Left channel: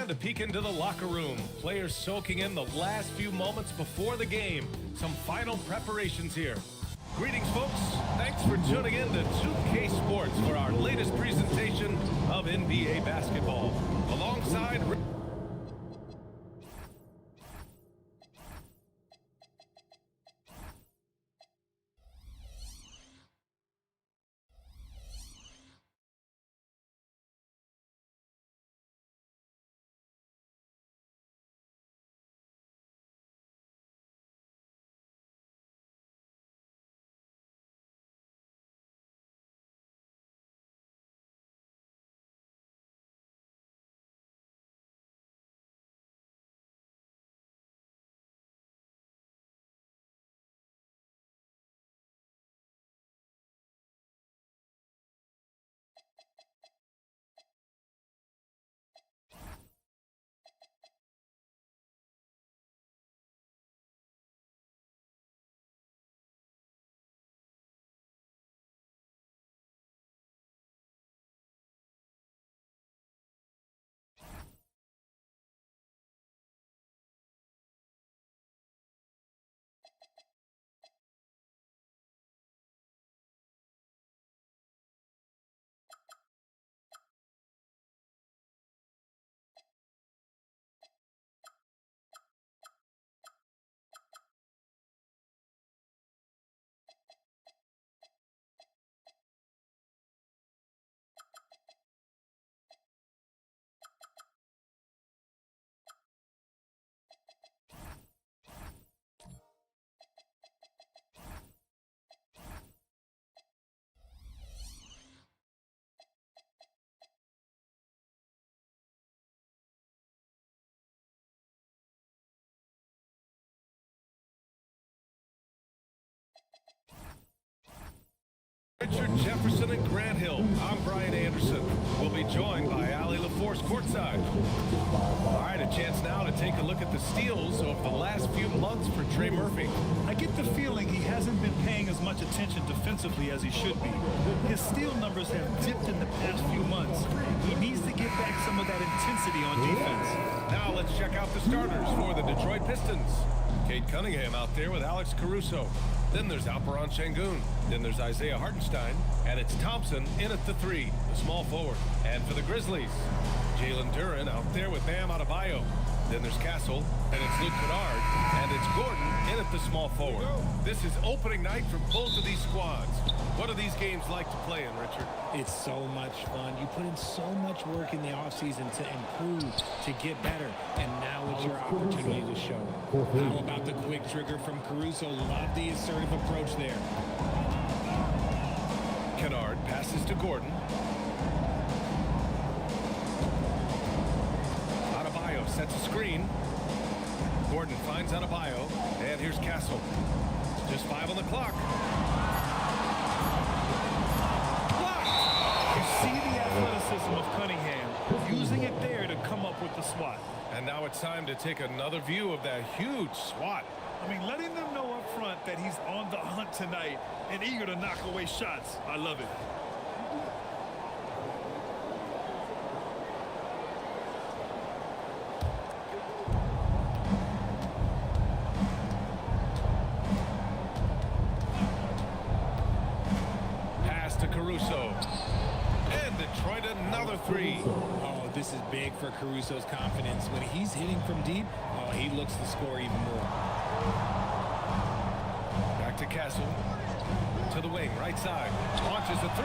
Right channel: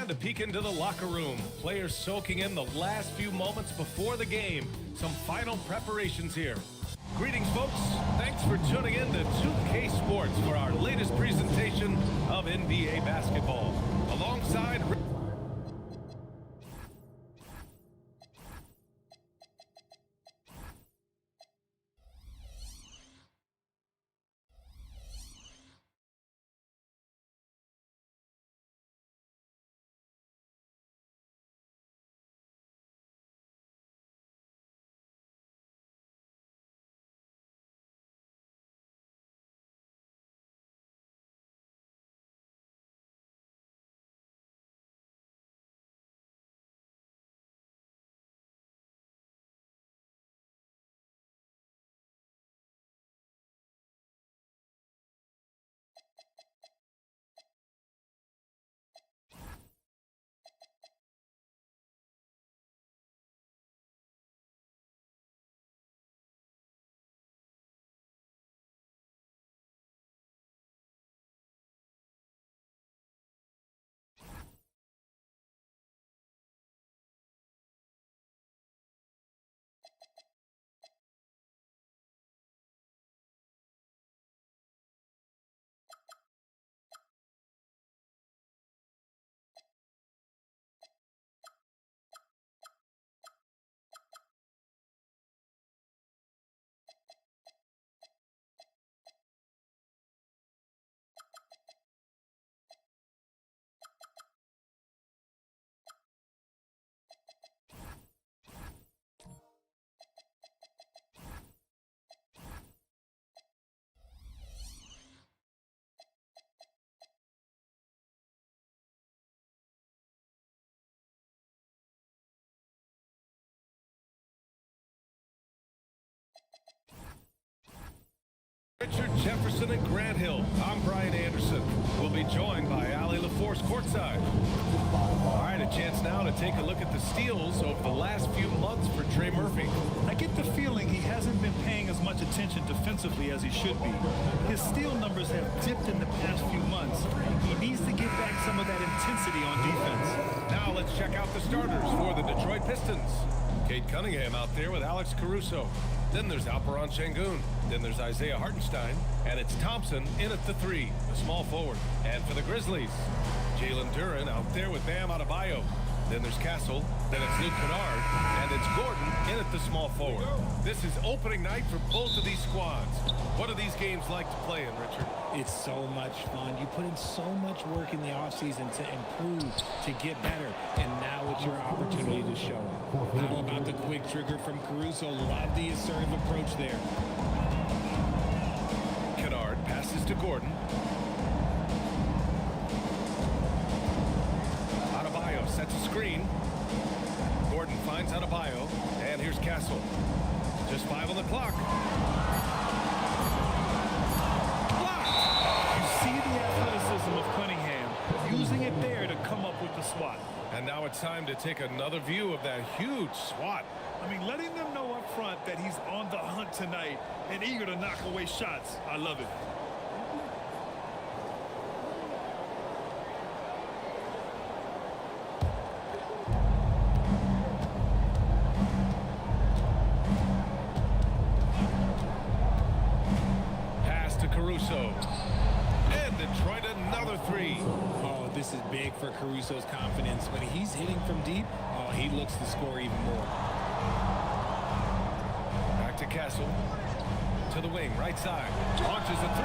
And a peek into the locker room. Players soaking in the last few moments before the game. Some final preparations here. Greetings, folks. Thanks for tuning in to 2K Sports for our latest presentation of NBA basketball. Alongside... Richard Jefferson and Grant Hill. I'm Brian Anderson. We'll be joined by Ali LaForce courtside. All right, a chance now to take a look at the steals over the last few months for Trey Murphy. I get the feeling he hasn't been paying as much attention defensively as he should be. His steal numbers have dipped in the past few months. He needs to get back some of that intensity on defense. Now let's check out the starters for the Detroit Pistons. Cade Cunningham out there with Alex Caruso. Then there's Alperen Şengün. Then there's Isaiah Hartenstein. And it's Thompson in at the 3, the small forward. And for the Grizzlies, Jalen Duren out there with Bam Adebayo. Then there's Castle. Then it's Luke Kennard. And it's Gordon in at the small forward. This is opening night for both of these squads. What are these games like to play in, Richard? It's so much fun. You put in so much work in the offseason to improve, to get better, and now it's your opportunity to show it. How about the quick trigger from Caruso? Love the assertive approach there. Kennard passes to Gordon. Adebayo sets a screen. Gordon finds Adebayo, and here's Castle. Just 5 on the clock. Blocked. You see the athleticism of Cunningham, using it there to come up with the swat. And now it's time to take another view of that huge swat. I mean, letting them know up front that he's on the hunt tonight and eager to knock away shots. I love it. Pass to Caruso. And Detroit another 3. Oh, this is big for Caruso's confidence. When he's hitting from deep, oh, he looks to score even more. Back to Castle. To the wing, right side. Launches a 3.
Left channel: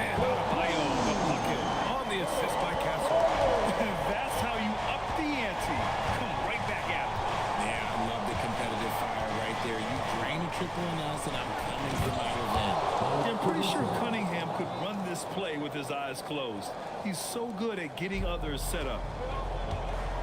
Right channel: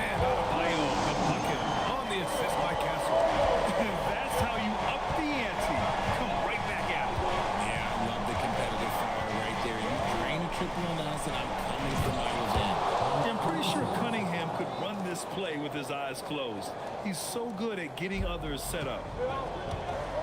And Adebayo, the bucket. On the assist by Castle. That's how you up the ante. Come right back at it. Yeah, I love the competitive fire right there. You drain a triple on us, and I'm coming for my revenge. I'm pretty sure Cunningham could run this play with his eyes closed. He's so good at getting others set up.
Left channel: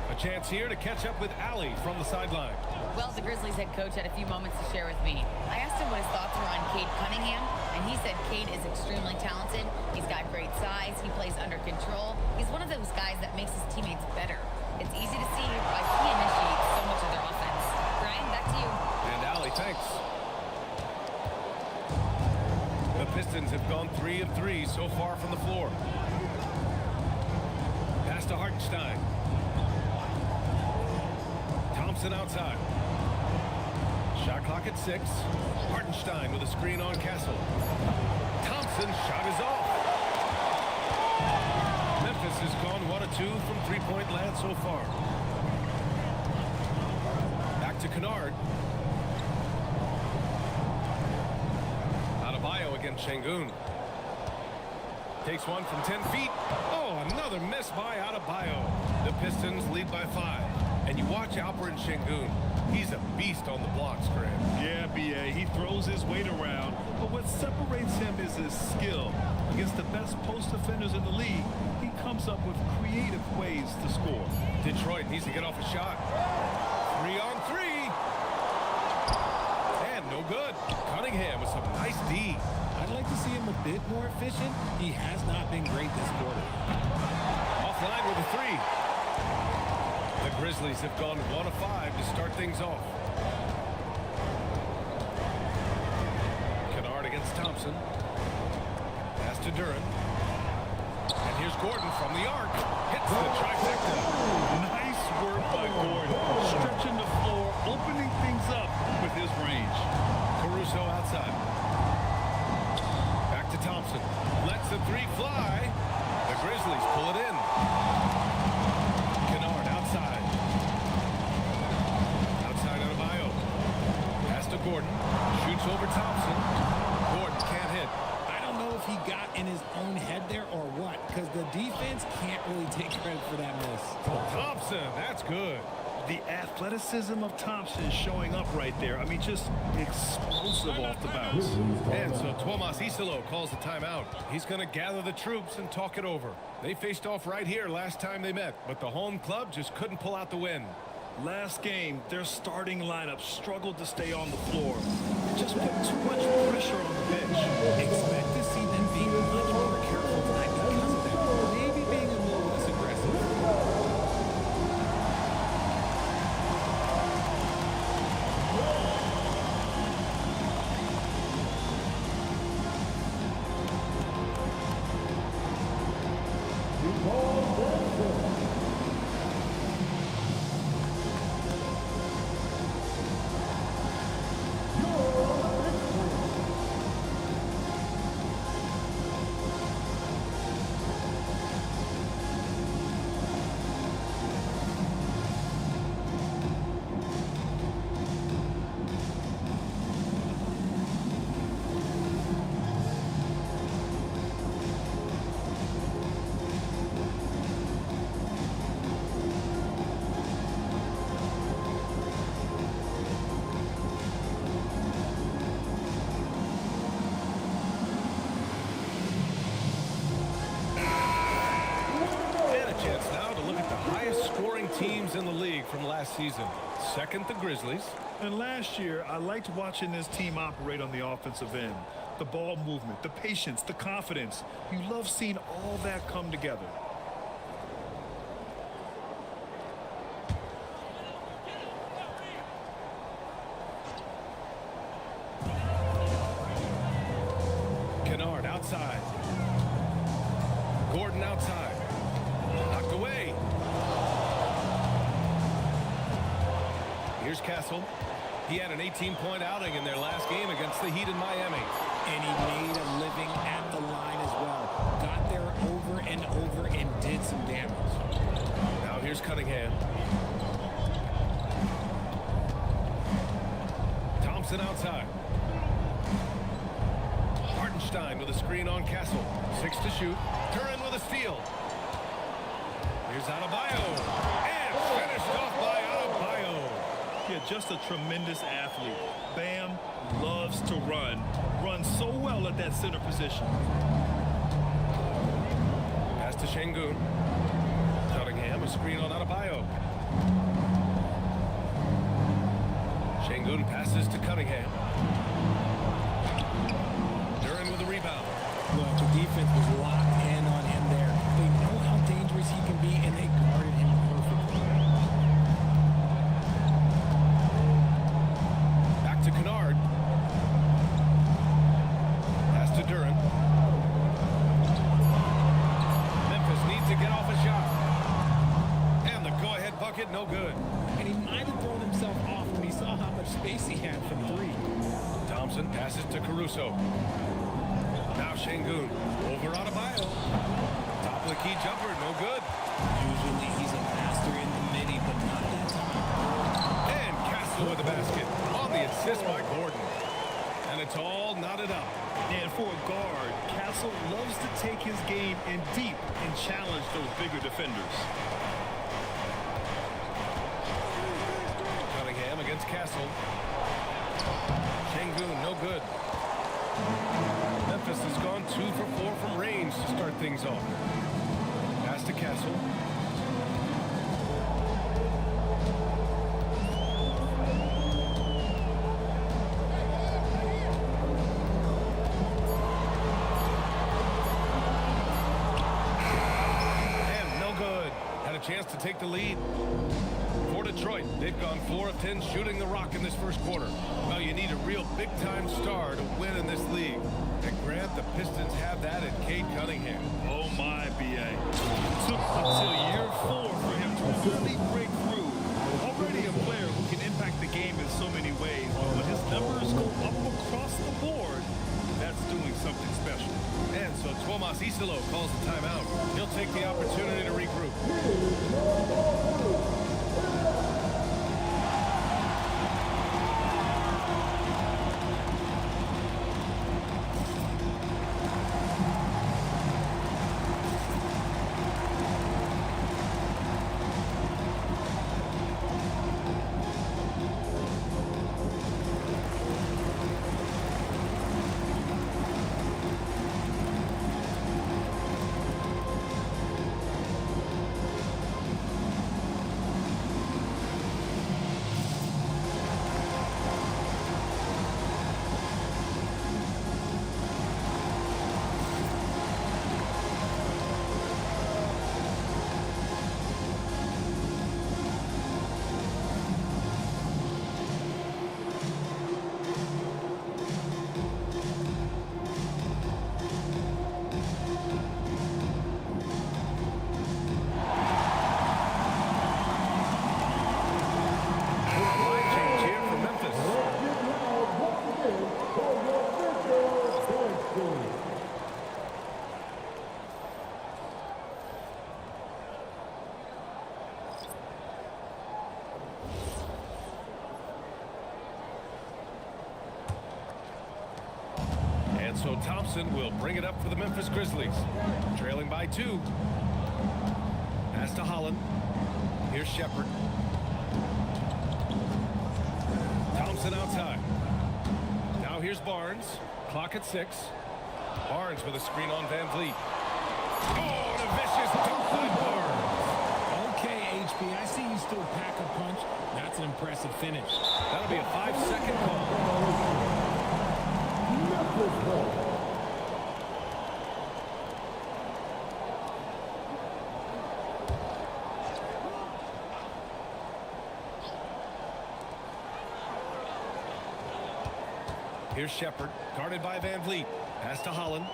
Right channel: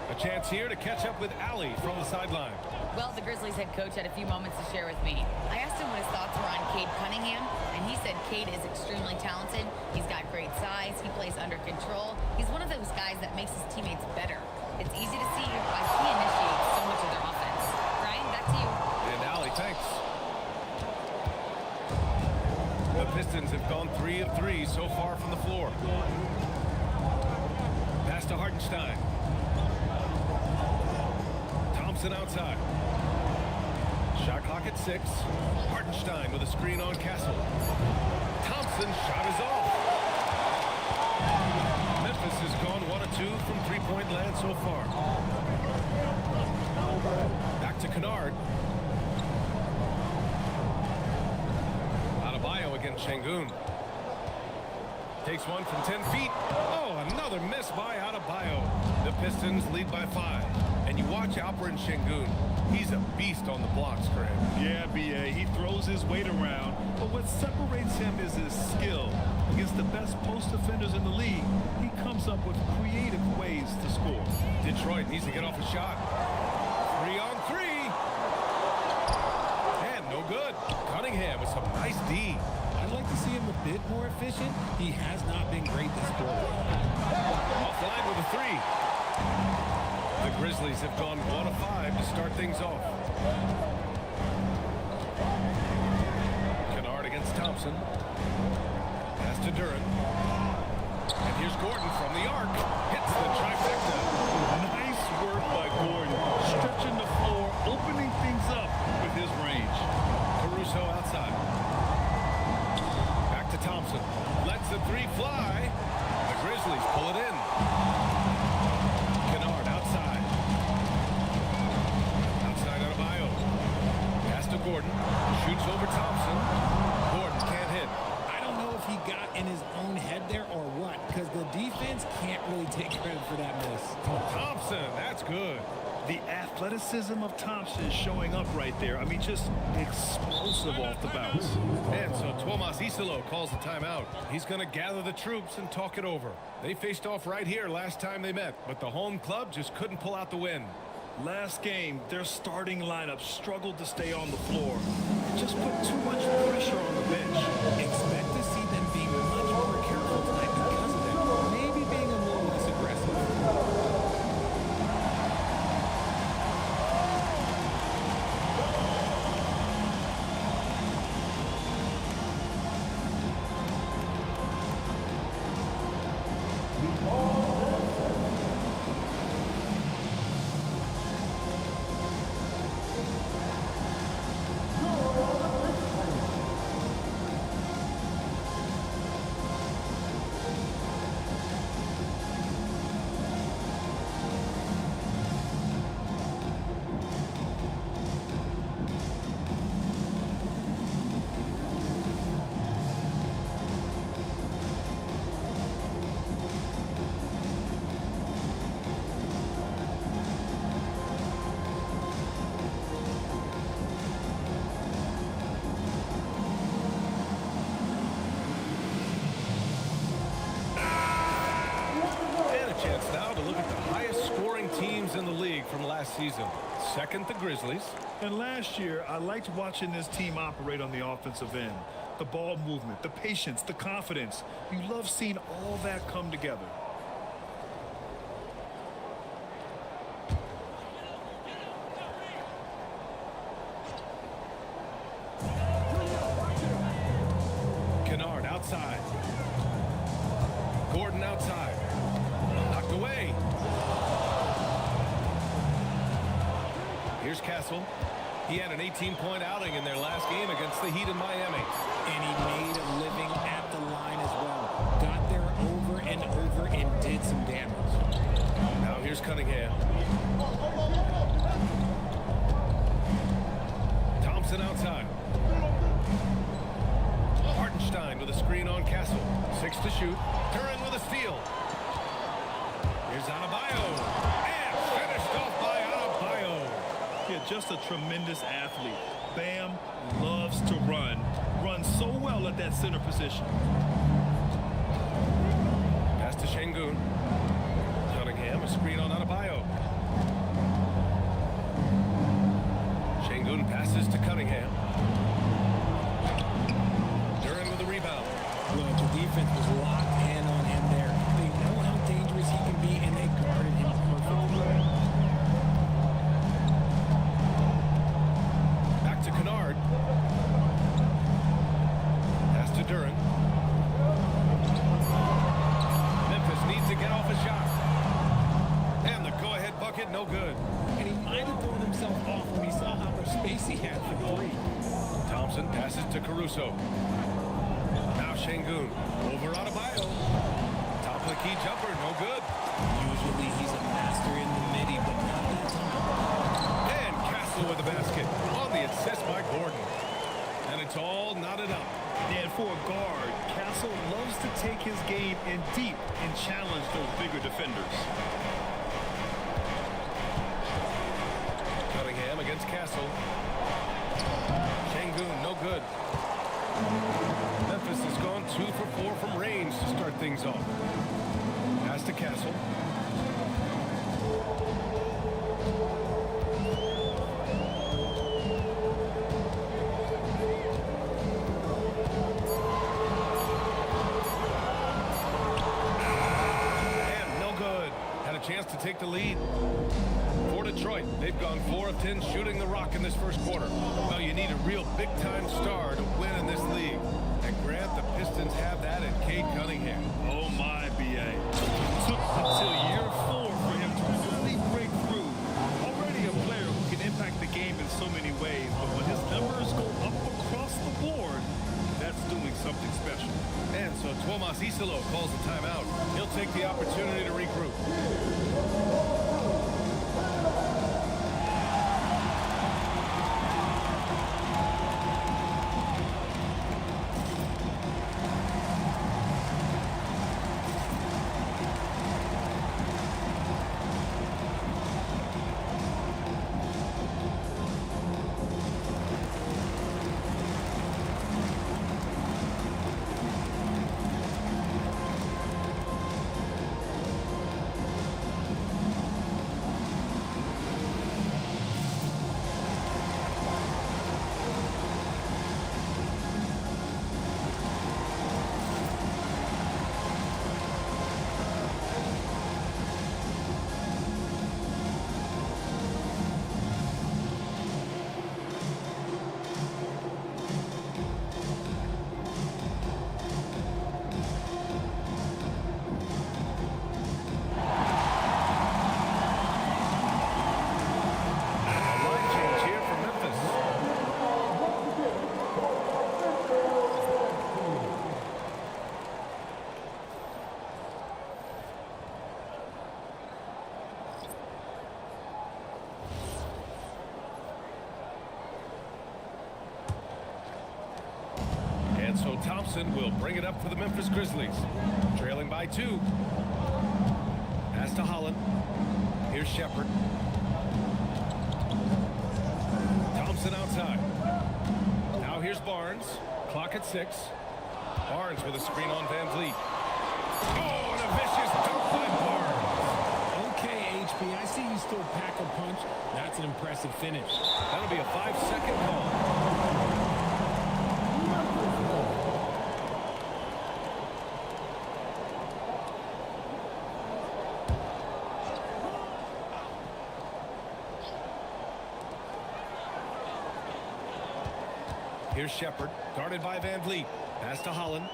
A chance here to catch up with Ali from the sideline. Well, the Grizzlies head coach had a few moments to share with me. I asked him what his thoughts were on Cade Cunningham, and he said Cade is extremely talented. He's got great size. He plays under control. He's one of those guys that makes his teammates better. It's easy to see why he initiates so much of their offense. Brian, back to you. And Ali, thanks. The Pistons have gone 3 of 3 so far from the floor. Pass to Hartenstein. Thompson outside. Shot clock at 6. Hartenstein with a screen on Castle. Thompson's shot is off. Memphis has gone 1 of 2 from three-point land so far. Back to Kennard. Adebayo against Şengün. Takes one from 10 feet. Oh, another miss by Adebayo. The Pistons lead by 5. And you watch Alperen Şengün. He's a beast on the blocks, Graham. Yeah, B.A. He throws his weight around, but what separates him is his skill. Against the best post defenders in the league, he comes up with creative ways to score. Detroit needs to get off a shot. 3 on 3. And no good. Cunningham with some nice D. I'd like to see him a bit more efficient. He has not been great this quarter. Offline with a 3. The Grizzlies have gone 1 of 5 to start things off. Kennard against Thompson. Pass to Duren. And here's Gordon from the arc. Hits the trifecta. Nice work by Gordon, stretching the floor, opening things up with his range. Caruso outside. Back to Thompson. Lets the 3 fly. The Grizzlies pull it in. Kennard outside. Outside Adebayo. Pass to Gordon. Shoots over Thompson. Gordon can't hit. I don't know if he got in his own head there or what, because the defense can't really take credit for that miss. Thompson, that's good. The athleticism of Thompson showing up right there. I mean, just explosive off the bounce. And so Tuomas Isalo calls the timeout. He's going to gather the troops and talk it over. They faced off right here last time they met, but the home club just couldn't pull out the win. Last game, their starting lineup struggled to stay on the floor. It just put too much pressure on the bench. Expect to see them being much more careful tonight because of that. Maybe being a little less aggressive. And a chance now to look at the highest scoring teams in the league from last season. Second, the Grizzlies. And last year, I liked watching this team operate on the offensive end. The ball movement, the patience, the confidence. You love seeing all that come together. Kennard outside. Gordon outside. Knocked away. Here's Castle. He had an 18-point outing in their last game against the Heat in Miami. And he made a living at the line as well. Got there over and over and did some damage. Now here's Cunningham. Thompson outside. Hartenstein with a screen on Castle. 6 to shoot. Duren with a steal. Here's Adebayo. And finished off by Adebayo. Yeah, just a tremendous athlete. Bam loves to run. Runs so well at that center position. Pass to Şengün. Cunningham, a screen on Adebayo. Şengün passes to Cunningham. Duren with a rebound. Look, the defense was locked in on him there. They know how dangerous he can be, and they guarded him perfectly. Back to Kennard. Pass to Duren. Memphis needs to get off a shot. And the go-ahead bucket, no good. and he might have thrown himself off when he saw how much space he had from three. Thompson passes to Caruso. Now Şengün over Adebayo. Top of the key jumper, no good. Usually he's a master in the midi, but not that time. And Castle with the basket on the assist by Gordon. And it's all knotted up. And for a guard, Castle loves to take his game in deep and challenge those bigger defenders. Cunningham against Castle. Şengün, no good. Memphis has gone 2 for 4 from range to start things off. Pass to Castle. And no good. Had a chance to take the lead. For Detroit, they've gone 4 of 10 shooting the rock in this first quarter. Well, you need a real big-time star to win in this league. And Grant, the Pistons have that in Cade Cunningham. Oh my, B.A. It took until year 4 for him to really break through. Already a player who can impact the game in so many ways, but when his numbers go up across the board, that's doing something special. And so Tuomas Isalo calls a timeout. He'll take the opportunity to regroup. Line change here for Memphis. And so Thompson will bring it up for the Memphis Grizzlies. Trailing by 2. Pass to Holland. Here's Shepherd. Thompson outside. Now here's Barnes. Clock at 6. Barnes with a screen on Van Vliet. Oh, and a vicious dunk by Barnes. Okay, HB, I see you still pack a punch. That's an impressive finish. That'll be a 5-second call. Here's Shepherd, guarded by Van Vliet. Pass to Holland.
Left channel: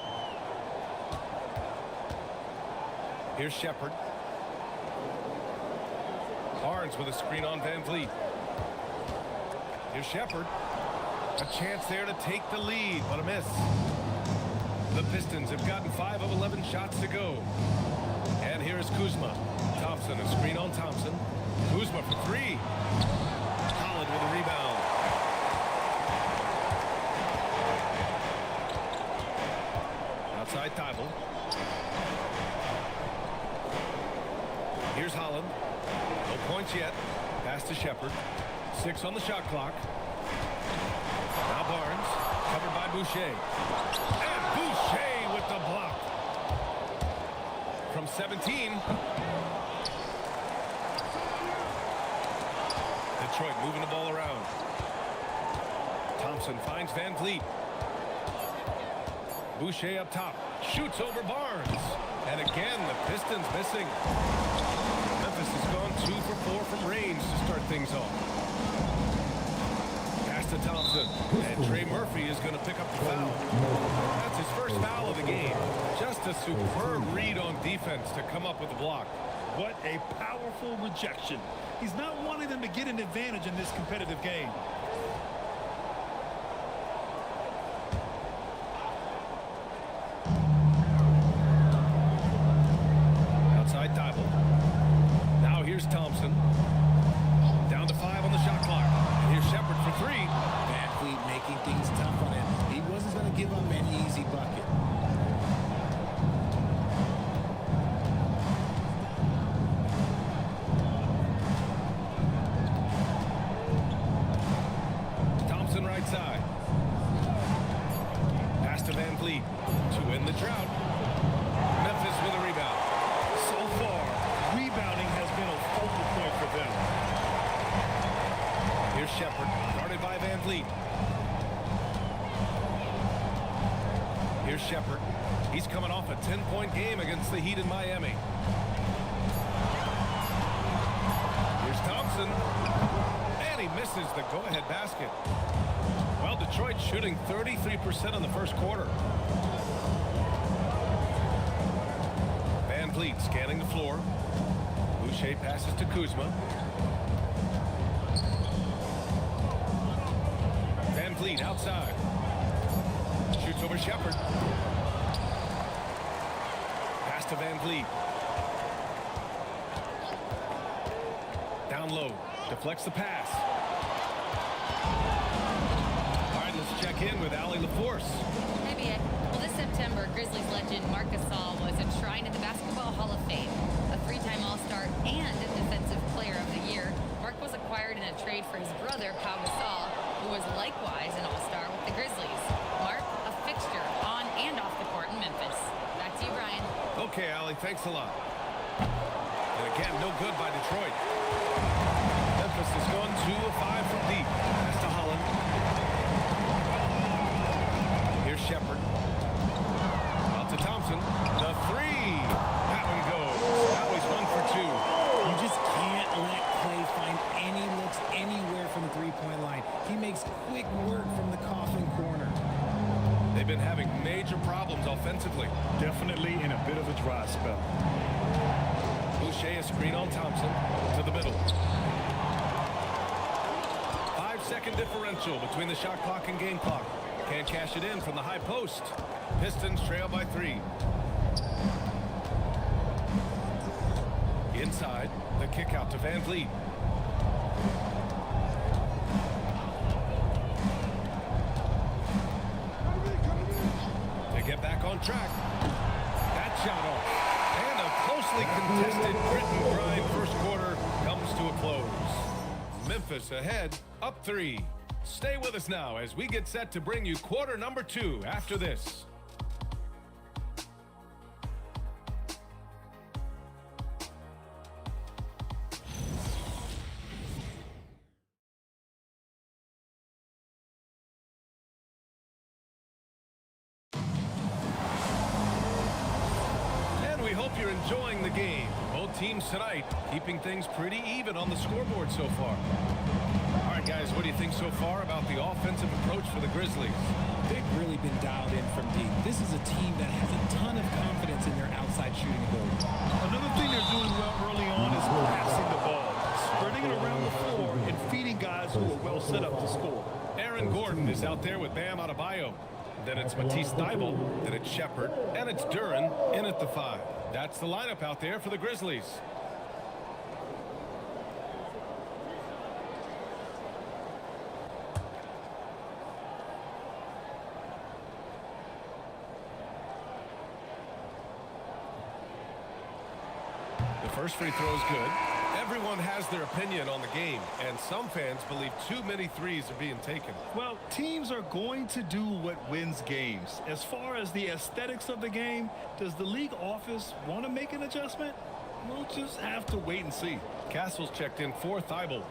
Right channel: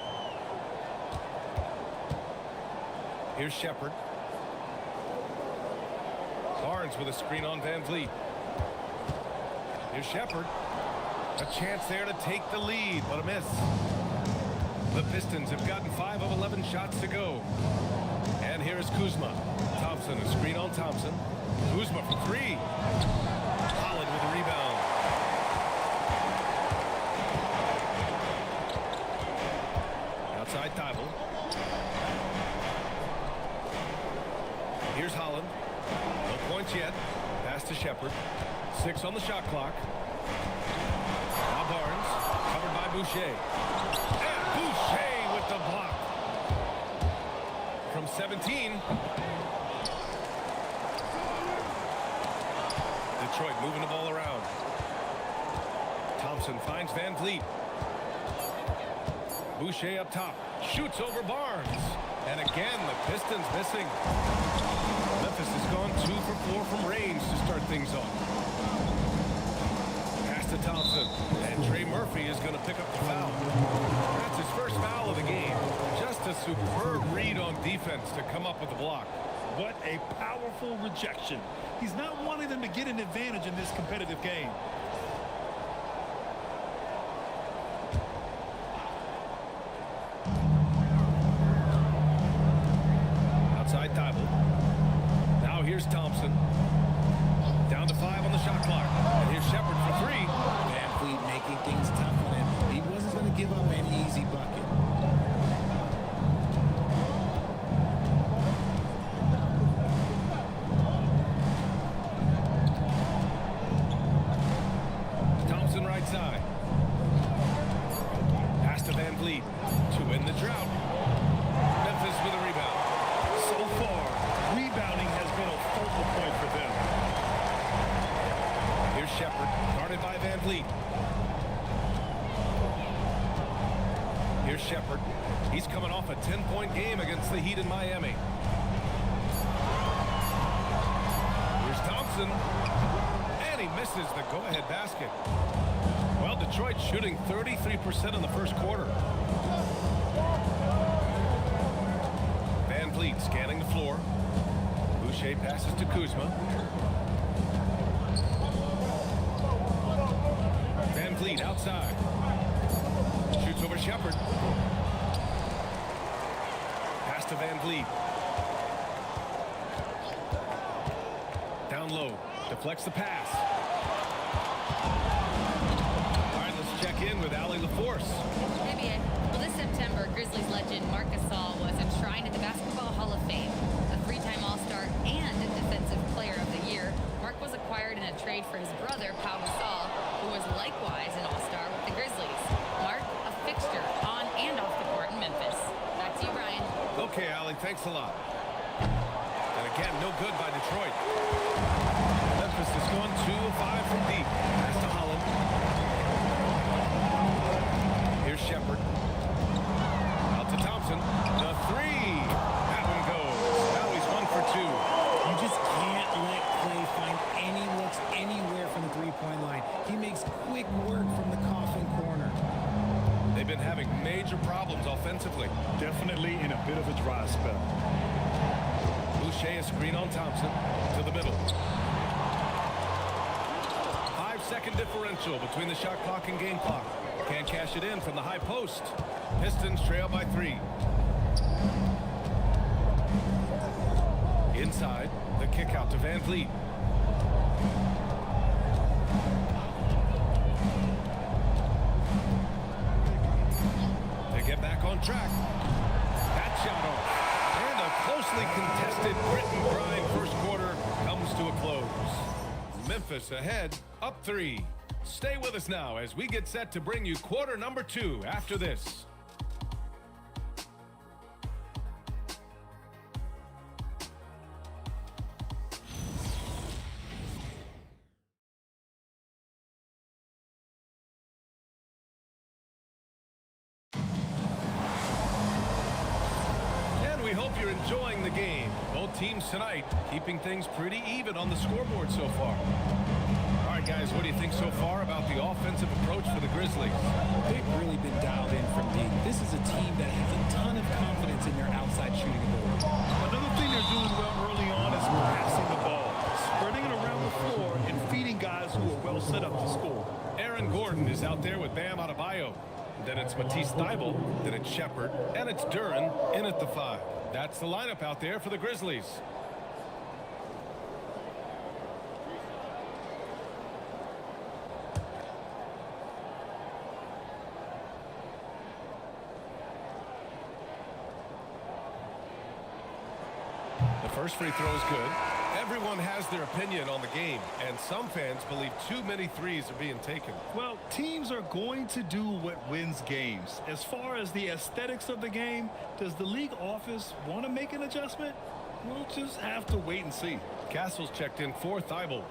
Here's Shepherd. Barnes with a screen on Van Vliet. Here's Shepherd. A chance there to take the lead, but a miss. The Pistons have gotten 5 of 11 shots to go. And here is Kuzma. Thompson, a screen on Thompson. Kuzma for 3. Holland with a rebound. Outside Thibault. Here's Holland. No points yet. Pass to Shepherd. 6 on the shot clock. Now Barnes. Covered by Boucher. And Boucher with the block. From 17. Detroit moving the ball around. Thompson finds Van Vliet. Boucher up top. Shoots over Barnes. And again, the Pistons missing. Memphis has gone 2 for 4 from range to start things off. Pass to Thompson. And Trey Murphy is going to pick up the foul. That's his first foul of the game. Just a superb read on defense to come up with the block. What a powerful rejection. He's not wanting them to get an advantage in this competitive game. Outside Thibault. Now here's Thompson. Down to 5 on the shot clock. And here's Shepard for 3. Van Fleet making things tough on him. He wasn't going to give up any easy bucket. Thompson right side. Pass to Van Vliet to win the drought. Memphis with a rebound. So far, rebounding has been a focal point for them. Here's Shepard, guarded by Van Vliet. Here's Shepard. He's coming off a 10-point game against the Heat in Miami. Here's Thompson. And he misses the go-ahead basket. Well, Detroit shooting 33% in the first quarter. Van Vliet scanning the floor. Boucher passes to Kuzma. Van Vliet outside. Shoots over Shepard. Pass to Van Vliet. Down low. Deflects the pass. All right, let's check in with Allie LaForce. Hey, B.A. Well, this September, Grizzlies legend Marc Gasol was enshrined in the Basketball Hall of Fame. A 3-time All-Star and Defensive Player of the Year, Marc was acquired in a trade for his brother, Pau Gasol, who was likewise an All-Star with the Grizzlies. Marc, a fixture on and off the court in Memphis. Back to you, Brian. Okay, Allie, thanks a lot. And again, no good by Detroit. Memphis has gone 2 of 5 from deep. Pass to Holland. Here's Shepard. Out to Thompson. The 3. That one goes. Now he's 1 for 2. You just can't let Clay find any looks anywhere from the three-point line. He makes quick work from the coffin corner. They've been having major problems offensively. Definitely in a bit of a dry spell. Boucher a screen on Thompson to the middle. 5-second differential between the shot clock and game clock. Can't cash it in from the high post. Pistons trail by 3. Inside, the kick out to Van Vliet. To get back on track. That shot off. And a closely contested grit and grind first quarter comes to a close. Memphis ahead, up 3. Stay with us now as we get set to bring you quarter number 2 after this. And we hope you're enjoying the game. Both teams tonight keeping things pretty even on the scoreboard so far. All right, guys, what do you think so far about the offensive approach for the Grizzlies? They've really been dialed in from deep. This is a team that has a ton of confidence in their outside shooting ability. Another thing they're doing well early on is passing the ball, spreading it around the floor and feeding guys who are well set up to score. Aaron Gordon is out there with Bam Adebayo. Then it's Matisse Thybulle, then it's Shepard, and it's Duren in at the 5. That's the lineup out there for the Grizzlies. The first free throw is good. Everyone has their opinion on the game, and some fans believe too many threes are being taken. Well, teams are going to do what wins games. As far as the aesthetics of the game, does the league office want to make an adjustment? We'll just have to wait and see. Castle's checked in for Thybulle.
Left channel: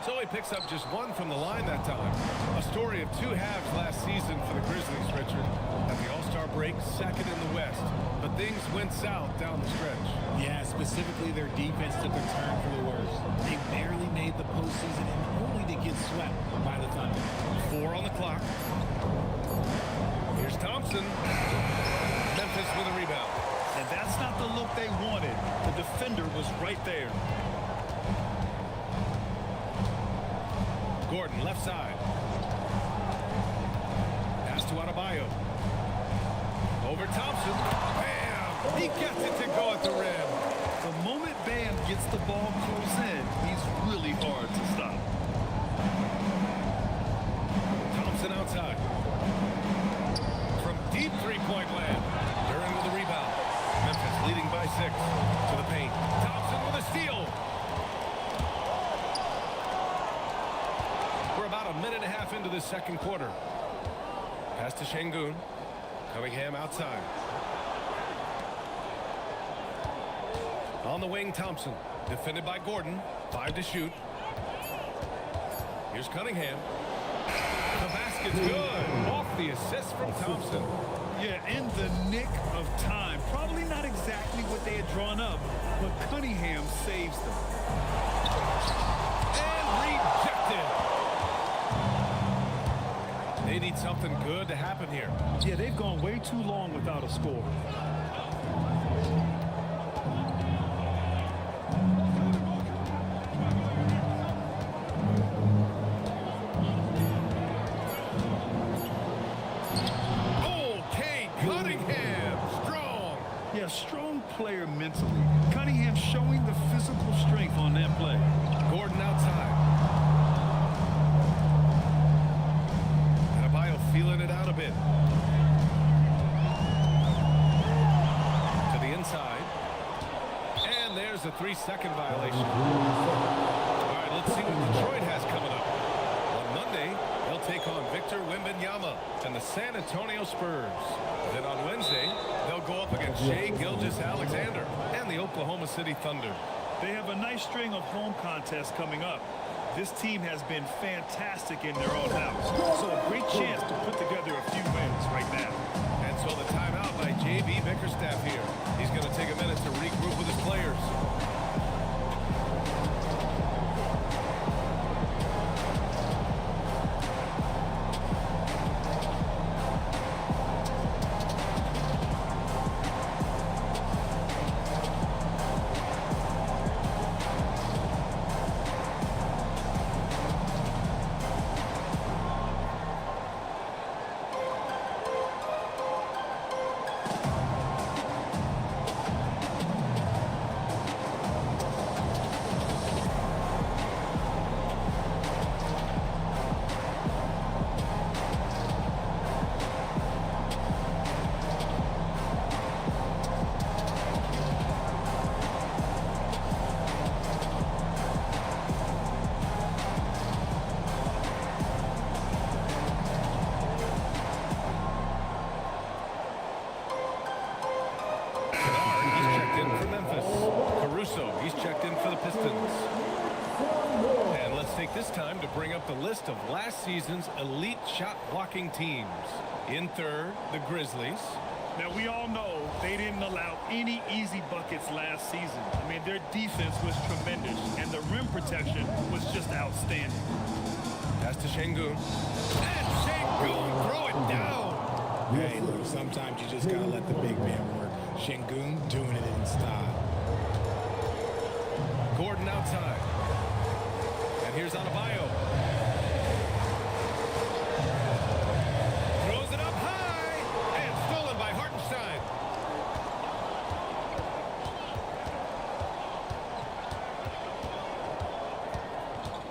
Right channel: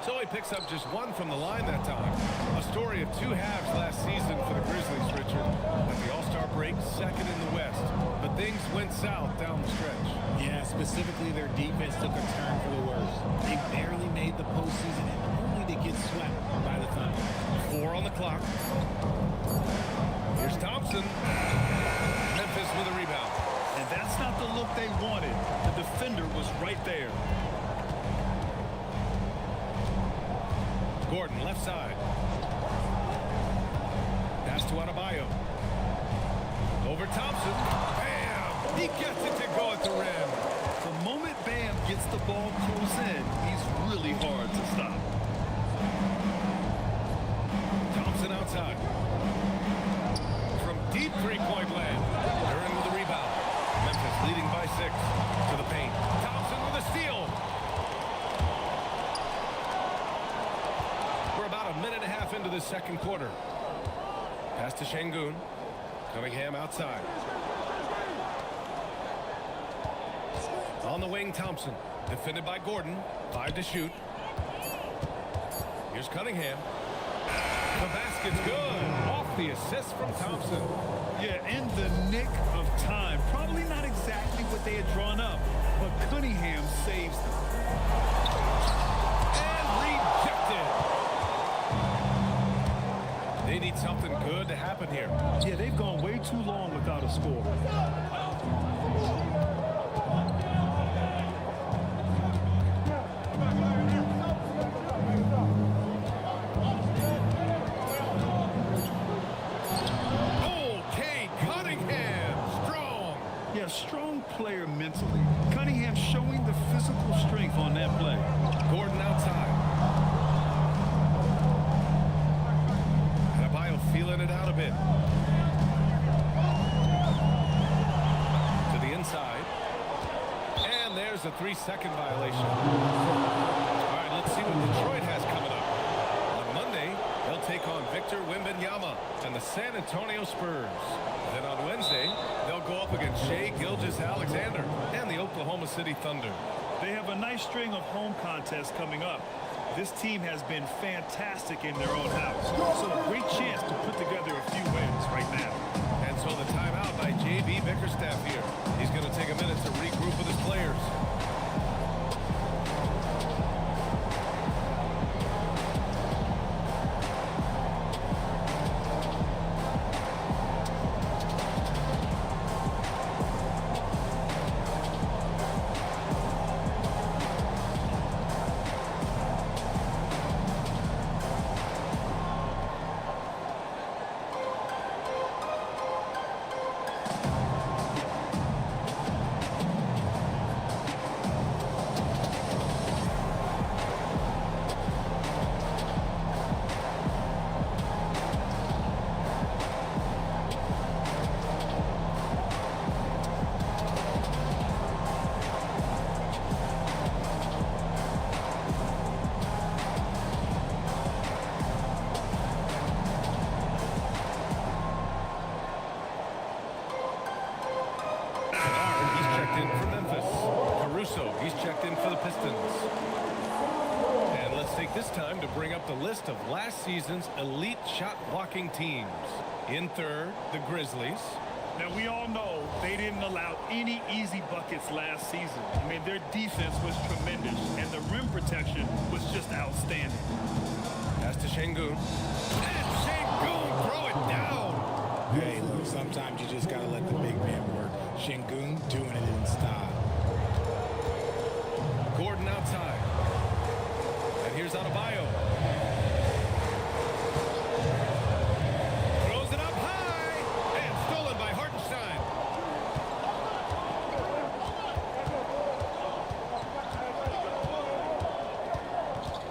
So he picks up just 1 from the line that time. A story of 2 halves last season for the Grizzlies, Richard. At the All-Star break, second in the West. But things went south down the stretch. Yeah, specifically their defense took a turn for the worse. They barely made the postseason and only to get swept by the Thunder. 4 on the clock. Here's Thompson. Memphis with a rebound. And that's not the look they wanted. The defender was right there. Gordon, left side. Pass to Adebayo. Over Thompson. Bam! He gets it to go at the rim. The moment Bam gets the ball close in, he's really hard to stop. Thompson outside. From deep three-point land. Duran with a rebound. Memphis leading by 6. To the paint. Thompson with a steal. We're about a minute and a half into this second quarter. Pass to Şengün. Cunningham outside. On the wing, Thompson. Defended by Gordon. 5 to shoot. Here's Cunningham. The basket's good. Off the assist from Thompson. Yeah, in the nick of time. Probably not exactly what they had drawn up, but Cunningham saves them. And rejected. They need something good to happen here. Yeah, they've gone way too long without a score. Okay, Cunningham, strong. Yeah, strong player mentally. Cunningham showing the physical strength on that play. Gordon outside. Adebayo feeling it out a bit. To the inside. And there's a 3-second violation. All right, let's see what Detroit has coming up. On Monday, they'll take on Victor Wembanyama and the San Antonio Spurs. Then on Wednesday, they'll go up against Shai Gilgeous-Alexander and the Oklahoma City Thunder. They have a nice string of home contests coming up. This team has been fantastic in their own house, so a great chance to put together a few wins right now. And so the timeout by J.B. Bickerstaff here. He's going to take a minute to regroup with his players. He's checked in for Memphis. Caruso, he's checked in for the Pistons. And let's take this time to bring up the list of last season's elite shot blocking teams. In third, the Grizzlies. Now, we all know they didn't allow any easy buckets last season. I mean, their defense was tremendous, and the rim protection was just outstanding. Pass to Şengün. And Şengün throw it down. Hey, look, sometimes you just got to let the big man work. Şengün doing it in style. Gordon outside. And here's Adebayo. Throws it up high. And stolen by Hartenstein.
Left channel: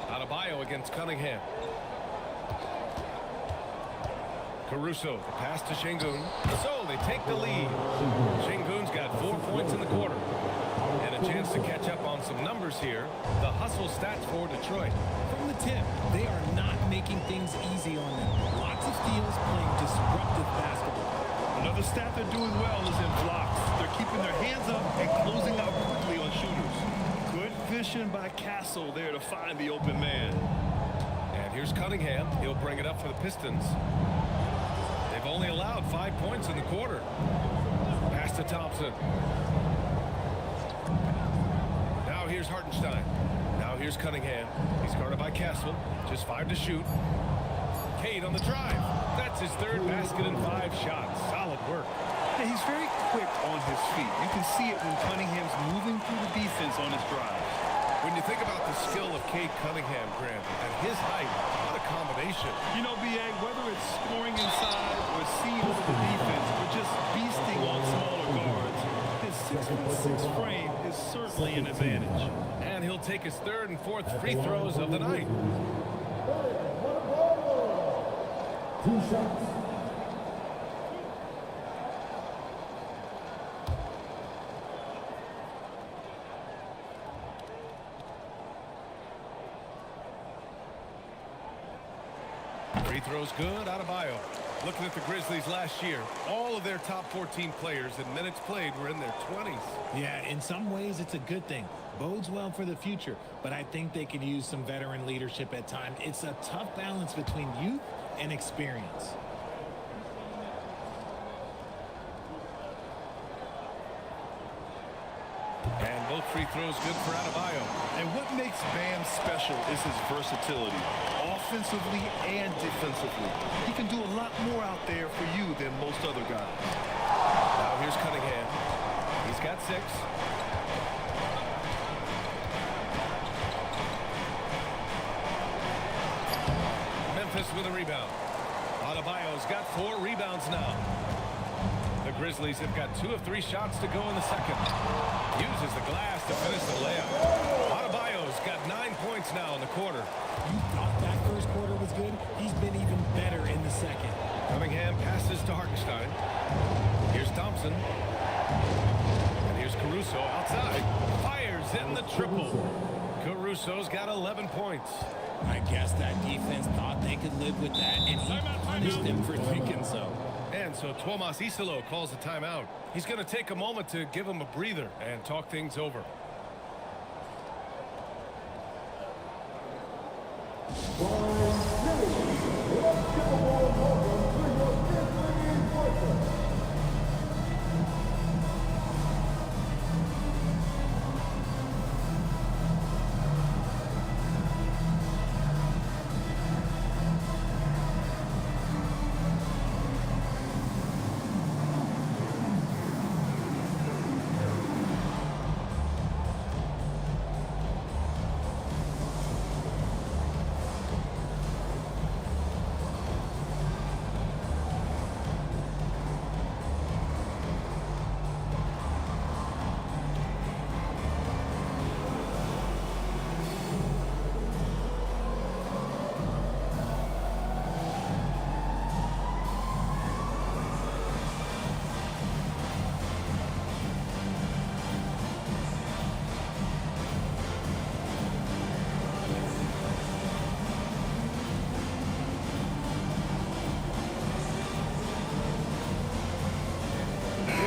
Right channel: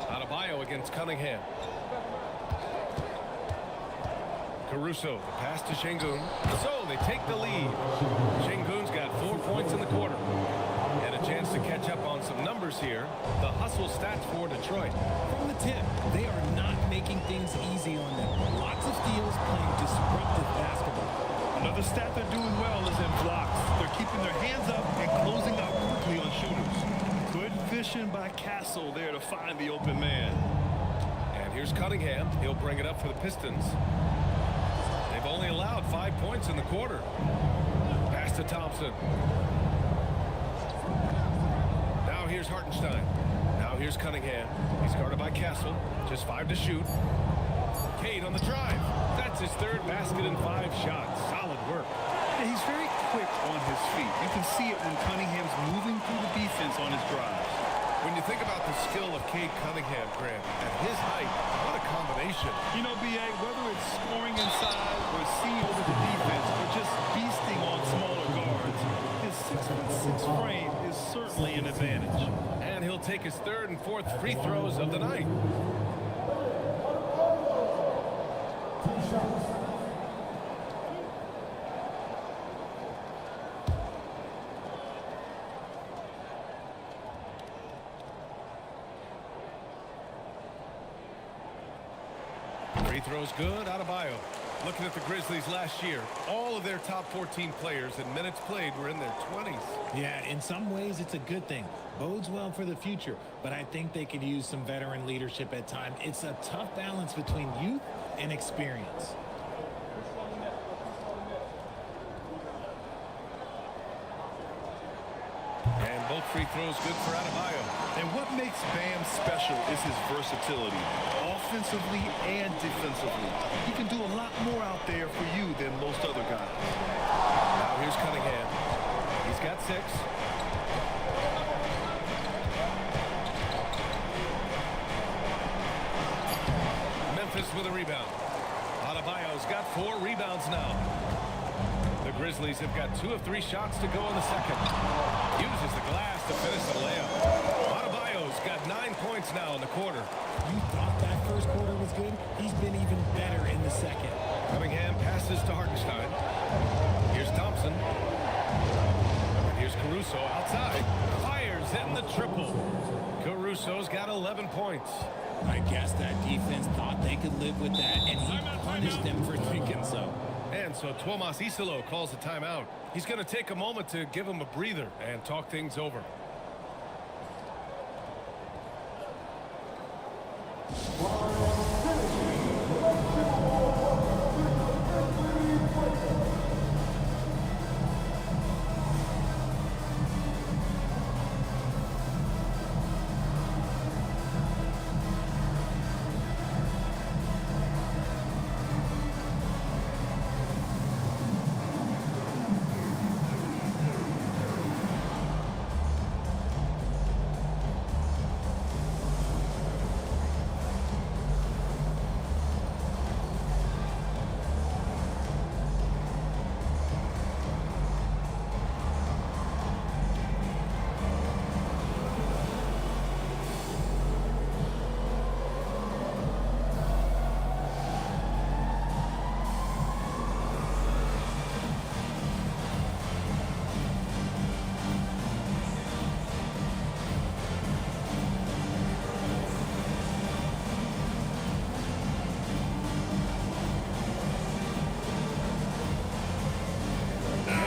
Adebayo against Cunningham. Caruso, the pass to Şengün. So they take the lead. Şengün's got 4 points in the quarter. And a chance to catch up on some numbers here. The hustle stats for Detroit. From the tip, they are not making things easy on them. Lots of steals, playing disruptive basketball. Another stat they're doing well is in blocks. They're keeping their hands up and closing out quickly on shooters. Good vision by Castle there to find the open man. And here's Cunningham. He'll bring it up for the Pistons. They've only allowed 5 points in the quarter. Pass to Thompson. Now here's Hartenstein. Now here's Cunningham. He's guarded by Castle. Just 5 to shoot. Cade on the drive. That's his third basket in 5 shots. Solid work. Yeah, he's very quick on his feet. You can see it when Cunningham's moving through the defense on his drives. When you think about the skill of Cade Cunningham, Grant, at his height, what a combination. You know, B.A., whether it's scoring inside or seeing over the defense or just beasting on smaller guards, his 6'6" frame is certainly an advantage. And he'll take his third and fourth free throws of the night. Free throws good, Adebayo. Looking at the Grizzlies last year, all of their top 14 players in minutes played were in their 20s. Yeah, in some ways it's a good thing. Bodes well for the future, but I think they could use some veteran leadership at times. It's a tough balance between youth and experience. And both free throws good for Adebayo. And what makes Bam special is his versatility, offensively and defensively. He can do a lot more out there for you than most other guys. Now here's Cunningham. He's got 6. Memphis with a rebound. Adebayo's got 4 rebounds now. The Grizzlies have got 2 of 3 shots to go in the second. Uses the glass to finish the layup. Adebayo's got 9 points now in the quarter. You thought that first quarter was good? He's been even better in the second. Cunningham passes to Hartenstein. Here's Thompson. And here's Caruso outside. Fires in the triple. Caruso's got 11 points. I guess that defense thought they could live with that, and he punished them for thinking so. And so Tuomas Isalo calls a timeout. He's going to take a moment to give him a breather and talk things over.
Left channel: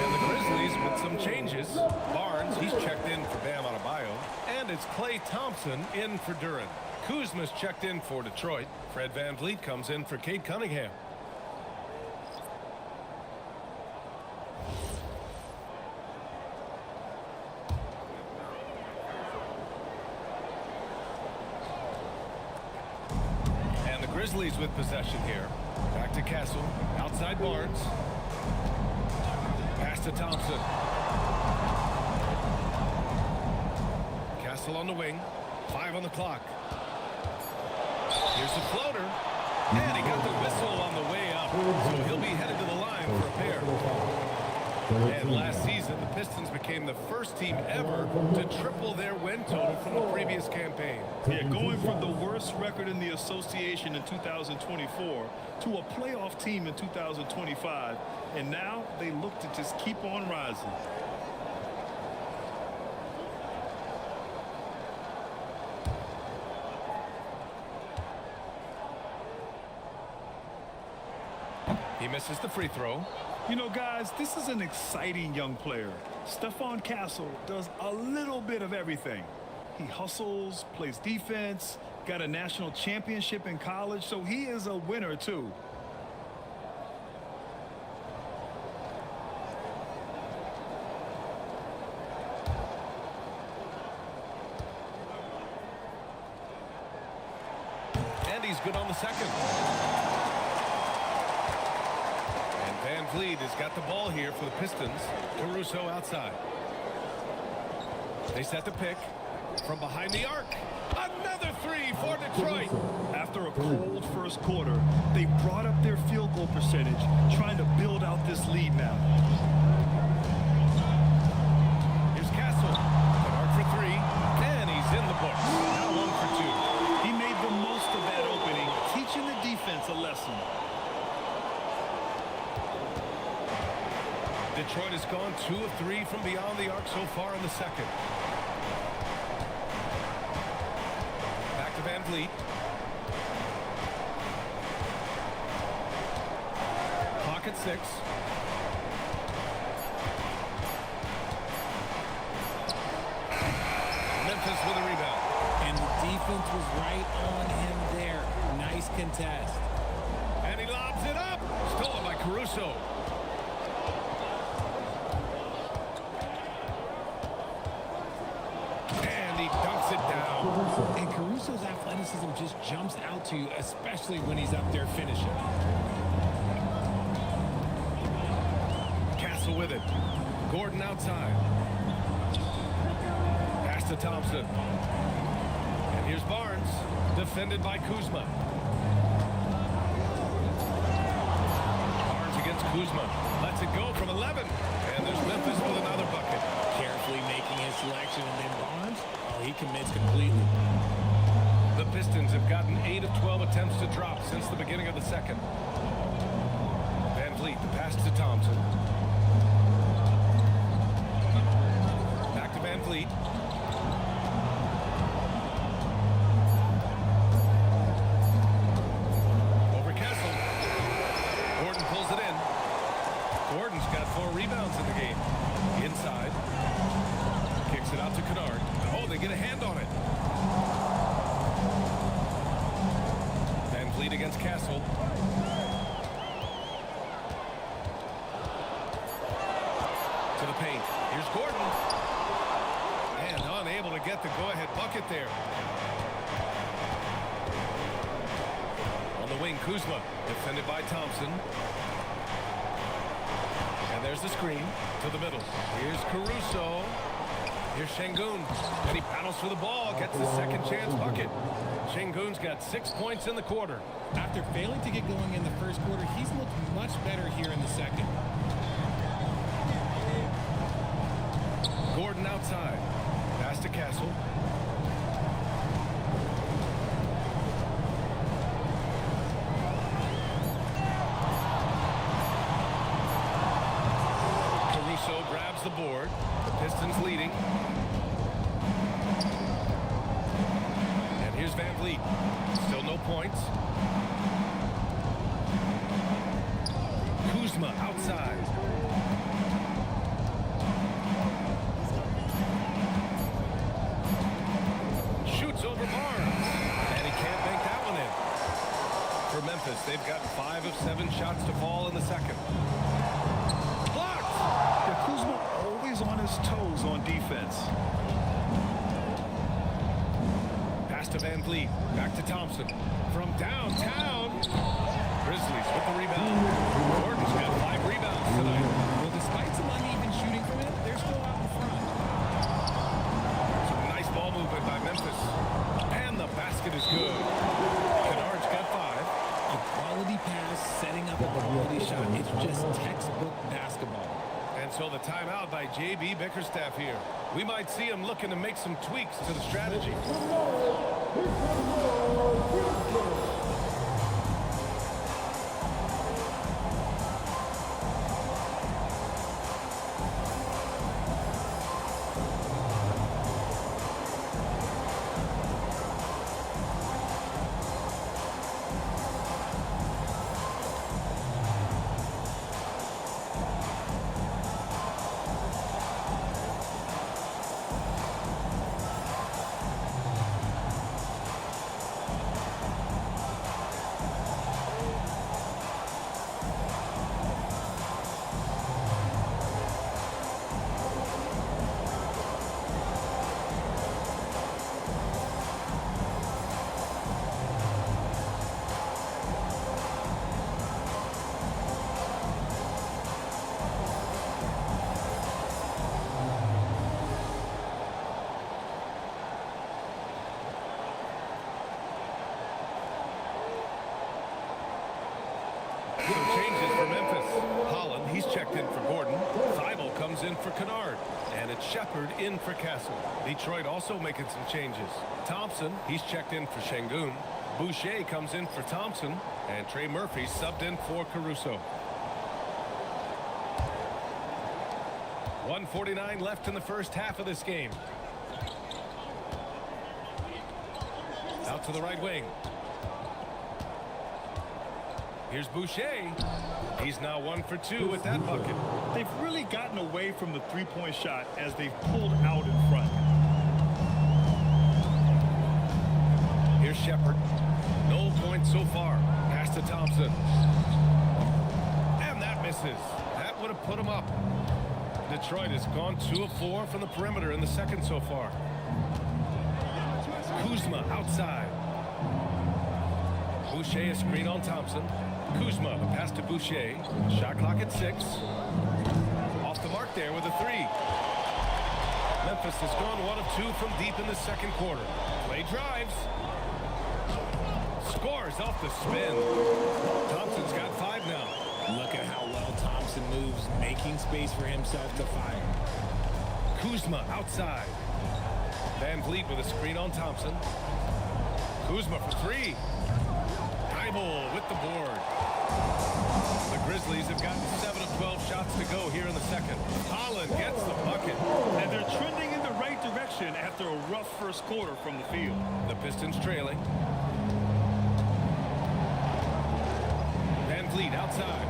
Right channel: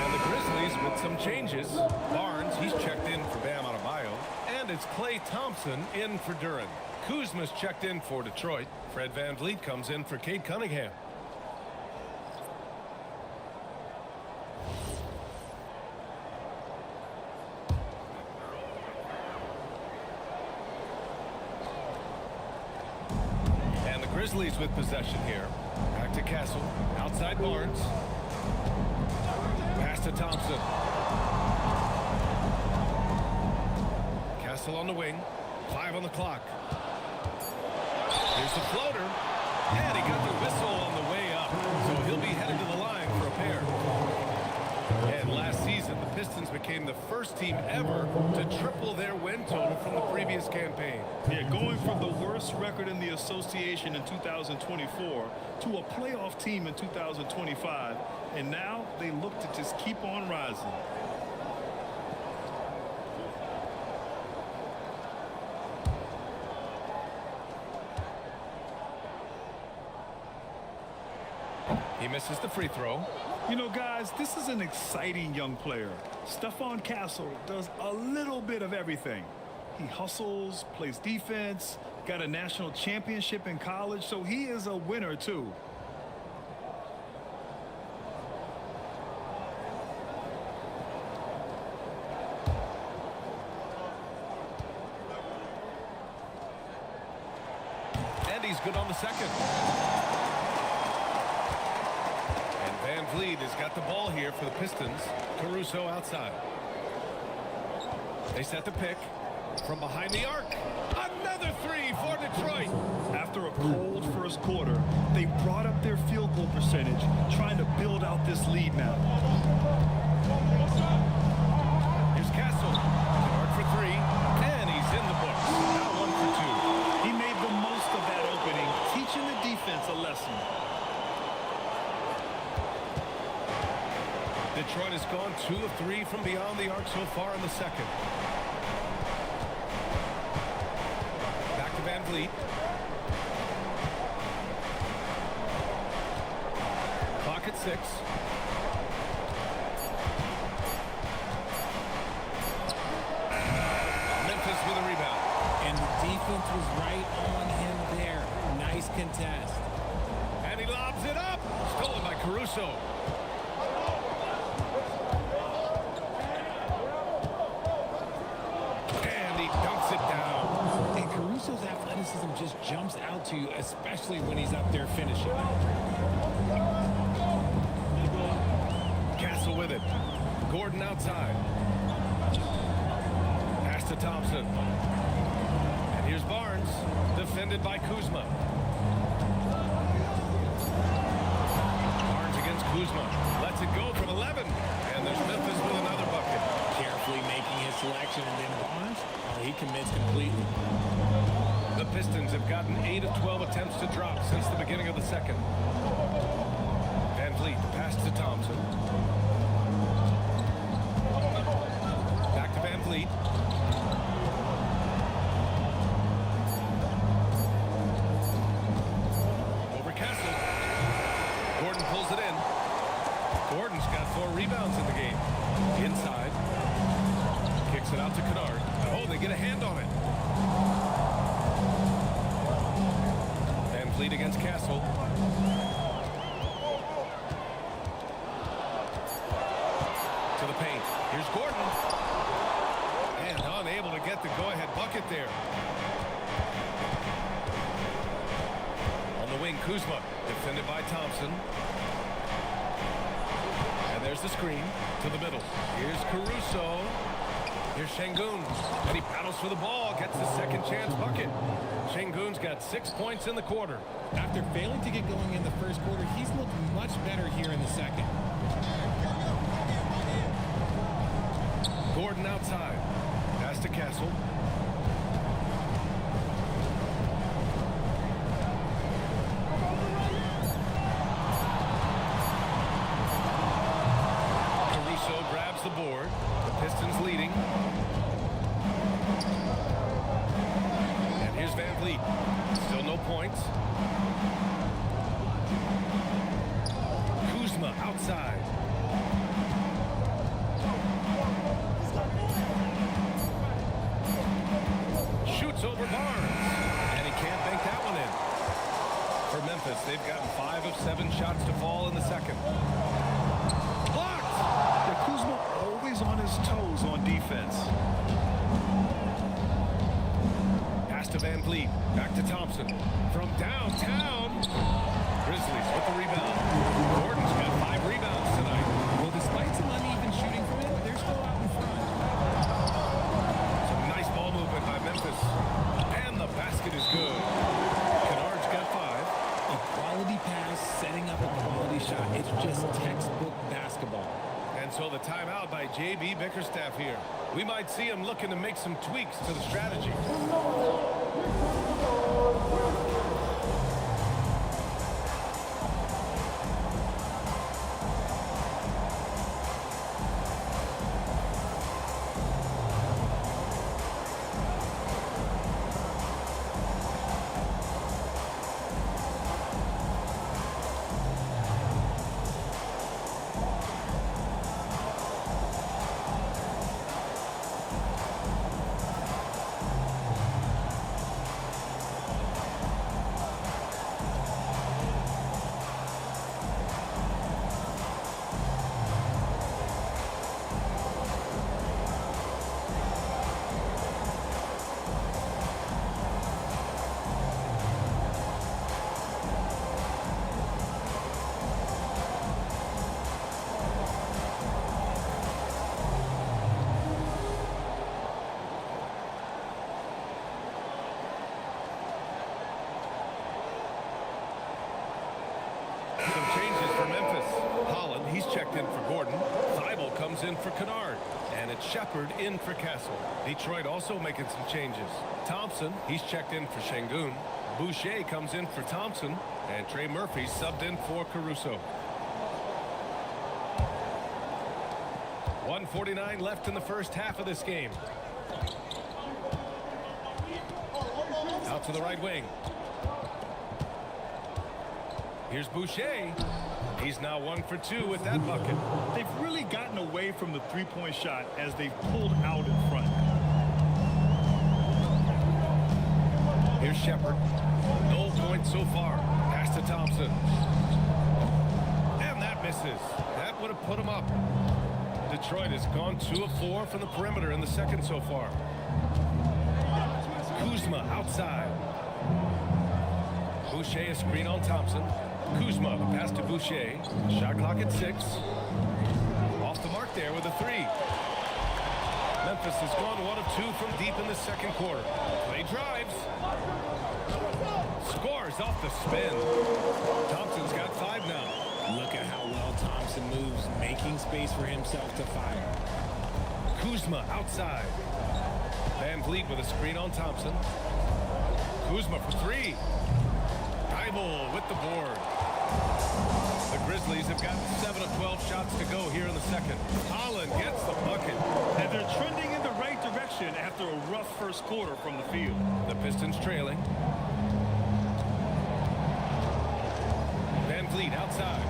And the Grizzlies with some changes. Barnes, he's checked in for Bam Adebayo. And it's Klay Thompson in for Duren. Kuzma's checked in for Detroit. Fred VanVleet comes in for Cade Cunningham. And the Grizzlies with possession here. Back to Castle. Outside Barnes. Pass to Thompson. Castle on the wing. 5 on the clock. Here's the floater. And he got the whistle on the way up. So he'll be headed to the line for a pair. And last season, the Pistons became the first team ever to triple their win total from the previous campaign. Yeah, going from the worst record in the association in 2024 to a playoff team in 2025. And now they look to just keep on rising. He misses the free throw. You know, guys, this is an exciting young player. Stephon Castle does a little bit of everything. He hustles, plays defense, got a national championship in college, so he is a winner too. And he's good on the second. And Van Vliet has got the ball here for the Pistons. Caruso outside. They set the pick from behind the arc. Another three for Detroit. After a cold first quarter, they brought up their field goal percentage, trying to build out this lead now. Here's Castle. Kennard for three, and he's in the books. Now 1 for 2. He made the most of that opening, teaching the defense a lesson. Detroit has gone 2 of 3 from beyond the arc so far in the second. Back to Van Vliet. Clock at 6. Memphis with a rebound. And the defense was right on him there. Nice contest. And he lobs it up. Stolen by Caruso. And he dunks it down. And Caruso's athleticism just jumps out to you, especially when he's up there finishing. Castle with it. Gordon outside. Pass to Thompson. And here's Barnes, defended by Kuzma. Barnes against Kuzma. Lets it go from 11. And there's Memphis with another bucket. Carefully making his selection, and then Barnes, he commits completely. The Pistons have gotten 8 of 12 attempts to drop since the beginning of the second. Van Vliet, the pass to Thompson. Back to Van Vliet. Over Castle. Gordon pulls it in. Gordon's got 4 rebounds in the game. Inside. Kicks it out to Kennard. Oh, they get a hand on it. Van Vliet against Castle. To the paint. Here's Gordon. And unable to get the go-ahead bucket there. On the wing, Kuzma, defended by Thompson. And there's the screen to the middle. Here's Caruso. Here's Şengün. And he battles for the ball, gets the second chance bucket. Şengün's got 6 points in the quarter. After failing to get going in the first quarter, he's looked much better here in the second. Gordon outside. Pass to Castle. Caruso grabs the board. The Pistons leading. And here's Van Vliet. Still no points. Kuzma outside. Shoots over Barnes. And he can't bank that one in. For Memphis, they've gotten 5 of 7 shots to fall in the second. Blocked! Yeah, Kuzma always on his toes on defense. Pass to Van Vliet. Back to Thompson. From downtown. Grizzlies with the rebound. Gordon's got 5 rebounds tonight. Well, despite some uneven shooting from him, they're still out in front. Some nice ball movement by Memphis. And the basket is good. Kennard's got 5. A quality pass, setting up a quality shot. It's just textbook basketball. And so the timeout by J.B. Bickerstaff here. We might see him looking to make some tweaks to the strategy. Some changes for Memphis. Holland, he's checked in for Gordon. Thibault comes in for Kennard. And it's Shepard in for Castle. Detroit also making some changes. Thompson, he's checked in for Şengün. Boucher comes in for Thompson. And Trey Murphy subbed in for Caruso. 1:49 left in the first half of this game. Out to the right wing. Here's Boucher. He's now 1 for 2 with that bucket. They've really gotten away from the three-point shot as they've pulled out in front. Here's Shepard. No points so far. Pass to Thompson. And that misses. That would have put him up. Detroit has gone 2 of 4 from the perimeter in the second so far. Kuzma outside. Boucher a screen on Thompson. Kuzma, the pass to Boucher. Shot clock at 6. Off the mark there with a 3. Memphis has gone 1 of 2 from deep in the second quarter. Play drives. Scores off the spin. Thompson's got 5 now. Look at how well Thompson moves, making space for himself to fire. Kuzma outside. Van Vliet with a screen on Thompson. Kuzma for 3. Thibault with the board. The Grizzlies have gotten 7 of 12 shots to go here in the second. Holland gets the bucket. And they're trending in the right direction after a rough first quarter from the field. The Pistons trailing. Van Vliet outside.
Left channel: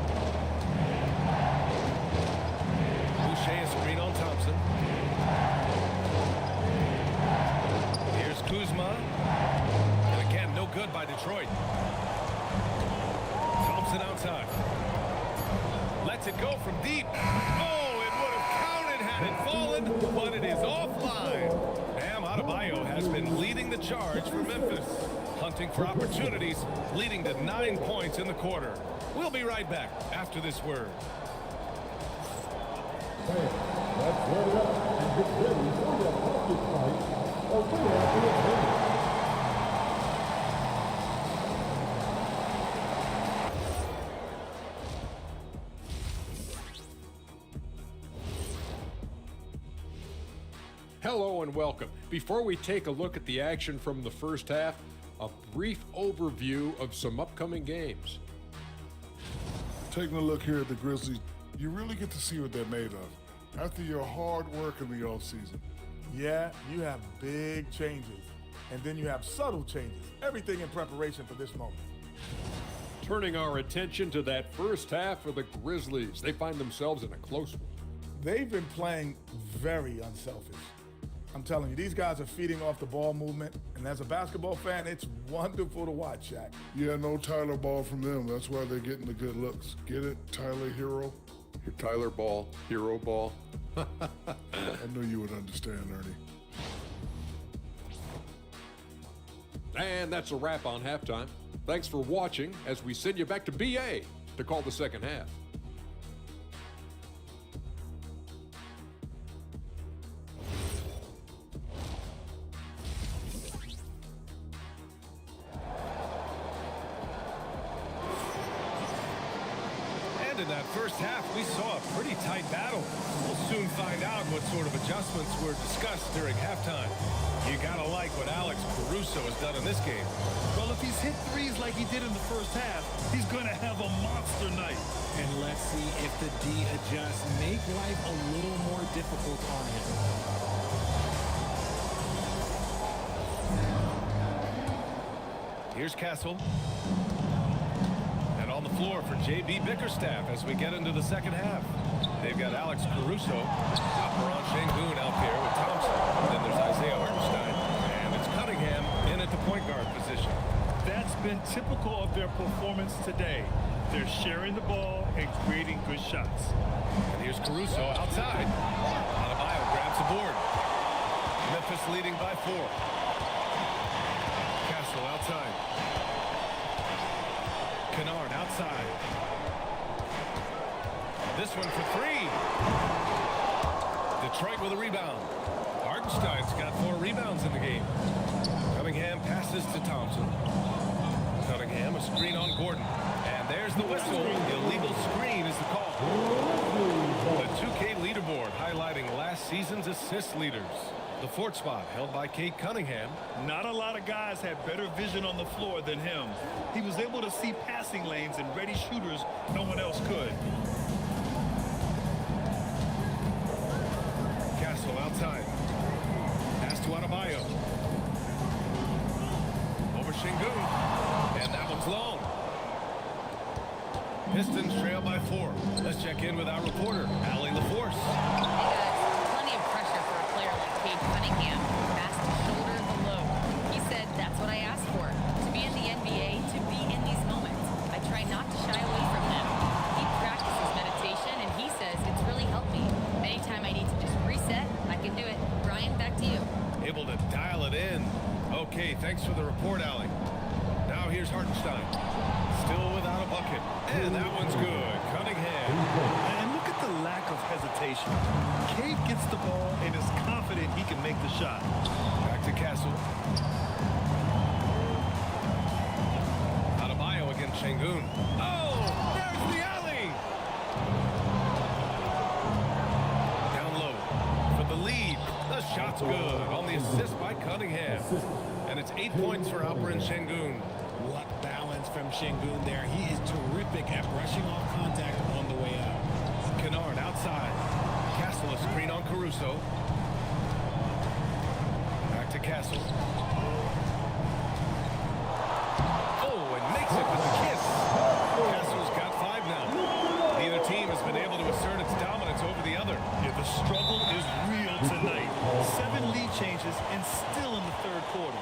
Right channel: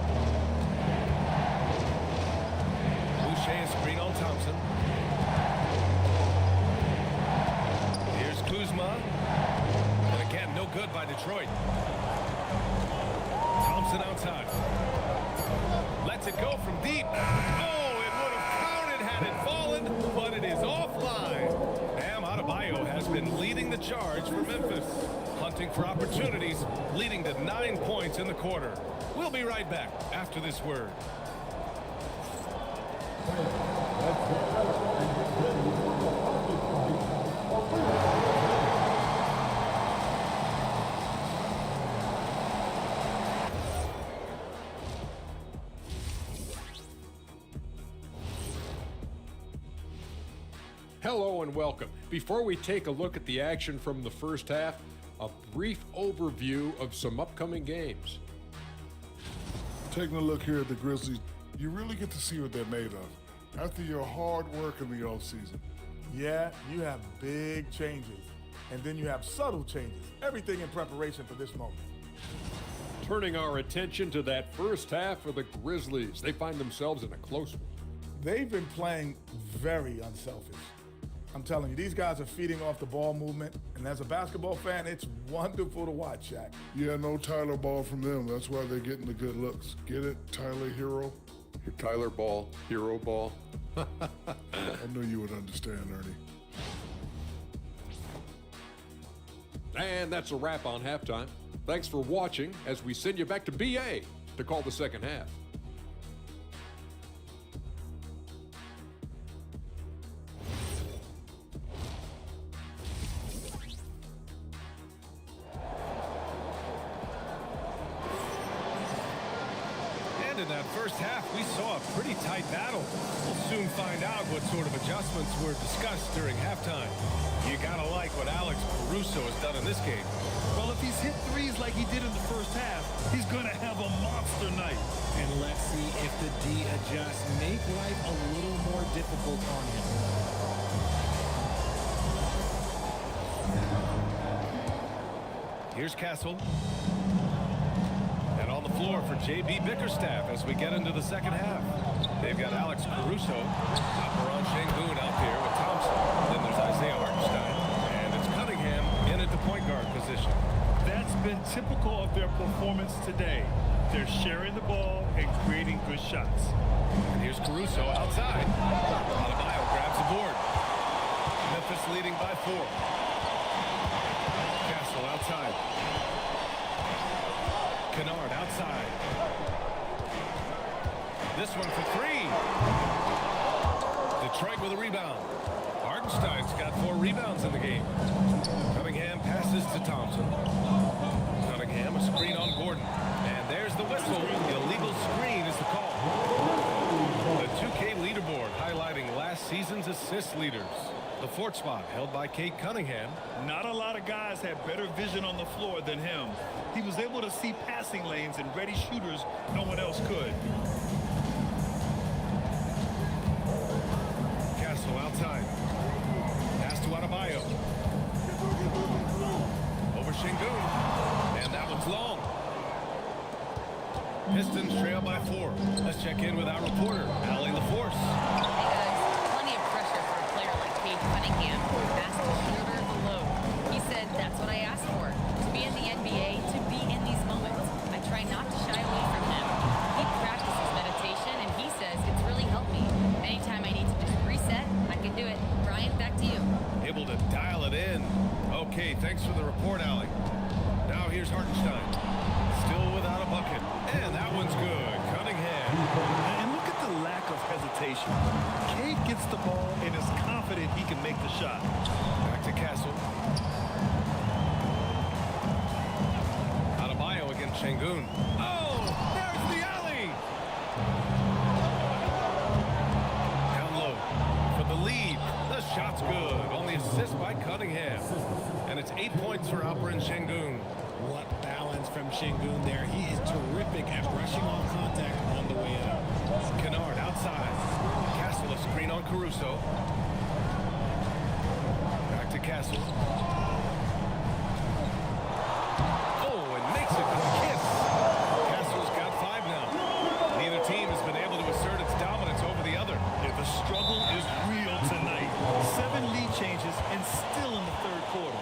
Boucher a screen on Thompson. Here's Kuzma. And again, no good by Detroit. Thompson outside. Lets it go from deep. Oh, it would have counted had it fallen, but it is offline. Bam Adebayo has been leading the charge for Memphis. Hunting for opportunities, leading to 9 points in the quarter. We'll be right back after this word. Hello and welcome. Before we take a look at the action from the first half, a brief overview of some upcoming games. Taking a look here at the Grizzlies, you really get to see what they're made of. After your hard work in the offseason. Yeah, you have big changes, and then you have subtle changes. Everything in preparation for this moment. Turning our attention to that first half of the Grizzlies, they find themselves in a close one. They've been playing very unselfish. I'm telling you, these guys are feeding off the ball movement, and as a basketball fan, it's wonderful to watch, Shaq. Yeah, no Tyler Ball from them. That's why they're getting the good looks. Get it, Tyler Hero? Your Tyler Ball, Hero Ball. I knew you would understand, Ernie. And that's a wrap on halftime. Thanks for watching as we send you back to BA to call the second half. And in that first half, we saw a pretty tight battle. We'll soon find out what sort of adjustments were discussed during halftime. You gotta like what Alex Caruso has done in this game. Well, if he's hit threes like he did in the first half, he's going to have a monster night. And let's see if the D adjusts, make life a little more difficult on him. Here's Castle. And on the floor for J.B. Bickerstaff as we get into the second half. They've got Alex Caruso, Alperen Şengün out there with Thompson. Then there's Isaiah Hartenstein, and it's Cunningham in at the point guard position. That's been typical of their performance today. They're sharing the ball and creating good shots. And here's Caruso outside. Adebayo grabs the board. Memphis leading by 4. Castle outside. Kennard outside. This one for 3. Detroit with a rebound. Hartenstein's got 4 rebounds in the game. Cunningham passes to Thompson. Cunningham a screen on Gordon. And there's the whistle. The illegal screen is the call. The 2K leaderboard highlighting last season's assist leaders. The fourth spot held by Cade Cunningham. Not a lot of guys had better vision on the floor than him. He was able to see passing lanes and ready shooters no one else could. Castle outside. Pass to Adebayo. Over Şengün. And that one's long. Pistons trail by 4. Let's check in with our reporter, Allie LaForce. Hey guys, plenty of pressure for a player like Cade Cunningham, asked to shoulder the load. He said, that's what I asked for, to be in the NBA, to be in these moments. I try not to shy away from them. He practices meditation, and he says it's really helped me. Anytime I need to just reset, I can do it. Brian, back to you. Able to dial it in. Okay, thanks for the report, Allie. Now here's Hartenstein. Still without a bucket. And that one's good. Cunningham. And look at the lack of hesitation. Cade gets the ball and is confident he can make the shot. Back to Castle. Adebayo against Şengün. Oh, there's the alley. Down low for the lead. The shot's good on the assist by Cunningham. And it's 8 points for Alperen Şengün. What balance from Şengün there. He is terrific at brushing off contact on the way up. Kennard outside. Castle a screen on Caruso. Back to Castle. Oh, and makes it with the kiss. Castle's got 5 now. Neither team has been able to assert its dominance over the other. Yeah, the struggle is real tonight. 7 lead changes and still in the third quarter.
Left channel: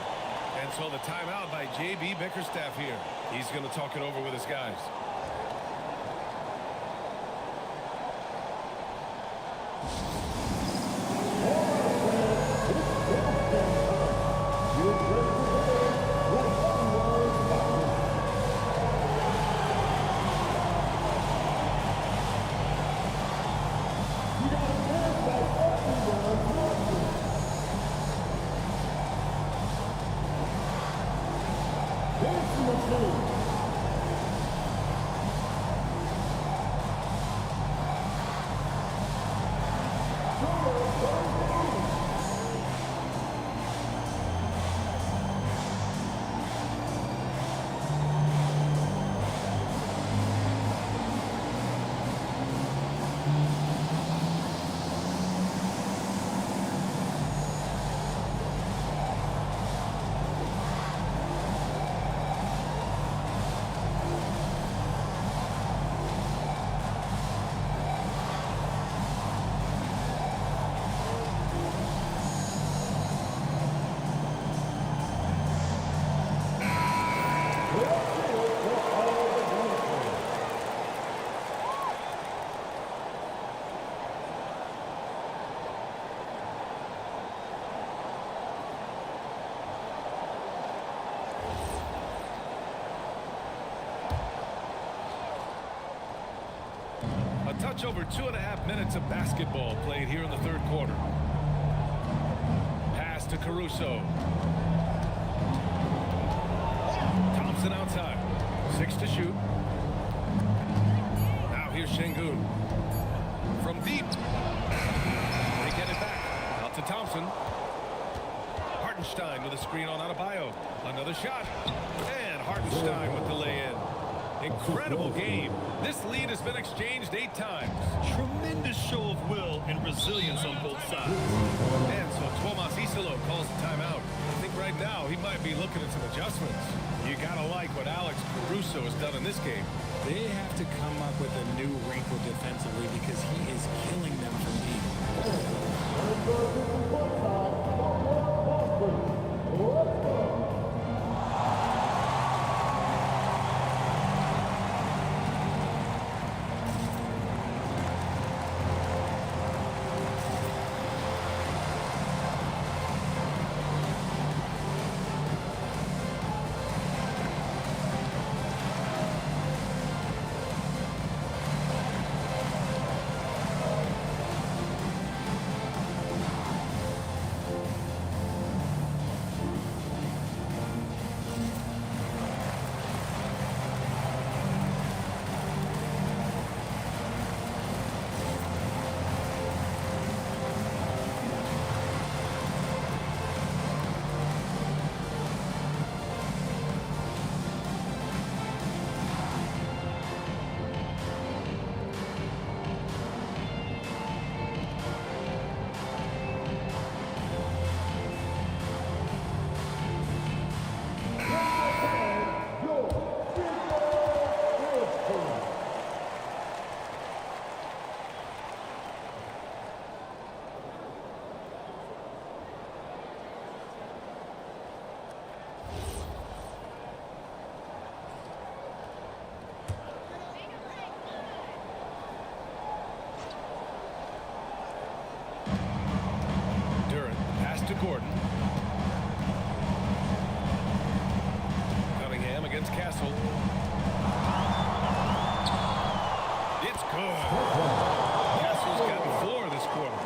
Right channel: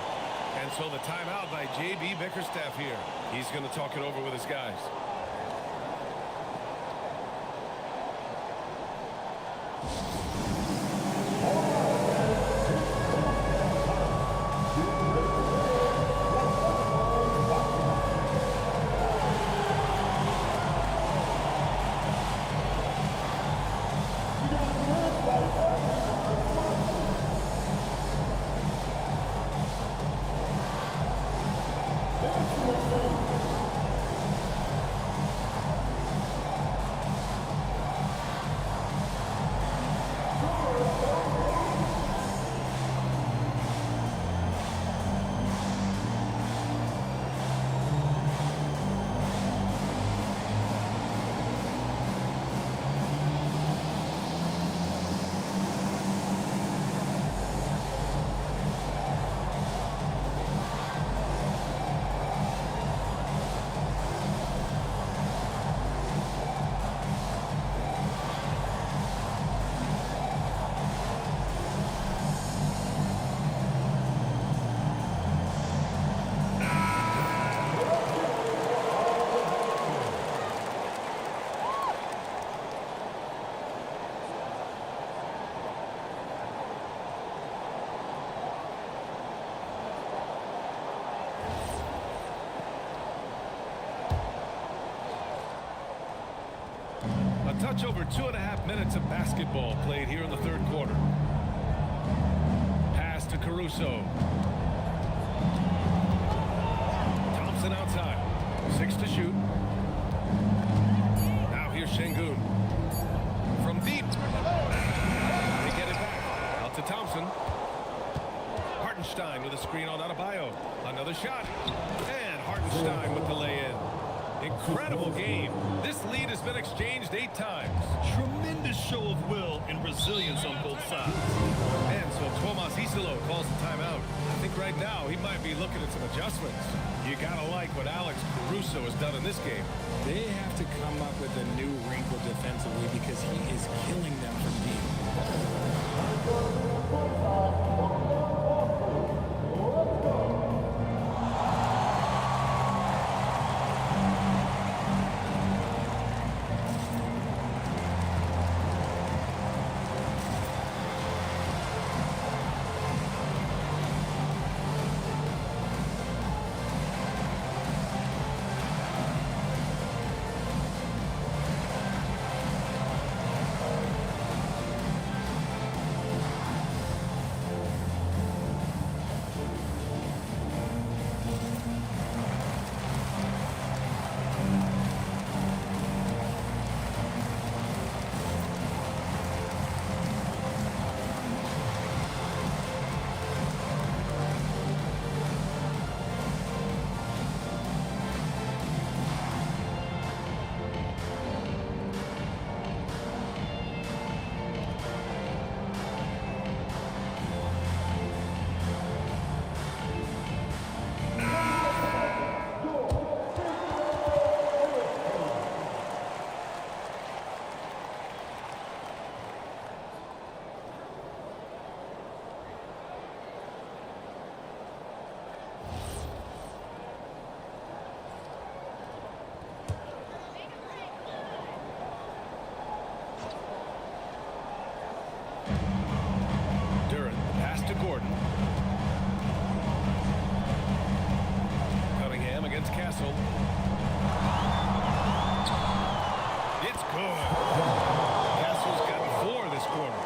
And so the timeout by J.B. Bickerstaff here. He's going to talk it over with his guys. A touch over 2.5 minutes of basketball played here in the third quarter. Pass to Caruso. Thompson outside. 6 to shoot. Now here's Şengün. From deep. They get it back. Out to Thompson. Hartenstein with a screen on Adebayo. Another shot. And Hartenstein with the lay-in. Incredible game. This lead has been exchanged 8 times. Tremendous show of will and resilience on both sides. And so Tomas Isolo calls the timeout. I think right now he might be looking at some adjustments. You gotta like what Alex Caruso has done in this game. They have to come up with a new wrinkle defensively because he is killing them from deep. Pass to Gordon. Cunningham against Castle. It's good. Castle's gotten 4 this quarter.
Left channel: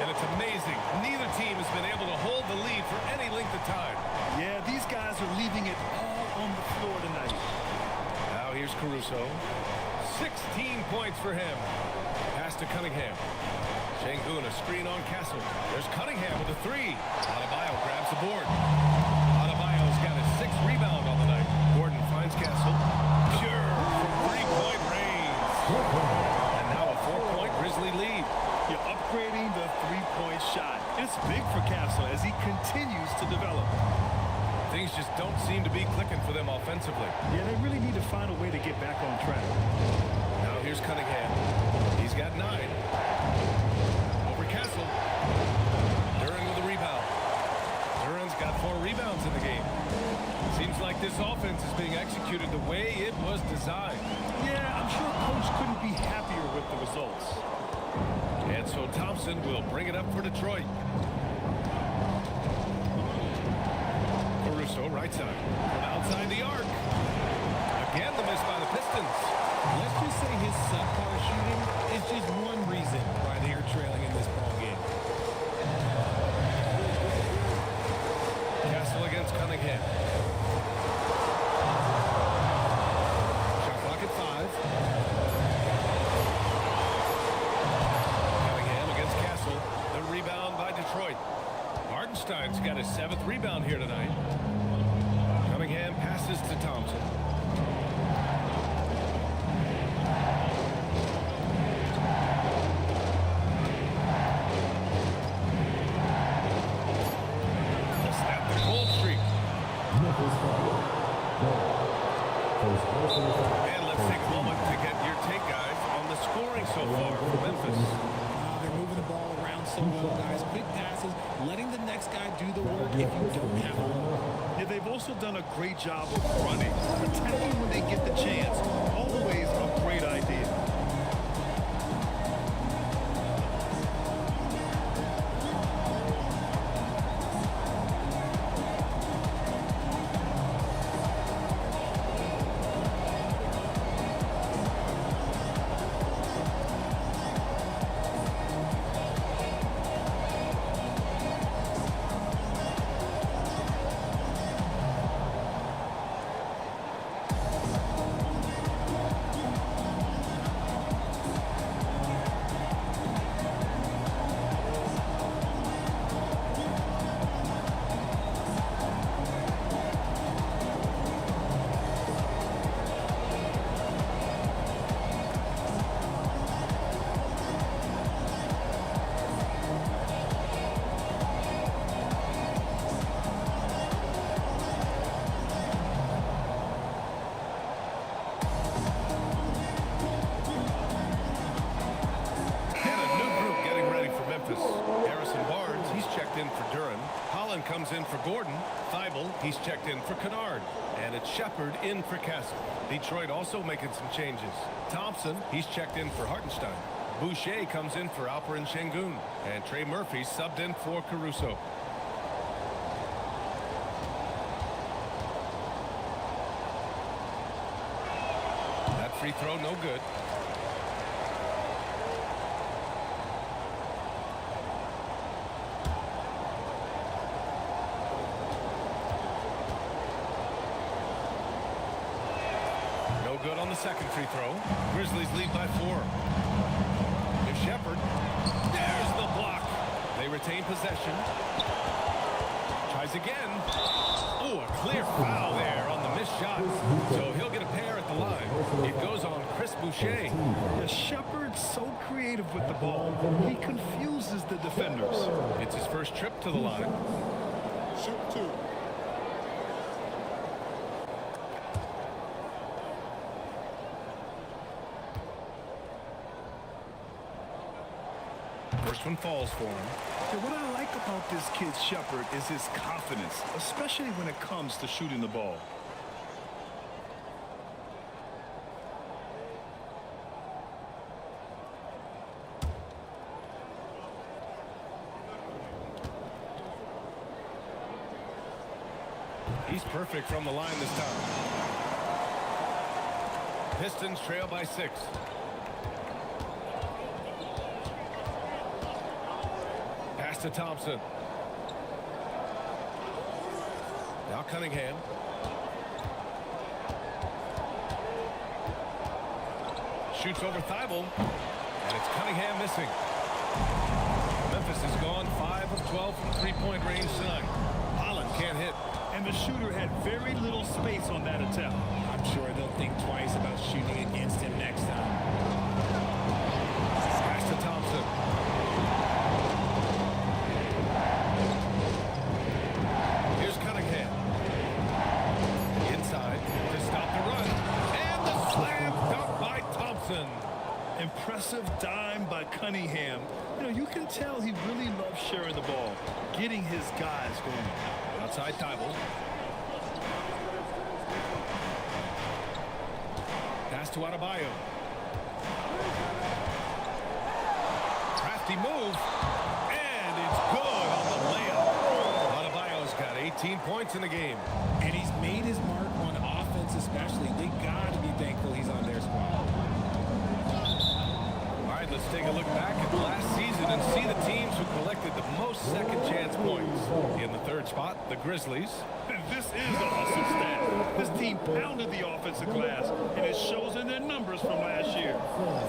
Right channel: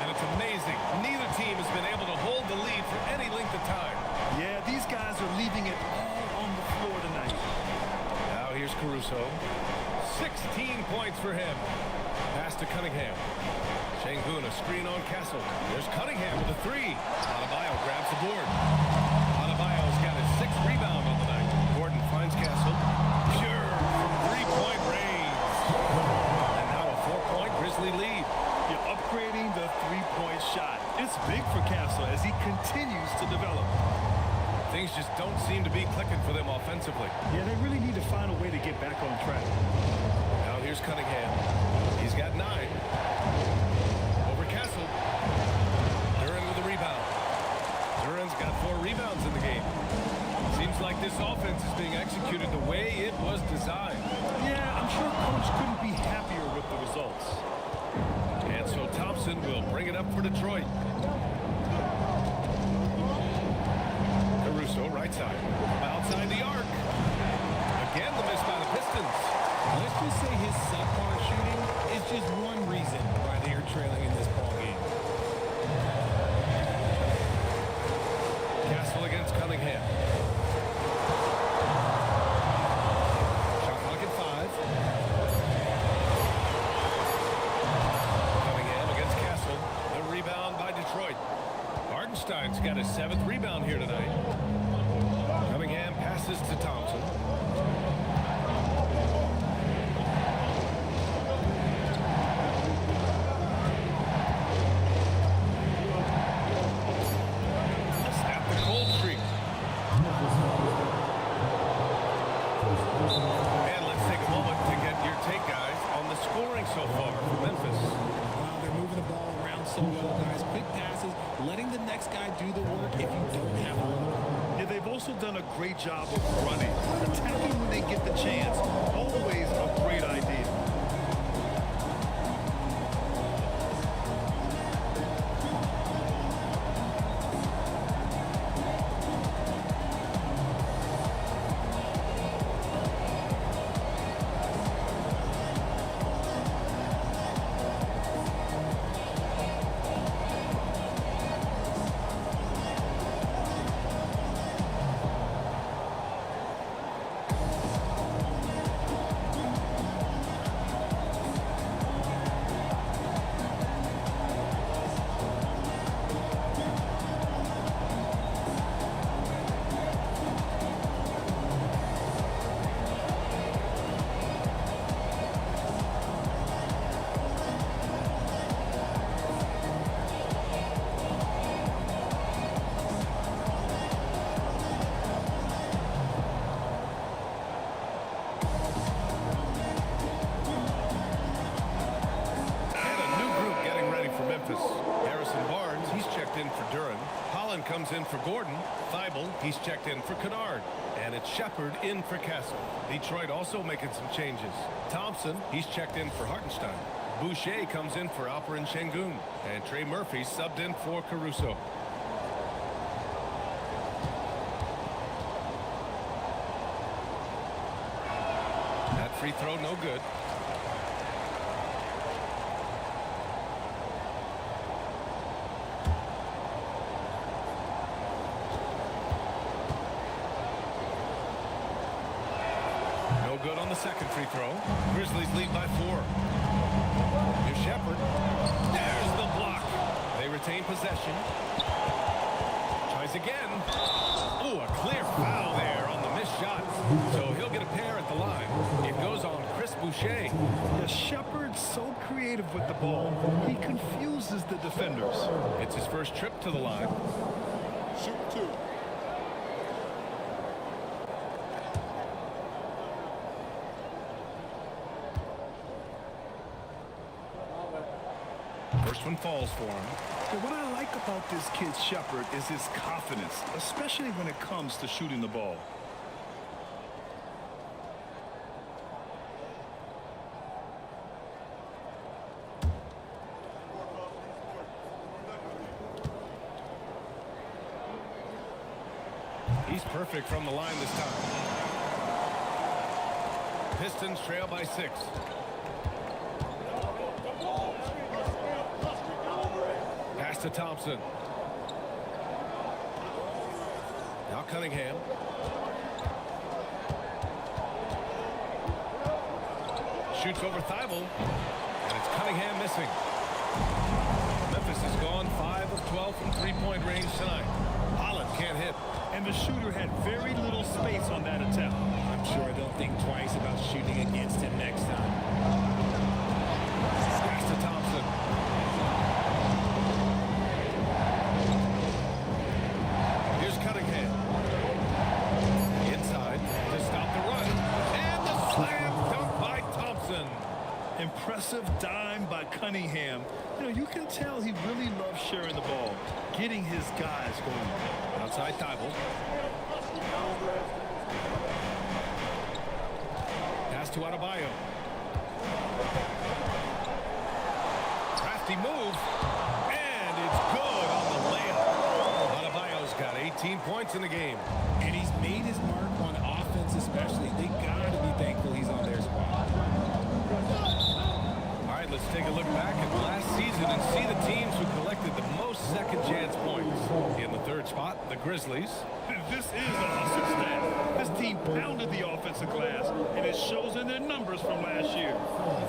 And it's amazing. Neither team has been able to hold the lead for any length of time. Yeah, these guys are leaving it all on the floor tonight. Now here's Caruso. 16 points for him. Pass to Cunningham. Şengün, a screen on Castle. There's Cunningham with a 3. Adebayo grabs the board. Adebayo's got his 6th rebound on the night. Gordon finds Castle. Pure from 3-point range. And now a 4-point Grizzly lead. You're upgrading the 3-point shot. It's big for Castle as he continues to develop. Things just don't seem to be clicking for them offensively. Yeah, they really need to find a way to get back on track. Now here's Cunningham. He's got 9. Over Castle. Duren with a rebound. Duren's got 4 rebounds in the game. Seems like this offense is being executed the way it was designed. Yeah, I'm sure coach couldn't be happier with the results. And so Thompson will bring it up for Detroit. Caruso, right side. From outside the arc. Again, the miss by the Pistons. Let's just say his subpar shooting is just one reason why they are trailing in this ball game. Castle against Cunningham. Shot clock at 5. Cunningham against Castle. The rebound by Detroit. Hartenstein's got his 7th rebound here tonight. Cunningham passes to Thompson. To snap the cold streak. And let's take a moment to get your take, guys, on the scoring so far for Memphis. Wow, they're moving the ball around so well, guys. Quick passes, letting the next guy do the work if you don't have a look. Yeah, they've also done a great job of running. Attacking when they get the chance. Always a great idea. Getting ready for Memphis. Harrison Barnes, he's checked in for Duren. Holland comes in for Gordon. Thibault, he's checked in for Kennard. And it's Shepard in for Castle. Detroit also making some changes. Thompson, he's checked in for Hartenstein. Boucher comes in for Alperen Şengün. And Trey Murphy subbed in for Caruso. That free throw, no good. No good on the second free throw. Grizzlies lead by 4. Here's Shepard. There's the block. They retain possession. Tries again. Oh, a clear foul there on the missed shot. So he'll get a pair at the line. It goes on Chris Boucher. Yeah, Shepard's so creative with the ball. He confuses the defenders. It's his first trip to the line. Shoot 2. First one falls for him. Yeah, what I like about this kid Shepard is his confidence, especially when it comes to shooting the ball. He's perfect from the line this time. Pistons trail by 6. Pass to Thompson. Now Cunningham. Shoots over Thibault. And it's Cunningham missing. Memphis has gone 5 of 12 from three-point range tonight. Holland can't hit. And the shooter had very little space on that attempt. I'm sure they'll think twice about shooting against him next time. Pass to Thompson. Here's Cunningham. Inside to stop the run. And the slam dunk by Thompson. Impressive dime by Cunningham. You know, you can tell he really loves sharing the ball, getting his guys going. Outside Thibault. Pass to Adebayo. Crafty move. And it's good on the layup. Adebayo's got 18 points in the game. And he's made his mark on offense especially. They got to be thankful he's on their squad. All right, let's take a look back at last season and see the teams who collected the most second chance points. In the third spot, the Grizzlies. And this is a hustle stat. This team pounded the offensive glass, and it shows in their numbers from last year.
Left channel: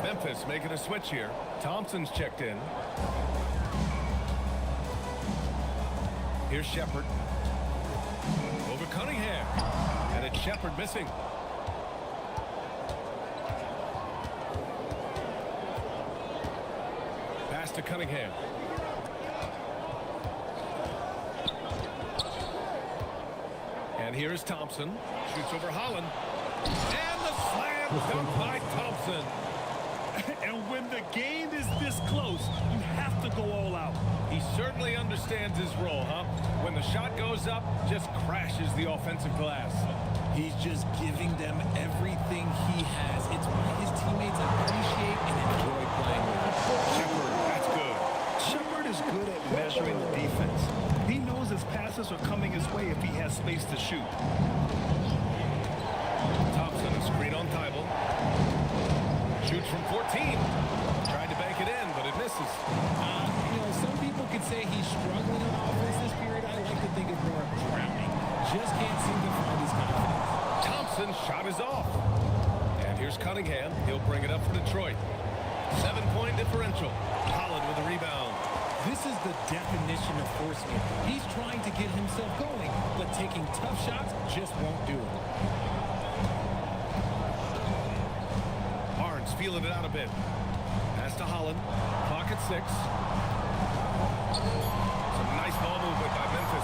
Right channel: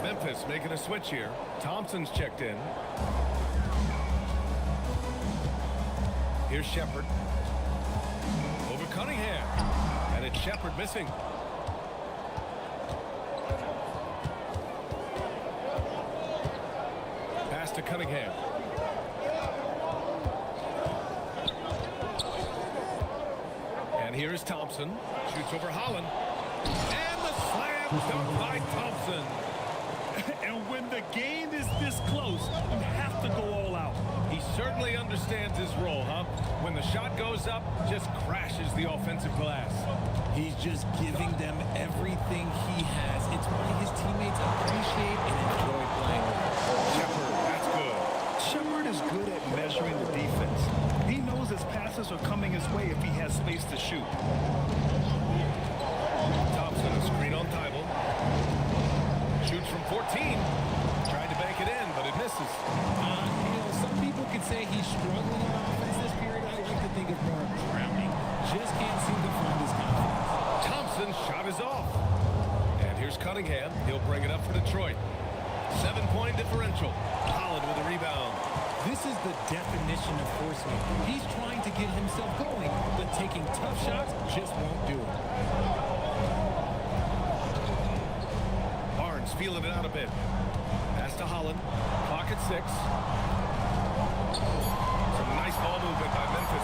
Memphis making a switch here. Thompson's checked in. Here's Shepherd. Over Cunningham. And it's Shepherd missing. Pass to Cunningham. And here is Thompson. Shoots over Holland. And the slam dunk by Thompson. And when the game is this close, you have to go all out. He certainly understands his role, huh? When the shot goes up, just crashes the offensive glass. He's just giving them everything he has. It's why his teammates appreciate and enjoy playing with him. Shepherd, that's good. Shepherd is good at measuring the defense. He knows his passes are coming his way if he has space to shoot. Thompson, a screen on Thibault. Shoots from 14. Tried to bank it in, but it misses. You know, some people could say he's struggling on offense this period. I like to think of more of drowning. Just can't seem to find his confidence. Thompson's shot is off. And here's Cunningham. He'll bring it up for Detroit. 7-point differential. Holland with a rebound. This is the definition of forcing it. He's trying to get himself going, but taking tough shots just won't do it. Barnes feeling it out a bit. Pass to Holland. Clock at 6. Some nice ball movement by Memphis.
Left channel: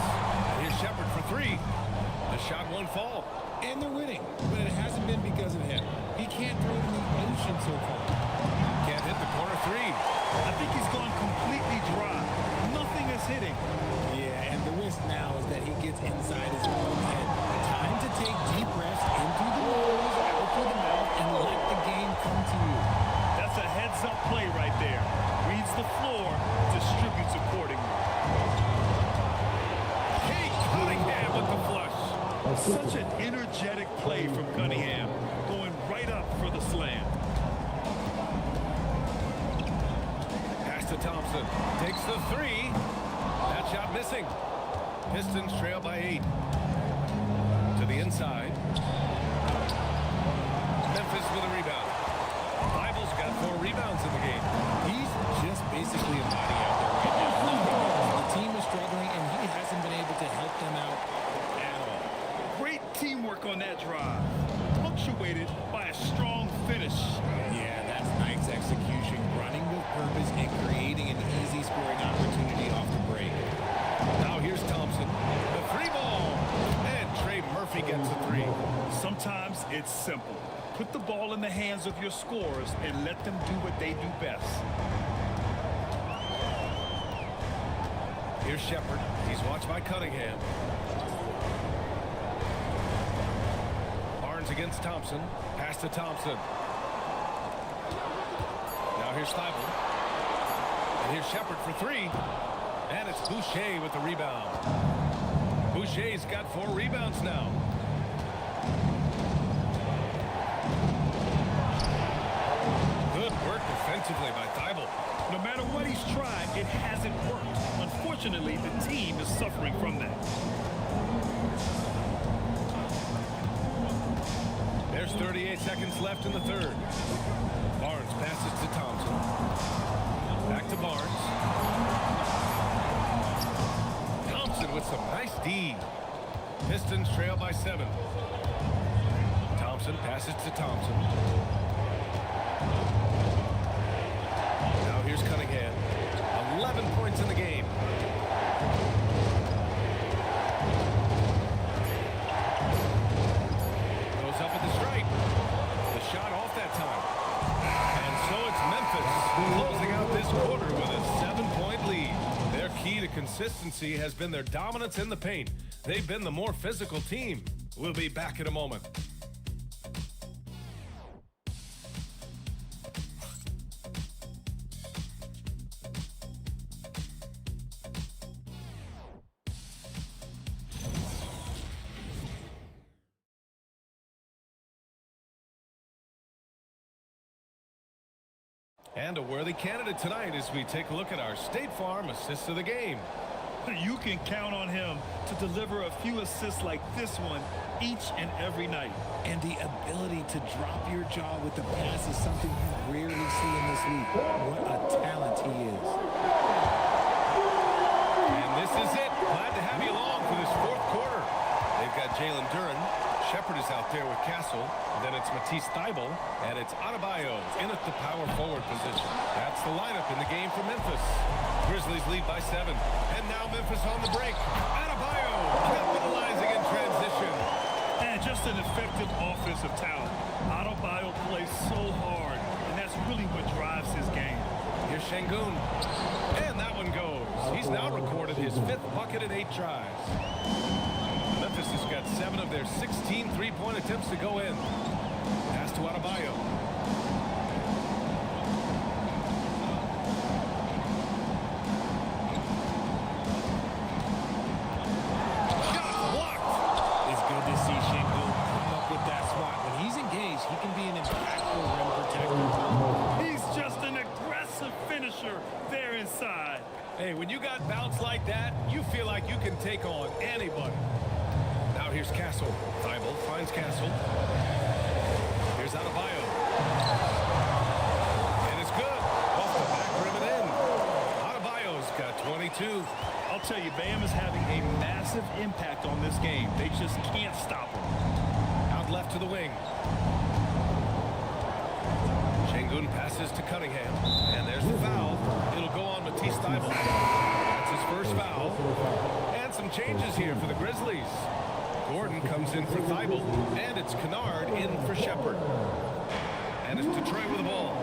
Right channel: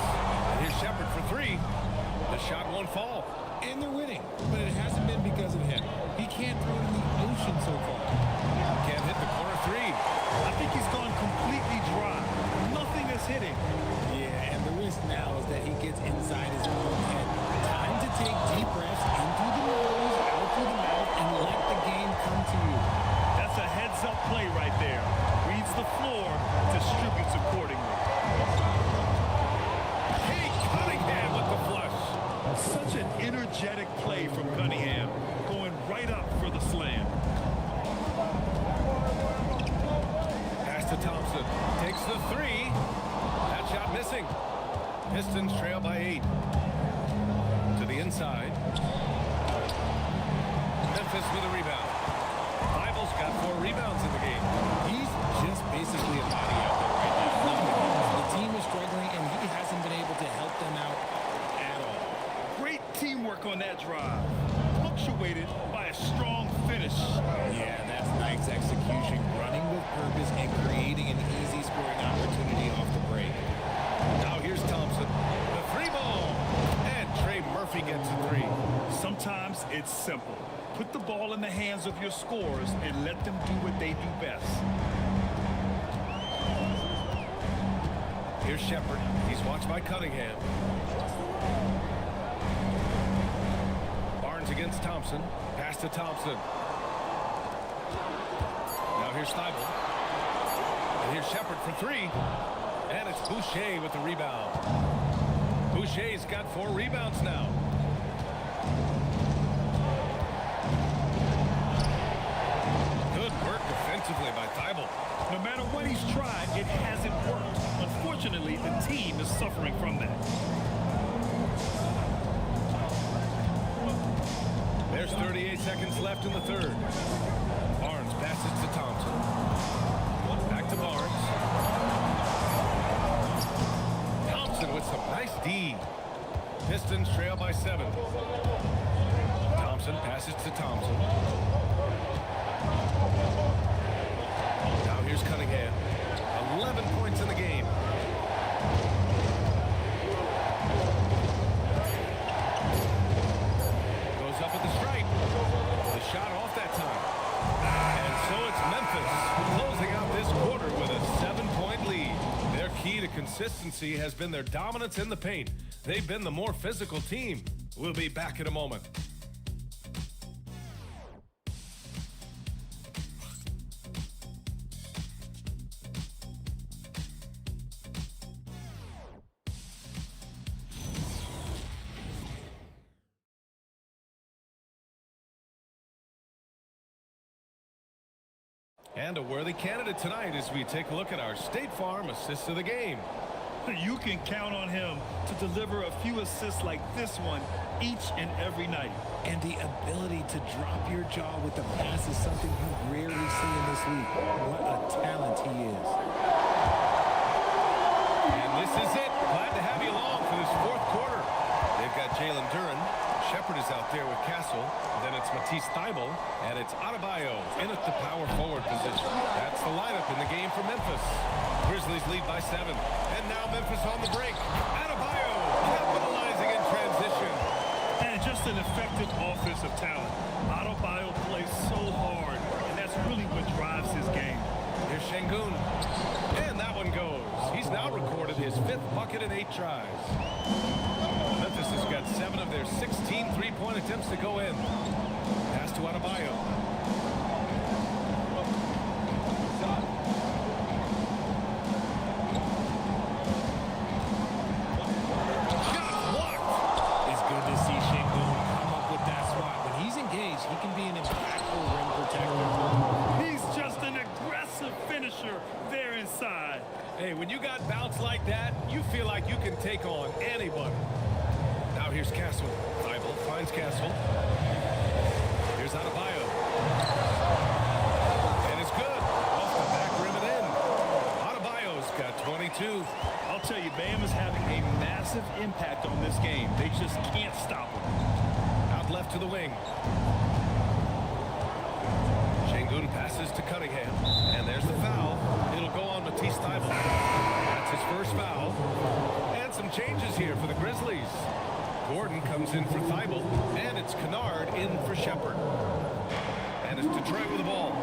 And here's Shepherd for 3. The shot won't fall. And they're winning, but it hasn't been because of him. He can't throw it in the ocean so far. Can't hit the corner 3. I think he's gone completely dry. Nothing is hitting. Yeah, and the risk now is that he gets inside his own head. Time to take deep breaths in through the nose, out through the mouth, and let the game come to you. That's a heads-up play right there. Reads the floor, distributes accordingly. Kate Cunningham with the flush. Such an energetic play from Cunningham, going right up for the slam. Pass to Thompson. Takes the 3. That shot missing. Pistons trail by 8. To the inside. Memphis with a rebound. Thibault's got 4 rebounds in the game. He's just basically a body out there right now, nothing else. The team is struggling, and he hasn't been able to help them out at all. Great teamwork on that drive, punctuated by a strong finish. Yeah, that's nice execution, running with purpose and creating an easy scoring opportunity off the break. Now here's Thompson. The 3 ball. And Trey Murphy gets a 3. Sometimes it's simple. Put the ball in the hands of your scorers and let them do what they do best. Here's Shepherd. He's watched by Cunningham. Barnes against Thompson. Pass to Thompson. Now here's Thibault. And here's Shepherd for 3. And it's Boucher with the rebound. Boucher's got 4 rebounds now. Good work defensively by Thibault. No matter what he's tried, it hasn't worked. Unfortunately, the team is suffering from that. There's 38 seconds left in the third. Barnes passes to Thompson. Back to Barnes. Thompson with some nice D. Pistons trail by 7. Thompson passes to Thompson. Now here's Cunningham. 11 points in the game. Goes up at the stripe. The shot off that time. And so it's Memphis closing out this quarter with a 7-point lead. Their key to consistency has been their dominance in the paint. They've been the more physical team. We'll be back in a moment. And a worthy candidate tonight as we take a look at our State Farm assist of the game. You can count on him to deliver a few assists like this one each and every night. And the ability to drop your jaw with the pass is something you rarely see in this league. What a talent he is. And this is it. Glad to have you along for this fourth quarter. They've got Jalen Duren. Shepard is out there with Castle. Then it's Matisse Thybulle. And it's Adebayo in at the power forward position. That's the lineup in the game for Memphis. Grizzlies lead by 7. And now Memphis on the break. Adebayo capitalizing in transition. And just an effective offensive talent. Adebayo plays so hard, and that's really what drives his game. Here's Şengün. And that one goes. He's now recorded his 5th bucket in 8 tries. Memphis has got 7 of their 16 three-point attempts to go in. Pass to Adebayo. Shot blocked. It's good to see Şengün come up with that swat. When he's engaged, he can be an impactful rim protector. He's just an aggressive finisher there inside. Hey, when you got bounce like that, you feel like you can take on anybody. Now here's Castle. Thybulle finds Castle. Here's Adebayo. And it's good. Off the back rim and in. Adebayo's got 22. I'll tell you, Bam is having a massive impact on this game. They just can't stop him. Out left to the wing. Şengün passes to Cunningham. And there's the foul. It'll go on Matisse Thybulle. That's his first foul. And some changes here for the Grizzlies. Gordon comes in for Thybulle, and it's Kennard in for Shepard. And it's Detroit with the ball.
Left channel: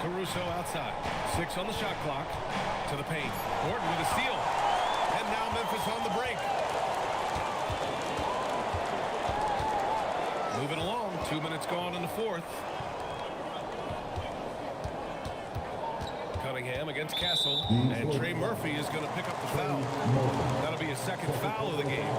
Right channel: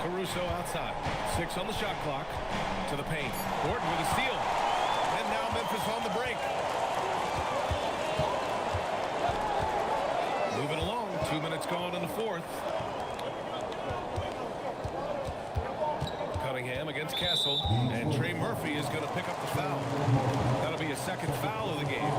Caruso outside. 6 on the shot clock. To the paint. Gordon with a steal. And now Memphis on the break. Moving along. 2 minutes gone in the fourth. Cunningham against Castle, and Trey Murphy is going to pick up the foul. That'll be a second foul of the game.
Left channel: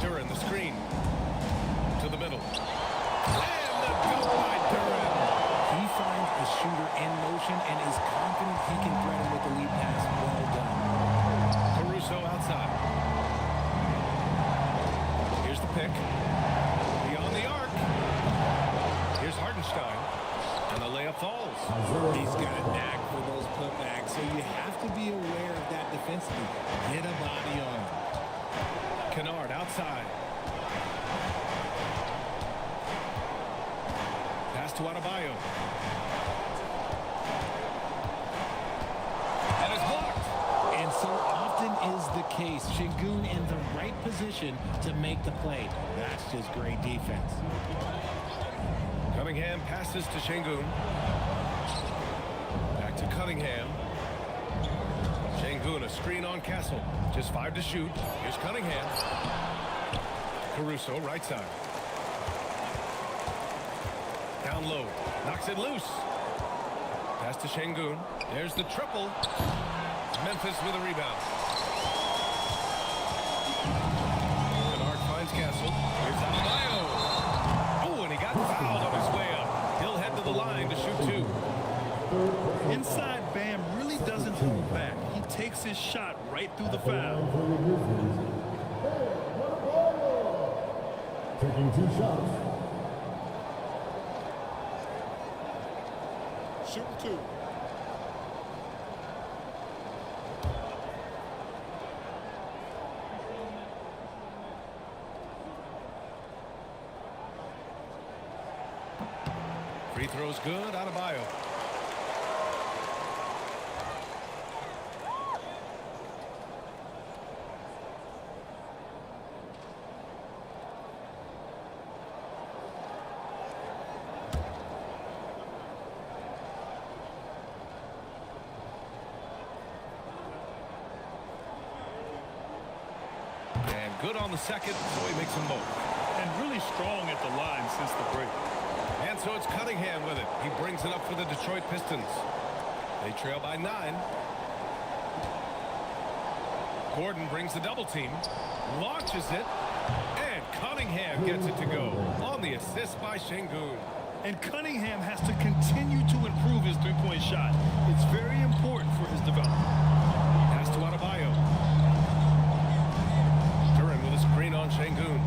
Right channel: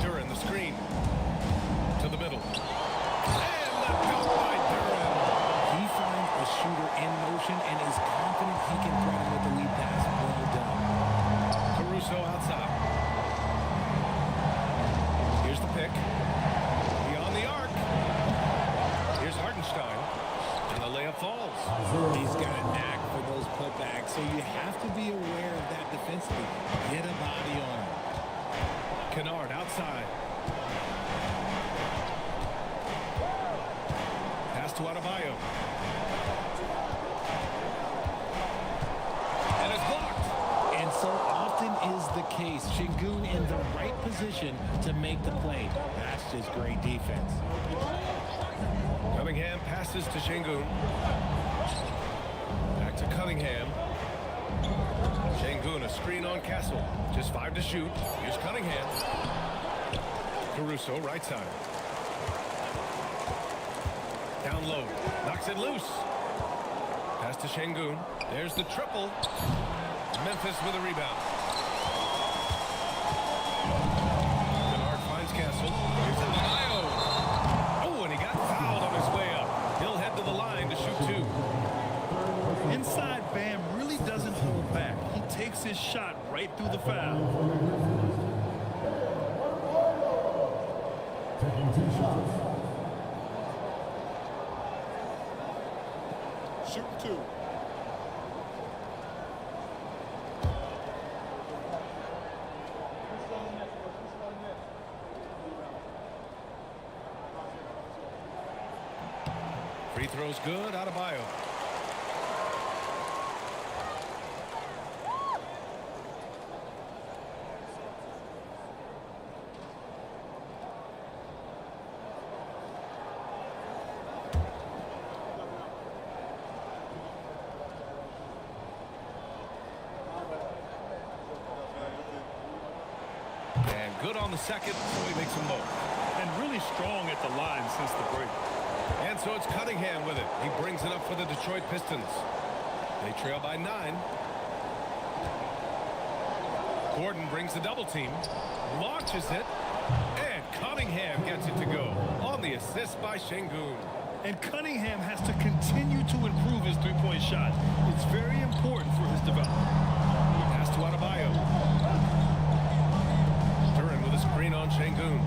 Duren the screen to the middle. And the dunk by Duren. He finds a shooter in motion and is confident he can thread him with the lead pass. Well done. Caruso outside. Here's the pick. Beyond the arc. Here's Hartenstein. And the layup falls. He's got a knack for those putbacks, so you have to be aware of that defensively. Get a body on him. Kennard outside. Pass to Adebayo. And it's blocked. And so often is the case. Şengün in the right position to make the play. That's just great defense. Cunningham passes to Şengün. to Cunningham. Şengün, a screen on Castle. Just 5 to shoot. Here's Cunningham. Caruso, right side. Down low. Knocks it loose. Pass to Şengün. There's the triple. Memphis with a rebound. Kennard finds Castle. Here's Adebayo. Oh, and he got fouled on his way up. He'll head to the line to shoot 2. Inside, Bam really doesn't hold back. He takes his shot right through the foul. Taking 2 shots. Shooting 2. Free throw's good. Adebayo. And good on the second, so he makes them both. And really strong at the line since the break. And so it's Cunningham with it. He brings it up for the Detroit Pistons. They trail by 9. Gordon brings the double team, launches it, and Cunningham gets it to go on the assist by Şengün. And Cunningham has to continue to improve his three-point shot. It's very important for his development. Pass to Adebayo. Duran with a screen on Şengün.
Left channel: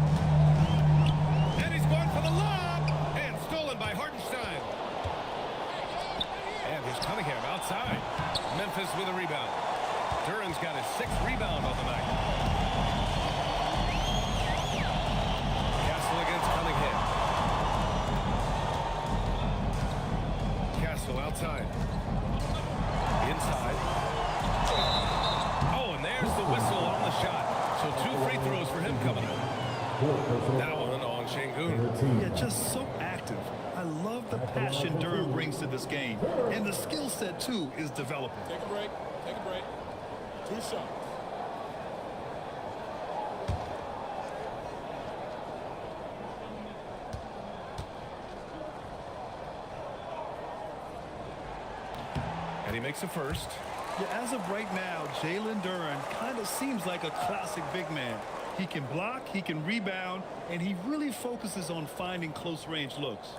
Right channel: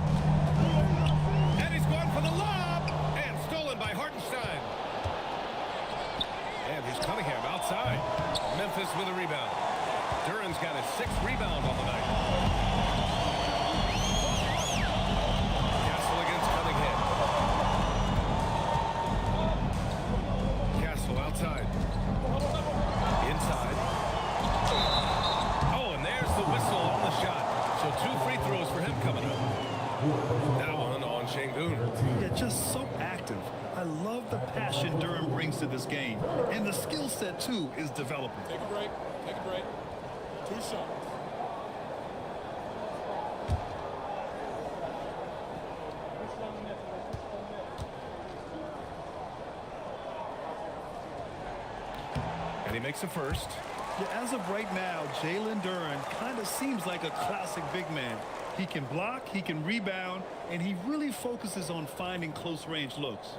And he's going for the lob. And stolen by Hartenstein. And here's Cunningham outside. Memphis with a rebound. Duran's got his 6th rebound on the night. Castle against Cunningham. Castle outside. Inside. Oh, and there's the whistle on the shot. So 2 free throws for him coming up. That one on Şengün. Yeah, just so active. I love the passion Duran brings to this game. And the skill set, too, is developing. Take a break. Take a break. 2 shots. And he makes a first. Yeah, as of right now, Jalen Duran kind of seems like a classic big man. He can block, he can rebound, and he really focuses on finding close-range looks.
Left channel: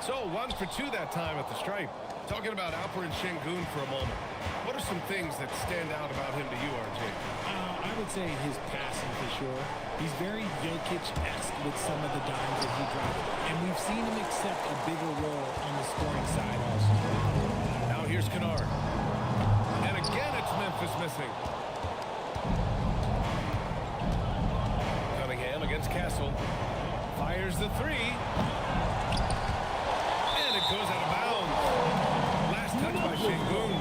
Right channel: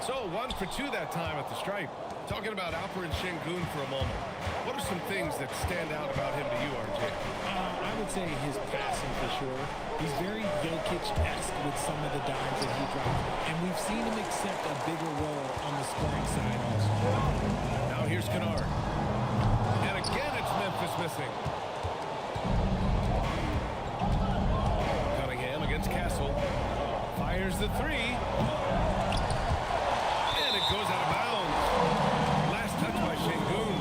So 1 for 2 that time at the stripe. Talking about Alperen Şengün for a moment. What are some things that stand out about him to you, RJ? I would say his passing for sure. He's very Jokic-esque with some of the dimes that he dropped. And we've seen him accept a bigger role on the scoring side also. Now here's Kennard. And again, it's Memphis missing. Cunningham against Castle. Fires the 3. And it goes out of bounds. Last touch by Şengün.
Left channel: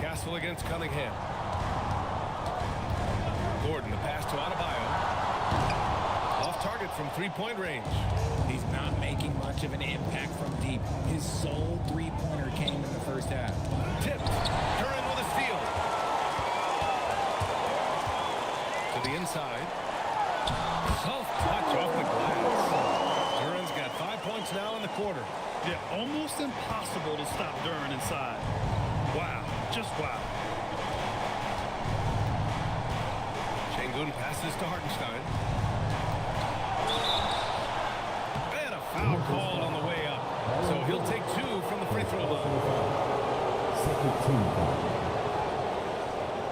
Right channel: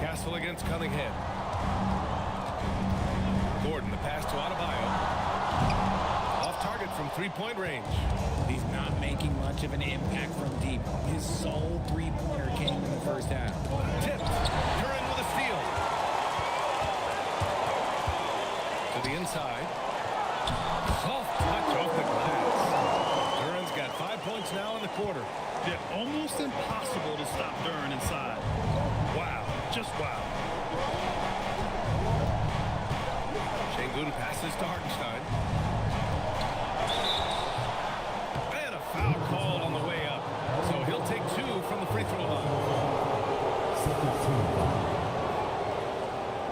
Castle against Cunningham. Gordon, the pass to Adebayo. Off target from 3-point range. He's not making much of an impact from deep. His sole three-pointer came in the first half. Tipped. Duran with a steal. To the inside. Soft touch off the glass. Duran's got 5 points now in the quarter. Yeah, almost impossible to stop Duran inside. Wow, just wow. Şengün passes to Hartenstein. And a foul called on the way up. So he'll take 2 from the free throw line. Second team.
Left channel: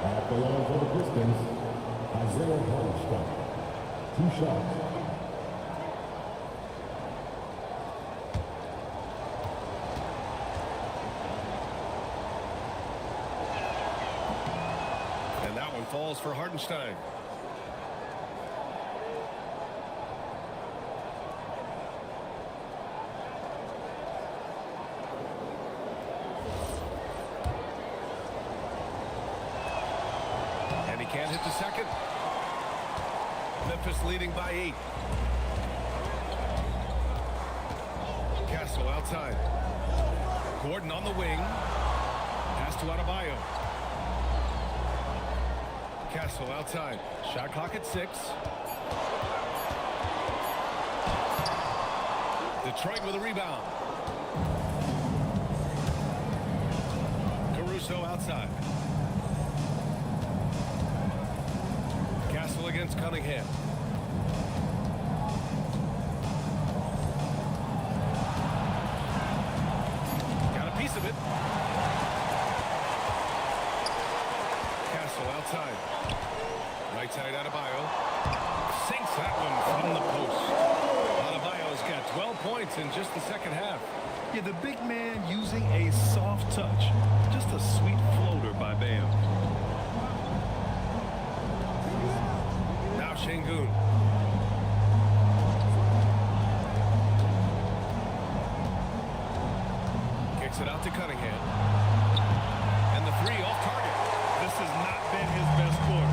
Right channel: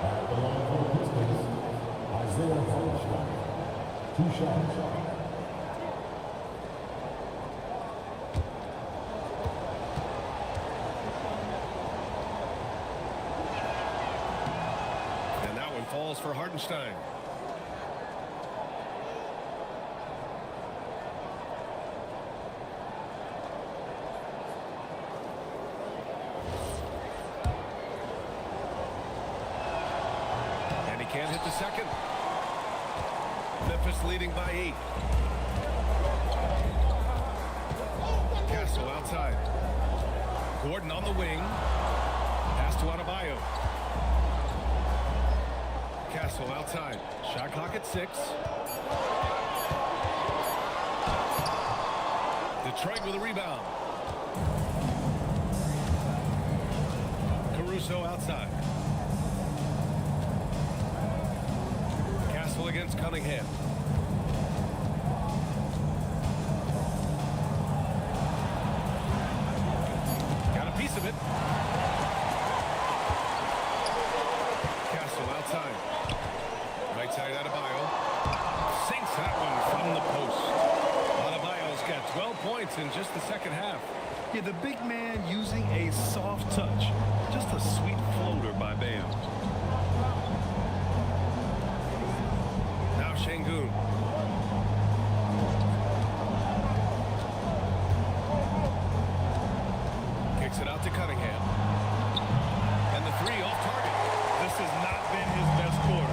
At the line for the Pistons, Isaiah Hartenstein. 2 shots. That one falls for Hartenstein. And he can't hit the second. Memphis leading by 8. Castle outside. Gordon on the wing. Pass to Adebayo. Castle outside. Shot clock at 6. Detroit with a rebound. Caruso outside. Castle against Cunningham. Got a piece of it. Castle outside. Right side Adebayo. Sinks that one from the post. Adebayo's got 12 points in just the second half. Yeah, the big man using a soft touch. Just a sweet floater by Bam. Now Şengün. Kicks it out to Cunningham. And the 3 off target. This has not been his best quarter.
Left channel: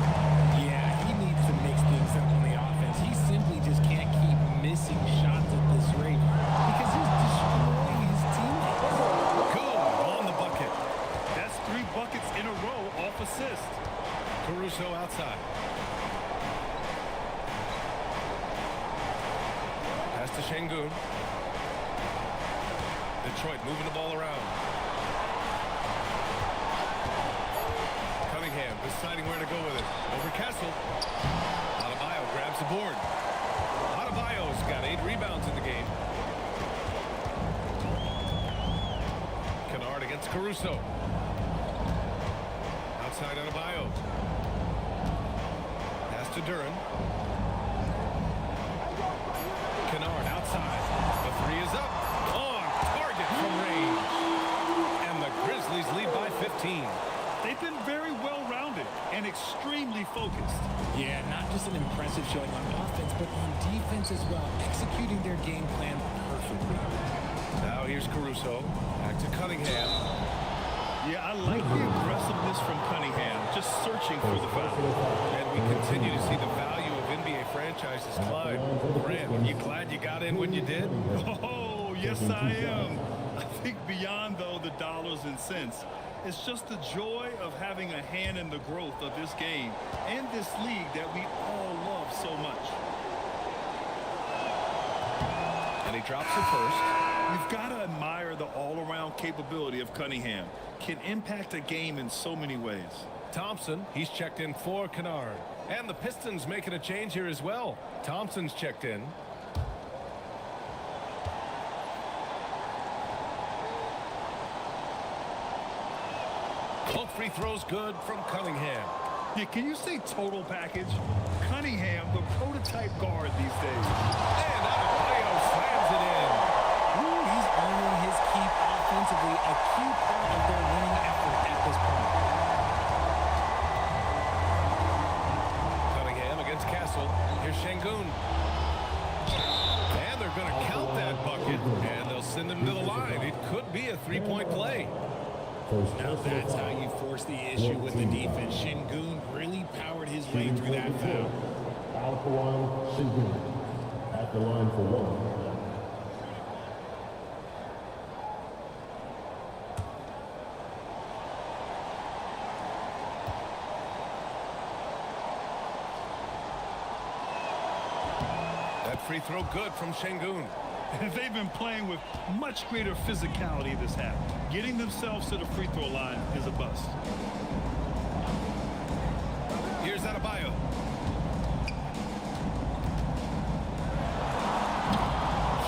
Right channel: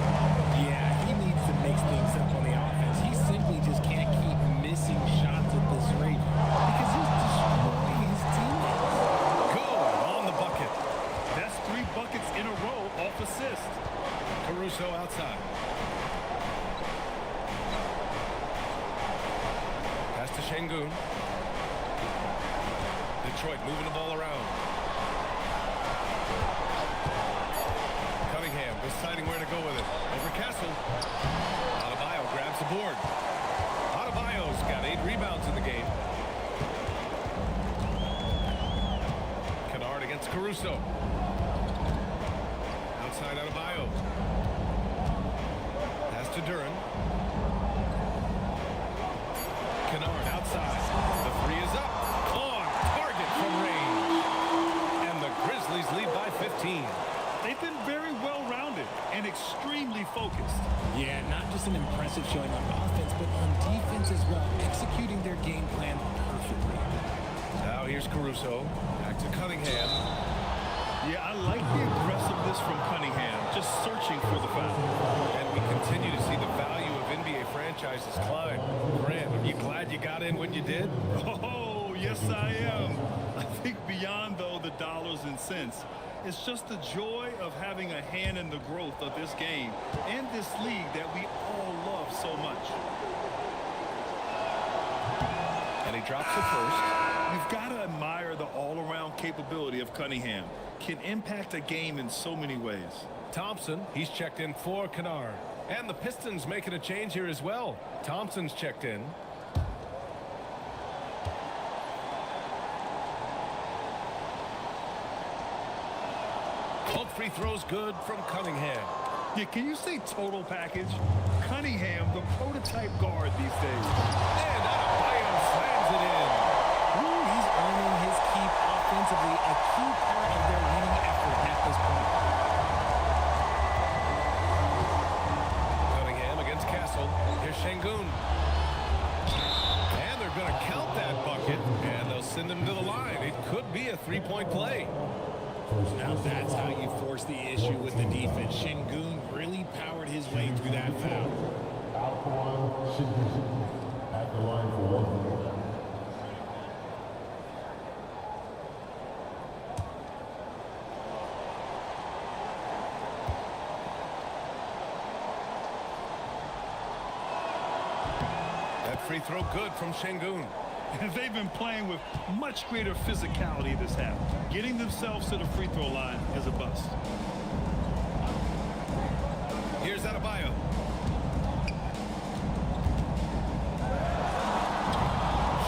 Yeah, he needs to mix things up on the offense. He simply just can't keep missing shots at this rate because he's destroying his teammates. Good on the bucket. That's 3 buckets in a row off assist. Caruso outside. Pass to Şengün. Detroit moving the ball around. Cunningham deciding where to go with it. Over Castle. Adebayo grabs the board. Adebayo's got 8 rebounds in the game. Kennard against Caruso. Outside Adebayo. Pass to Duren. Kennard outside. The 3 is up. On target from range. And the Grizzlies lead by 15. They've been very well-rounded and extremely focused. Yeah, not just an impressive showing on offense, but on defense as well, executing their game plan perfectly. Now here's Caruso. Back to Cunningham. Yeah, I like the aggressiveness from Cunningham, just searching for the foul. And we continue to see the value of NBA franchises climb. Grant, are you glad you got in when you did? Oh, yes, I am. I think beyond, though, the dollars and cents, it's just the joy of having a hand in the growth of this game and this league that we all love so much. And he drops it first. You've got to admire the all-around capability of Cunningham. Can impact a game in so many ways. Thompson, he's checked in for Kennard. And the Pistons making a change here as well. Thompson's checked in. Both free throws good from Cunningham. Yeah, can you say total package? Cunningham, the prototype guard these days. And Adebayo slams it in. Ooh, he's earning his keep offensively, a key part of their winning effort at this point. Cunningham against Castle. Here's Şengün. And they're going to count that bucket, and they'll send him to the line. It could be a three-point play. Now that's how you force the issue with the defense. Şengün really powered his way through that foul. Out the line, Şengün. At the line for 1. That free throw good from Şengün. They've been playing with much greater physicality this half. Getting themselves to the free throw line is a bust. Here's Adebayo.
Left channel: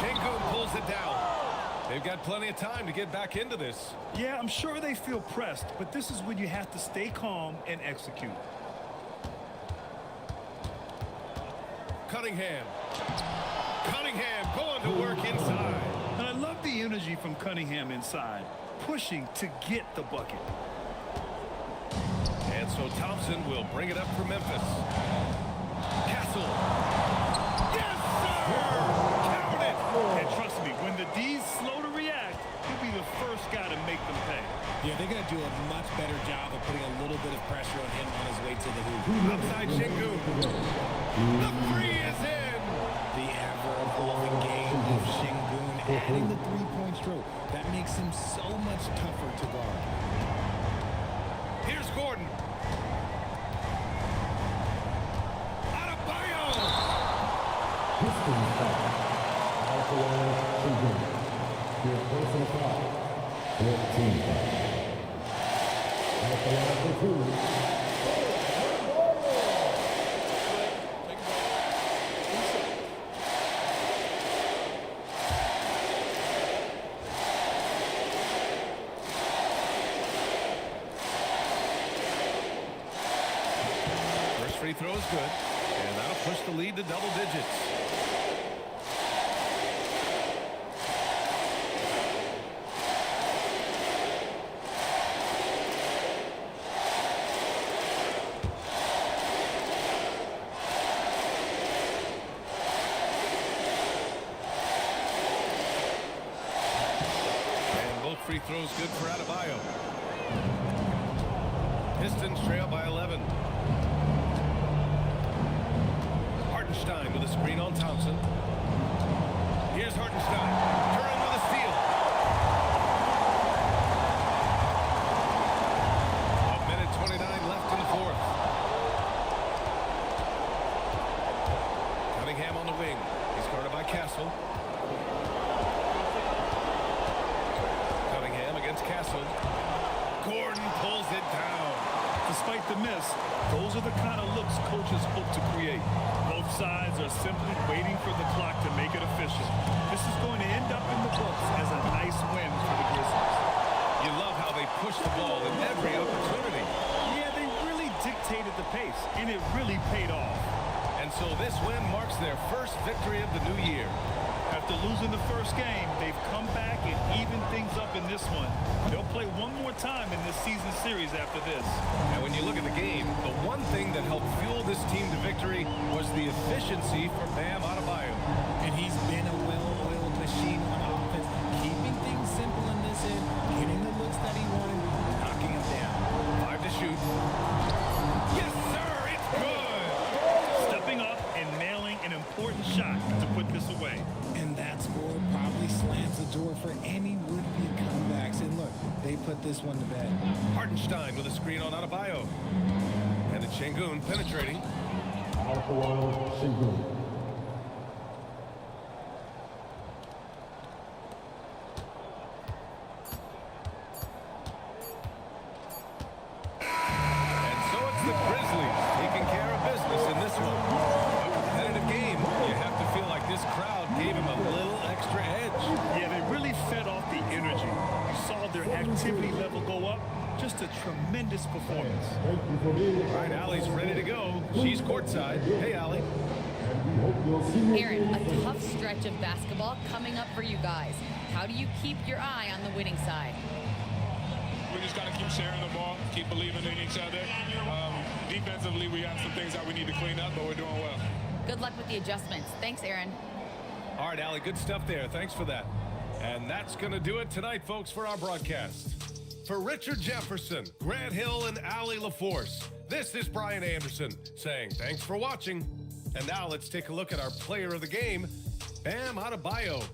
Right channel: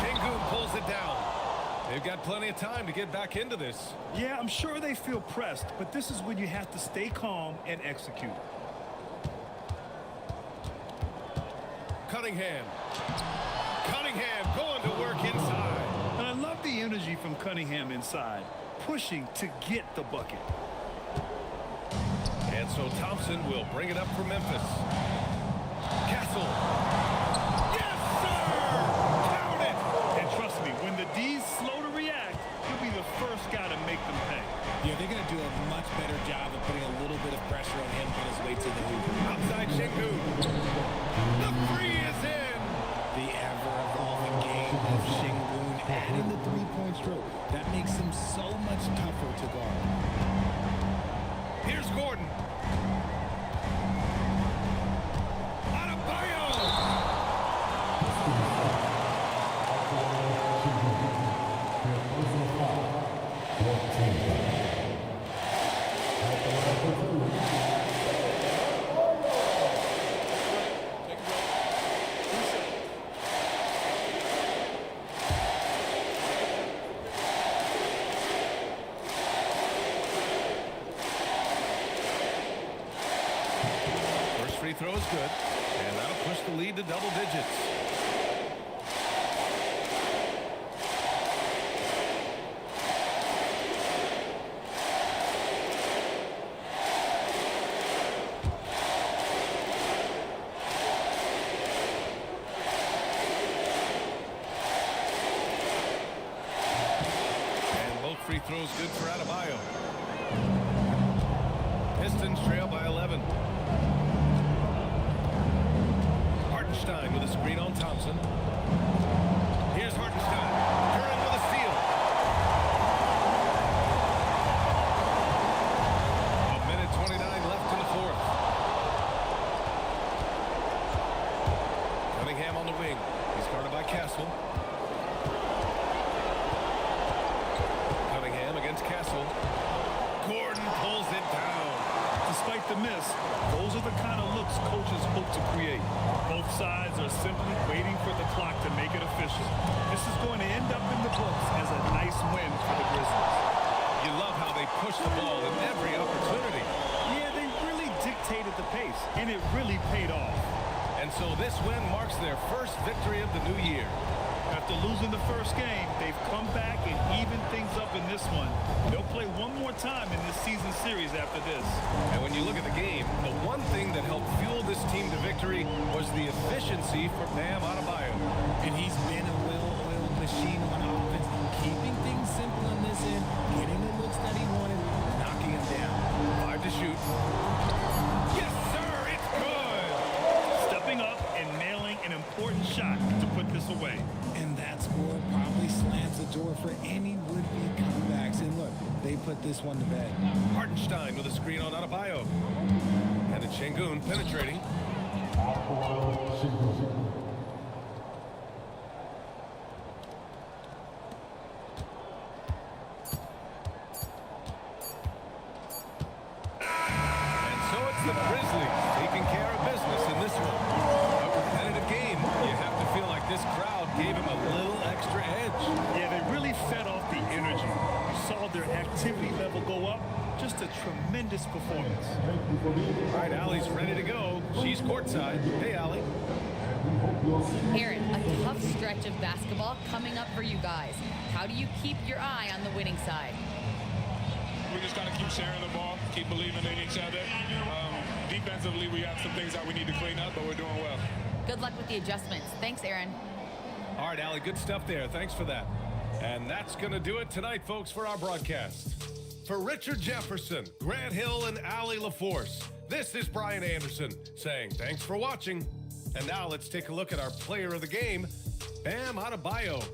Şengün pulls it down. They've got plenty of time to get back into this. Yeah, I'm sure they feel pressed, but this is when you have to stay calm and execute. Cunningham. Cunningham going to work inside. And I love the energy from Cunningham inside, pushing to get the bucket. And so Thompson will bring it up for Memphis. Castle. Yes, sir! Count it! And trust me, when the D's slow to react, he'll be the first guy to make them pay. Yeah, they're going to do a much better job of putting a little bit of pressure on him on his way to the hoop. Outside Shingun. The three is in! The ever-evolving game of Shingun adding the three-point stroke. That makes him so much tougher to guard. Here's Gordon. Adebayo! Take a break. 2 shots. First free throw is good, and that'll push the lead to double digits. And both free throws good for Adebayo. Pistons trail by 11. Hartenstein with a screen on Thompson. Here's Hartenstein. Curran with a steal. A minute 29 left in the fourth. Cunningham on the wing. He's guarded by Castle. Cunningham against Castle. Gordon pulls it down. Despite the miss, those are the kind of looks coaches hope to create. Both sides are simply waiting for the clock to make it official. This is going to end up in the books as a nice win for the Grizzlies. You love how they push the ball in every opportunity. Yeah, they really dictated the pace, and it really paid off. And so this win marks their first victory of the new year. After losing the first game, they've come back and evened things up in this one. They'll play one more time in this season series after this. And when you look at the game, the one thing that helped fuel this team to victory was the efficiency for Bam Adebayo. And he's been a well-oiled machine on offense, keeping things simple on this end, getting the looks that he wanted, knocking them down. 5 to shoot. Yes, sir, it's good! Stepping up and nailing an important shot to put this away. And that score probably slams the door for any would-be comebacks. And look, they put this one to bed. Hartenstein with a screen on Adebayo. And it's Shingun penetrating. So it's the Grizzlies taking care of business in this one. A competitive game. You have to feel like this crowd gave him a little extra edge. Yeah, they really fed off the energy. You saw their activity level go up. Just a tremendous performance. All right, Allie's ready to go. She's courtside. Hey, Allie. Aaron, a tough stretch of basketball coming up for you guys. How do you keep your eye on the winning side? We just got to keep sharing the ball, keep believing in each other. Defensively, we have some things that we need to clean up, but we're doing well. Good luck with the adjustments. Thanks, Aaron. All right, Allie, good stuff there. Thanks for that. And that's going to do it tonight, folks, for our broadcast. For Richard Jefferson, Grant Hill, and Allie LaForce, this is Brian Anderson saying thanks for watching. And now let's take a look at our player of the game, Bam Adebayo.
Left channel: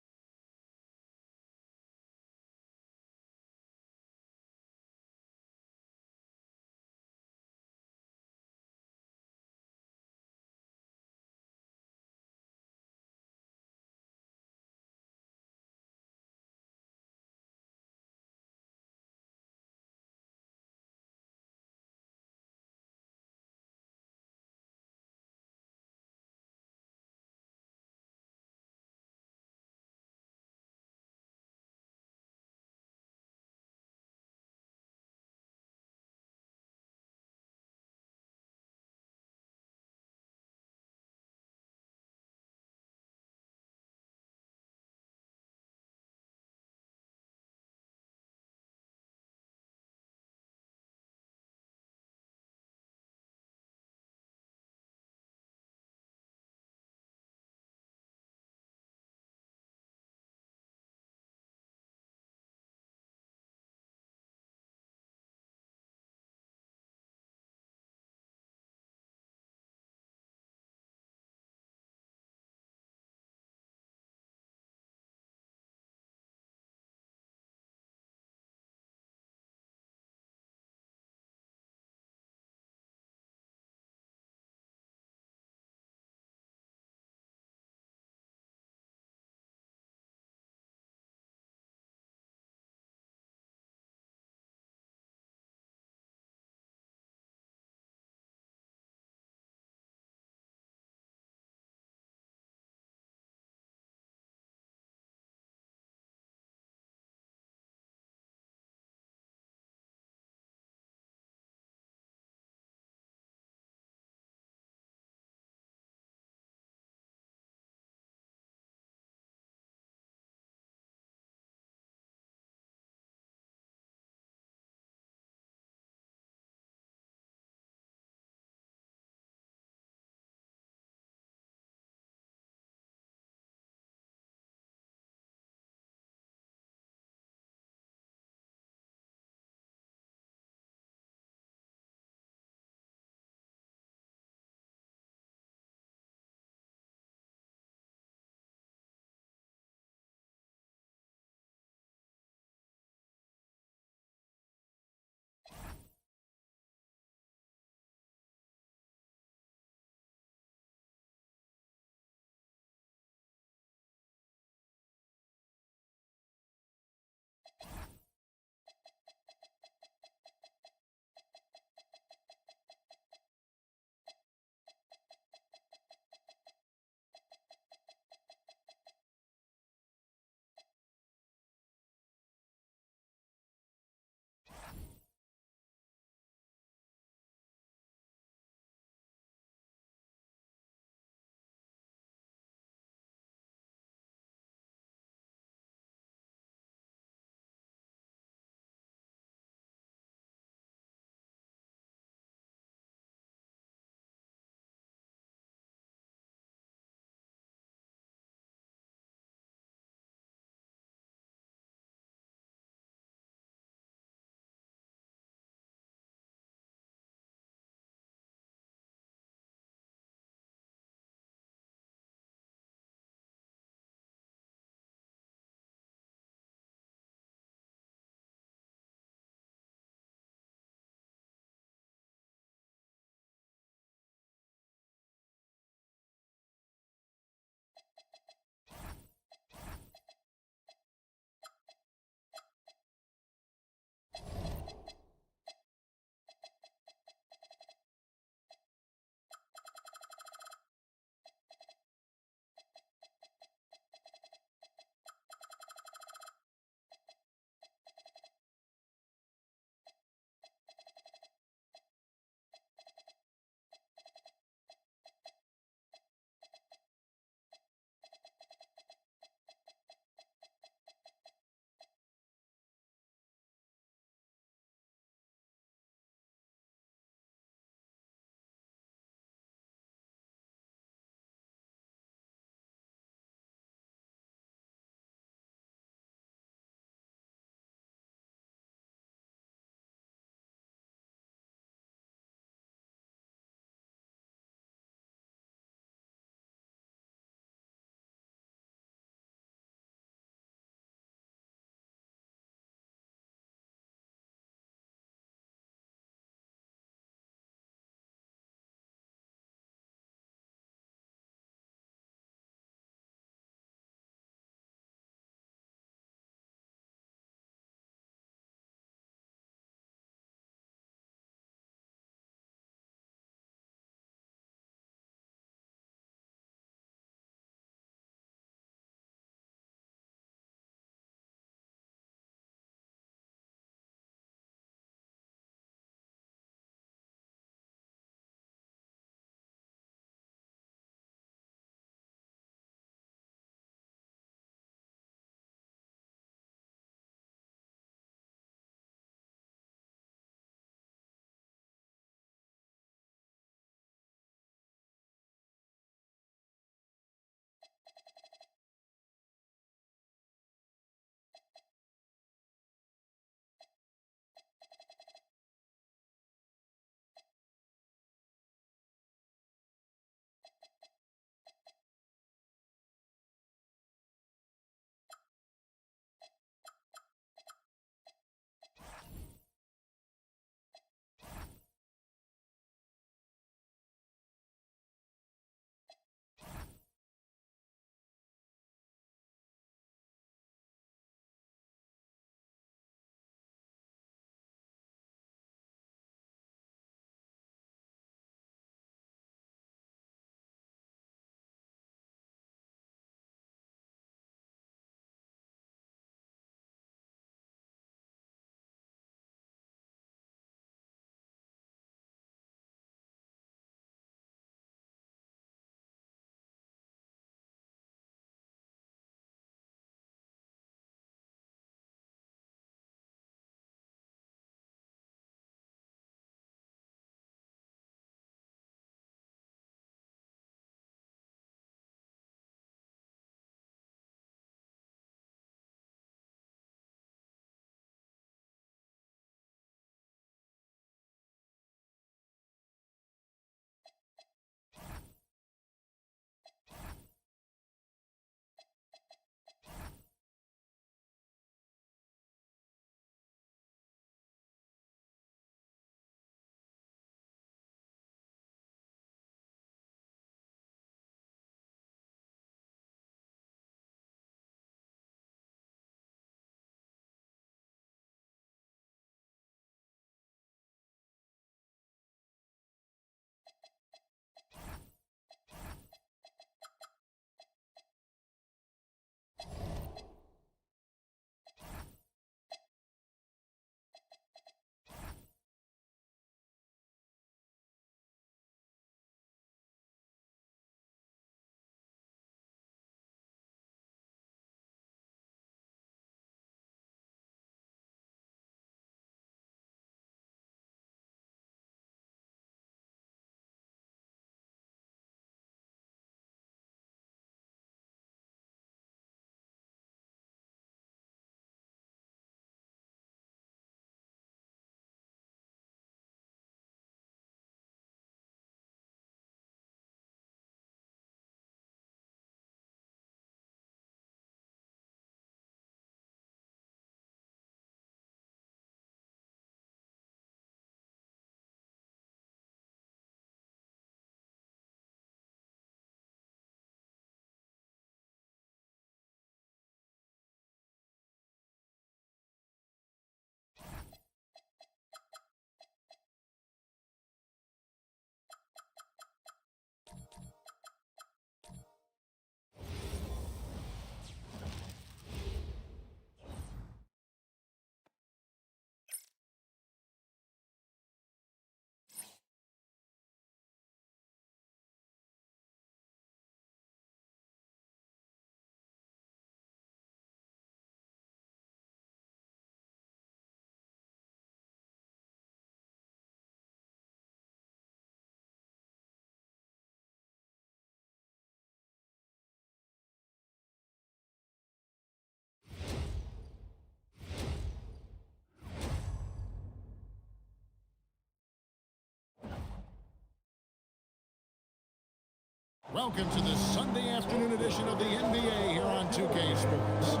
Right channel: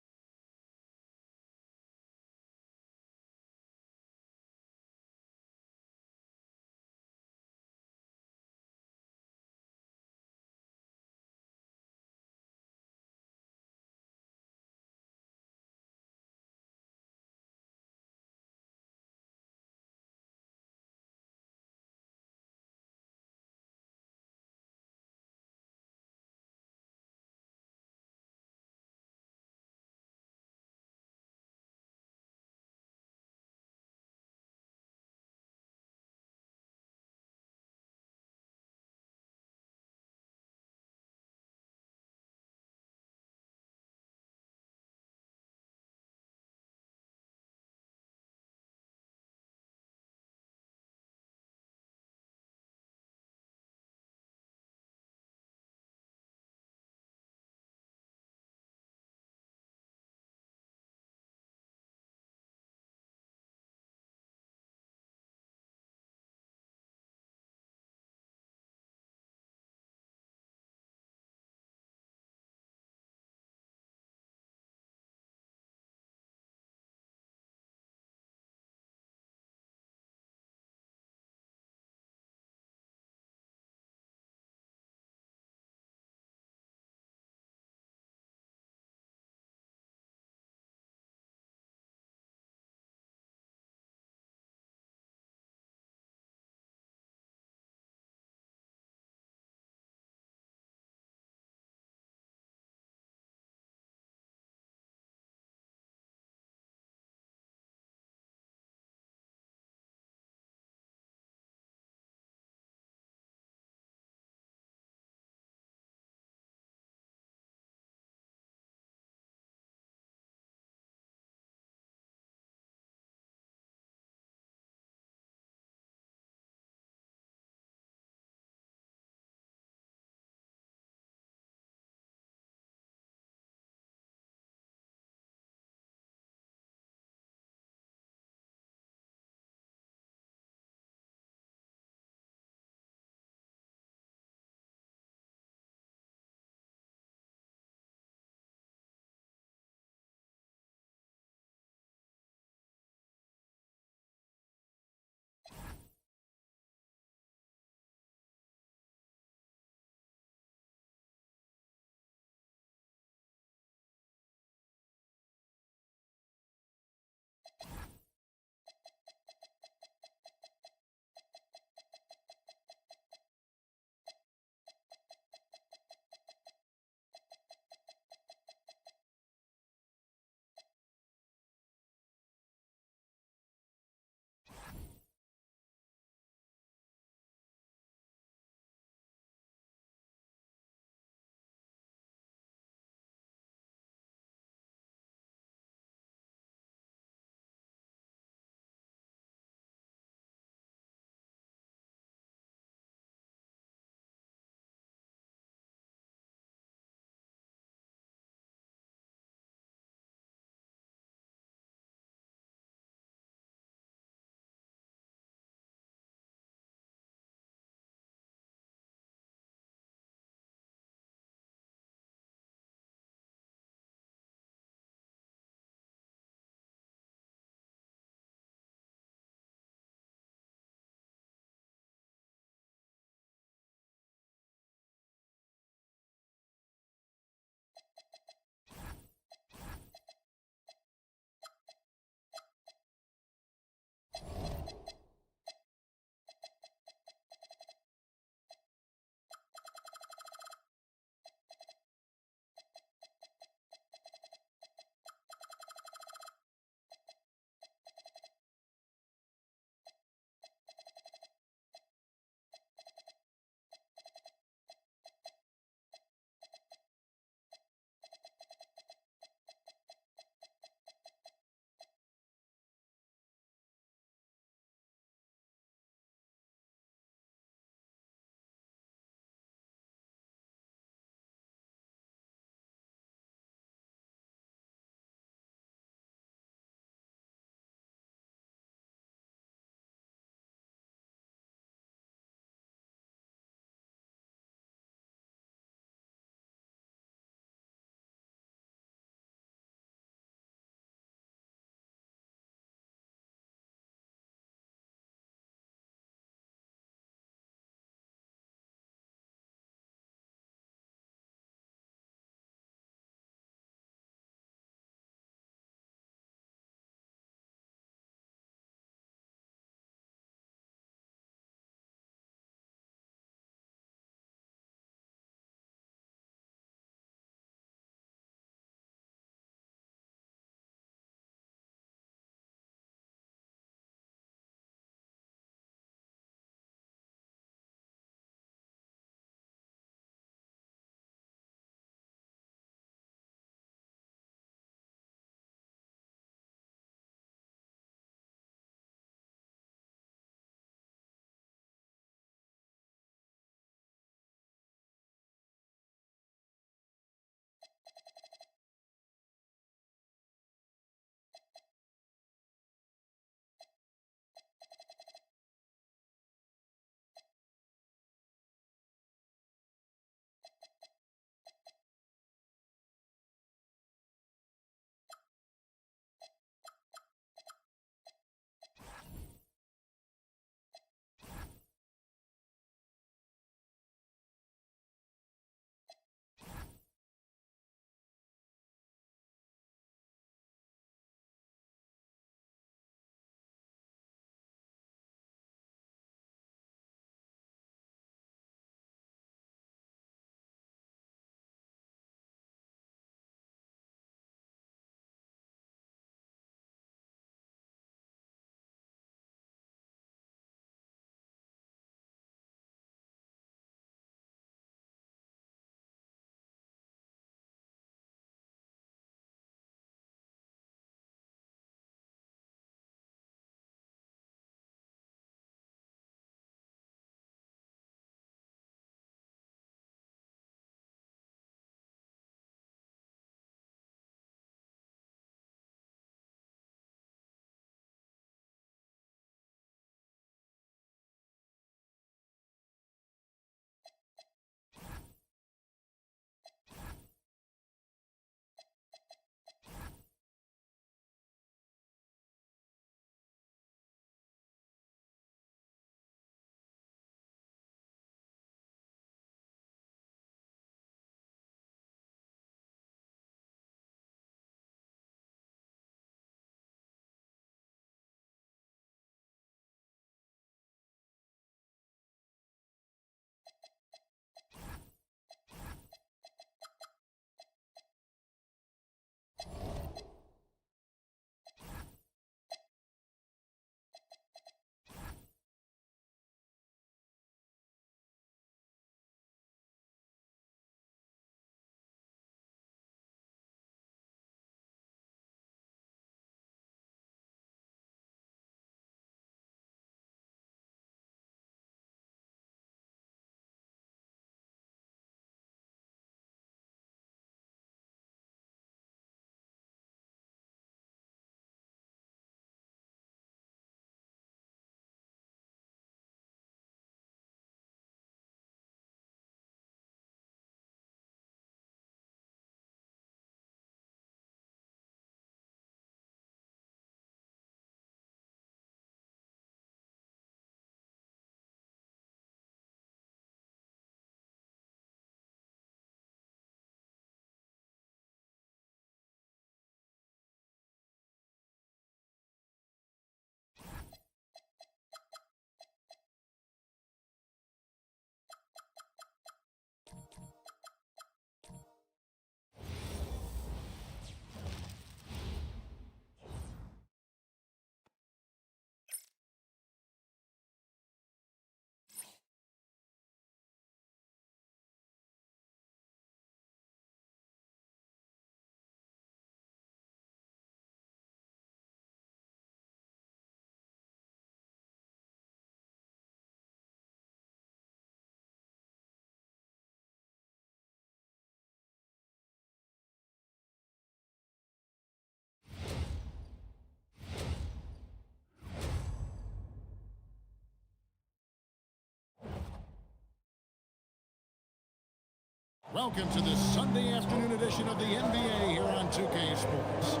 Welcome to this Sunday afternoon edition of the NBA here on 2K Sports.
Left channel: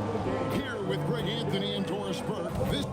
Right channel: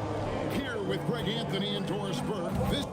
Here with Greg Anthony and Doris Burke. This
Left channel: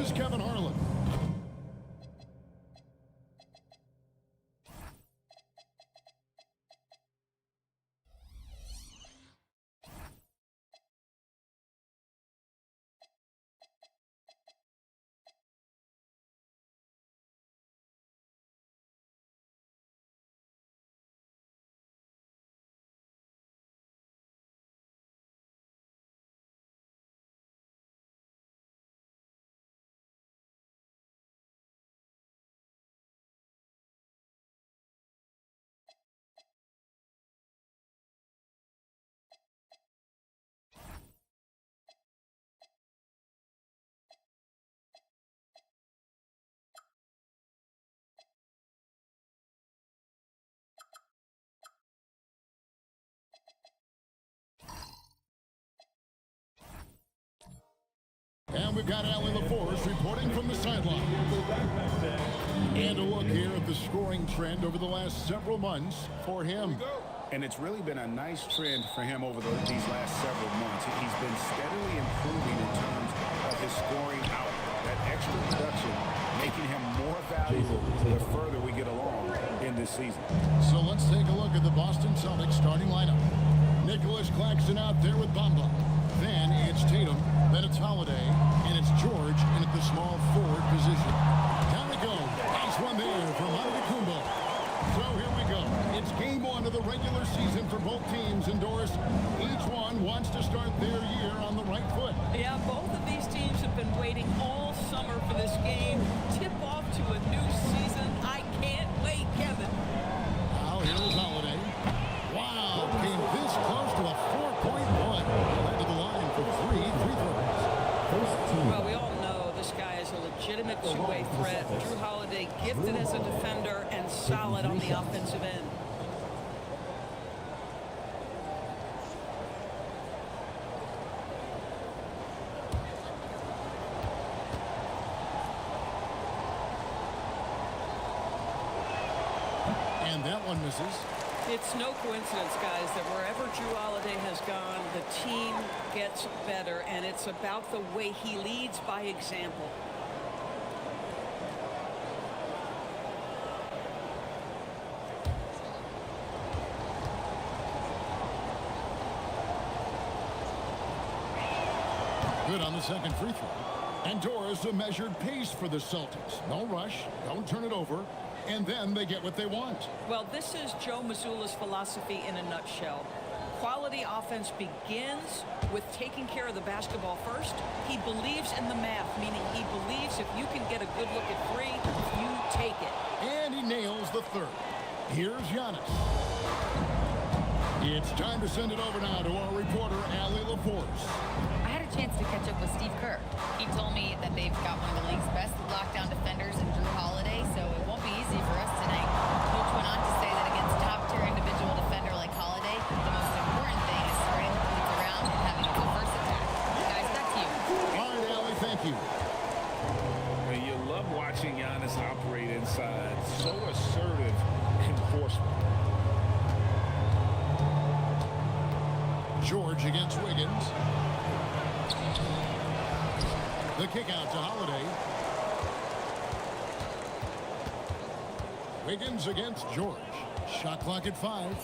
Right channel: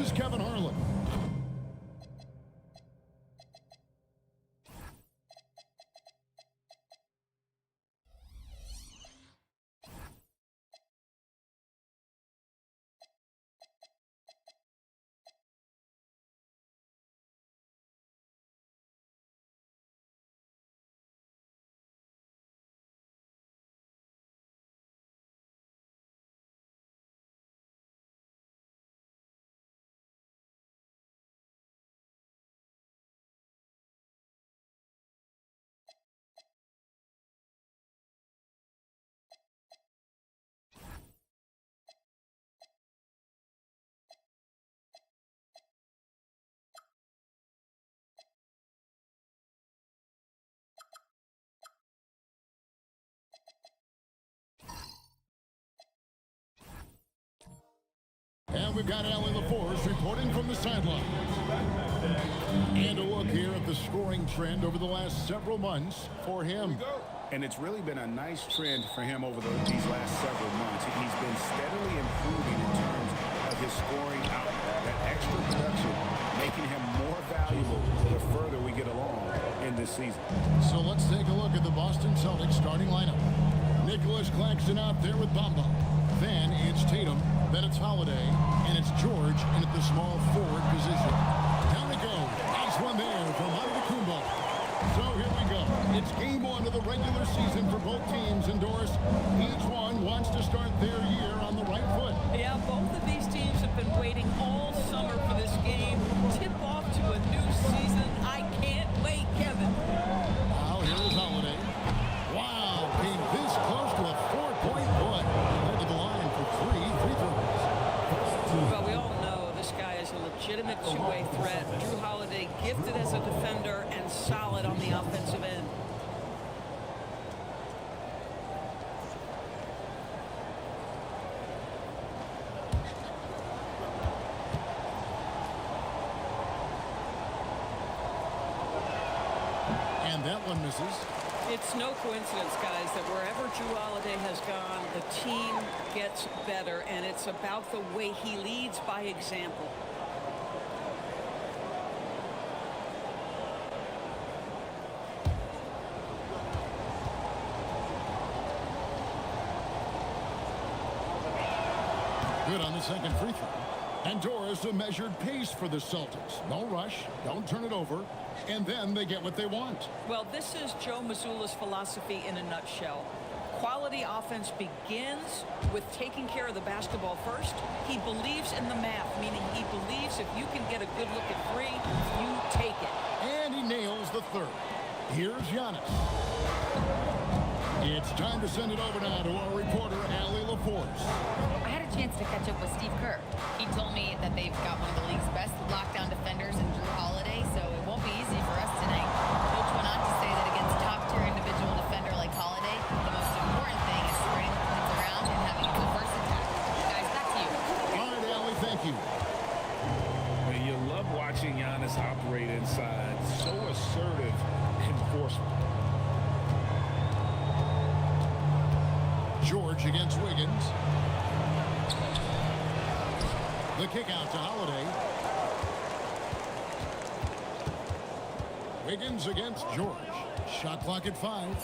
is Kevin Harlan. And we've got Allie LaForce reporting from the sideline. And a look here at the scoring trend over the last several months for him. And it's really been a nice trend for him over these last several months. He's been steadily improving in terms of his scoring output. That extra production making him more valuable the further we get along in this season. So let's take a look at the Boston Celtics starting lineup. Nicholas Claxton out there with Bamba. Then it's Tatum, then it's Holiday, and it's George in at the small forward position. Down it goes. Nice one there from Antetokounmpo. So here we go. It's game one of the regular season for both teams. And Doris, each one wants to start their year on the right foot. Yeah, both of these teams have been waiting all summer for this game. Tip off to a new season. I can't wait, Kevin. Now here is Holiday. Wow, came this close to a 4-point play. Led to the line for 3 free throws. Well, we all know this guy is a legitimate two-way threat. Drew Holiday gifted as a defender and solid on the offensive end. And that one misses. It's no coincidence, guys, that wherever Drew Holiday has gone, the team gets better, and it's about the way he leads by example. Good on the second free throw. And Doris, a measured pace for the Celtics. No rush, don't turn it over, and then they get what they want. Well, this is Joe Mazzulla's philosophy in a nutshell. Quality offense begins with taking care of the basketball first. He believes in the math, meaning he believes if you can get a good look at three, you take it. And he nails the third. Here's Giannis. It's time to send it over now to our reporter, Allie LaForce. I had a chance to catch up with Steve Kerr. He told me that they've got one of the league's best lockdown defenders in Drew Holiday, so it won't be easy for us tonight. Coach went on to say that against top-tier individual defender like Holiday, the most important thing is spreading the points around and having a diverse attack. Guys, back to you. All right, Allie, thank you. You love watching Giannis operate inside. So assertive and forceful. George against Wiggins. The kick out to Holiday. Wiggins against George. Shot clock at 5.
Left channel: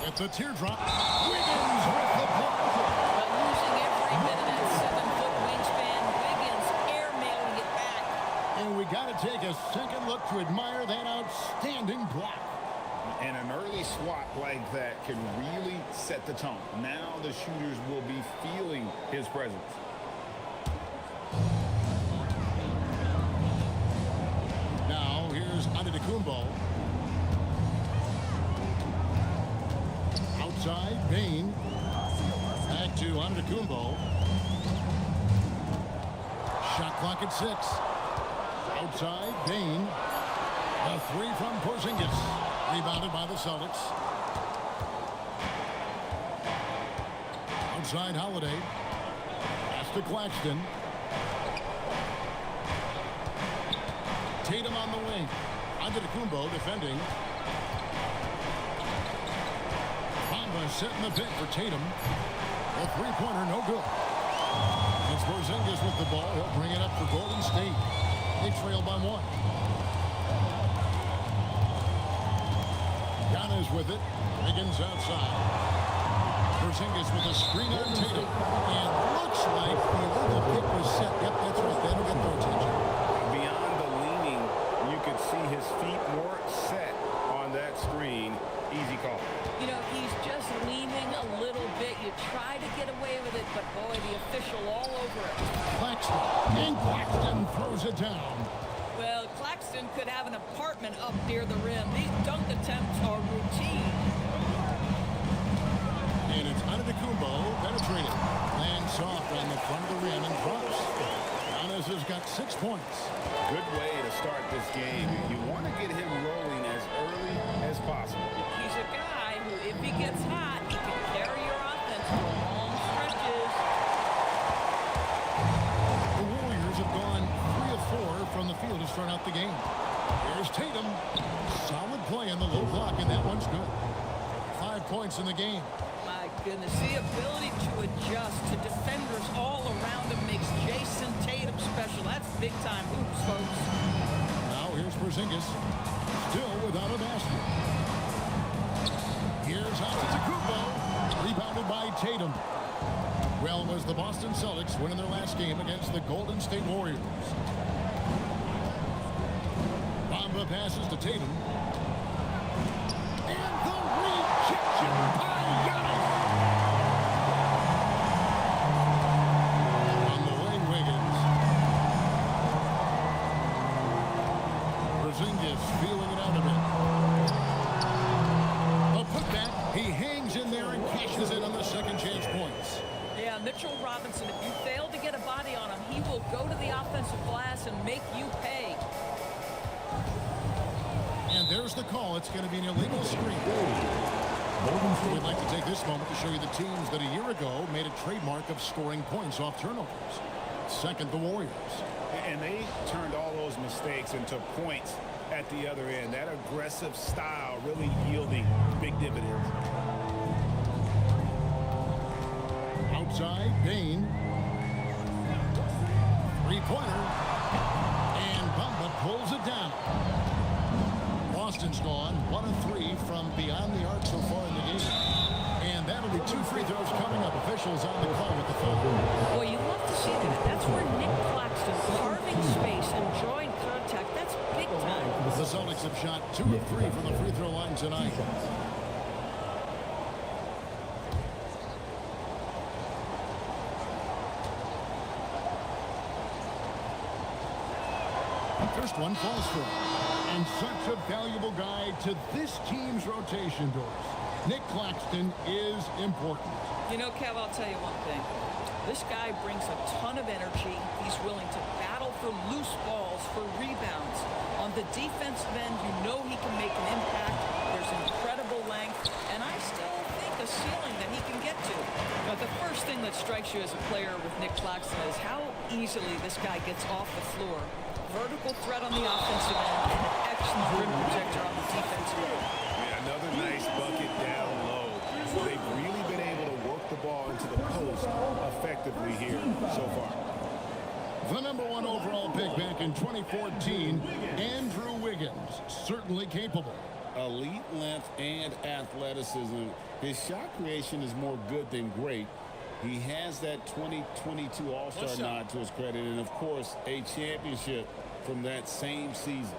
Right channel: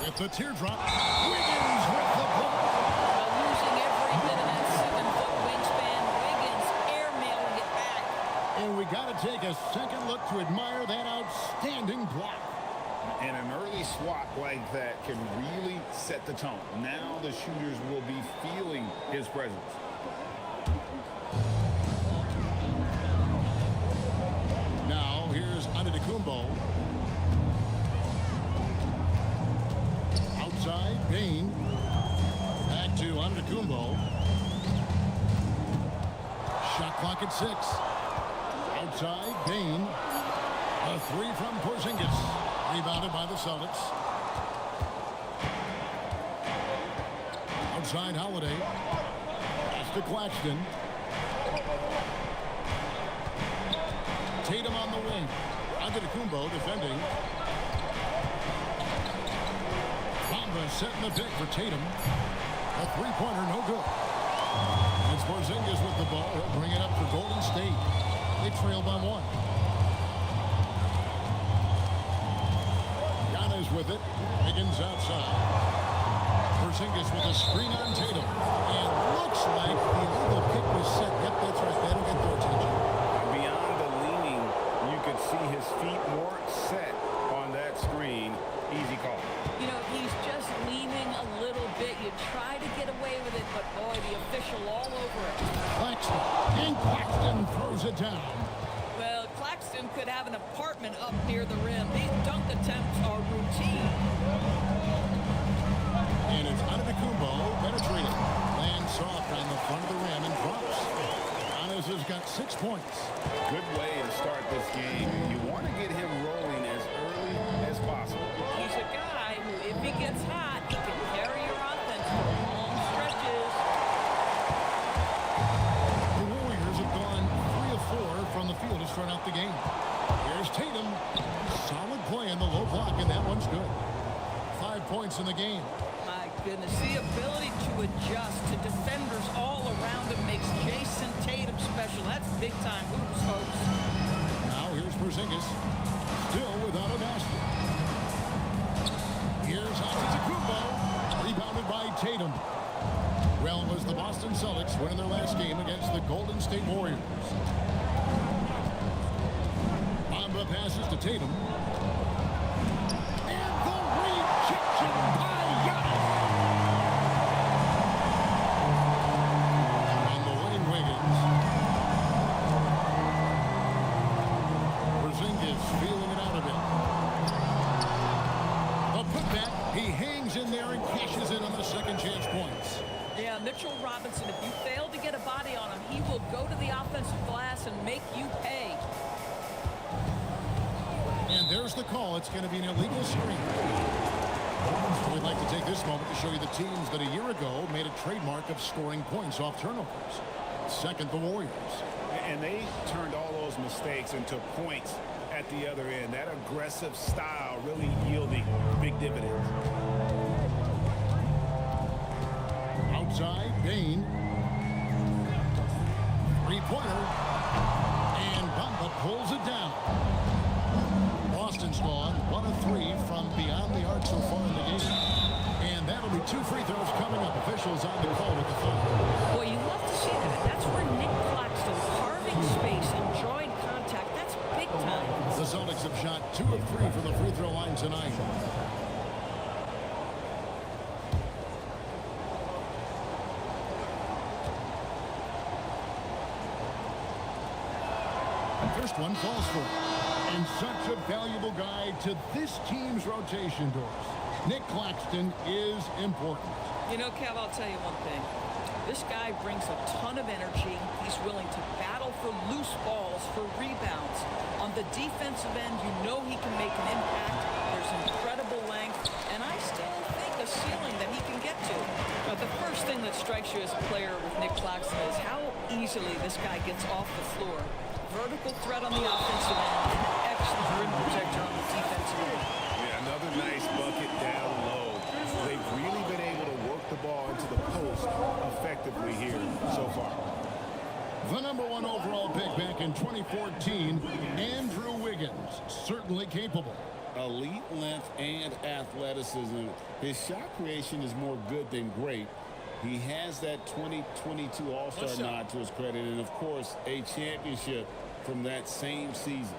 With the teardrop. Wiggins with the block. Well, using every bit of that 7-foot wingspan, Wiggins airmailing it back. And we got to take a second look to admire that outstanding block. And an early swat like that can really set the tone. Now the shooters will be feeling his presence. Now here's Antetokounmpo. Outside, Bain. Back to Antetokounmpo. Shot clock at 6. Outside, Bain. A 3 from Porzingis. Rebounded by the Celtics. Outside Holiday. Pass to Claxton. Tatum on the wing. Antetokounmpo defending. Bamba setting the pick for Tatum. The three-pointer no good. And it's Porzingis with the ball. He'll bring it up for Golden State. They trail by 1. Giannis with it. Wiggins outside. Porzingis with a screen on Tatum. And looks like the illegal pick was set. Yep, that's right. That'll get their attention. Beyond the leaning, you could see his feet more set on that screen. Easy call. You know, he's just leaning a little bit. You try to get away with it, but boy, the official all over it. Claxton. And Claxton throws it down. Well, Claxton could have an apartment up near the rim. These dunk attempts are routine. And it's Antetokounmpo penetrating. Lands soft on the front of the rim and drops. Giannis has got 6 points. Good way to start this game. You want to get him rolling as early as possible. He's a guy who, if he gets hot, he can carry your offense for long stretches. The Warriors have gone 3 of 4 from the field to start out the game. Here's Tatum. Solid play in the low block, and that one's good. 5 points in the game. My goodness, the ability to adjust to defenders all around him makes Jason Tatum special. That's big-time hoops, folks. Now here's Porzingis, still without a basket. Here's Antetokounmpo, rebounded by Tatum. Well, it was the Boston Celtics winning their last game against the Golden State Warriors. Bamba passes to Tatum. And the rejection by Giannis. On the wing, Wiggins. Porzingis feeling it out a bit. The putback, he hangs in there and cashes in on the second chance points. Yeah, Mitchell Robinson, if you fail to get a body on him, he will go to the offensive glass and make you pay. And there's the call. It's going to be an illegal screen. We'd like to take this moment to show you the teams that a year ago made a trademark of scoring points off turnovers. Second, the Warriors. And they turned all those mistakes into points at the other end. That aggressive style really yielding big dividends. Outside, Bain. Three-pointer. And Bamba pulls it down. Boston's gone 1 of 3 from beyond the arc so far in the game. And that'll be 2 free throws coming up. Officials on the call with the foul. Boy, you love to see that. That's where Nick Claxton carving space and drawing contact. That's big time. The Celtics have shot 2 of 3 from the free throw line tonight. First one falls for him. And such a valuable guy to this team's rotation, Doris. Nick Claxton is important. You know, Kev, I'll tell you one thing. This guy brings a ton of energy. He's willing to battle for loose balls, for rebounds. On the defensive end, you know he can make an impact. There's incredible length, and I still think a ceiling that he can get to. Now, the first thing that strikes you as a player with Nick Claxton is how easily this guy gets off the floor. Vertical threat on the offensive end and an excellent rim protector on the defensive end. Yeah, another nice bucket down low. They've really been able to work the ball into the post effectively here so far. The #1 overall pick back in 2014, Andrew Wiggins, certainly capable. Elite length and athleticism. His shot creation is more good than great. He has that 2022 All-Star nod to his credit, and of course, a championship from that same season.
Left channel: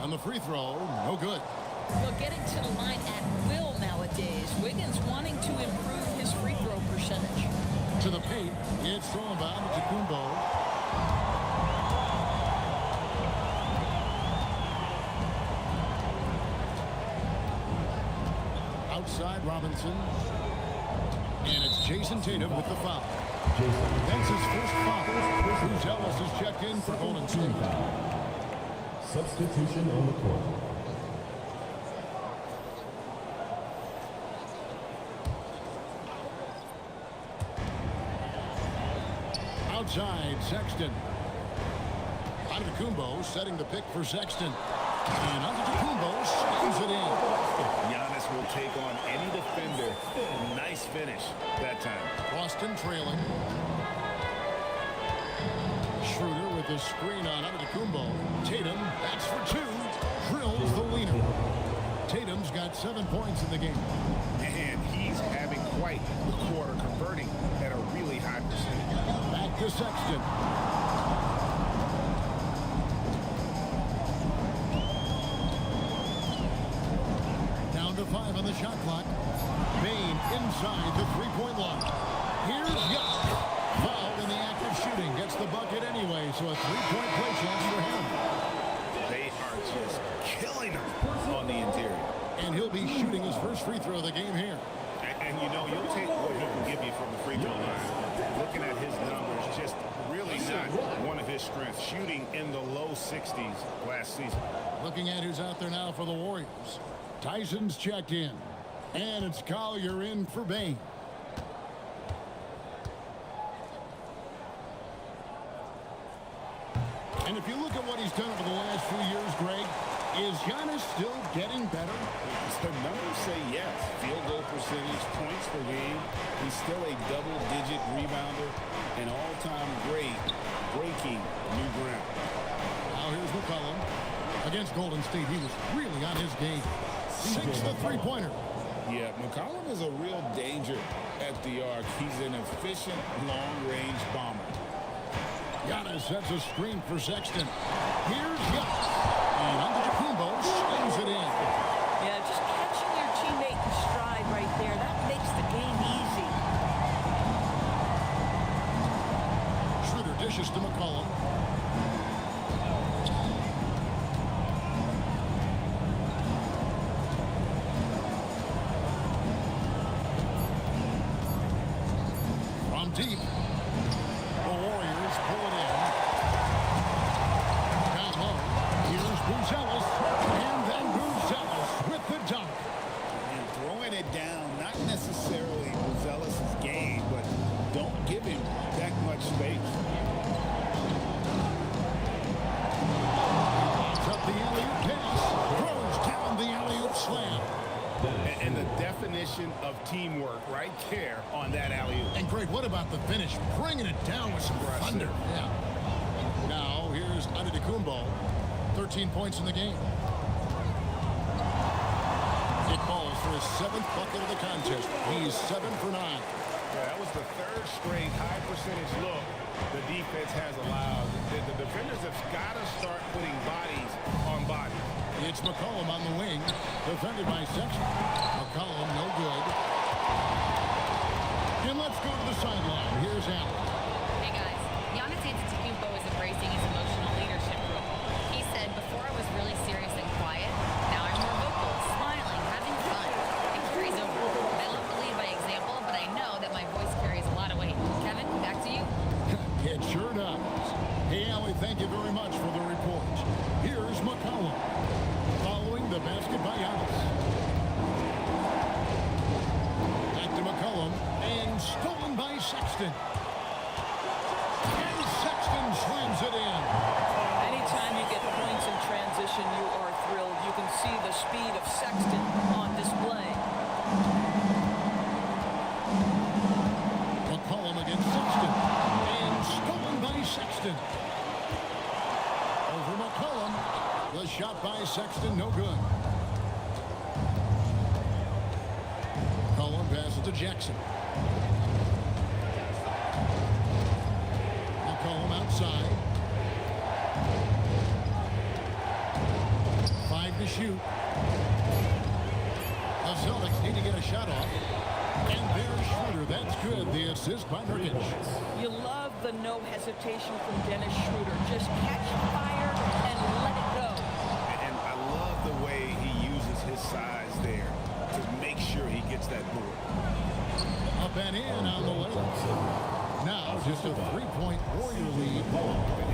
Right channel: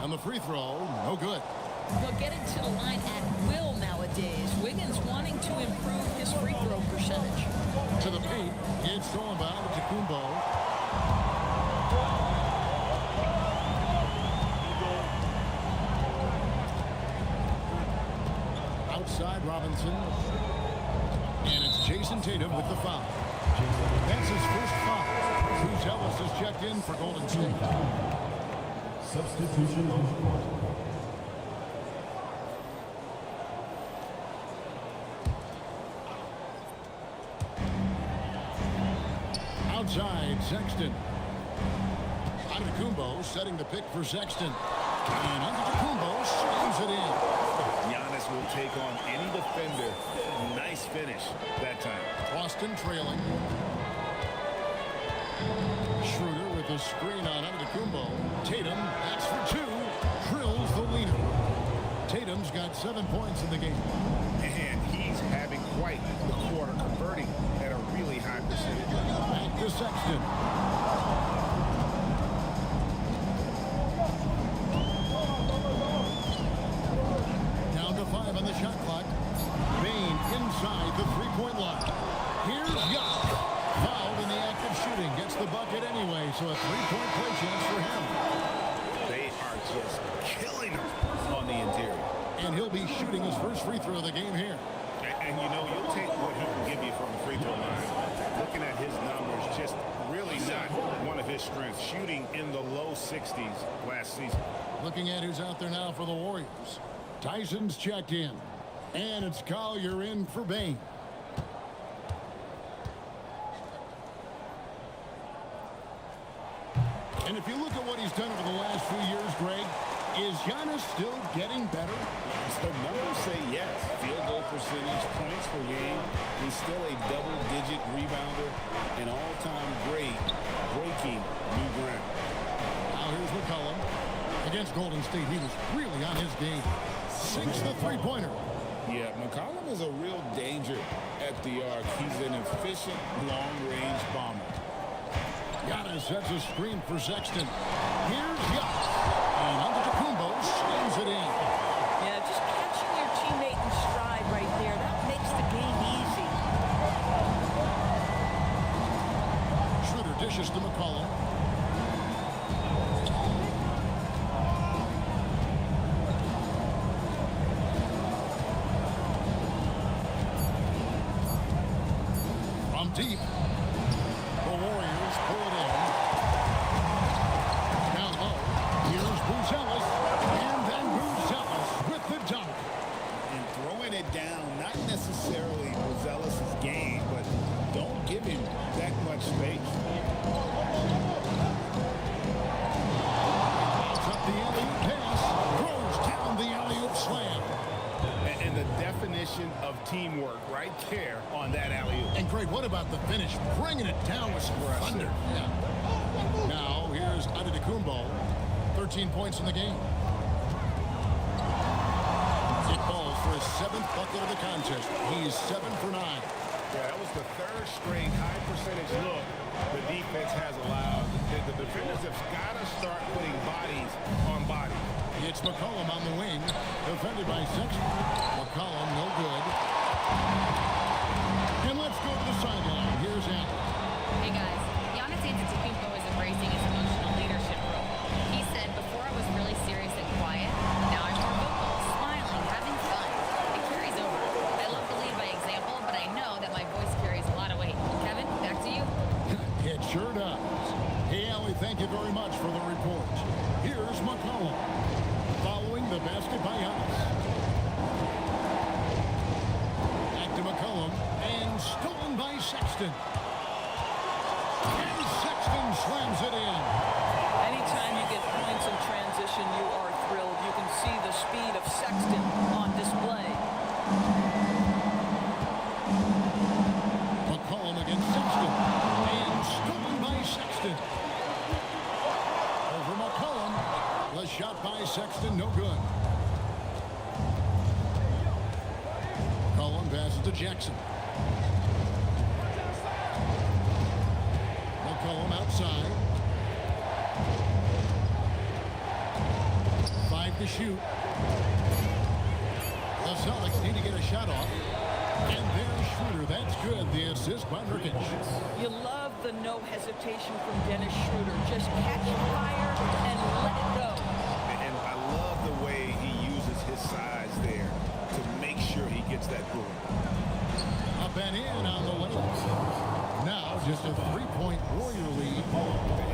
On the free throw, no good. Well, getting to the line at will nowadays. Wiggins wanting to improve his free throw percentage. To the paint, it's thrown by Antetokounmpo. Outside Robinson. And it's Jason Tatum with the foul. That's his first foul. Bruce Ellis has checked in for Golden State. Substitution on the court. Outside, Sexton. Antetokounmpo setting the pick for Sexton. And Antetokounmpo slams it in. Giannis will take on any defender. Nice finish that time. Boston trailing. Schroeder with a screen on Antetokounmpo. Tatum, that's for 2. Drills the leaner. Tatum's got 7 points in the game. And he's having quite the quarter, converting at a really high percentage. Back to Sexton. Down to 5 on the shot clock. Bane inside the three-point line. Here's Giannis. Fouled in the act of shooting. Gets the bucket anyway, so a three-point play chance for him. They are just killing him on the interior. And he'll be shooting his first free throw of the game here. And you know, you'll take what he can give you from the free throw line. Looking at his numbers, just really not one of his strengths. Shooting in the low 60s last season. Looking at who's out there now for the Warriors. Tyson's checked in. And it's Collier in for Bane. And if you look at what he's done over the last few years, Greg, is Giannis still getting better? The numbers say yes. Field goal percentage, points per game. He's still a double-digit rebounder, an all-time great, breaking new ground. Now here's McCollum. Against Golden State, he was really on his game. Sinks the three-pointer. Yeah, McCollum is a real danger at the arc. He's an efficient long-range bomber. Giannis sets a screen for Sexton. Here's Giannis. And Antetokounmpo slams it in. Yeah, just catching your teammate in stride right there. That makes the game easy. Schroeder dishes to McCollum. From deep, the Warriors pull it in. Down low, here's Buzelis, and then Buzelis with the dunk. And throwing it down, not necessarily Buzelis' game, but don't give him that much space. He lobs up the alley-oop pass, throws down the alley-oop slam. And the definition of teamwork right there on that alley-oop. And Greg, what about the finish? Bringing it down with some thunder. Yeah. Now, here's Antetokounmpo. 13 points in the game. It falls for his 7th bucket of the contest. He's 7 for 9. Yeah, that was the 3rd straight high percentage look the defense has allowed. The defenders have got to start putting bodies on bodies. It's McCollum on the wing, defended by Sexton. McCollum, no good. And let's go to the sideline. Here's Allen. Hey guys, Giannis Antetokounmpo is embracing his emotional leadership role. He said, before I was really serious and quiet, now I'm more vocal, smiling, having fun. It carries over. I love to lead by example, but I know that my voice carries a lot of weight. Kevin, back to you. It sure does. Hey, Allie, thank you very much for the report. Here's McCollum. Following the basket by Giannis. Back to McCollum, and stolen by Sexton. And Sexton slams it in. Anytime you get points in transition, you are thrilled. You can see the speed of Sexton on display. McCollum against Sexton. And stolen by Sexton. Over McCollum. The shot by Sexton, no good. McCollum passes to Jackson. McCollum outside. 5 to shoot. The Celtics need to get a shot off. And there's Schroeder. That's good. The assist by Nurkic. You love the no hesitation from Dennis Schroeder. Just catch fire and let it go. And I love the way he uses his size there to make sure he gets that board. Up and in on the layup. Now just a 3-point Warrior lead.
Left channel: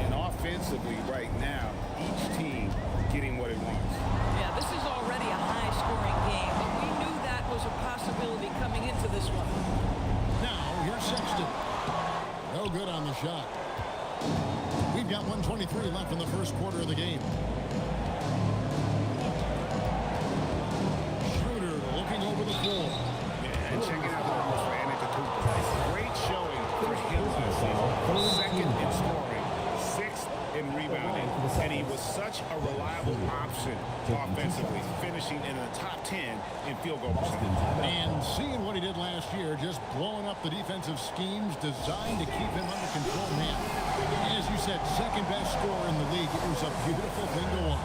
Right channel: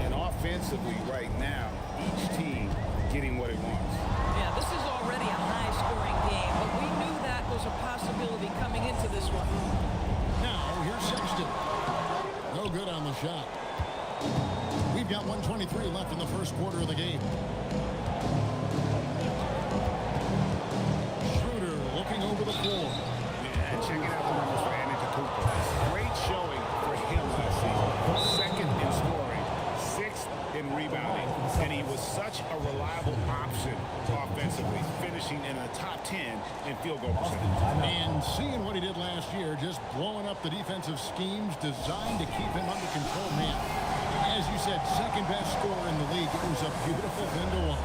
And offensively right now, each team getting what it wants. Yeah, this is already a high-scoring game, but we knew that was a possibility coming into this one. Now, here's Sexton. No good on the shot. We've got 1:23 left in the first quarter of the game. Schroeder looking over the floor. Yeah, and checking out the numbers for Antetokounmpo. Great showing for him last season. 2nd in scoring, 6th in rebounding, and he was such a reliable option offensively, finishing in the top 10 in field goal percentage. And seeing what he did last year, just blowing up the defensive schemes designed to keep him under control, man. As you said, 2nd best scorer in the league. It was a beautiful thing to watch.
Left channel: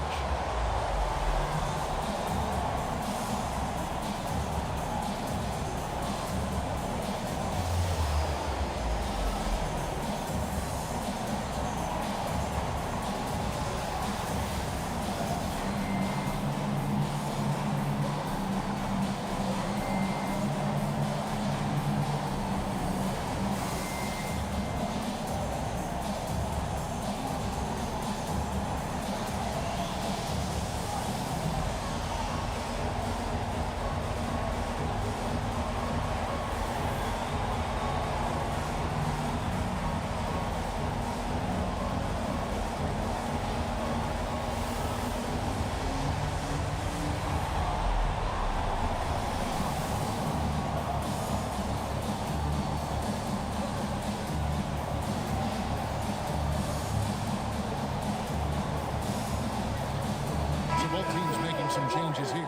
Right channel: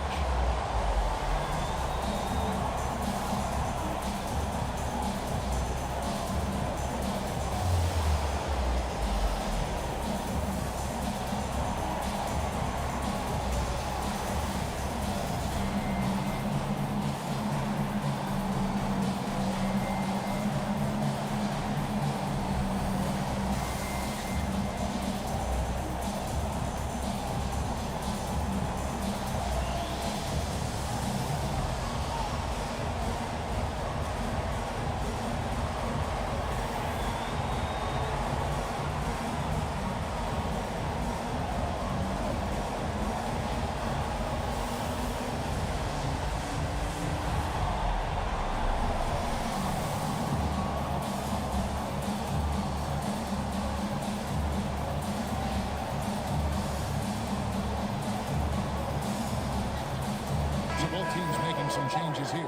So both teams making some changes here.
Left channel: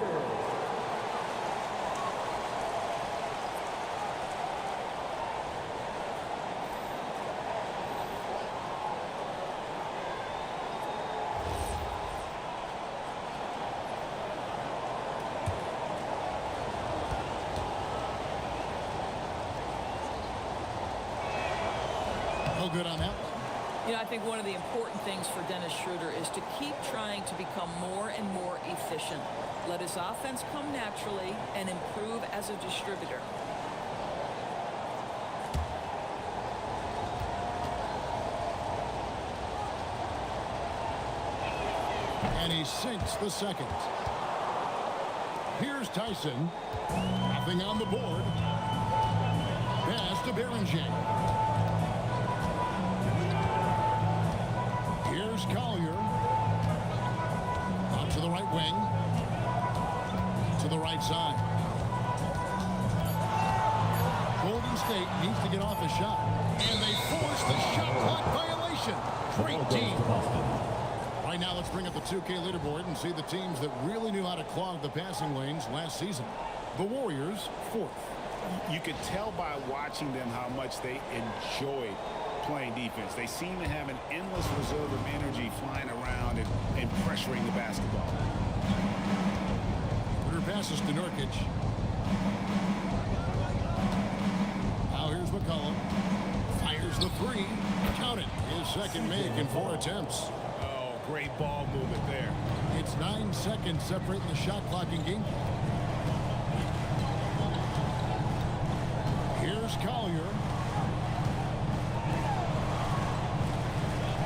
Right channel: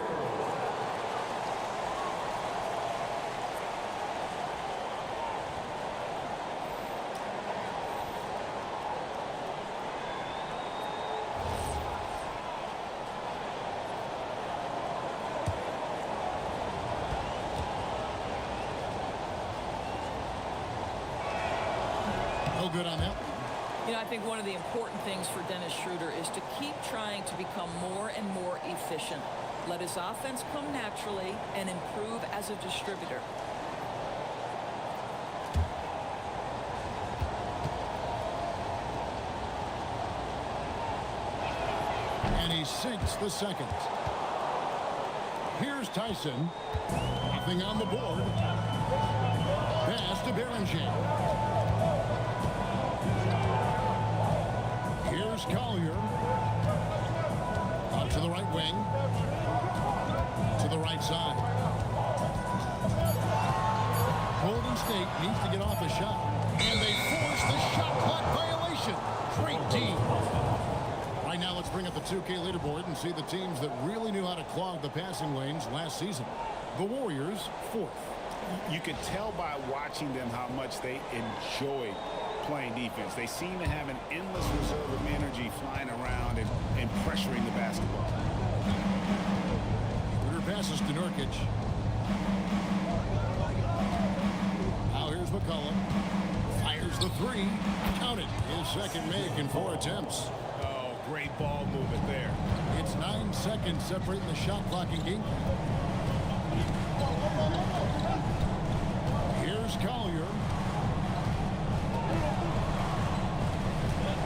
No good on that one. You know, I think one of the important things for Dennis Schroeder is to keep trying to become more and more efficient. Let his offense come naturally and improve as a distributor. And he sinks the 2nd. Here's Tyson. Nothing on the board. Pass to Berenger. Here's Collier. Out to the right wing. To the right side. Golden State needs to get off a shot. And they force the shot clock violation. Great D. Right now, let's bring up the 2K leaderboard and see the teams that really knew how to clog the passing lanes last season. The Warriors, 4th. You could tell by watching them how much they enjoyed playing defense. They seem to have an endless reserve of energy flying around and pressuring the basketball. Shooter passes to Nurkic. Now here's McCollum. Fires the 3. Count it. His second make in 4 attempts. Oh, great ball movement there. It's 9 seconds separating the shot clock and game clock. Here's Collier.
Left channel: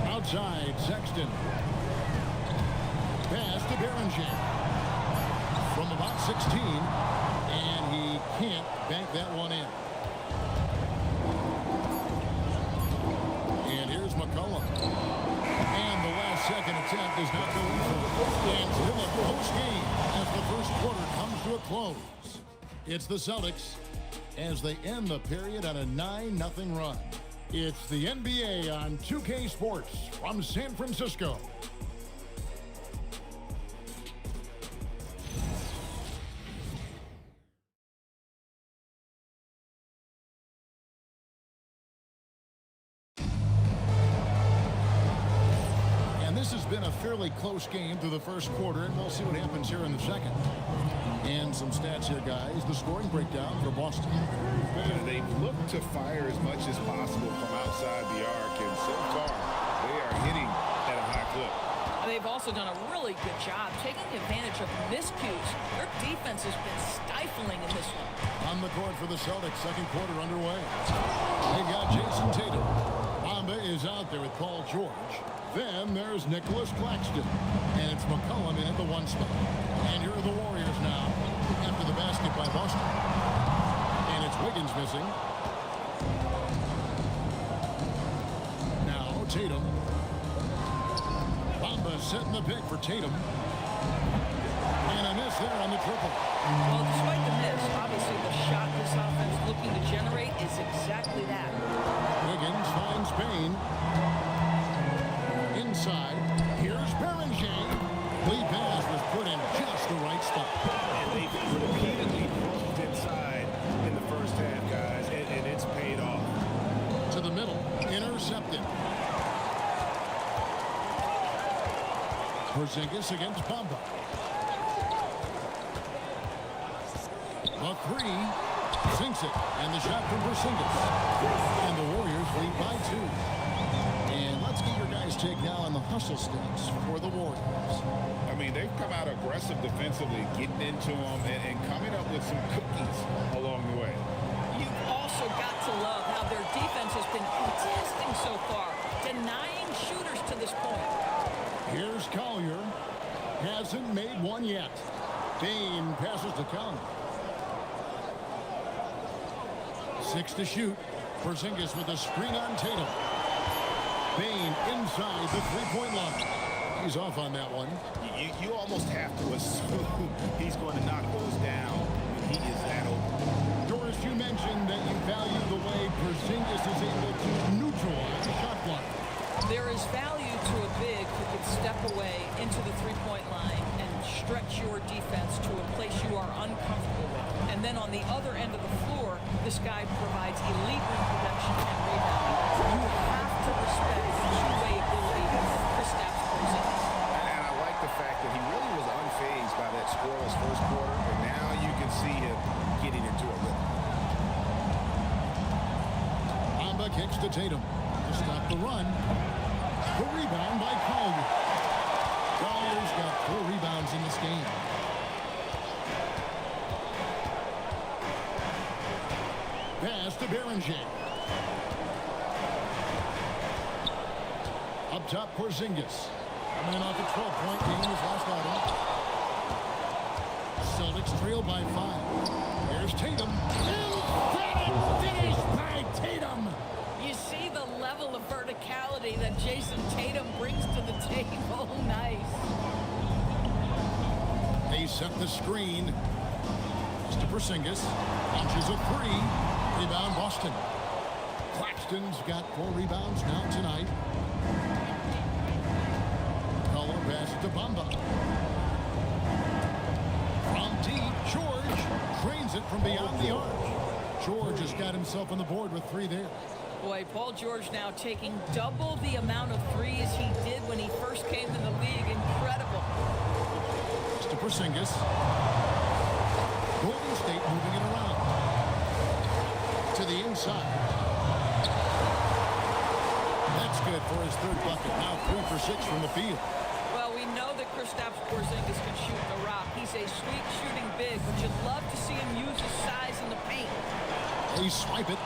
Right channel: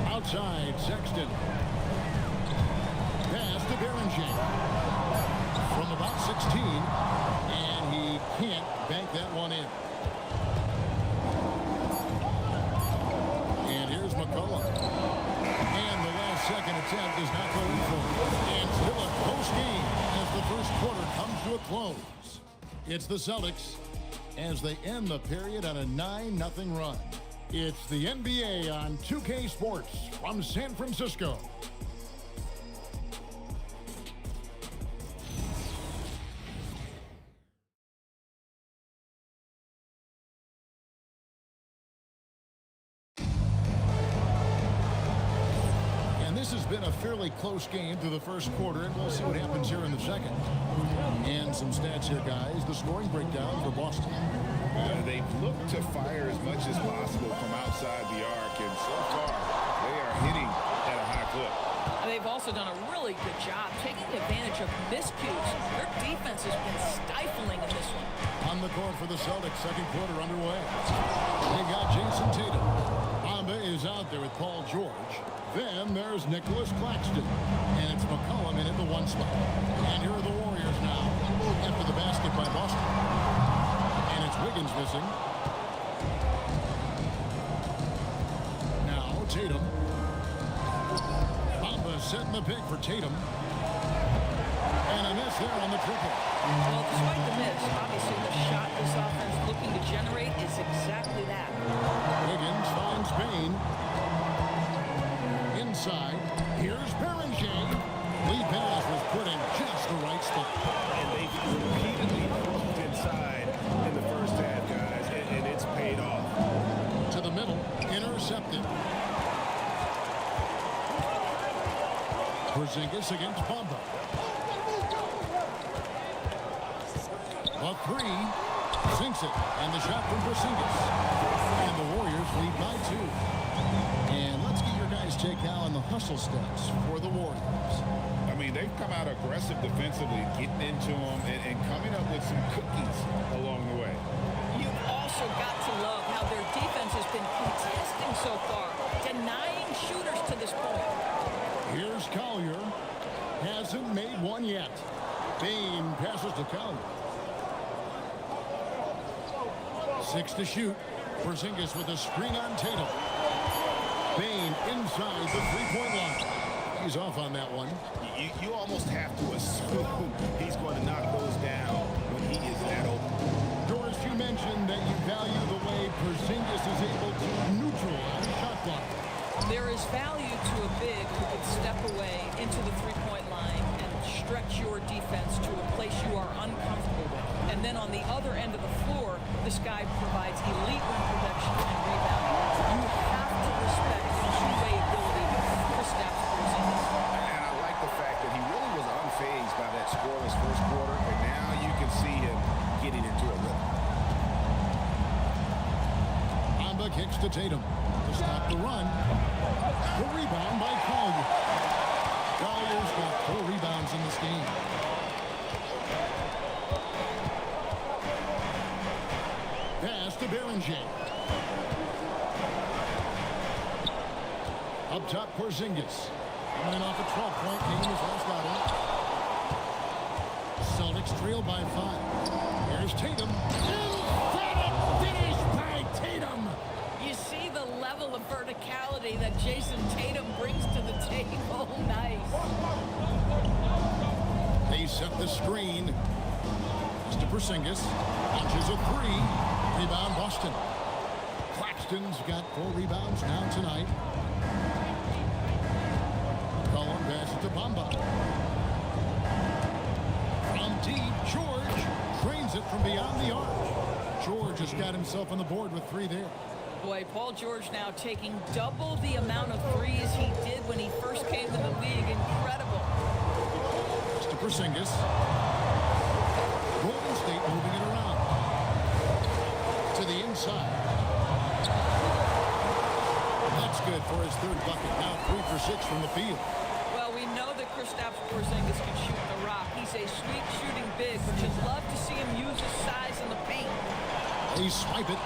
Outside, Sexton. Pass to Berenger. From about 16, and he can't bank that one in. And here's McCollum. And the last second attempt does not go in for him. And still a close game as the first quarter comes to a close. It's the Celtics as they end the period on a 9-0 run. It's the NBA on 2K Sports from San Francisco. And this has been a fairly close game through the first quarter, and we'll see what happens here in the second. And some stats here, guys. The scoring breakdown for Boston. They've looked to fire as much as possible from outside the arc, and so far, they are hitting at a high clip. They've also done a really good job taking advantage of miscues. Their defense has been stifling in this one. On the court for the Celtics, second quarter underway. They got Jason Tatum. Bamba is out there with Paul George. Then there's Nicholas Claxton. And it's McCollum in at the 1 spot. And here are the Warriors now after the basket by Boston. And it's Wiggins missing. Now Tatum. Bamba setting the pick for Tatum. And a miss there on the triple. Well, despite the miss, obviously the shot this offense looking to generate is exactly that. Wiggins finds Payne. Inside, here's Berenger. Lee pass was put in just the right spot. And they've repeatedly probed inside in the first half, guys, and it's paid off. To the middle, intercepted. Porzingis against Bamba. The 3, sinks it, and the shot from Porzingis. And the Warriors lead by 2. And let's get your guys' take now on the hustle steps for the Warriors. I mean, they've come out aggressive defensively, getting into them and coming up with some cookies along the way. You've also got to love how their defense has been contesting so far, denying shooters to this point. Here's Collier. Hasn't made one yet. Payne passes to Collier. 6 to shoot. Porzingis with a screen on Tatum. Payne inside the three-point line. He's off on that one. You almost have to assume he's going to knock those down when he is that open. Doris, you mentioned that you value the way Porzingis is able to neutralize shot block. There is value to a big who can step away into the three-point line and stretch your defense to a place you are uncomfortable with. And then on the other end of the floor, this guy provides elite rim protection and rebounding. You have to respect the two-way ability of Kristaps Porzingis. And I like the fact that he really was unfazed by that scoreless first quarter, and now you can see him getting into a rhythm. Bamba kicks to Tatum to stop the run. The rebound by Collier. Collier's got 4 rebounds in this game. Pass to Berenger. Up top, Porzingis. Coming in off a 12-point game his last outing. Celtics trail by 5. Here's Tatum. Emphatic finish by Tatum. You see the level of verticality that Jason Tatum brings to the table. Nice. They set the screen. Pass to Porzingis. Launches a 3. Rebound Boston. Claxton's got 4 rebounds now tonight. McCollum passes to Bamba. From deep, George drains it from beyond the arc. George has got himself on the board with 3 there. Boy, Paul George now taking double the amount of threes he did when he first came in the league. Incredible. It's to Porzingis. Golden State moving it around. To the inside. That's good for his 3rd bucket. Now 3 for 6 from the field. Well, we know that Kristaps Porzingis can shoot the rock. He's a sweet shooting big, but you'd love to see him use his size in the paint. They swipe it.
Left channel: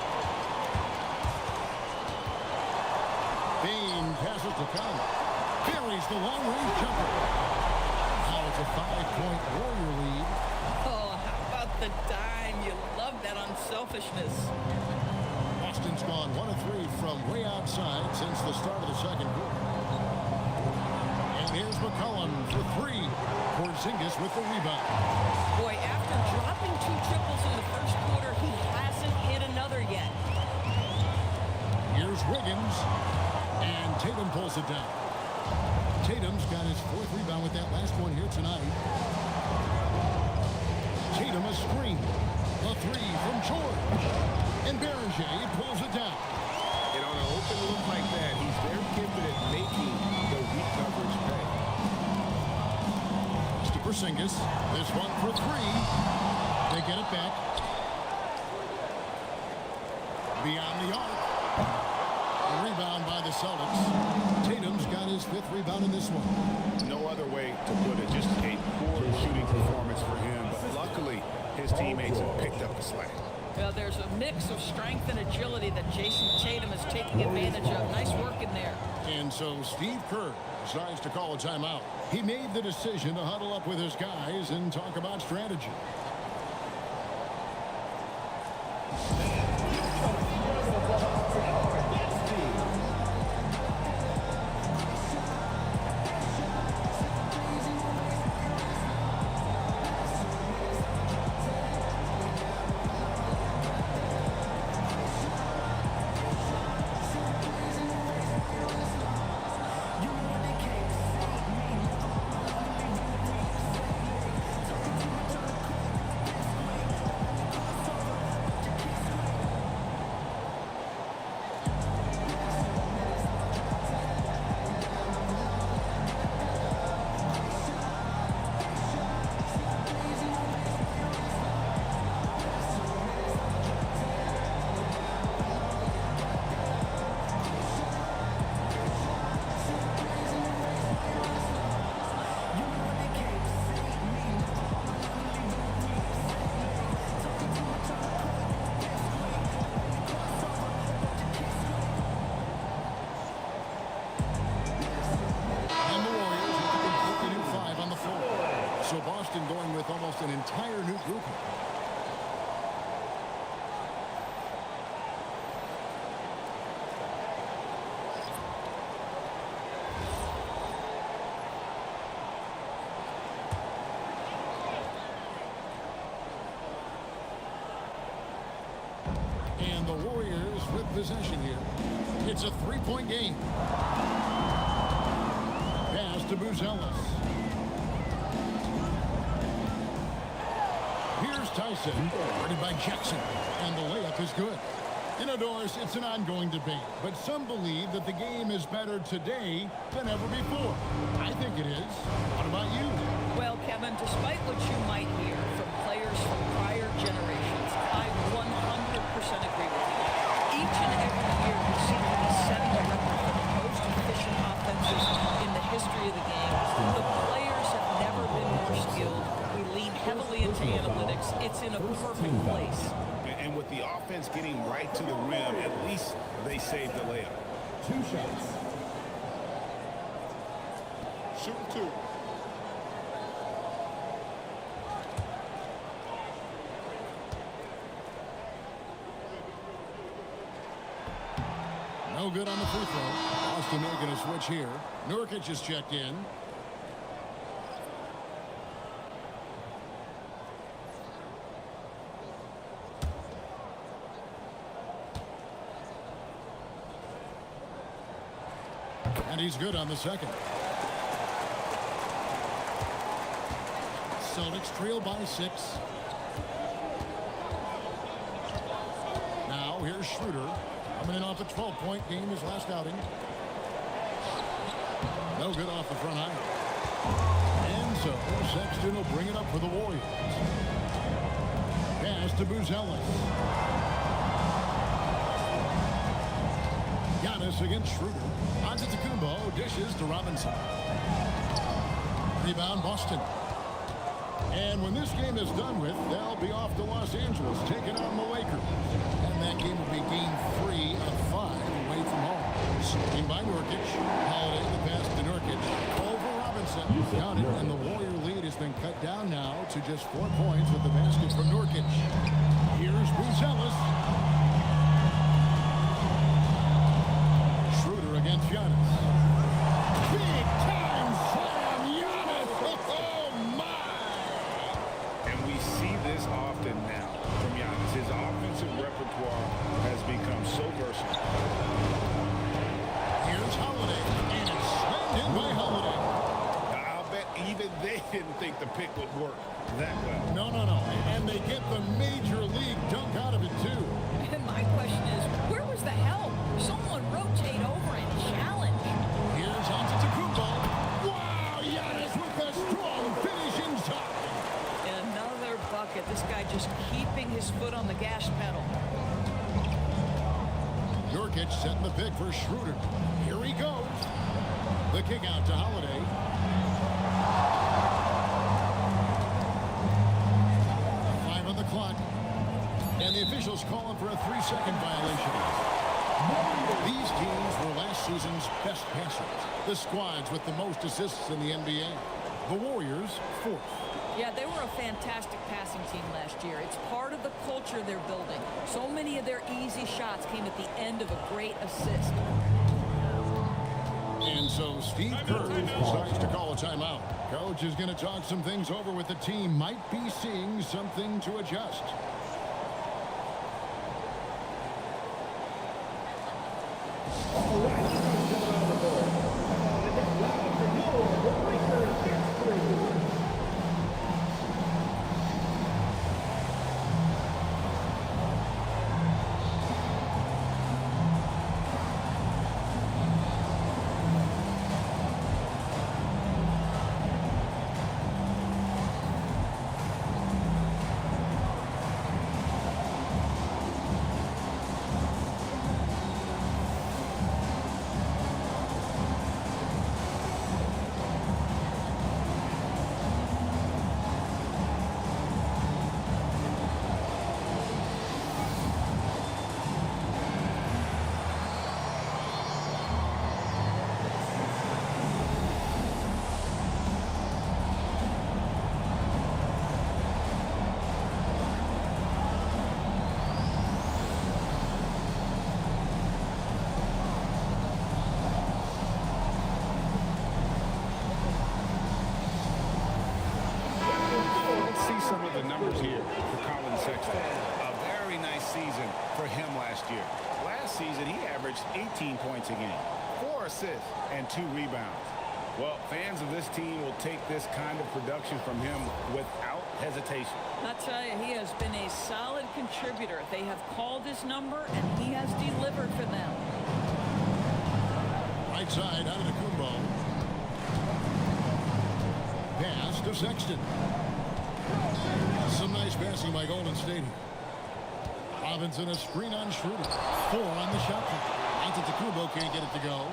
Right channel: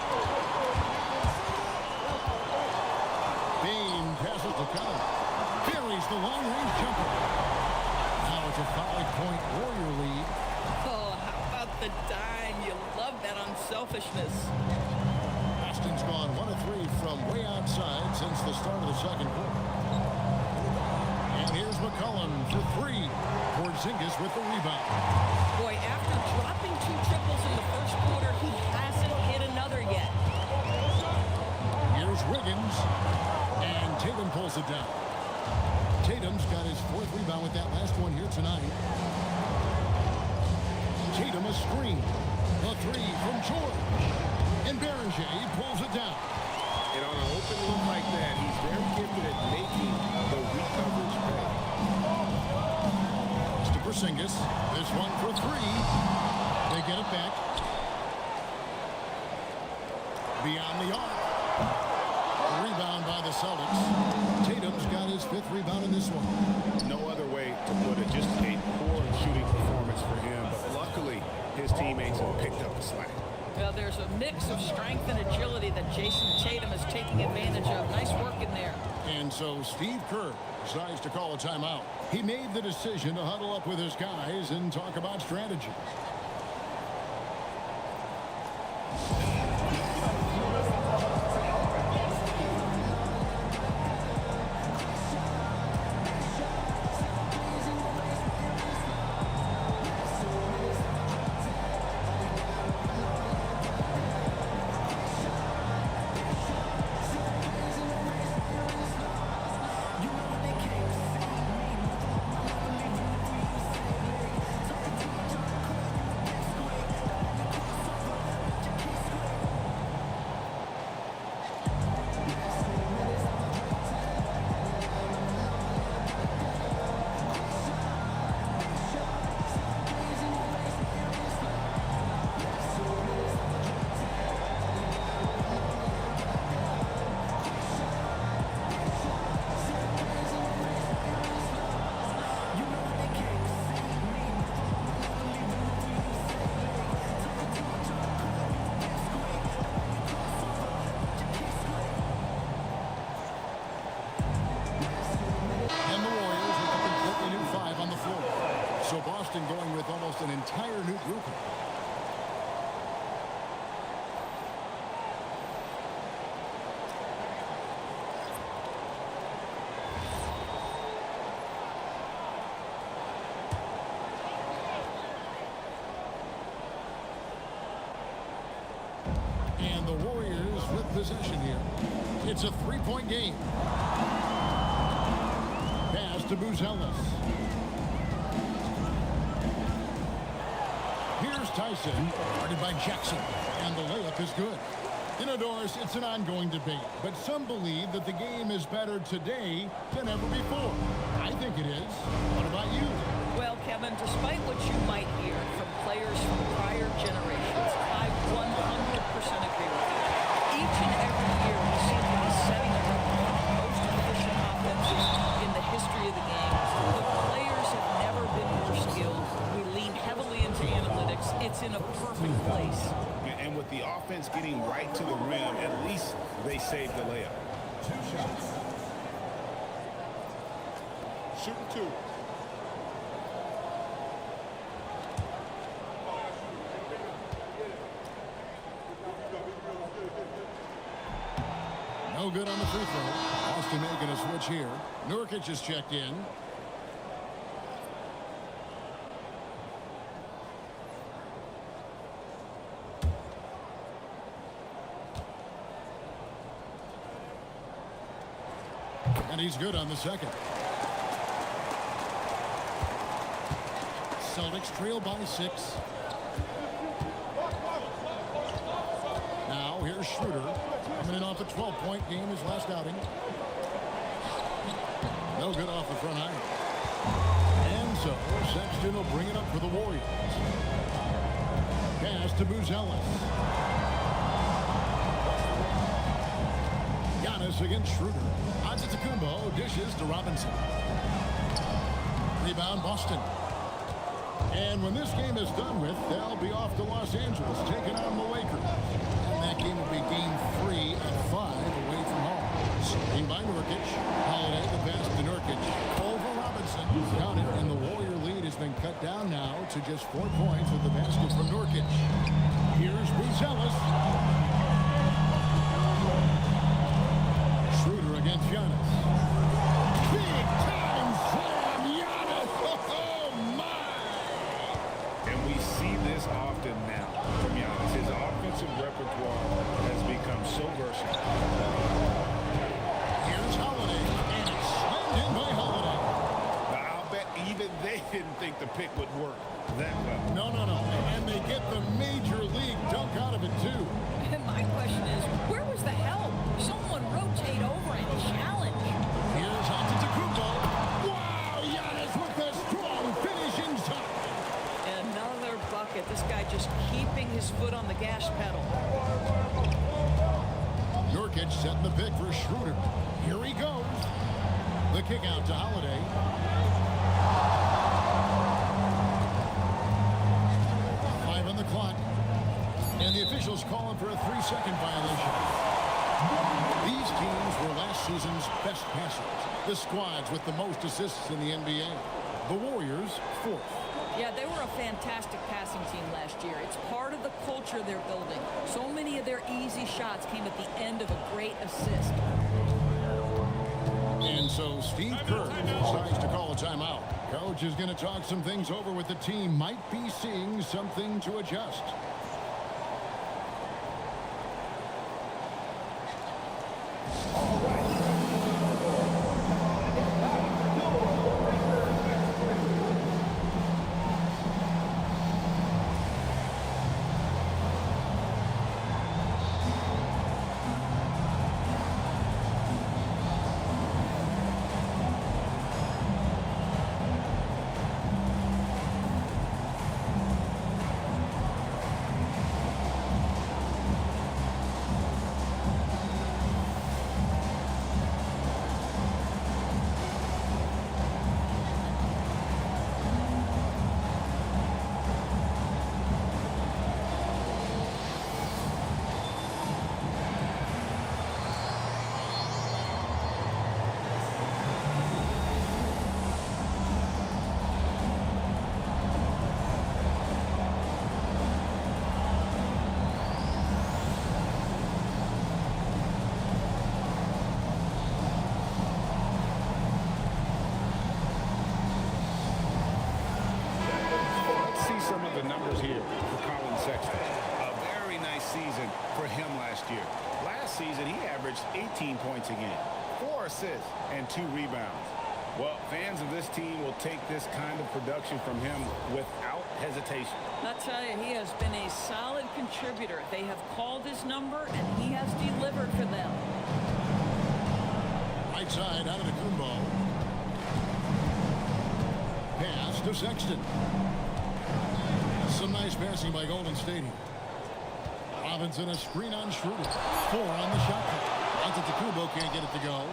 Bain passes to Collins. Buries the long-range jumper. Now it's a 5-point Warrior lead. Oh, how about the dime? You love that unselfishness. Boston's gone 1 of 3 from way outside since the start of the 2nd quarter. And here's McCollum for 3. Porzingis with the rebound. Boy, after dropping 2 triples in the first quarter, he hasn't hit another yet. Here's Wiggins. And Tatum pulls it down. Tatum's got his 4th rebound with that last one here tonight. Tatum a screen. The 3 from George. And Berger pulls it down. And on an open look like that, he's very gifted at making the weak coverage pay. It's to Porzingis. This one for 3. They get it back. Beyond the arc. A rebound by the Celtics. Tatum's got his 5th rebound in this one. No other way to put it. Just a poor shooting performance for him. But luckily, his teammates have picked up the slack. Well, there's a mix of strength and agility that Jason Tatum is taking advantage of. Nice work in there. And so Steve Kerr decides to call a timeout. He made the decision to huddle up with his guys and talk about strategy. New 5 on the floor. So Boston going with almost an entire new group here. And the Warriors with possession here. It's a 3-point game. Pass to Buzelis. Here's Tyson, guarded by Jackson, and the layup is good. You know, Doris, it's an ongoing debate, but some believe that the game is better today than ever before. I think it is. What about you? Well, Kevin, despite what you might hear from players from prior generations, I 100% agree with you. Each and every year, we seem to be setting a record for the most efficient offenses in the history of the game. The players have never been more skilled. We lean heavily into analytics. It's in a perfect place. And with the offense getting right to the rim, at least they saved the layup. 2 shots. Shooting 2. No good on the free throw. Boston making a switch here. Nurkic is checked in. And he's good on the second. Celtics trail by 6. Now here's Schroeder coming in off a 12-point game his last outing. No good off the front iron. And so Sexton will bring it up for the Warriors. Pass to Buzelis. Giannis against Schroeder. Antetokounmpo dishes to Robinson. Rebound Boston. And when this game is done with, they'll be off to Los Angeles taking on the Lakers. And that game will be game 3 of 5 away from home. Screen by Nurkic. Holiday the pass to Nurkic. Over Robinson. Count it, and the Warrior lead has been cut down now to just 4 points with the basket from Nurkic. Here's Buzelis. Schroeder against Giannis. Big time slam, Giannis. Oh my! And we see this often now from Giannis. His offensive repertoire has become so versatile. Here's Holiday, and it's slammed in by Holiday. Now, I'll bet even they didn't think the pick would work that well. No. And they get the major league dunk out of it, too. And my question is, where was the help? Someone rotate over and challenge. Here's Antetokounmpo. Wow, Giannis with a strong finish inside. Another bucket. This guy just keeping his foot on the gas pedal. Nurkic setting the pick for Schroeder. Here he goes. The kick out to Holiday. Five on the clock. And the officials calling for a 3-second violation. These teams were last season's best passers. The squads with the most assists in the NBA. The Warriors, 4th. Yeah, they were a fantastic passing team last year. It's part of the culture they're building. So many of their easy shots came at the end of a great assist. And so Steve Kerr decides to call a timeout. Coach is going to talk some things over with the team. Might be seeing something to adjust. See some of the numbers here for Colin Sexton. A very nice season for him last year. Last season, he averaged 18 points a game, 4 assists, and 2 rebounds. Well, fans of this team will take this kind of production from him without hesitation. I tell you, he has been a solid contributor. They have called his number, and he has delivered for them. Right side, Antetokounmpo. Pass to Sexton. Some nice passing by Golden State here. Robinson a screen on Schroeder. 4 on the shot clock. Antetokounmpo can't get it to go.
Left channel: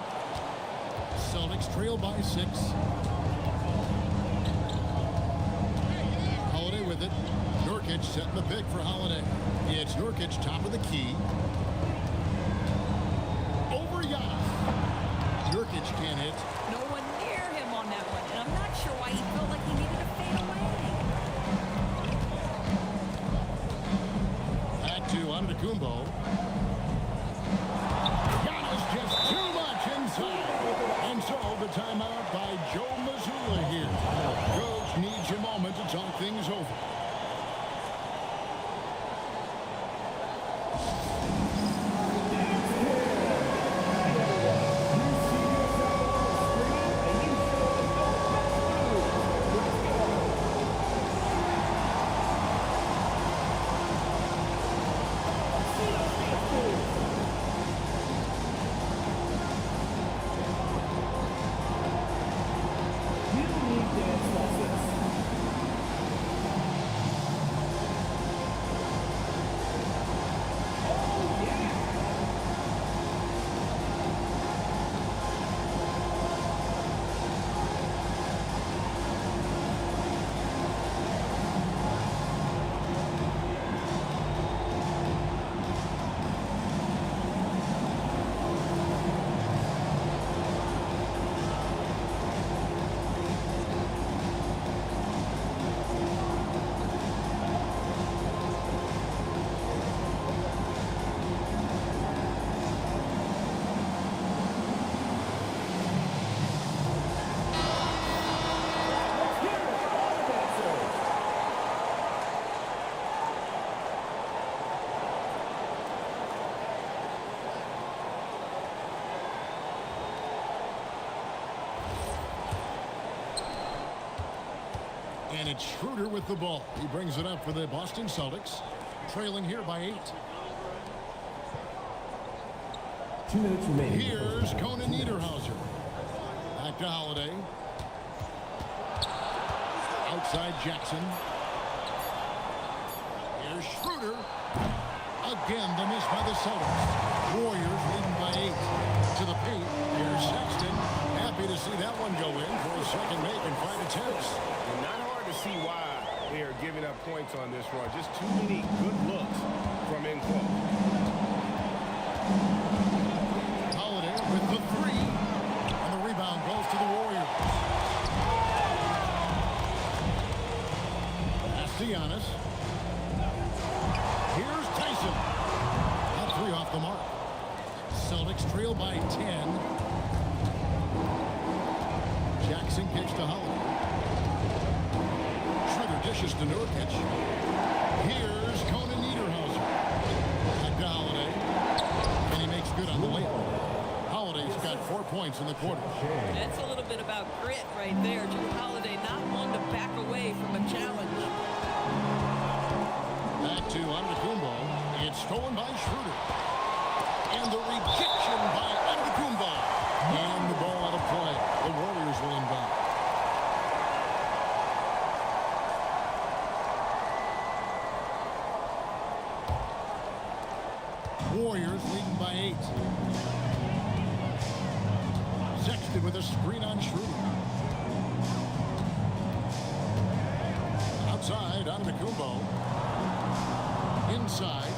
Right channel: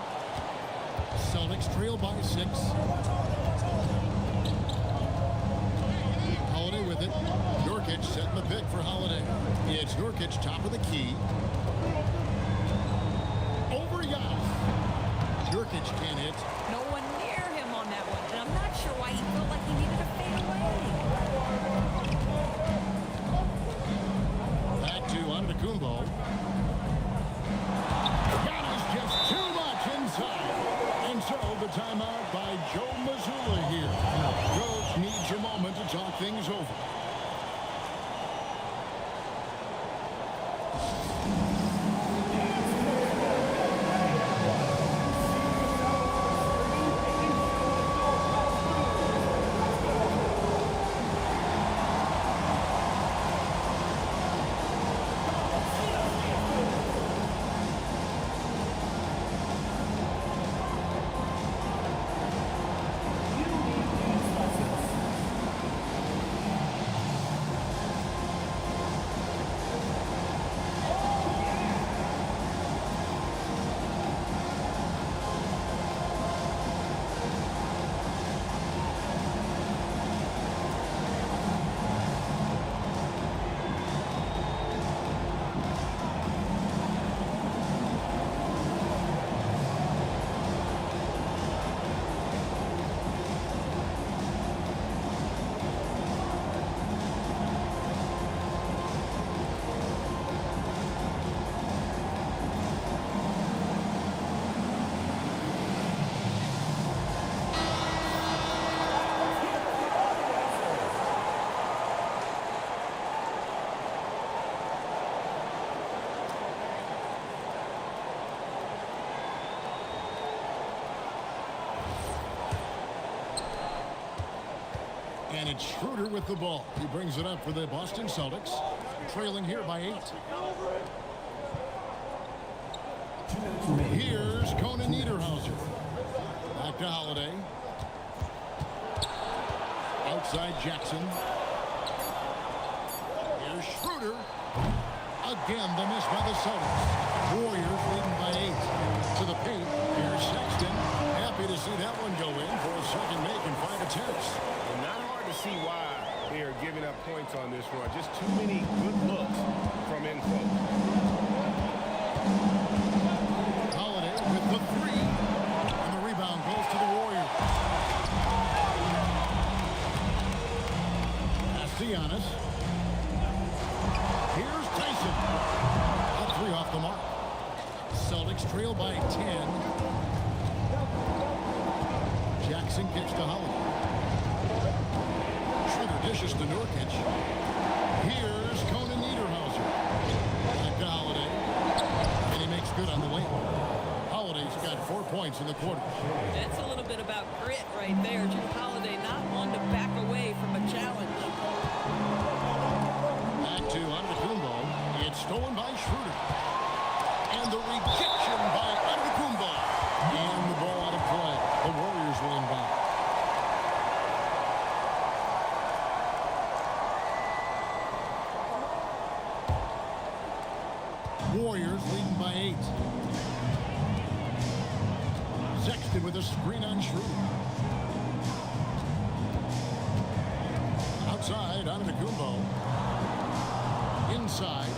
Celtics trail by 6. Holiday with it. Nurkic setting the pick for Holiday. It's Nurkic top of the key. Over Giannis. Nurkic can't hit. No one near him on that one, and I'm not sure why he felt like he needed to fade away. Back to Antetokounmpo. Giannis just too much inside. And so the timeout by Joe Mazzulla here. Coach needs a moment to talk things over. And it's Schroeder with the ball. He brings it up for the Boston Celtics, trailing here by 8. Here's Conan Niederhauser. Back to Holiday. Outside Jackson. Here's Schroeder. Again, the miss by the Celtics. Warriors leading by 8. To the paint. Here's Sexton. Happy to see that one go in for his second make in 5 attempts. And not hard to see why they are giving up points on this run. Just too many good looks from in close. Holiday with the 3. And the rebound goes to the Warriors. Pass to Giannis. Here's Tyson. That 3 off the mark. Celtics trail by 10. Jackson kicks to Holiday. Schroeder dishes to Nurkic. Here's Conan Niederhauser. Back to Holiday. And he makes good on the layup. Holiday's got 4 points in the quarter. That's a little bit about grit right there. Drew Holiday, not one to back away from a challenge. Back to Antetokounmpo. It's stolen by Schroeder. And the rejection by Antetokounmpo. And the ball out of play. The Warriors will inbound. Warriors leading by 8. Sexton with a screen on Schroeder. Outside, Antetokounmpo. Inside.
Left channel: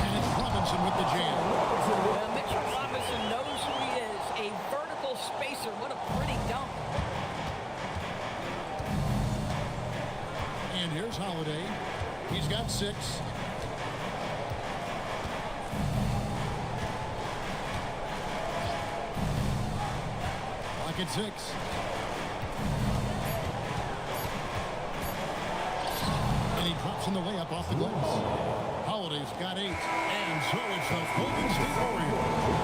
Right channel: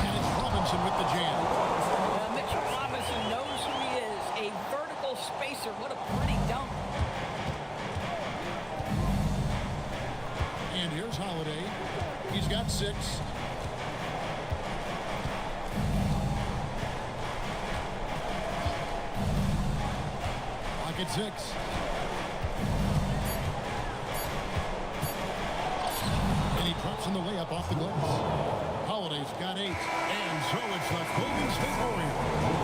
And it's Robinson with the jam. Well, Mitchell Robinson knows who he is. A vertical spacer. What a pretty dunk. And here's Holiday. He's got 6. Clock at 6. And he drops in the layup off the glass. Holiday's got 8. And so it's the Golden State Warriors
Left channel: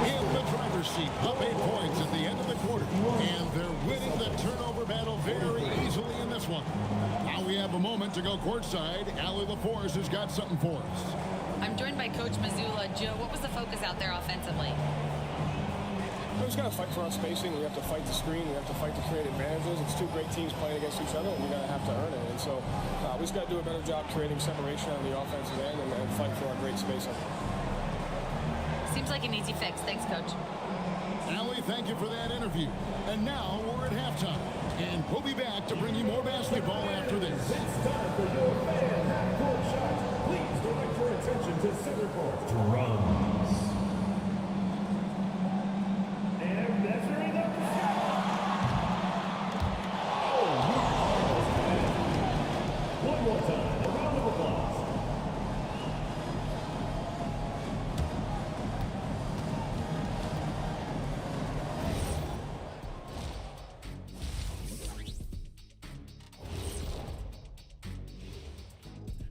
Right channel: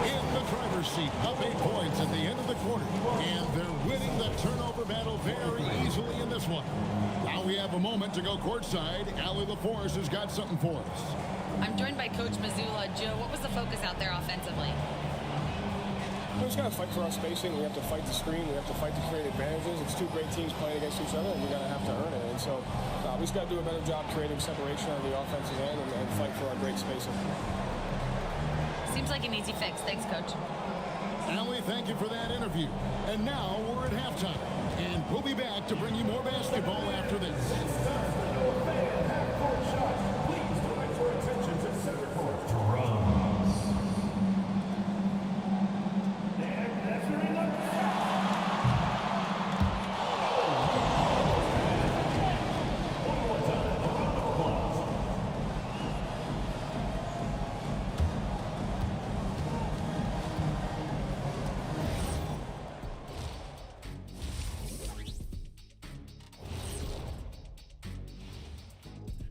in the driver's seat, up 8 points at the end of the quarter. And they're winning the turnover battle very easily in this one. Now we have a moment to go courtside. Allie LaForce has got something for us. I'm joined by Coach Mazzulla. Joe, what was the focus out there offensively? We just got to fight for our spacing. We have to fight the screen. We have to fight to create advantages. It's 2 great teams playing against each other, and you're going to have to earn it. And so we just got to do a better job creating separation on the offensive end and fight for our great spacing. Seems like an easy fix. Thanks, Coach. Allie, thank you for that interview. And now we're at halftime. And we'll be back to bring you more basketball after this. Please direct your attention to center court. Drums. And measuring up. One more time, a round of applause.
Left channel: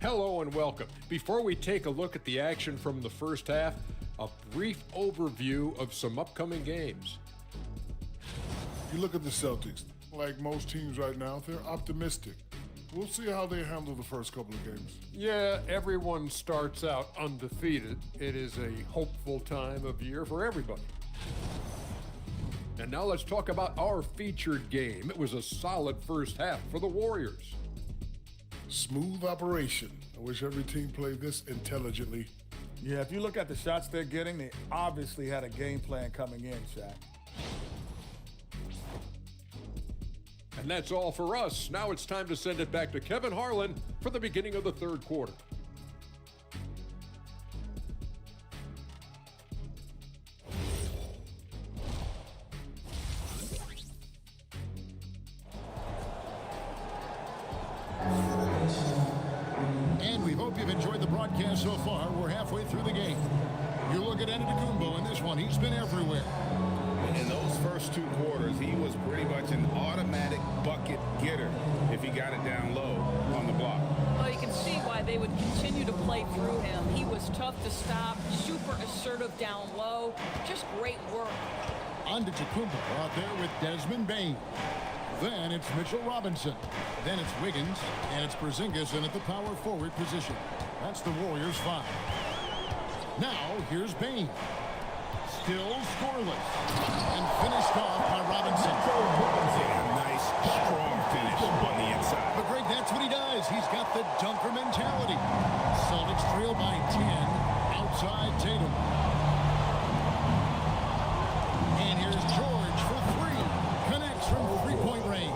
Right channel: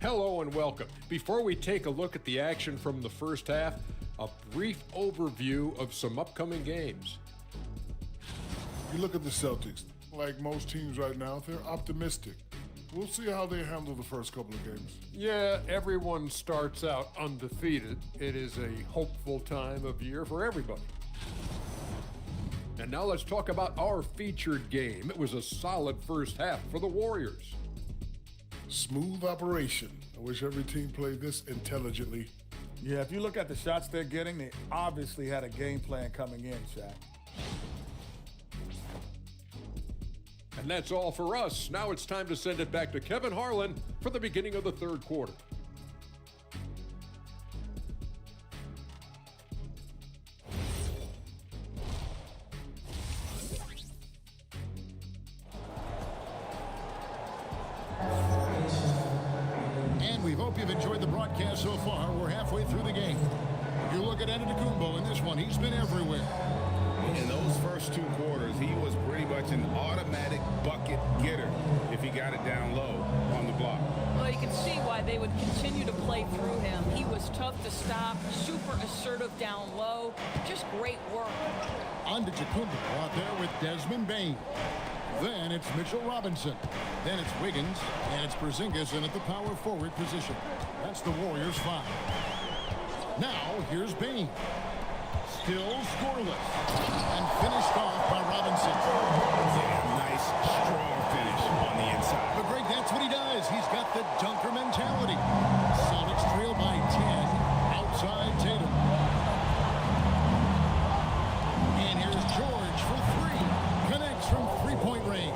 Hello and welcome. Before we take a look at the action from the first half, a brief overview of some upcoming games. You look at the Celtics, like most teams right now, they're optimistic. We'll see how they handle the first couple of games. Yeah, everyone starts out undefeated. It is a hopeful time of year for everybody. And now let's talk about our featured game. It was a solid first half for the Warriors. Smooth operation. I wish every team played this intelligently. Yeah, if you look at the shots they're getting, they obviously had a game plan coming in, Shaq. And that's all for us. Now it's time to send it back to Kevin Harlan for the beginning of the third quarter. And we hope you've enjoyed the broadcast so far. We're halfway through the game. You look at Antetokounmpo in this one. He's been everywhere. In those first 2 quarters, he was pretty much an automatic bucket getter if he got it down low on the block. Well, you can see why they would continue to play through him. He was tough to stop, super assertive down low. Just great work. Antetokounmpo out there with Desmond Bain. Then it's Mitchell Robinson. Then it's Wiggins, and it's Porzingis in at the power forward position. That's the Warriors' 5. Now, here's Bane. Still scoreless. And finished off by Robinson. Yeah, a nice, strong finish on the inside. But Greg, that's what he does. He's got the dunker mentality. Celtics trail by 10 outside Tatum. And here's George for 3. Connects from three-point range.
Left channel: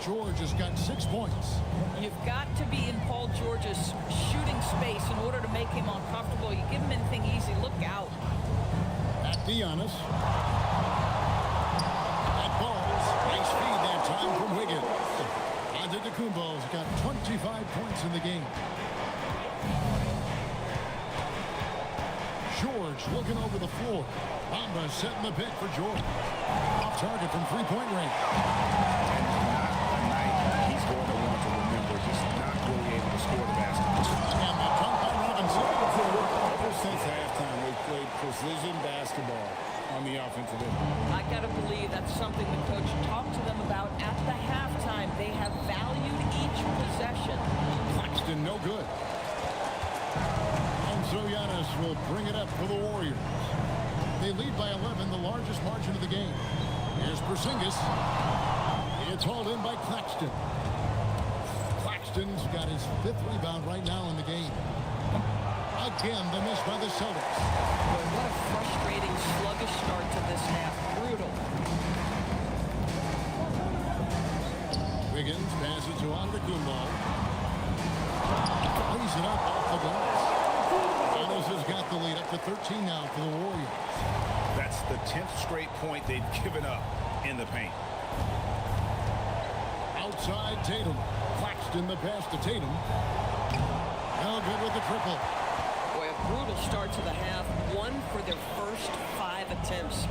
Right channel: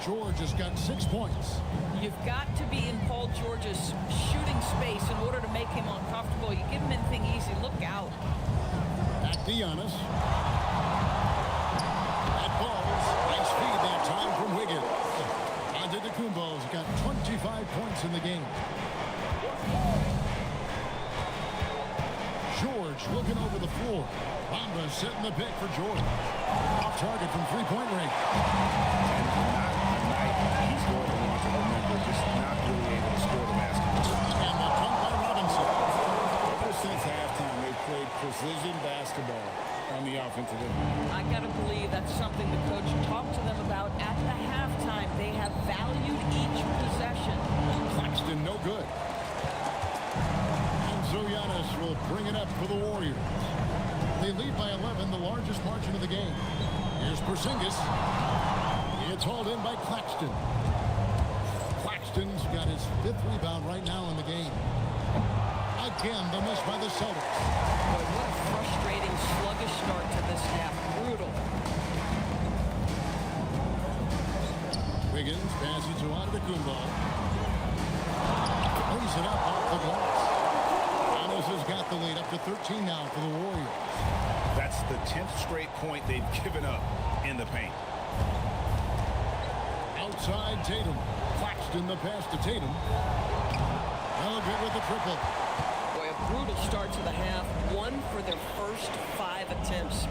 George has got 6 points. You've got to be in Paul George's shooting space in order to make him uncomfortable. You give him anything easy, look out. Back to Giannis. That ball's nice feed that time from Wiggins. Antetokounmpo's got 25 points in the game. George looking over the floor. Bamba setting the pick for George. Off target from three-point range. And not a night he's going to want to remember, just not really able to score the basketball. And the dunk by Robinson. Ever since halftime, they've played precision basketball on the offensive end. I got to believe that's something the coach talked to them about at the halftime. They have valued each possession. Claxton no good. And so Giannis will bring it up for the Warriors. They lead by 11, the largest margin of the game. Here's Porzingis. It's hauled in by Claxton. Claxton's got his 5th rebound right now in the game. Again, the miss by the Celtics. Boy, what a frustrating, sluggish start to this half. Brutal. Wiggins passes to Antetokounmpo. Lays it up off the glass. Giannis has got the lead up to 13 now for the Warriors. That's the 10th straight point they've given up in the paint. Outside Tatum. Claxton the pass to Tatum. No good with the triple. Boy, a brutal start to the half. 1 for their first 5 attempts.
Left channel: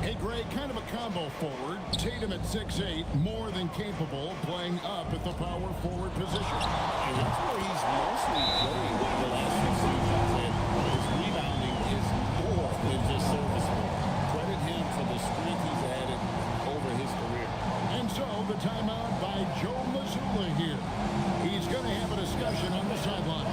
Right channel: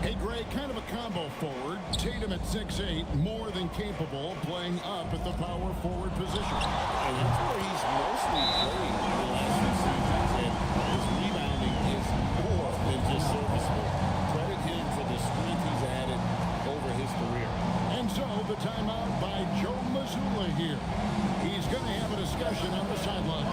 Hey, Greg, kind of a combo forward. Tatum at 6'8", more than capable of playing up at the power forward position. And that's where he's mostly played the last few seasons. And his rebounding is more than just serviceable. Credit him for the strength he's added over his career. And so the timeout by Joe Mazzulla here. He's going to have a discussion on the sideline.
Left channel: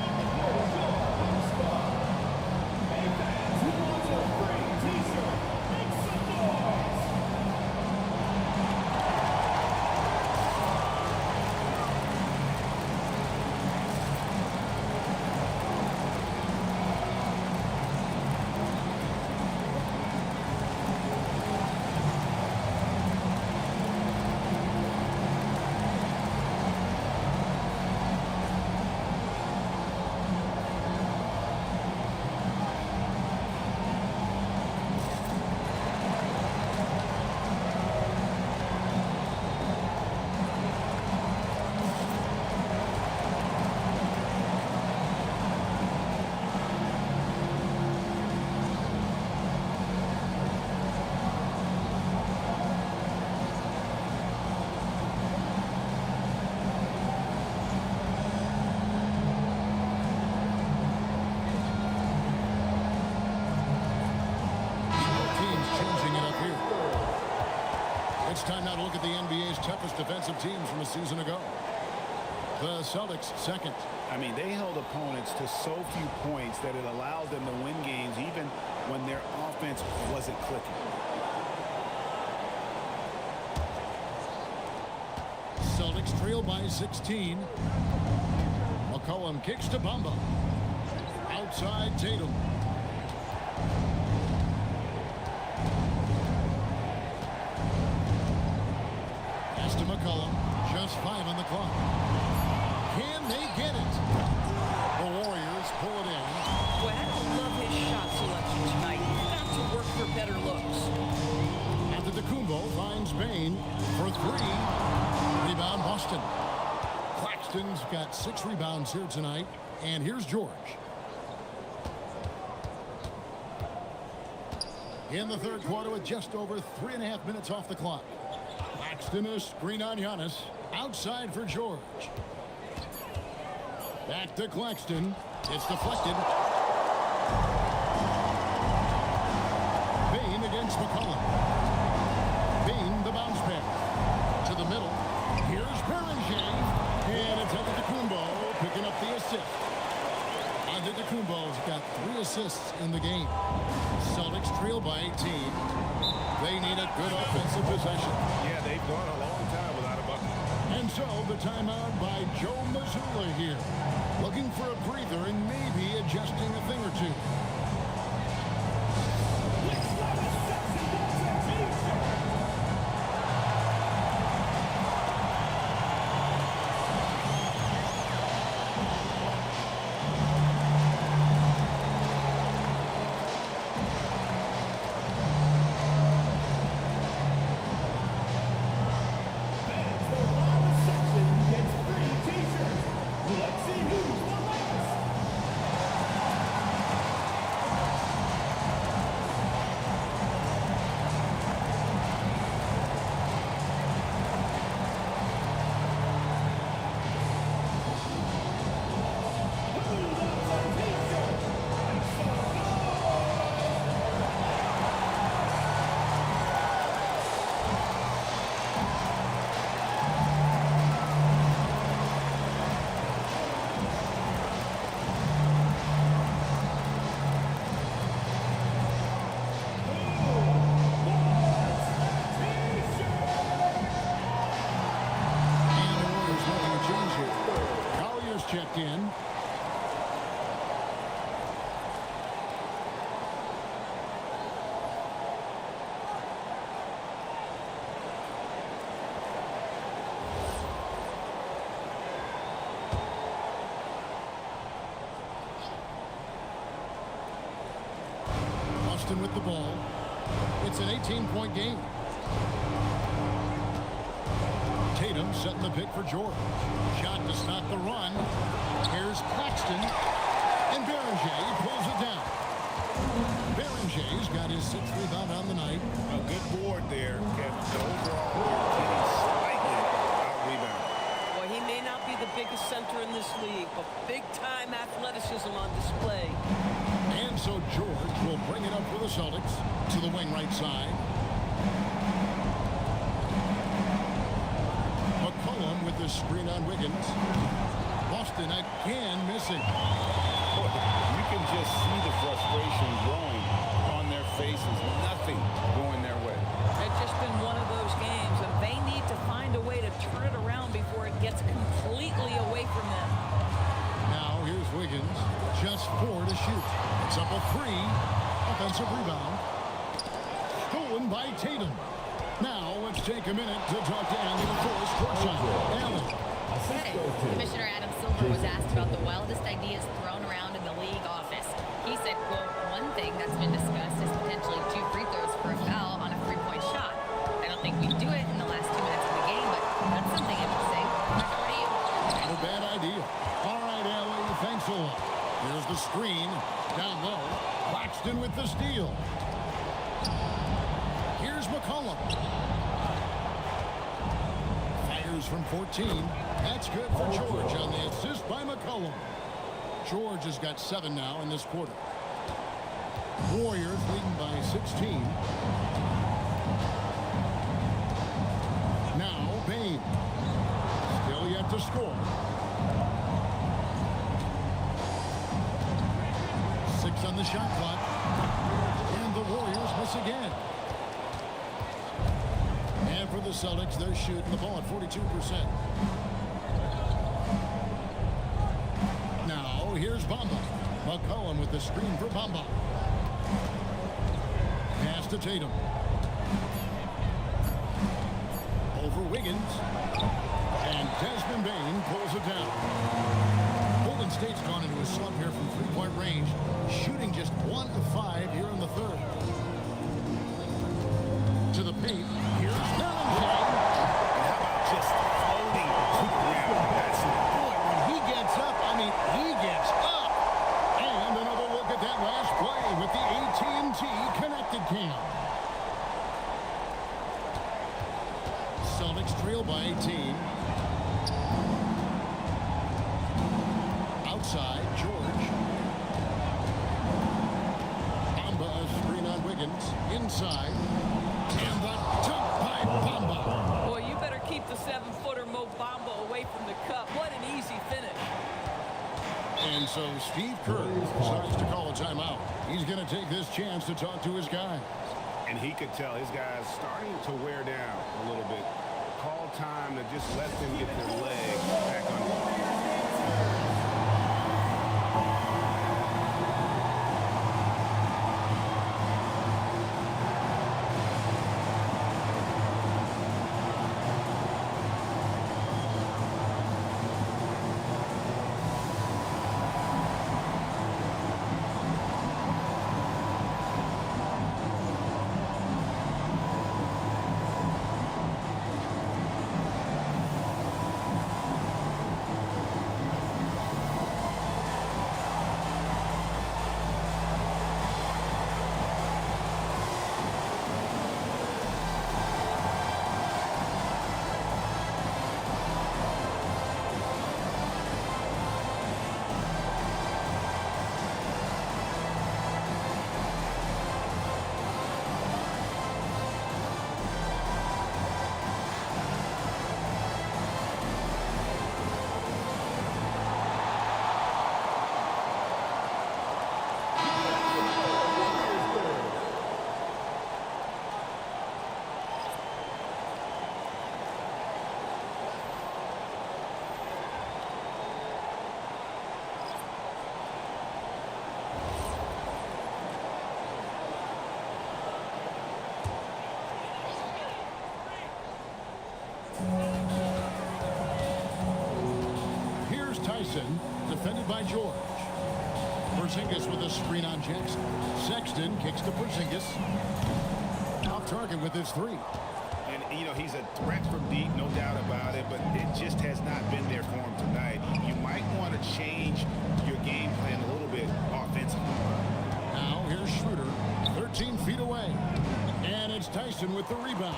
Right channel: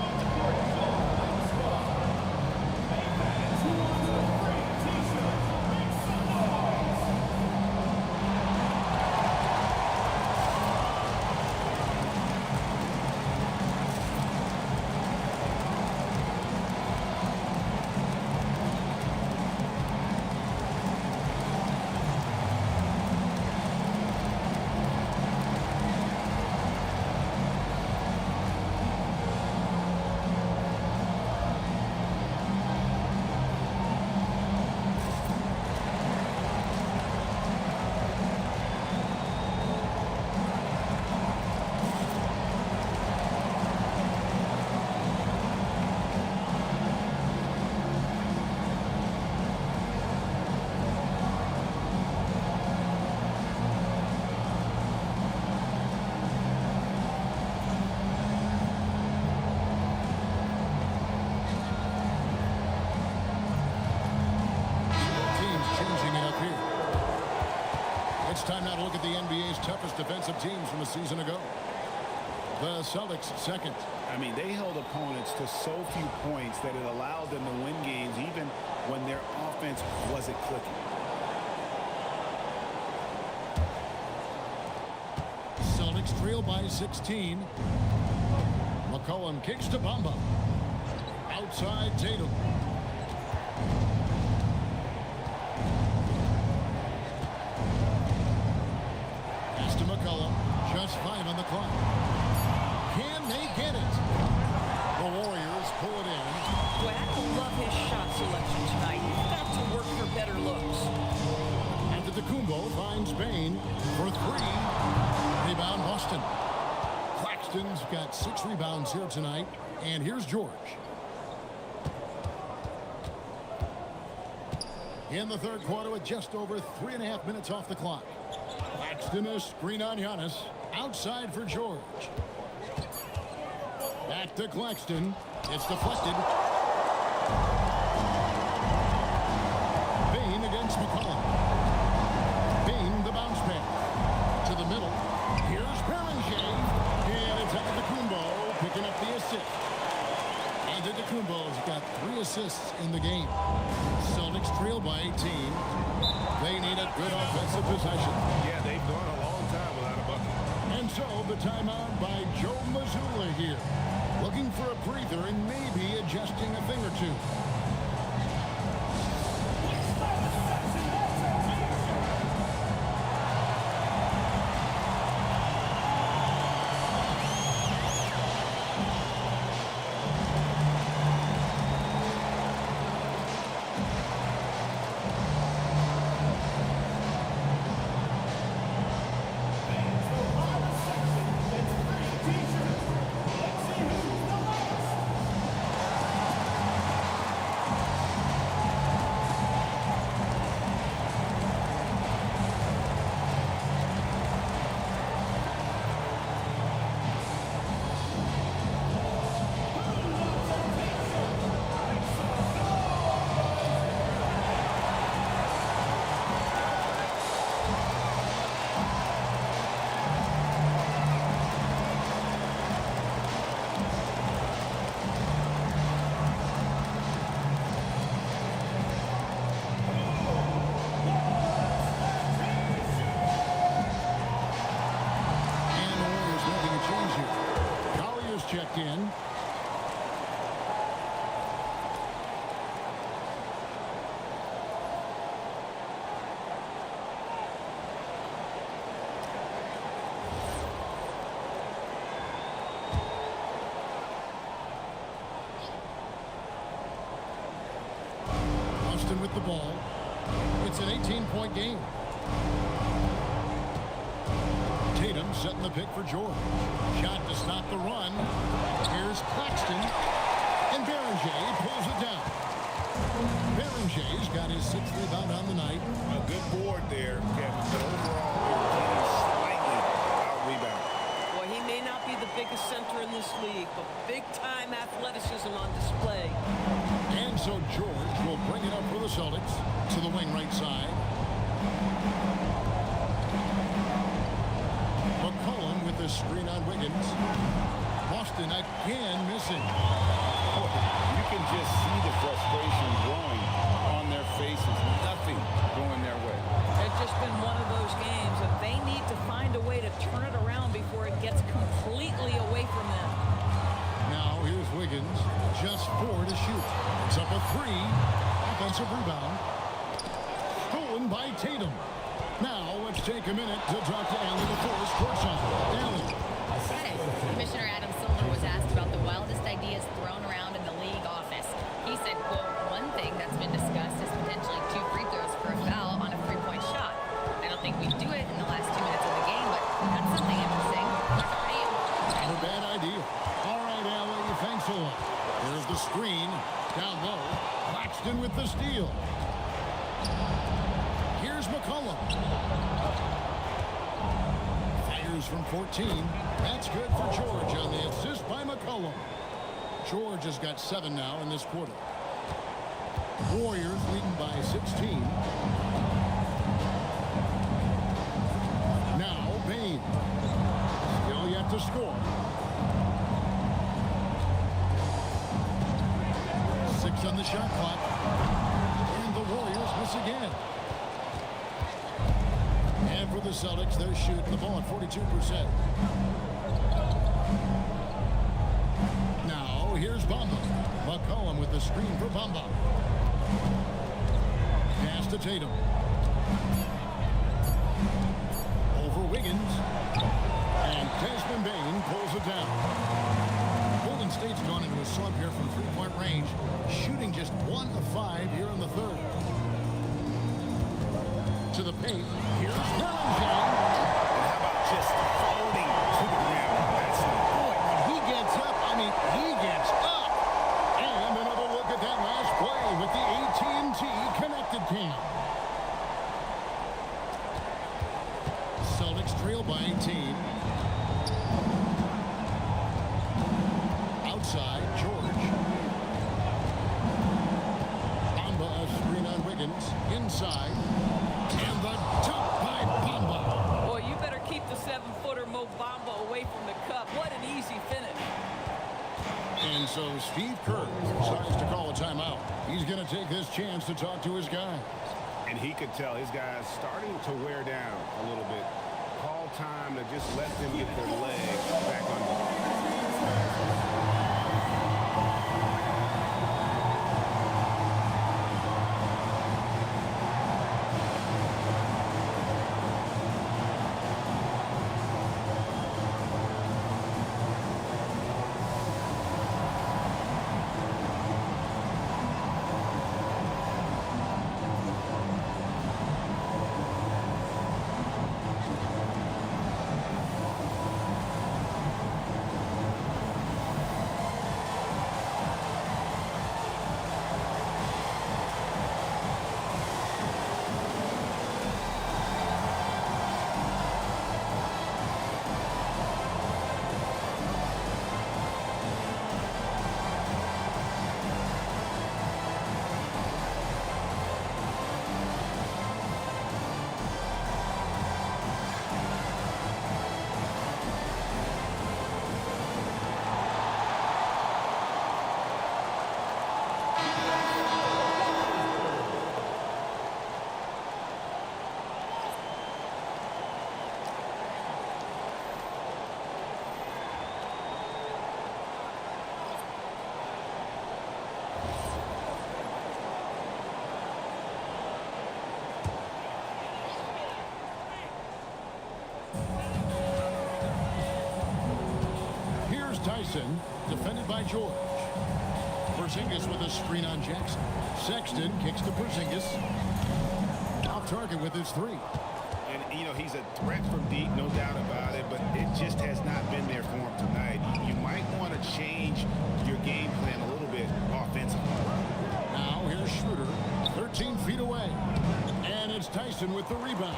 Changing it up here. It's time now to look at the NBA's toughest defensive teams from a season ago. The Celtics second. I mean, they held opponents to so few points that it allowed them to win games even when their offense wasn't clicking. Celtics trail by 16. McCollum kicks to Bamba. Outside Tatum. To McCollum, just 5 on the clock. Can they get it? The Warriors pull it in. Boy, I don't love his shot selection tonight. You've got to work for better looks. Antetokounmpo finds Bane for 3. Rebound Boston. Claxton's got 6 rebounds here tonight. And here's George. In the third quarter with just over 3.5 minutes off the clock. Claxton a screen on Giannis. Outside for George. Back to Claxton. It's deflected. Bane against McCollum. Bane the bounce pass. To the middle. Here's Beringer. And it's Antetokounmpo picking up the assist. Antetokounmpo's got 3 assists in the game. Celtics trail by 18. They need a good offensive possession. Yeah, they've gone a long time without a bucket. And so the timeout by Joe Mazzulla here. Looking for a breather and maybe adjusting a thing or two. Change here. Collier's checked in. Austin with the ball. It's an 18-point game. Tatum setting the pick for George. Shot to stop the run. Here's Claxton. And Beringer pulls it down. Berenger's got his 6th rebound on the night. A good board there, Kevin, but overall they're getting slightly out-rebounded. Boy, he may not be the biggest center in this league, but big-time athleticism on display. And so George will bring it up for the Celtics to the wing right side. McCollum with the screen on Wiggins. Boston again missing. Boy, you can just see the frustration growing on their faces. Nothing going their way. It's just been one of those games, and they need to find a way to turn it around before it gets completely away from them. Now here's Wiggins. Just 4 to shoot. It's up a 3. Offensive rebound. Stolen by Tatum. Now, let's take a minute to talk to Allie LaForce courtside. Allie. Hey, Commissioner Adam Silver was asked about the wildest ideas thrown around in the league office. He said, quote, one thing that's been discussed is potentially 2 free throws for a foul on a 3-point shot. I don't think we do it in the last 2 minutes of the game, but that's something interesting. Back over to you. Not a bad idea. All right, Allie, thanks a lot. Here's the screen. Down low. Claxton with the steal. Here's McCollum. Fires from 14. That's good for George on the assist by McCollum. George has got 7 now in this quarter. Warriors leading by 16. Now Bain. Still yet to score. 6 on the shot clock. And the Warriors miss again. And for the Celtics, they're shooting the ball at 42%. Now, here's Bamba. McCollum with the screen for Bamba. Pass to Tatum. Over Wiggins. And Desmond Bain pulls it down. Golden State's gone into a slump here from 3-point range, shooting just 1 of 5 here in the third. To the paint. Here's Beringer. And how about just floating to the rim on that slam? Boy, when he gets up, I mean, he gets up. And another look at that last play with the AT&T connected cam. Celtics trail by 18. Outside, George. Bamba a screen on Wiggins. Inside. And the dunk by Bamba. Boy, you better keep the 7-footer Mo Bamba away from the cup. What an easy finish. And so Steve Kerr decides to call a timeout. He's going to take this chance to talk to his guys. And he could tell his guys starting to wear down a little bit. Call time to just let them get their legs back under them. Here's Tyson, defended by George. Porzingis with a screen on Jackson. Sexton kicks to Porzingis. Off target with his three. And, you know, he's a threat from deep, no doubt about it, but it just has not been there for him tonight. You might want to change your game plan a little bit offensively. Now here's Schroeder, 13 feet away. And it's Tyson with the rebound.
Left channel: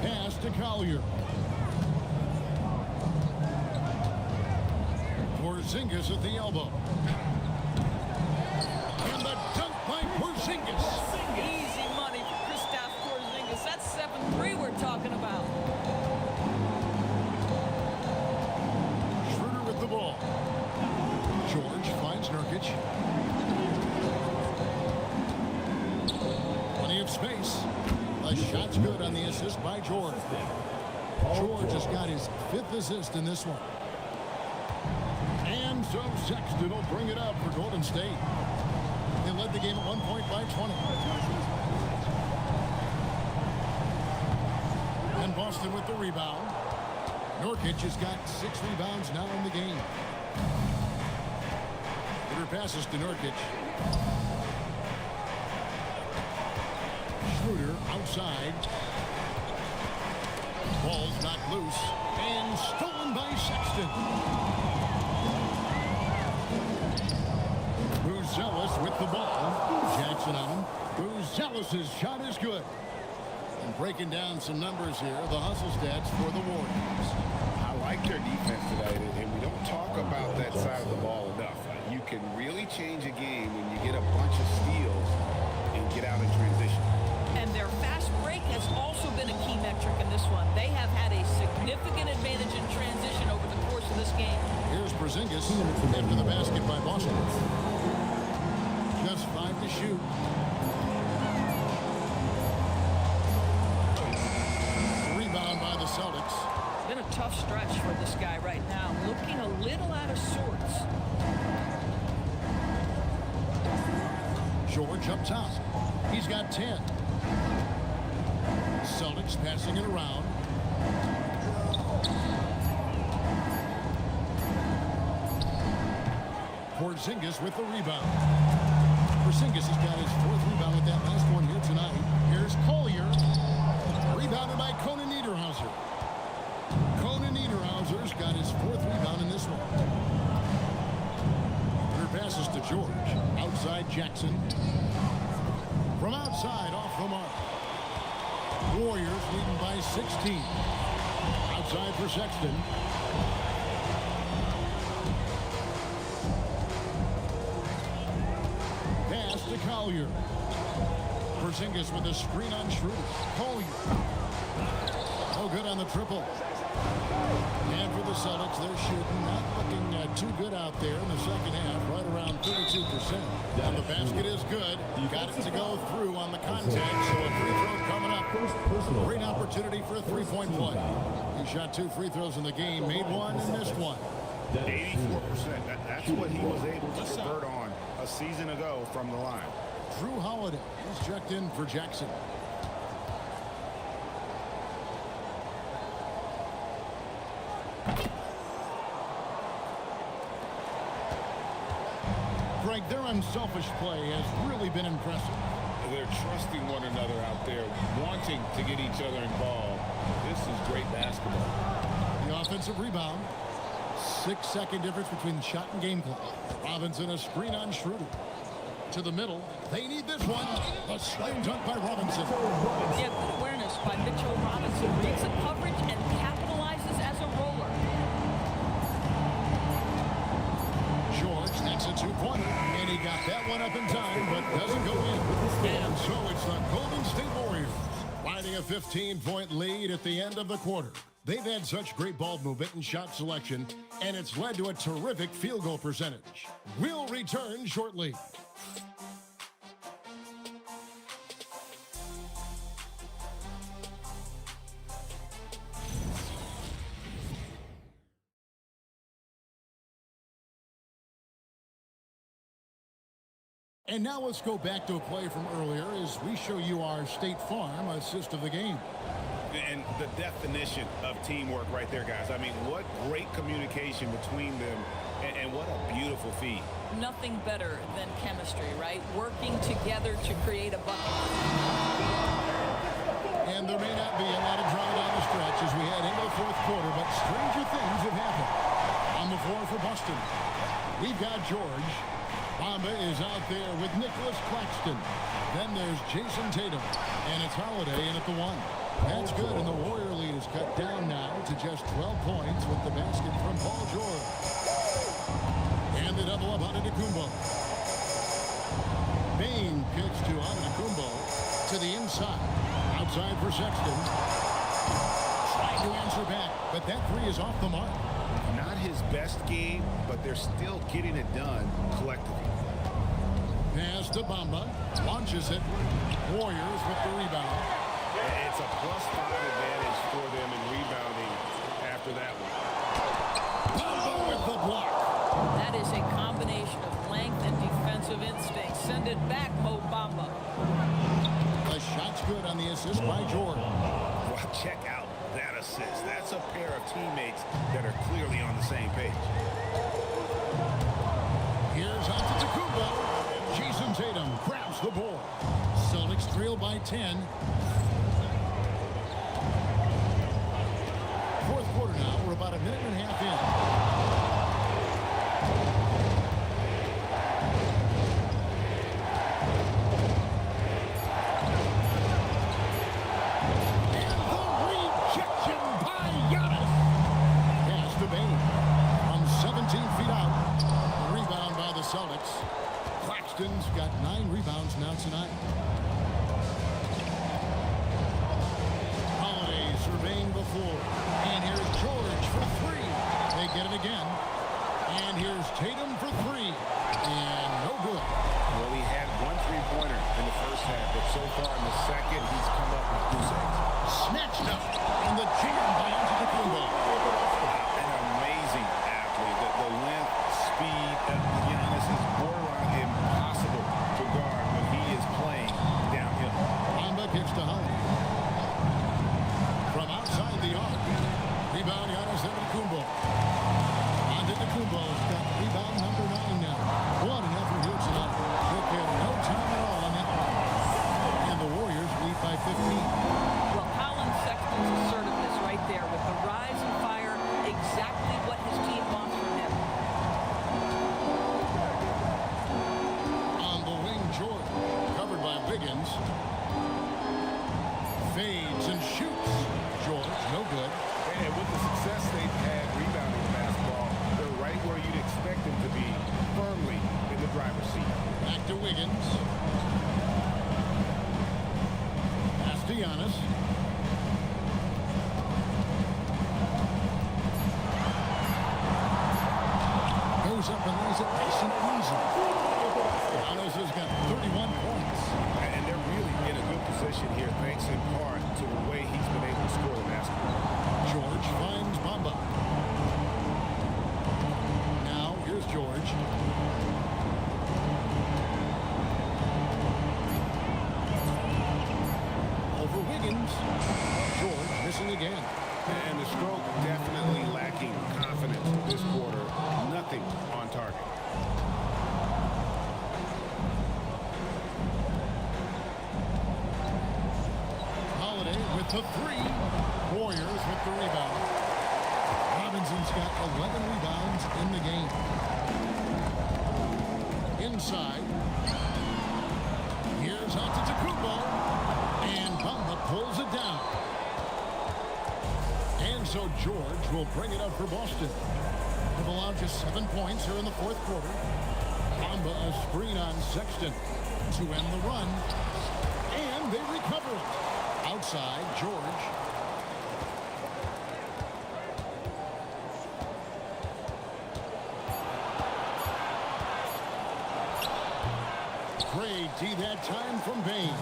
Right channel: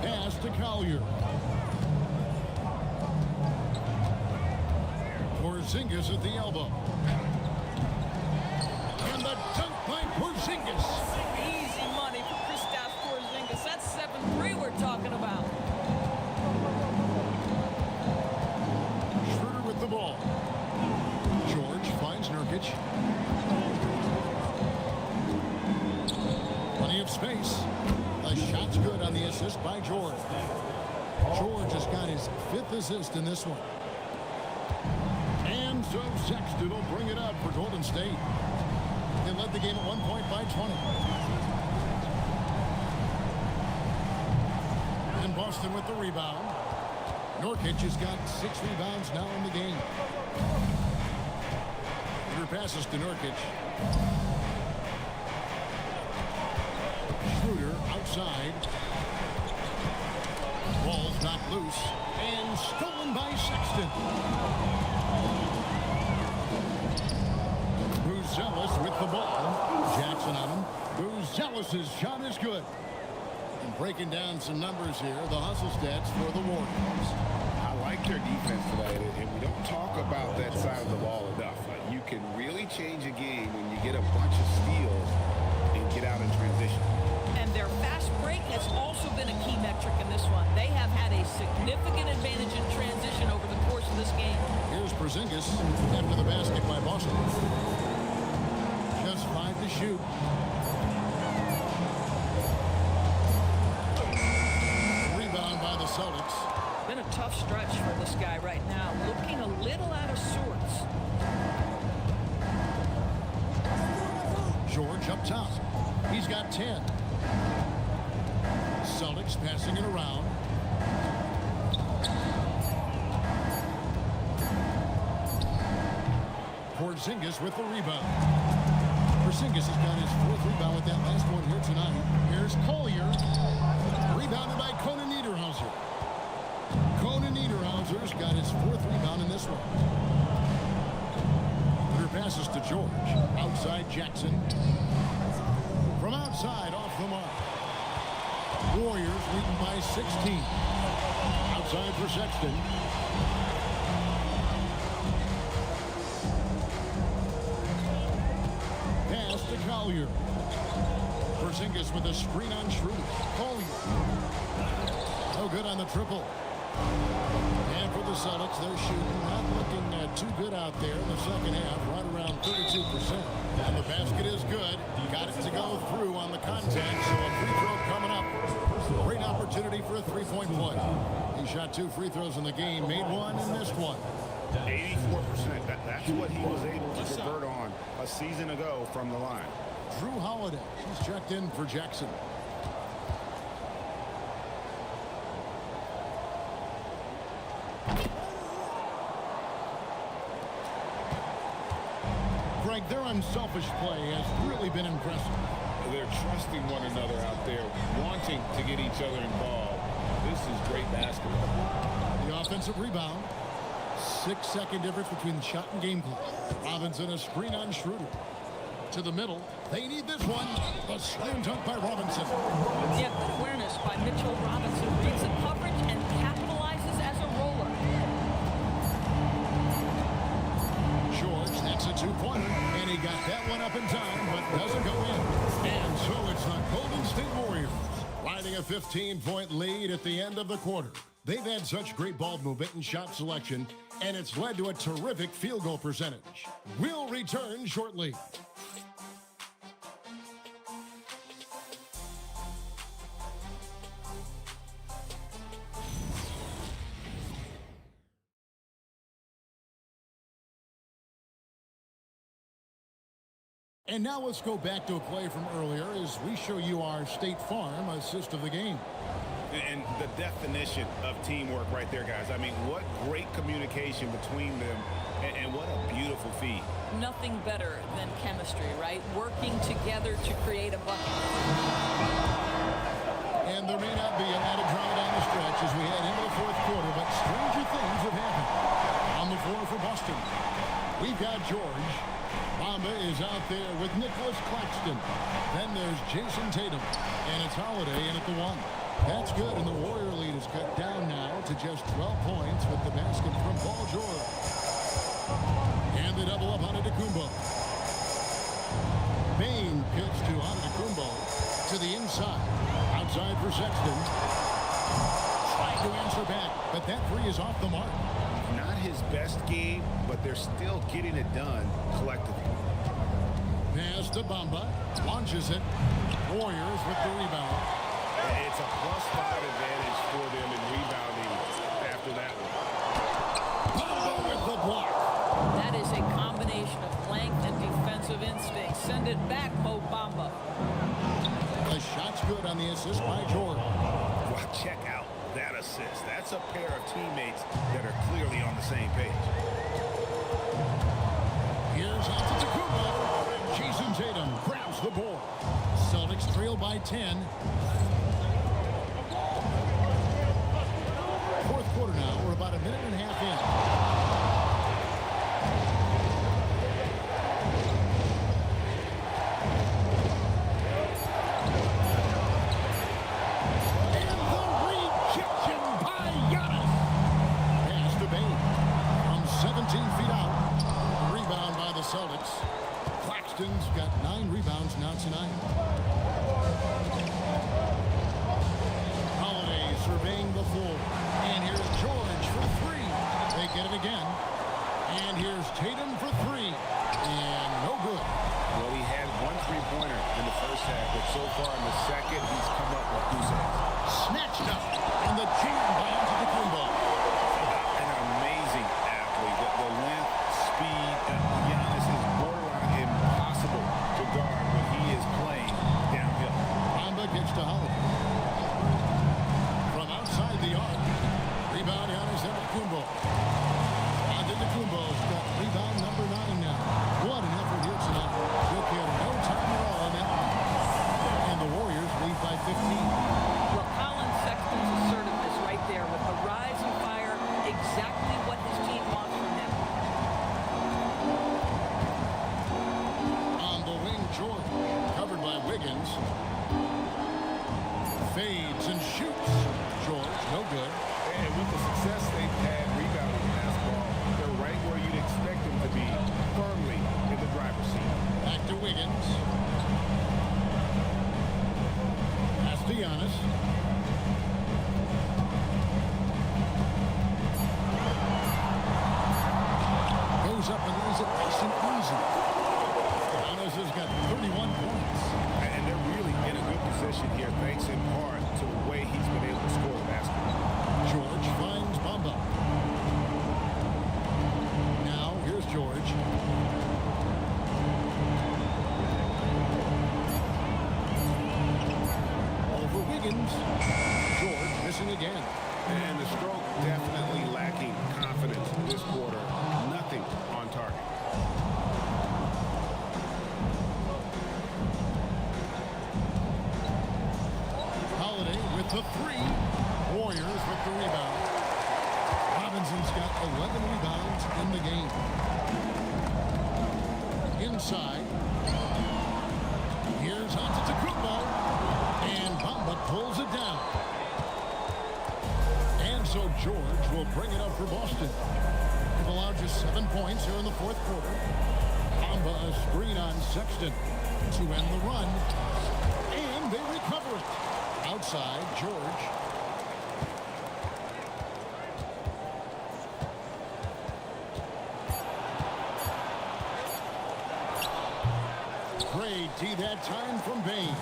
Pass to Collier. Porzingis at the elbow. And the dunk by Porzingis. Easy money for Kristaps Porzingis. That's 7-3 we're talking about. Schroeder with the ball. George finds Nurkic. Plenty of space. The shot's good on the assist by George. George has got his 5th assist in this one. And so Sexton will bring it up for Golden State. They led the game at 1 point by 20. And Boston with the rebound. Nurkic has got 6 rebounds now in the game. Schroeder passes to Nurkic. Schroeder outside. Ball's knocked loose and stolen by Sexton. Buzelis with the ball. Jackson on him. Buzelis' shot is good. And breaking down some numbers here, the hustle stats for the Warriors. I like their defense today, and we don't talk about that side of the ball enough. You can really change a game when you get a bunch of steals and get out in transition. And their fast break has also been a key metric in this one. They have had a significant advantage in transition over the course of this game. Here's Porzingis after the basket by Boston. Just 5 to shoot. Rebound by the Celtics. Been a tough stretch for this guy right now. Looking a little out of sorts. George up top. He's got 10. Celtics passing it around. Porzingis with the rebound. Porzingis has got his 4th rebound with that last one here tonight. Here's Collier. Rebounded by Conan Niederhauser. Conan Niederhauser's got his 4th rebound in this one. Schroeder passes to George. Outside Jackson. From outside off the mark. Warriors leading by 16. Outside for Sexton. Pass to Collier. Porzingis with a screen on Schroeder. Collier. No good on the triple. And for the Celtics, they're shooting, not looking too good out there in the second half, right around 32%. And the basket is good. Got it to go through on the contact, so a free throw coming up. Great opportunity for a three-point play. He shot 2 free throws in the game, made one and missed one. 84%. That's what he was able to convert on a season ago from the line. Drew Holiday, he's checked in for Jackson. Greg, their unselfish play has really been impressive. They're trusting one another out there, wanting to get each other involved. This is great basketball. The offensive rebound. 6-second difference between the shot and game clock. Robinson a screen on Schroeder. To the middle. They need this one. A slam dunk by Robinson. Yeah, good awareness by Mitchell Robinson. Reads the coverage and capitalizes as a roller. George, that's a two-pointer, and he got that one up in time, but doesn't go in. And so it's the Golden State Warriors riding a 15-point lead at the end of the quarter. They've had such great ball movement and shot selection, and it's led to a terrific field goal percentage. We'll return shortly. And now let's go back to a play from earlier as we show you our State Farm assist of the game. And the definition of teamwork right there, guys. I mean, what great communication between them, and what a beautiful feed. Nothing better than chemistry, right? Working together to create a bucket. And there may not be a lot of drama down the stretch as we head into the fourth quarter, but stranger things have happened. On the floor for Boston, we've got George. Bamba is out there with Nicholas Claxton. Then there's Jason Tatum. And it's Holiday in at the 1. That's good, and the Warrior lead is cut down now to just 12 points with the basket from Paul George. And the double up on Antetokounmpo. Bain kicks to Antetokounmpo to the inside. Outside for Sexton. Trying to answer back, but that three is off the mark. Not his best game, but they're still getting it done collectively. Pass to Bamba. Launches it. Warriors with the rebound. It's a +5 advantage for them in rebounding after that one. Bamba with the block. That is a combination of length and defensive instinct. Send it back, Mo Bamba. The shot's good on the assist by George. Well, check out that assist. That's a pair of teammates that are clearly on the same page. Here's Antetokounmpo. Jason Tatum grabs the board. Celtics trail by 10. Fourth quarter now. We're about a minute and a half in. Rejection by Giannis. Pass to Bain. From 17 feet out. The rebound by the Celtics. Claxton's got 9 rebounds now tonight. Holiday surveying the floor. And here's George for 3. They get it again. And here's Tatum for 3. And no good. Well, he had 1 3-pointer in the first half, but so far in the second, he's come up with goose eggs. Snatched up, and the jam by Antetokounmpo. An amazing athlete. The length, speed, Giannis is borderline impossible to guard when he is playing downhill. Bamba kicks to Holiday. From outside the arc, rebound Giannis Antetokounmpo. Antetokounmpo's got rebound number 9 now. What an effort here tonight. Took him no time at all on that one. And the Warriors lead by 15. Well, Colin Sexton's assertiveness right there with the rise and fire, exactly what his team wants from him. On the wing, George, covered by Wiggins. Fades and shoots. George, no good. And with the success they've had rebounding the basketball, they're right where you'd expect them to be, firmly in the driver's seat. Back to Wiggins. to Giannis. Goes up and lays it nice and easy. Giannis has got 31 points. And they're really in a good position here, thanks in part to the way he's been able to score the basketball. George finds Bamba. Now, here's George. Over Wiggins. George missing again. And the stroke definitely lacking confidence this quarter. Nothing on target. Holiday with the three. Warriors with the rebound. Robinson's got 11 rebounds in the game. Inside. Here's Antetokounmpo. And Bamba pulls it down. And so George will bring it up for Boston. They've allowed just 7 points here in the fourth quarter. Bamba a screen on Sexton to end the run. And they recover it. Outside, George. Great D that time from Bain.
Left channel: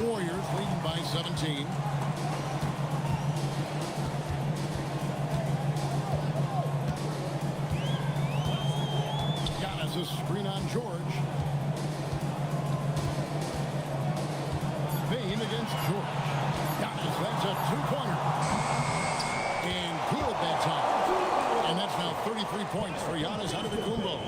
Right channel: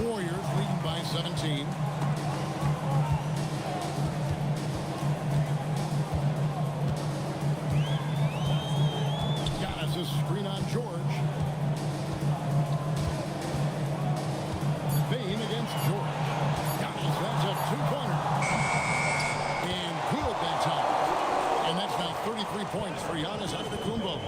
Warriors leading by 17. Giannis a screen on George. Bain against George. Giannis, that's a two-pointer. And good that time. And that's now 33 points for Giannis Antetokounmpo.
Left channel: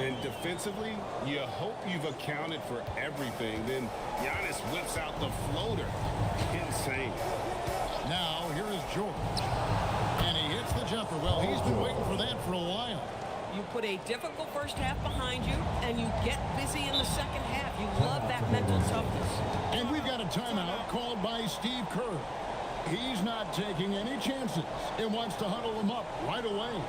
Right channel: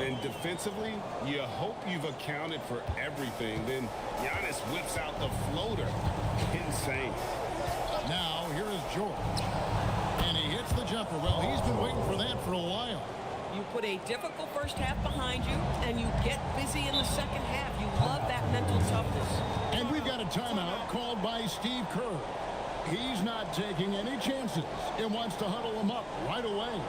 And defensively, you hope you've accounted for everything. Then Giannis whips out the floater. Insane. Now, here is George. And he hits the jumper. Well, he's been waiting for that for a while. You put a difficult first half behind you, and you get busy in the second half. You love that mental toughness. And we've got a timeout called by Steve Kerr. He's not taking any chances. He wants to huddle him up right away.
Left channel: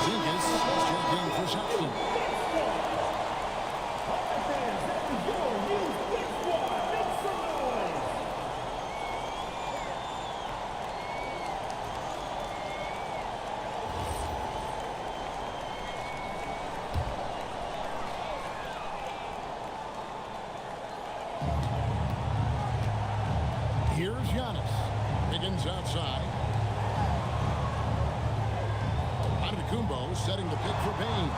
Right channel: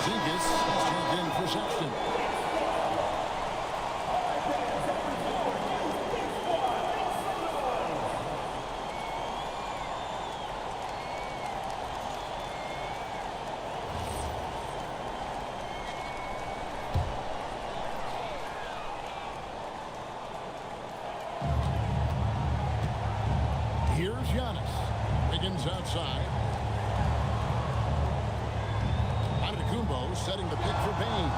Zingas has checked in for Sexton. Here's Giannis. Wiggins outside. Antetokounmpo setting the pick for Bain.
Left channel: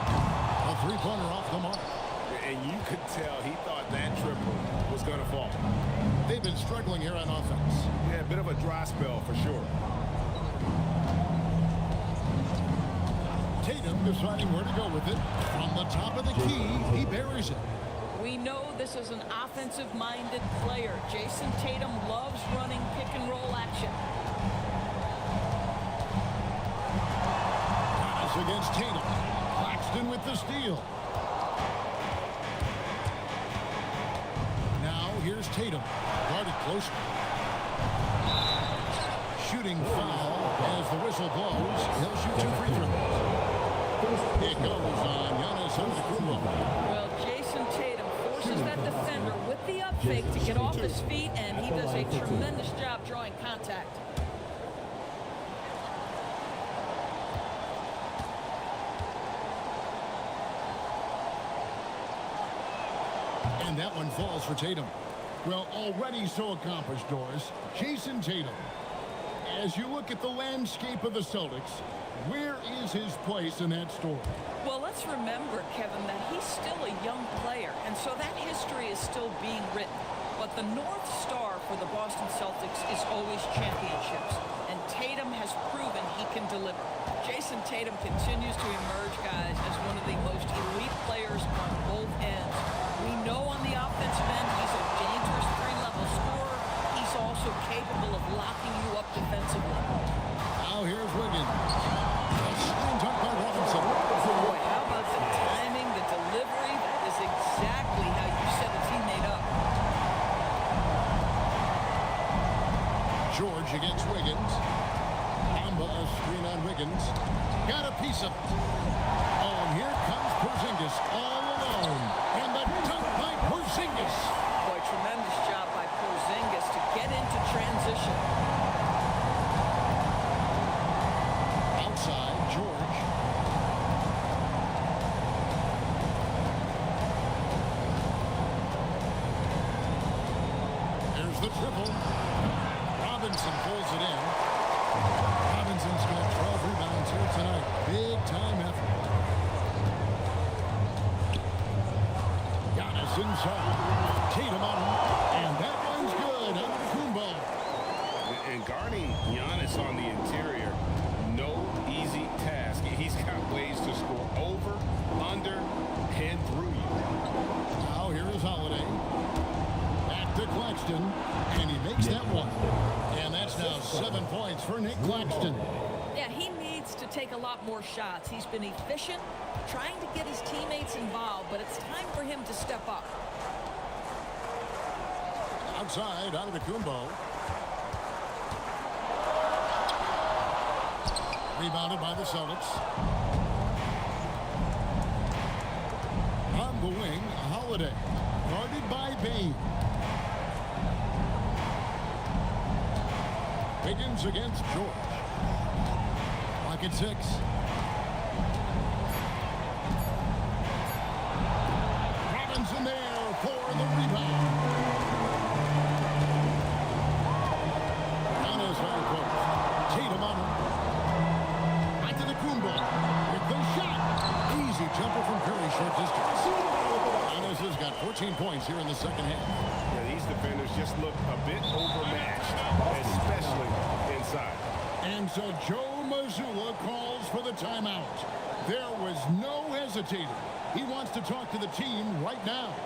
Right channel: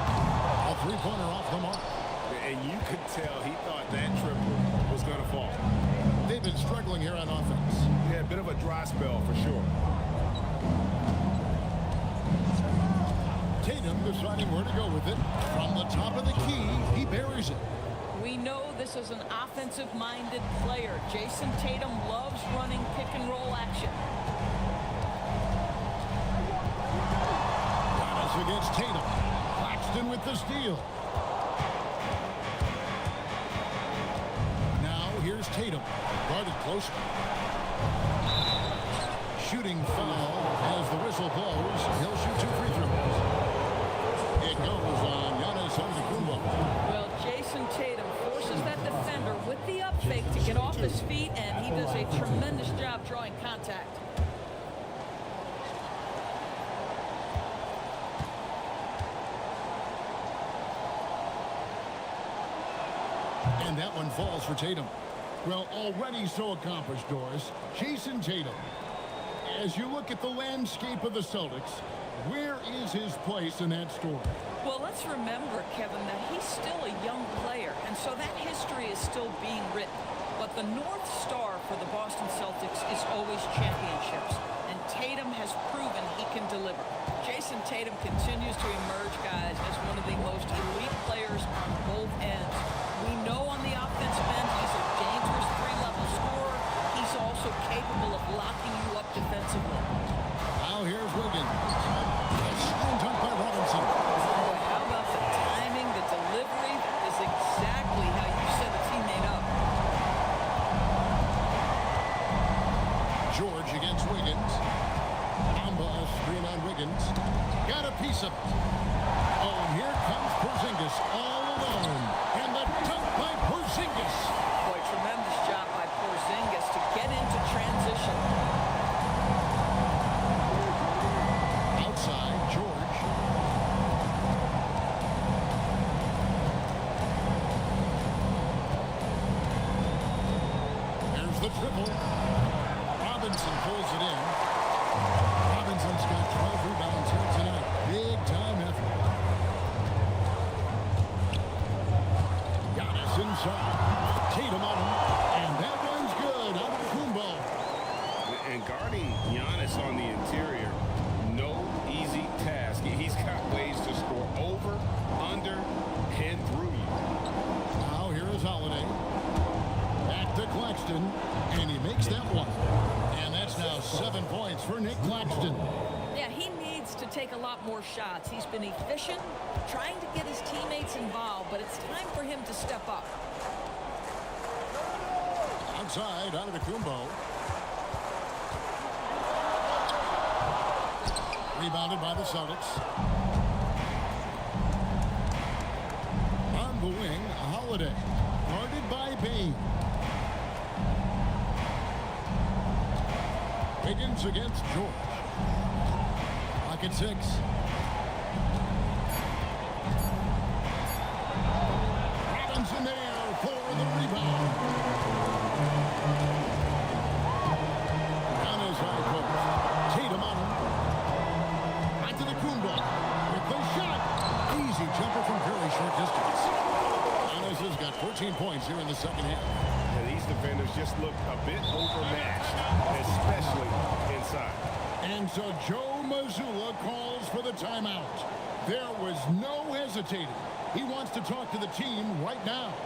A three-pointer off the mark. And you could tell he thought that triple was going to fall. They've been struggling here on offense. Yeah, a bit of a dry spell for sure. Tatum deciding where to go with it. From the top of the key, he buries it. We know this is an offensive-minded player. Jason Tatum loves running pick-and-roll action. Giannis against Tatum. Claxton with the steal. Now here's Tatum. Guarded closely. Shooting foul as the whistle blows. He'll shoot 2 free throws. It goes on Giannis Antetokounmpo. Well, Jason Tatum forces that defender with the up fake to get off his feet, and he does a tremendous job drawing contact. And that one falls for Tatum. Well, already so accomplished, Doris. Jason Tatum. As you look at the landscape of the Celtics, where is his place in that story? Well, let's remember, Kevin, that he's still a young player, and so that history is still being written. But the North Star for the Boston Celtics is always championships, and Tatum has proven he can deliver. Jason Tatum continues to emerge, guys, as one of the most elite players on both ends. We know on the offensive end he's a dangerous three-level scorer. He's also capable of locking you up defensively. Now here's Wiggins. A slam dunk by Robinson. Boy, how about the timing, the delivery? That is exactly how you set a teammate up. George against Wiggins. Bamba a screen on Wiggins. Got a piece of it. Oh, and here comes Porzingis all alone. And the dunk by Porzingis. Boy, tremendous job by Porzingis to get into transition. Outside, George. There's the triple. Robinson pulls it in. Robinson's got 12 rebounds here tonight. Big time effort. Giannis inside. Tatum on him. And that one's good. Out of the Kumbo. And guarding Giannis on the interior, no easy task. He's got ways to score over, under, and through you. Now here is Holiday. Back to Claxton. And he makes that one. And that's now 7 points for Nick Claxton. Yeah, he needs to take a lot more shots. He's been efficient, trying to get his teammates involved, but it's time for him to step up. Outside, out of the Kumbo. Rebounded by the Celtics. On the wing, Holiday. Guarded by Bain. Wiggins against George. Clock at 6. Robinson there for the rebound. Giannis high post. Tatum on him. Back to the Kumbo with the shot. Easy jumper from very short distance. Giannis has got 14 points here in the second half. Yeah, these defenders just look a bit overmatched, especially inside. And so Joe Mazzulla calls for the timeout. There was no hesitating. He wants to talk to the team right now.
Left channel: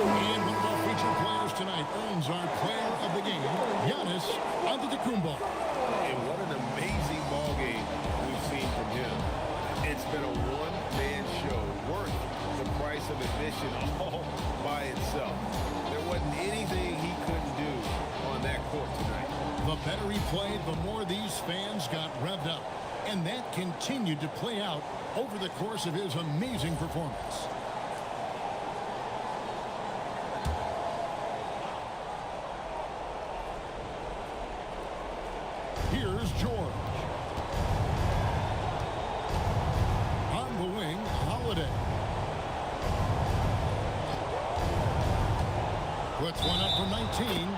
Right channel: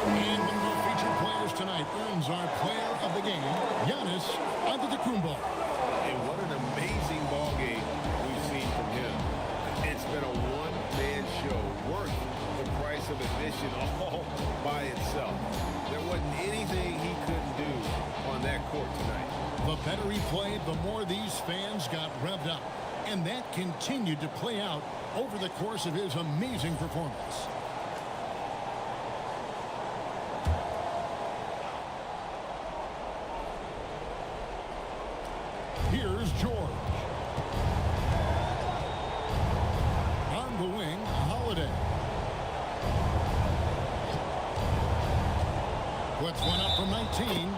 And one of our featured players tonight earns our player of the game, Giannis Antetokounmpo. And what an amazing ball game we've seen from him. It's been a one-man show worth the price of admission all by itself. There wasn't anything he couldn't do on that court tonight. The better he played, the more these fans got revved up. And that continued to play out over the course of his amazing performance. Here's George. On the wing, Holiday. Puts one up from 19.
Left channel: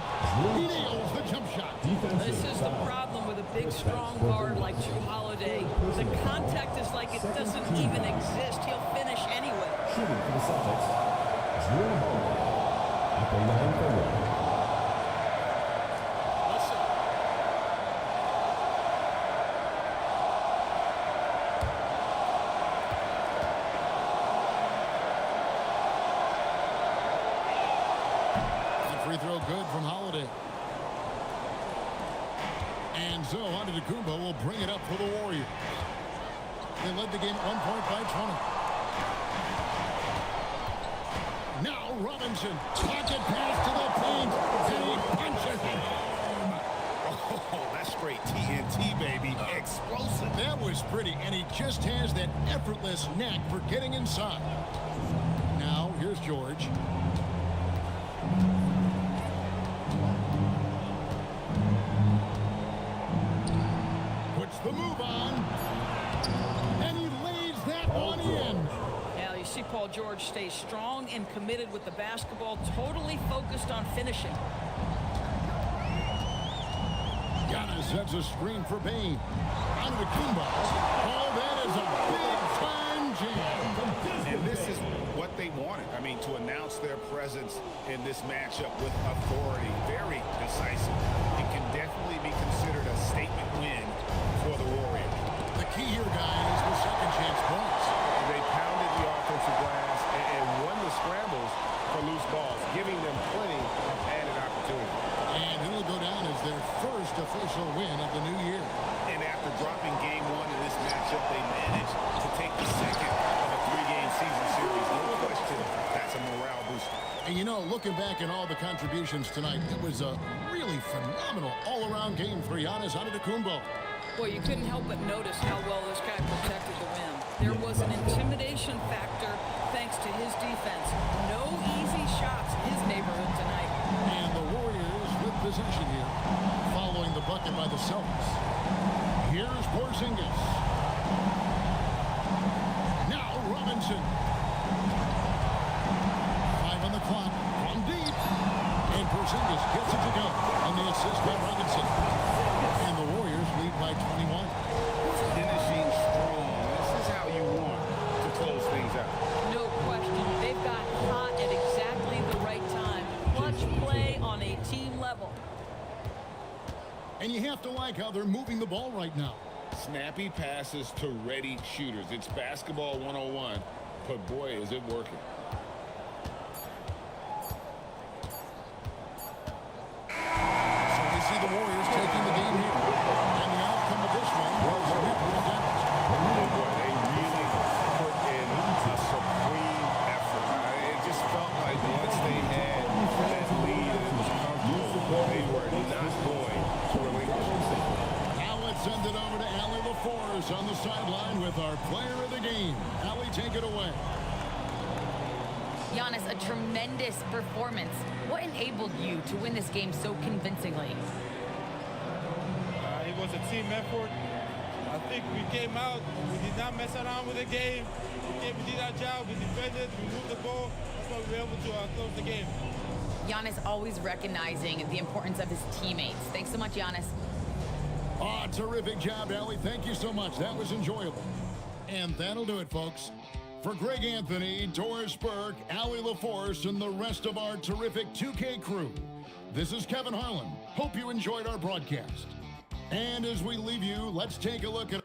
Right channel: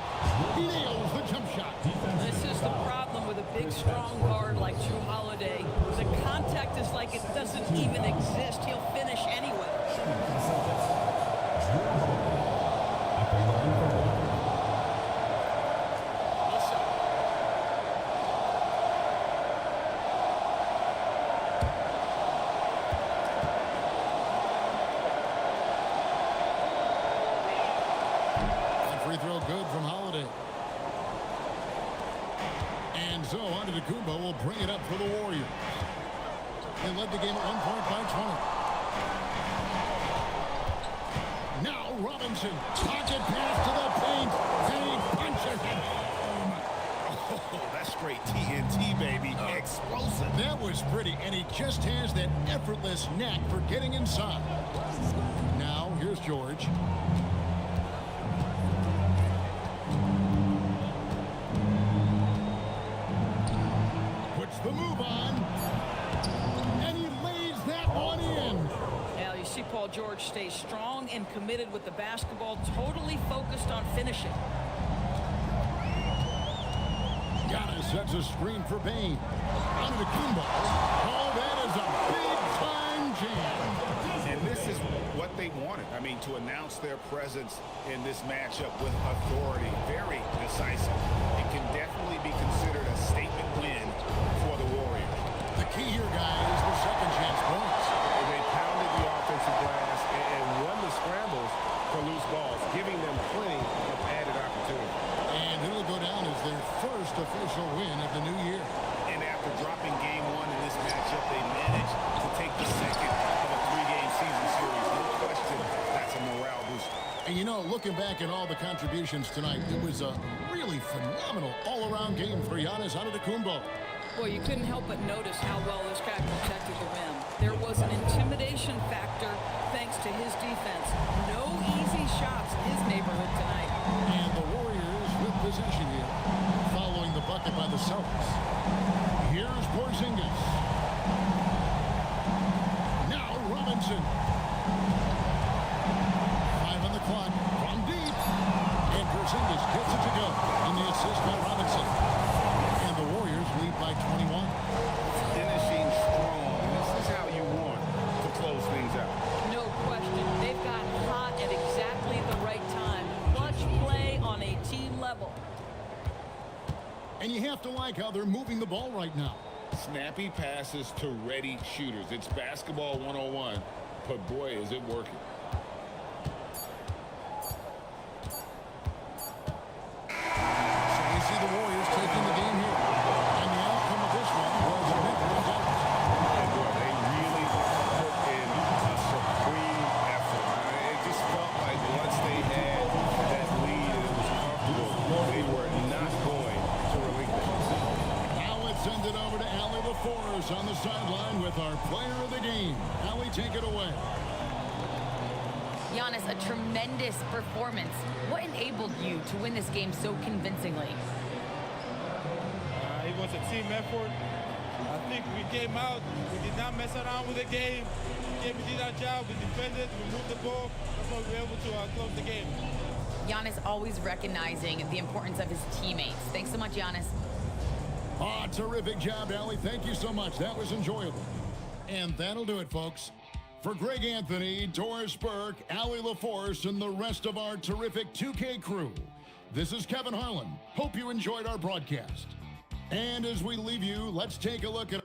He nails the jump shot. This is the problem with a big, strong guard like Drew Holiday. The contact is like it doesn't even exist. He'll finish anyway. Shooting for the Celtics, Drew Holiday at the line for one. Good shot. That free throw good from Holiday. And so Antetokounmpo will bring it up for the Warriors. They led the game at one point by 20. Now Robinson, pocket pass to the paint, and he punches it home. Oh, that's straight TNT, baby. Explosive. That was pretty, and he just has that effortless knack for getting inside. Now, here's George. Puts the move on, and he lays that one in. Now, you see Paul George stay strong and committed with the basketball, totally focused on finishing. Giannis sets a screen for Bain. Antetokounmpo. Oh, that is a big-time jam. And this is what they wanted. I mean, to announce their presence in this matchup with authority, very decisive. It can definitely be considered a statement win for the Warriors. The key here, guys, was second chance points. And they pounded the offensive glass and won the scrambles for loose balls, giving them plenty of added opportunity. And it'll go down as their first official win of the new year. And after dropping game one in this matchup, they managed to take the second of a three-game season series. No question, that's a morale booster. And you know, looking back at all the contributions tonight, it was a really phenomenal all-around game for Giannis Antetokounmpo. Boy, you couldn't help but notice how well this guy protected the rim. There was an intimidation factor thanks to his defense. No easy shots in his neighborhood tonight. And the Warriors with possession here, following the bucket by the Celtics. Here's Porzingis. Now Robinson. 5 on the clock from deep. And Porzingis gets it to go on the assist by Robinson. And the Warriors lead by 21. Finishing strong. This is how you want to close things out. No question. They've got hot at exactly the right time. Clutch play on a team level. And you have to like how they're moving the ball right now. Snappy passes to ready shooters. It's basketball 101, but boy, is it working. So we see the Warriors taking the game here. And the outcome of this one was never in doubt. And boy, they really put in a supreme effort. It just felt like once they had that lead and it was comfortable, they were not going to relinquish it. Now let's send it over to Allie LaForce on the sideline with our player of the game. Allie, take it away. Giannis, a tremendous performance. What enabled you to win this game so convincingly? It was a team effort. I think we came out, we did not mess around with the game. We did our job, we defended, we moved the ball. That's why we were able to close the game. Giannis always recognizing the importance of his teammates. Thanks so much, Giannis. Ah, terrific job, Allie. Thank you so much. That was enjoyable. And that'll do it, folks. For Greg Anthony, Doris Burke, Allie LaForce, and the rest of our terrific 2K crew, this is Kevin Harlan. Hope you enjoyed our broadcast. And as we leave you, let's take a look at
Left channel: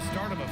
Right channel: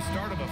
the start of a...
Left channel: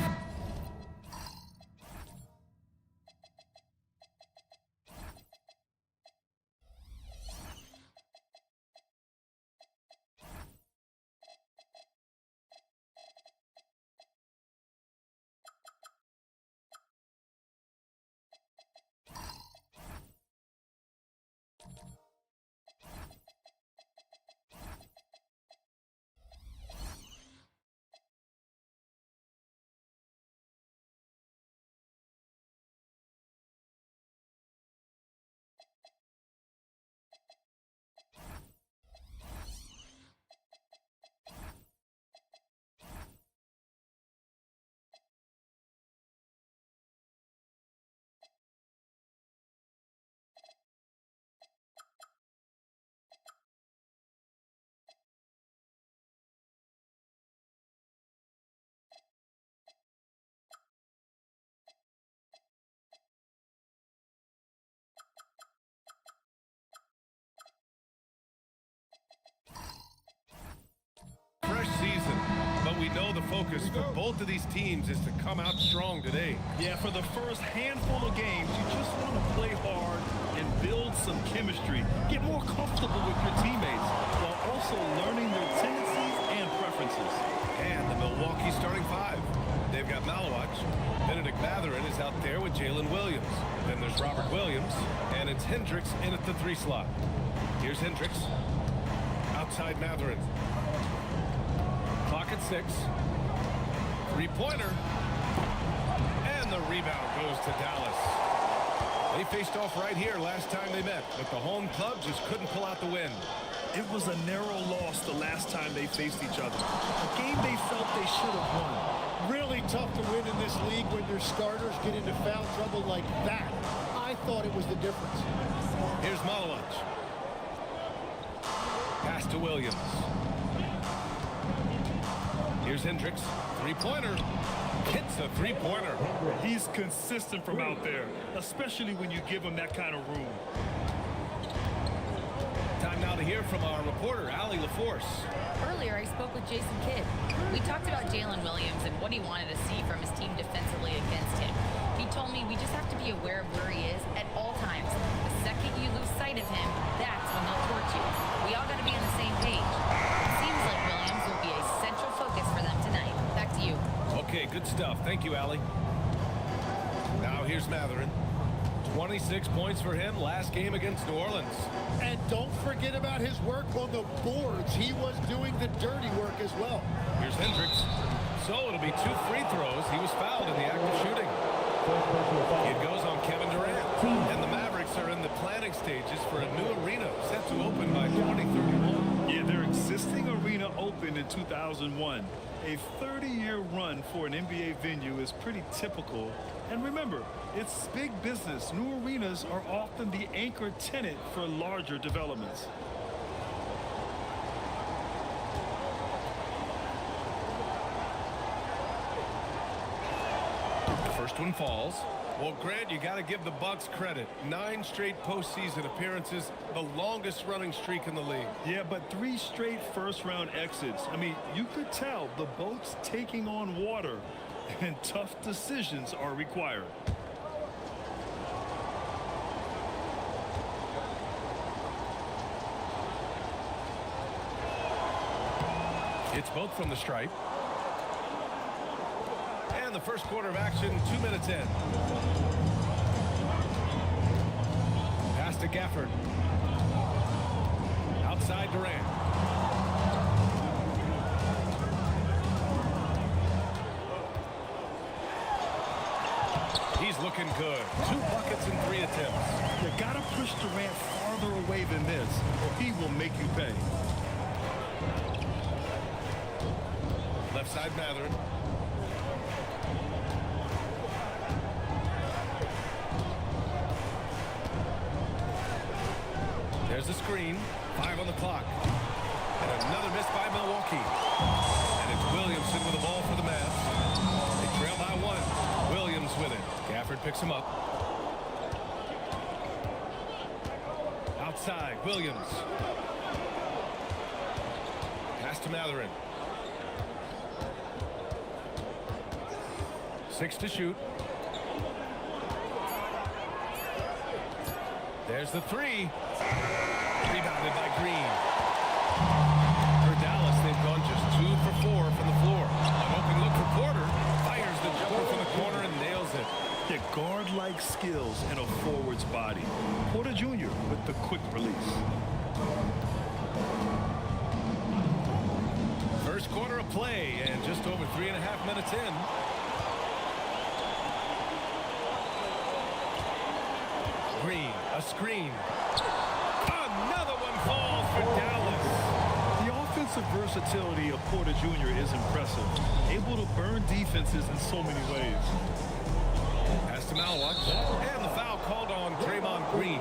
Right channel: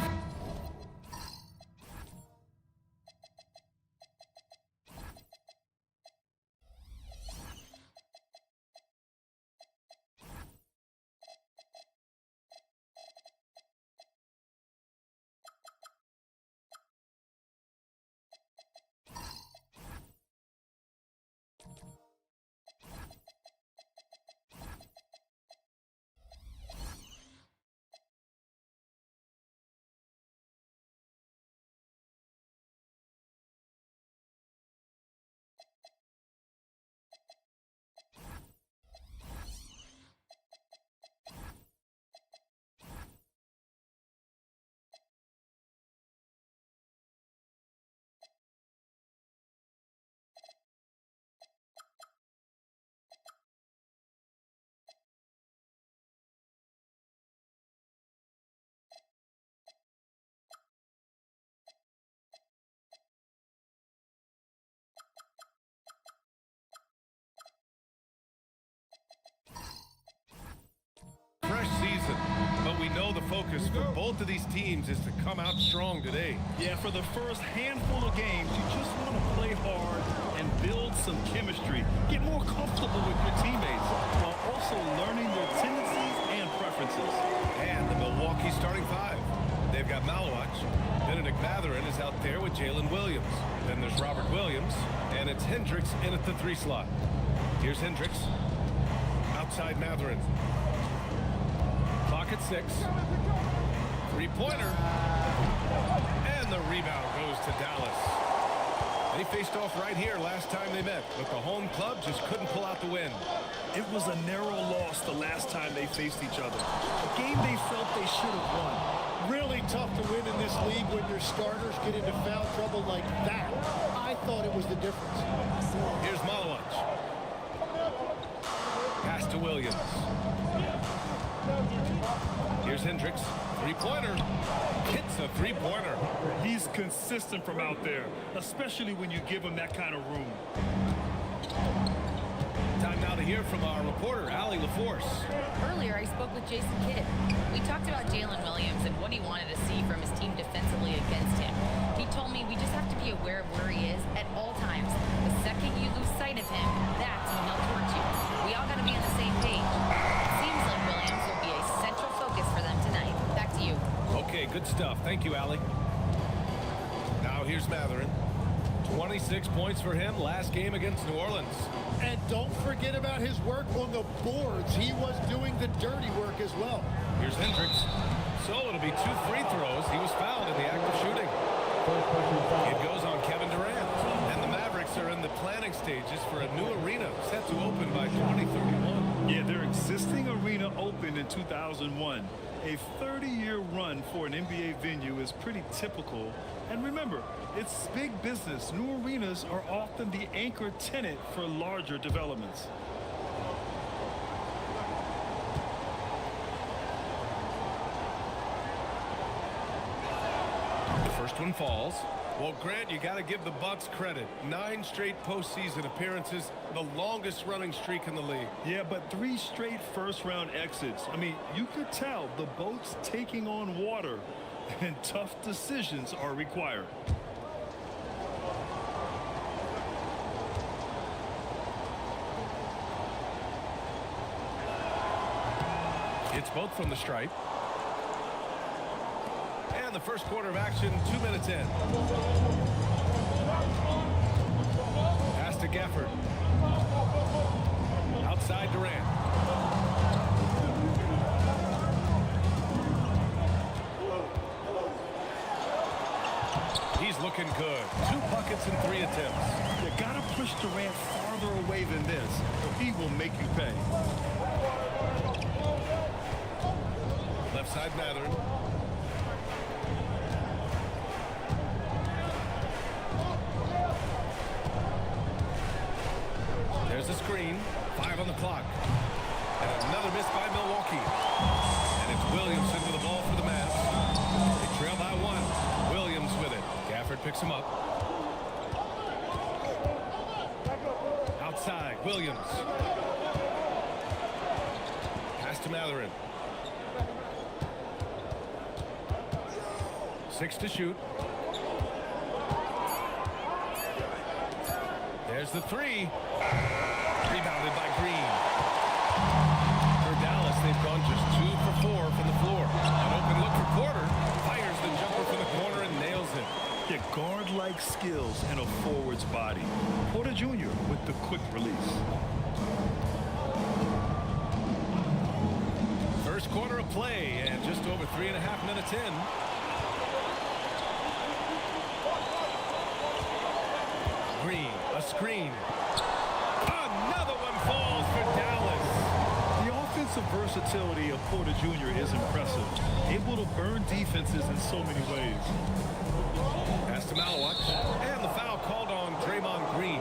Fresh season, but we know the focus for both of these teams is to come out strong today. Yeah, for the first handful of games, you just want to play hard and build some chemistry. Get more comfortable with your teammates while also learning their tendencies and preferences. And the Milwaukee starting five. They've got Malawach. Benedict Mathurin is out there with Jalen Williams. Then there's Robert Williams, and it's Hendricks in at the 3 slot. Here's Hendricks. Outside Mathurin. Clock at 6. 3-pointer. And the rebound goes to Dallas. They faced off right here last time they met, but the home club just couldn't pull out the win. It was a narrow loss the last time they faced each other. A game they felt they should have won. Really tough to win in this league when your starters get into foul trouble like that. I thought it was the difference. Here's Malawach. Pass to Williams. Here's Hendricks. 3-pointer. Hits a 3-pointer. He's consistent from out there, especially when you give him that kind of room. Time now to hear from our reporter, Allie LaForce. Earlier, I spoke with Jason Kidd. We talked about Jalen Williams and what he wanted to see from his team defensively against him. He told me we just have to be aware of where he is at all times. The second you lose sight of him, that's when he'll torch you. We all got to be on the same page. It seems like Williams will be a central focus for them tonight. Back to you. Okay, good stuff. Thank you, Allie. Now here's Mathurin. 26 points for him last game against New Orleans. And don't forget about his work on the boards. He was doing the dirty work as well. Here's Hendricks. So it'll be 2 free throws. He was fouled in the act of shooting. It goes on Kevin Durant. And the Mavericks are in the planning stages for a new arena set to open by 2031. Yeah, their existing arena opened in 2001. A 30-year run for an NBA venue is pretty typical. And remember, it's big business. New arenas are often the anchor tenant for larger developments. The first one falls. Well, Grant, you got to give the Bucks credit. 9 straight postseason appearances, the longest running streak in the league. Yeah, but 3 straight first-round exits. I mean, you could tell the boat's taking on water, and tough decisions are required. It's both from the stripe. And the first quarter of action, 2 minutes in. Pass to Gafford. Outside Durant. He's looking good. 2 buckets in 3 attempts. You gotta push Durant farther away than this, or he will make you pay. Left side Mathurin. There's the screen. 5 on the clock. And another miss by Milwaukee. And it's Williamson with the ball for the Mavs. They trail by 1. Williams with it. Gafford picks him up. Outside, Williams. Pass to Mathurin. 6 to shoot. There's the 3. Rebounded by Green. For Dallas, they've gone just 2 for 4 from the floor. An open look for Porter. Fires the jumper from the corner and nails it. Yeah, guard-like skills and a forward's body. Porter Jr. with the quick release. First quarter of play and just over 3.5 minutes in. Green, a screen. Another one falls for Dallas. The offensive versatility of Porter Jr. is impressive. Able to burn defenses in so many ways. Pass to Malawat, and the foul called on Draymond Green.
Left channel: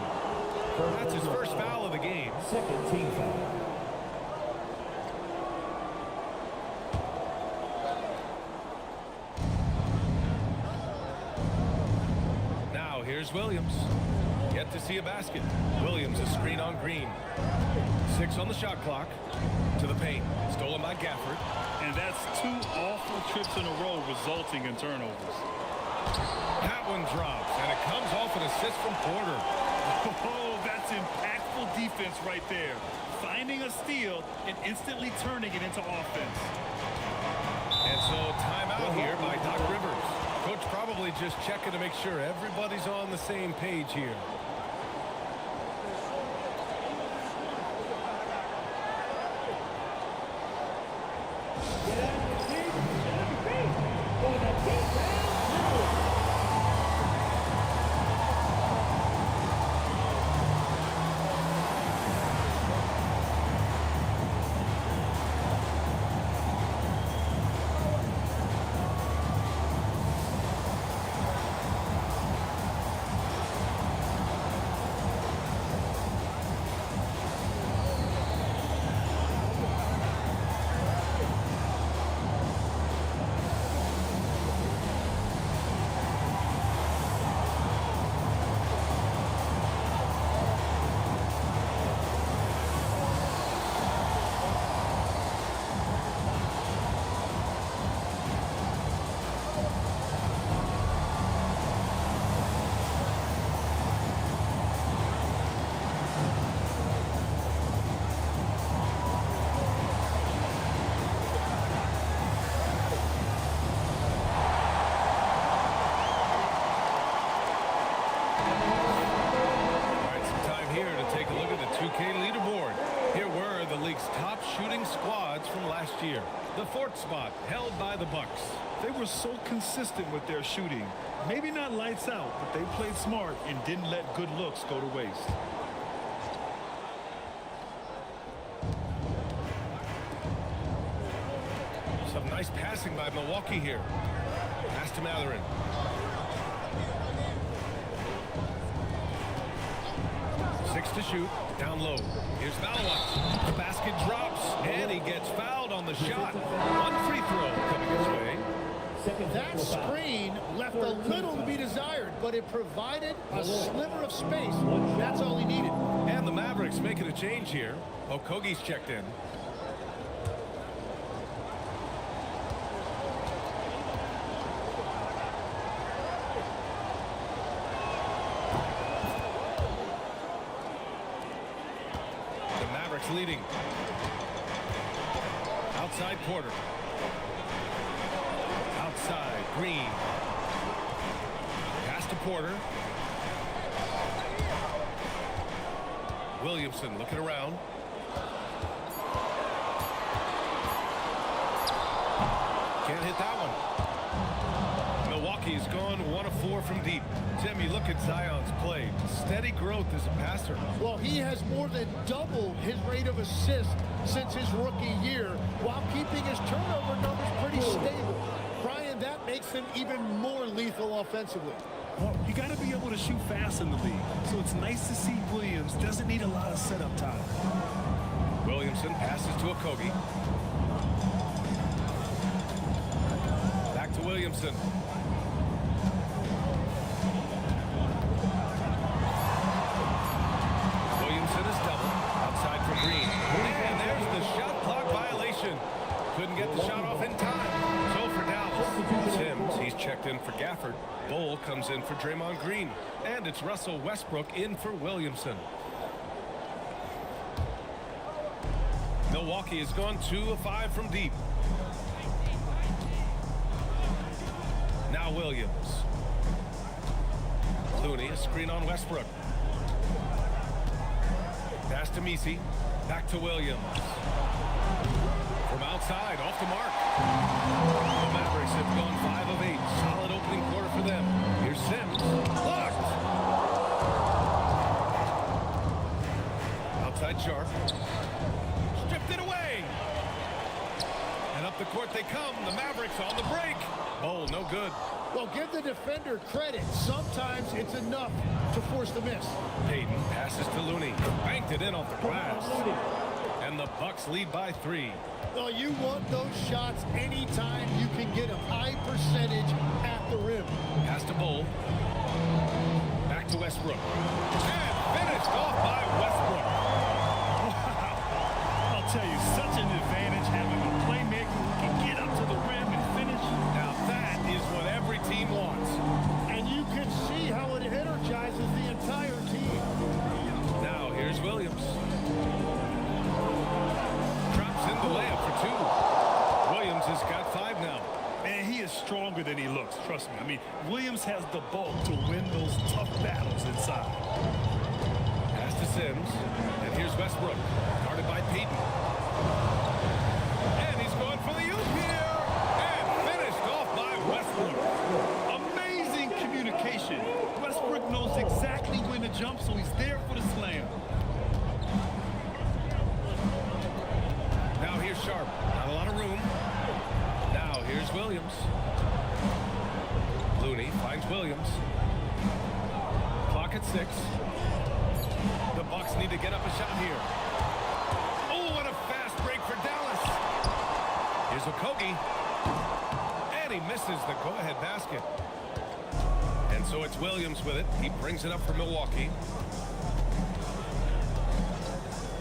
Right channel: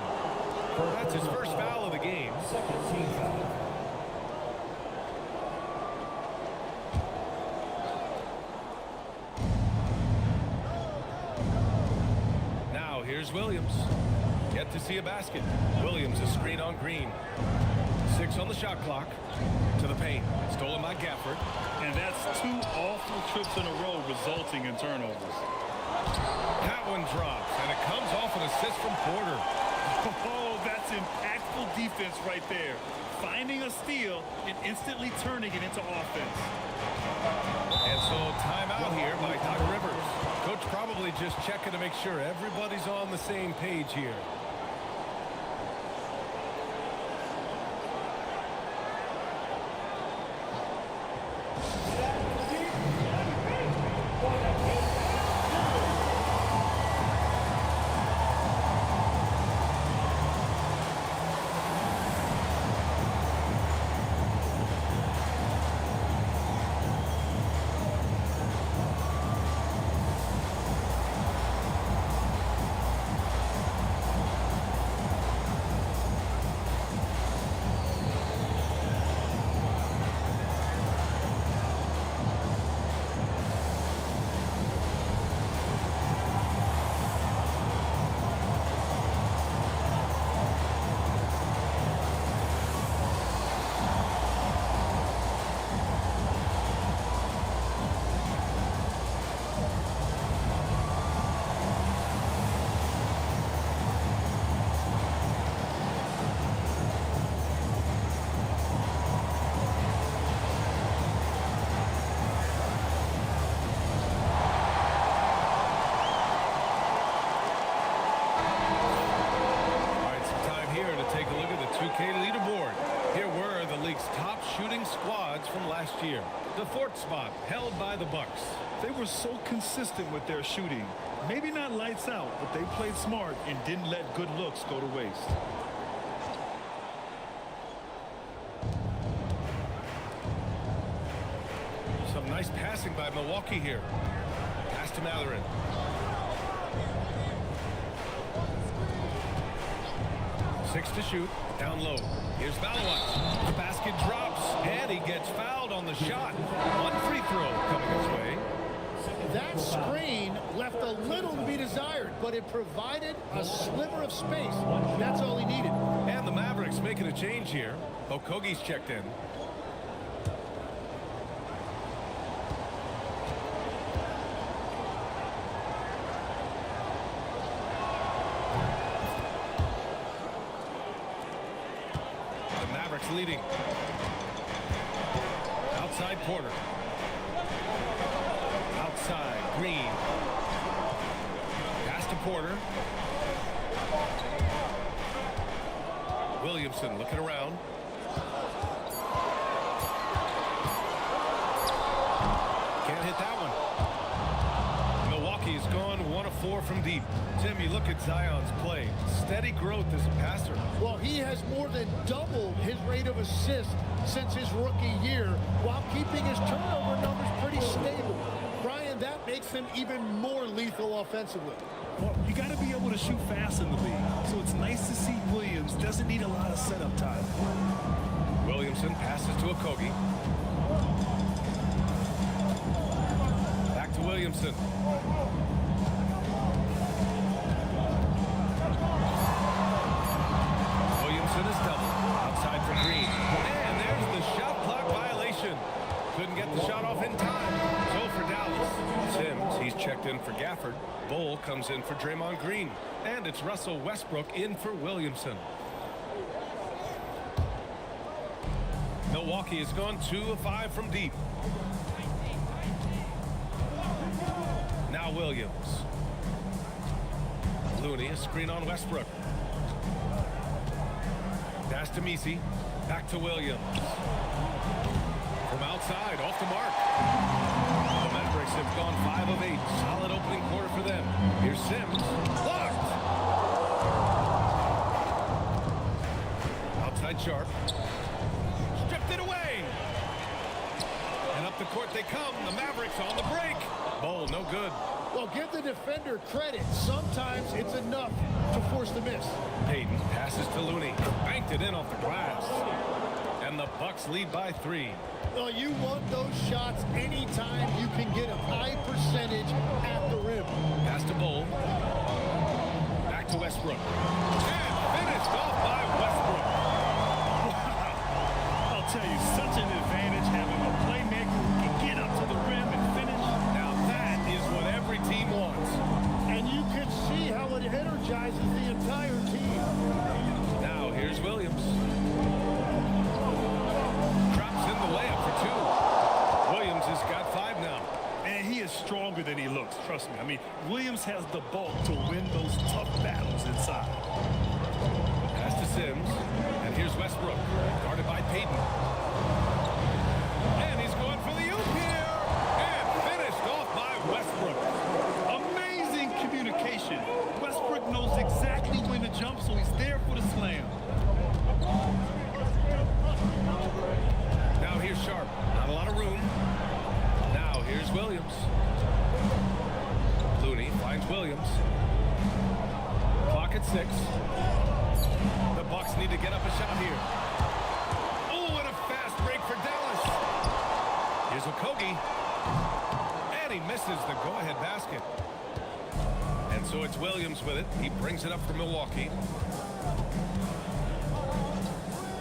That's his first foul of the game. Second team foul. Now here's Williams. Yet to see a basket. Williams a screen on Green. 6 on the shot clock. To the paint. Stolen by Gafford. And that's 2 awful trips in a row resulting in turnovers. That one drops, and it comes off an assist from Porter. Oh, that's impactful defense right there. Finding a steal and instantly turning it into offense. And so timeout here by Doc Rivers. Coach probably just checking to make sure everybody's on the same page here. Some time here to take a look at the 2K leaderboard. Here were the league's top shooting squads from last year. The 4th spot held by the Bucks. They were so consistent with their shooting. Maybe not lights out, but they played smart and didn't let good looks go to waste. Some nice passing by Milwaukee here. Pass to Matherin. Six to shoot. Down low. Here's Malawat. The basket drops, and he gets fouled on the shot. One free throw coming his way. That screen left a little to be desired, but it provided a sliver of space, and that's all he needed. And the Mavericks making a change here. Okogie's checked in. The Mavericks leading. Outside Porter. Outside Green. Pass to Porter. Williamson looking around. Can't hit that one. Milwaukee has gone 1 of 4 from deep. Tim, you look at Zion's play. Steady growth as a passer. Well, he has more than doubled his rate of assists since his rookie year while keeping his turnover numbers pretty stable. Brian, that makes him even more lethal offensively. Well, you got to be able to shoot fast in the league. So it's nice to see Williams doesn't need a lot of setup time. Williamson passes to Okogie. Back to Williamson. Williamson is doubled. Outside for Green. And there's the shot clock violation. couldn't get the shot off in time. So for Dallas, Sims, he's checked in for Gafford. Bull comes in for Draymond Green. And it's Russell Westbrook in for Williamson. Milwaukee has gone 2 of 5 from deep. Now Williams. Looney, a screen on Westbrook. Pass to Messi. Back to Williams. From outside, off the mark. The Mavericks have gone 5 of 8. Solid opening quarter for them. Here's Sims. Blocked! Outside Sharp. Stripped it away. And up the court they come. The Mavericks on the break. Bowl, no good. Well, give the defender credit. Sometimes it's enough to force the miss. Payton passes to Looney. Banked it in off the glass. And the Bucks lead by 3. Well, you want those shots anytime you can get them. High percentage at the rim. Pass to Bull. Back to Westbrook. And finished off by Westbrook. Wow. I'll tell you, such an advantage having a playmaker who can get up to the rim and finish. Now that is what every team wants. And you can see how it energizes the entire team. Now here's Williams. Drops in the layup for 2. Williams has got 5 now. And he is stronger than he looks, trust me. I mean, Williams has the bulk to win those tough battles inside. Pass to Sims. And here's Westbrook, guarded by Payton. And he's going for the oop here. And finished off by Westbrook. Amazing communication. Westbrook knows exactly when to jump, so he's there for the slam. Now here's Sharp. Not a lot of room. Now here's Williams. Looney finds Williams. Clock at 6. The Bucks need to get up a shot here. Oh, and a fast break for Dallas. Here's Okogie. And he misses the go-ahead basket. And so it's Williams with it. He brings it up for Milwaukee.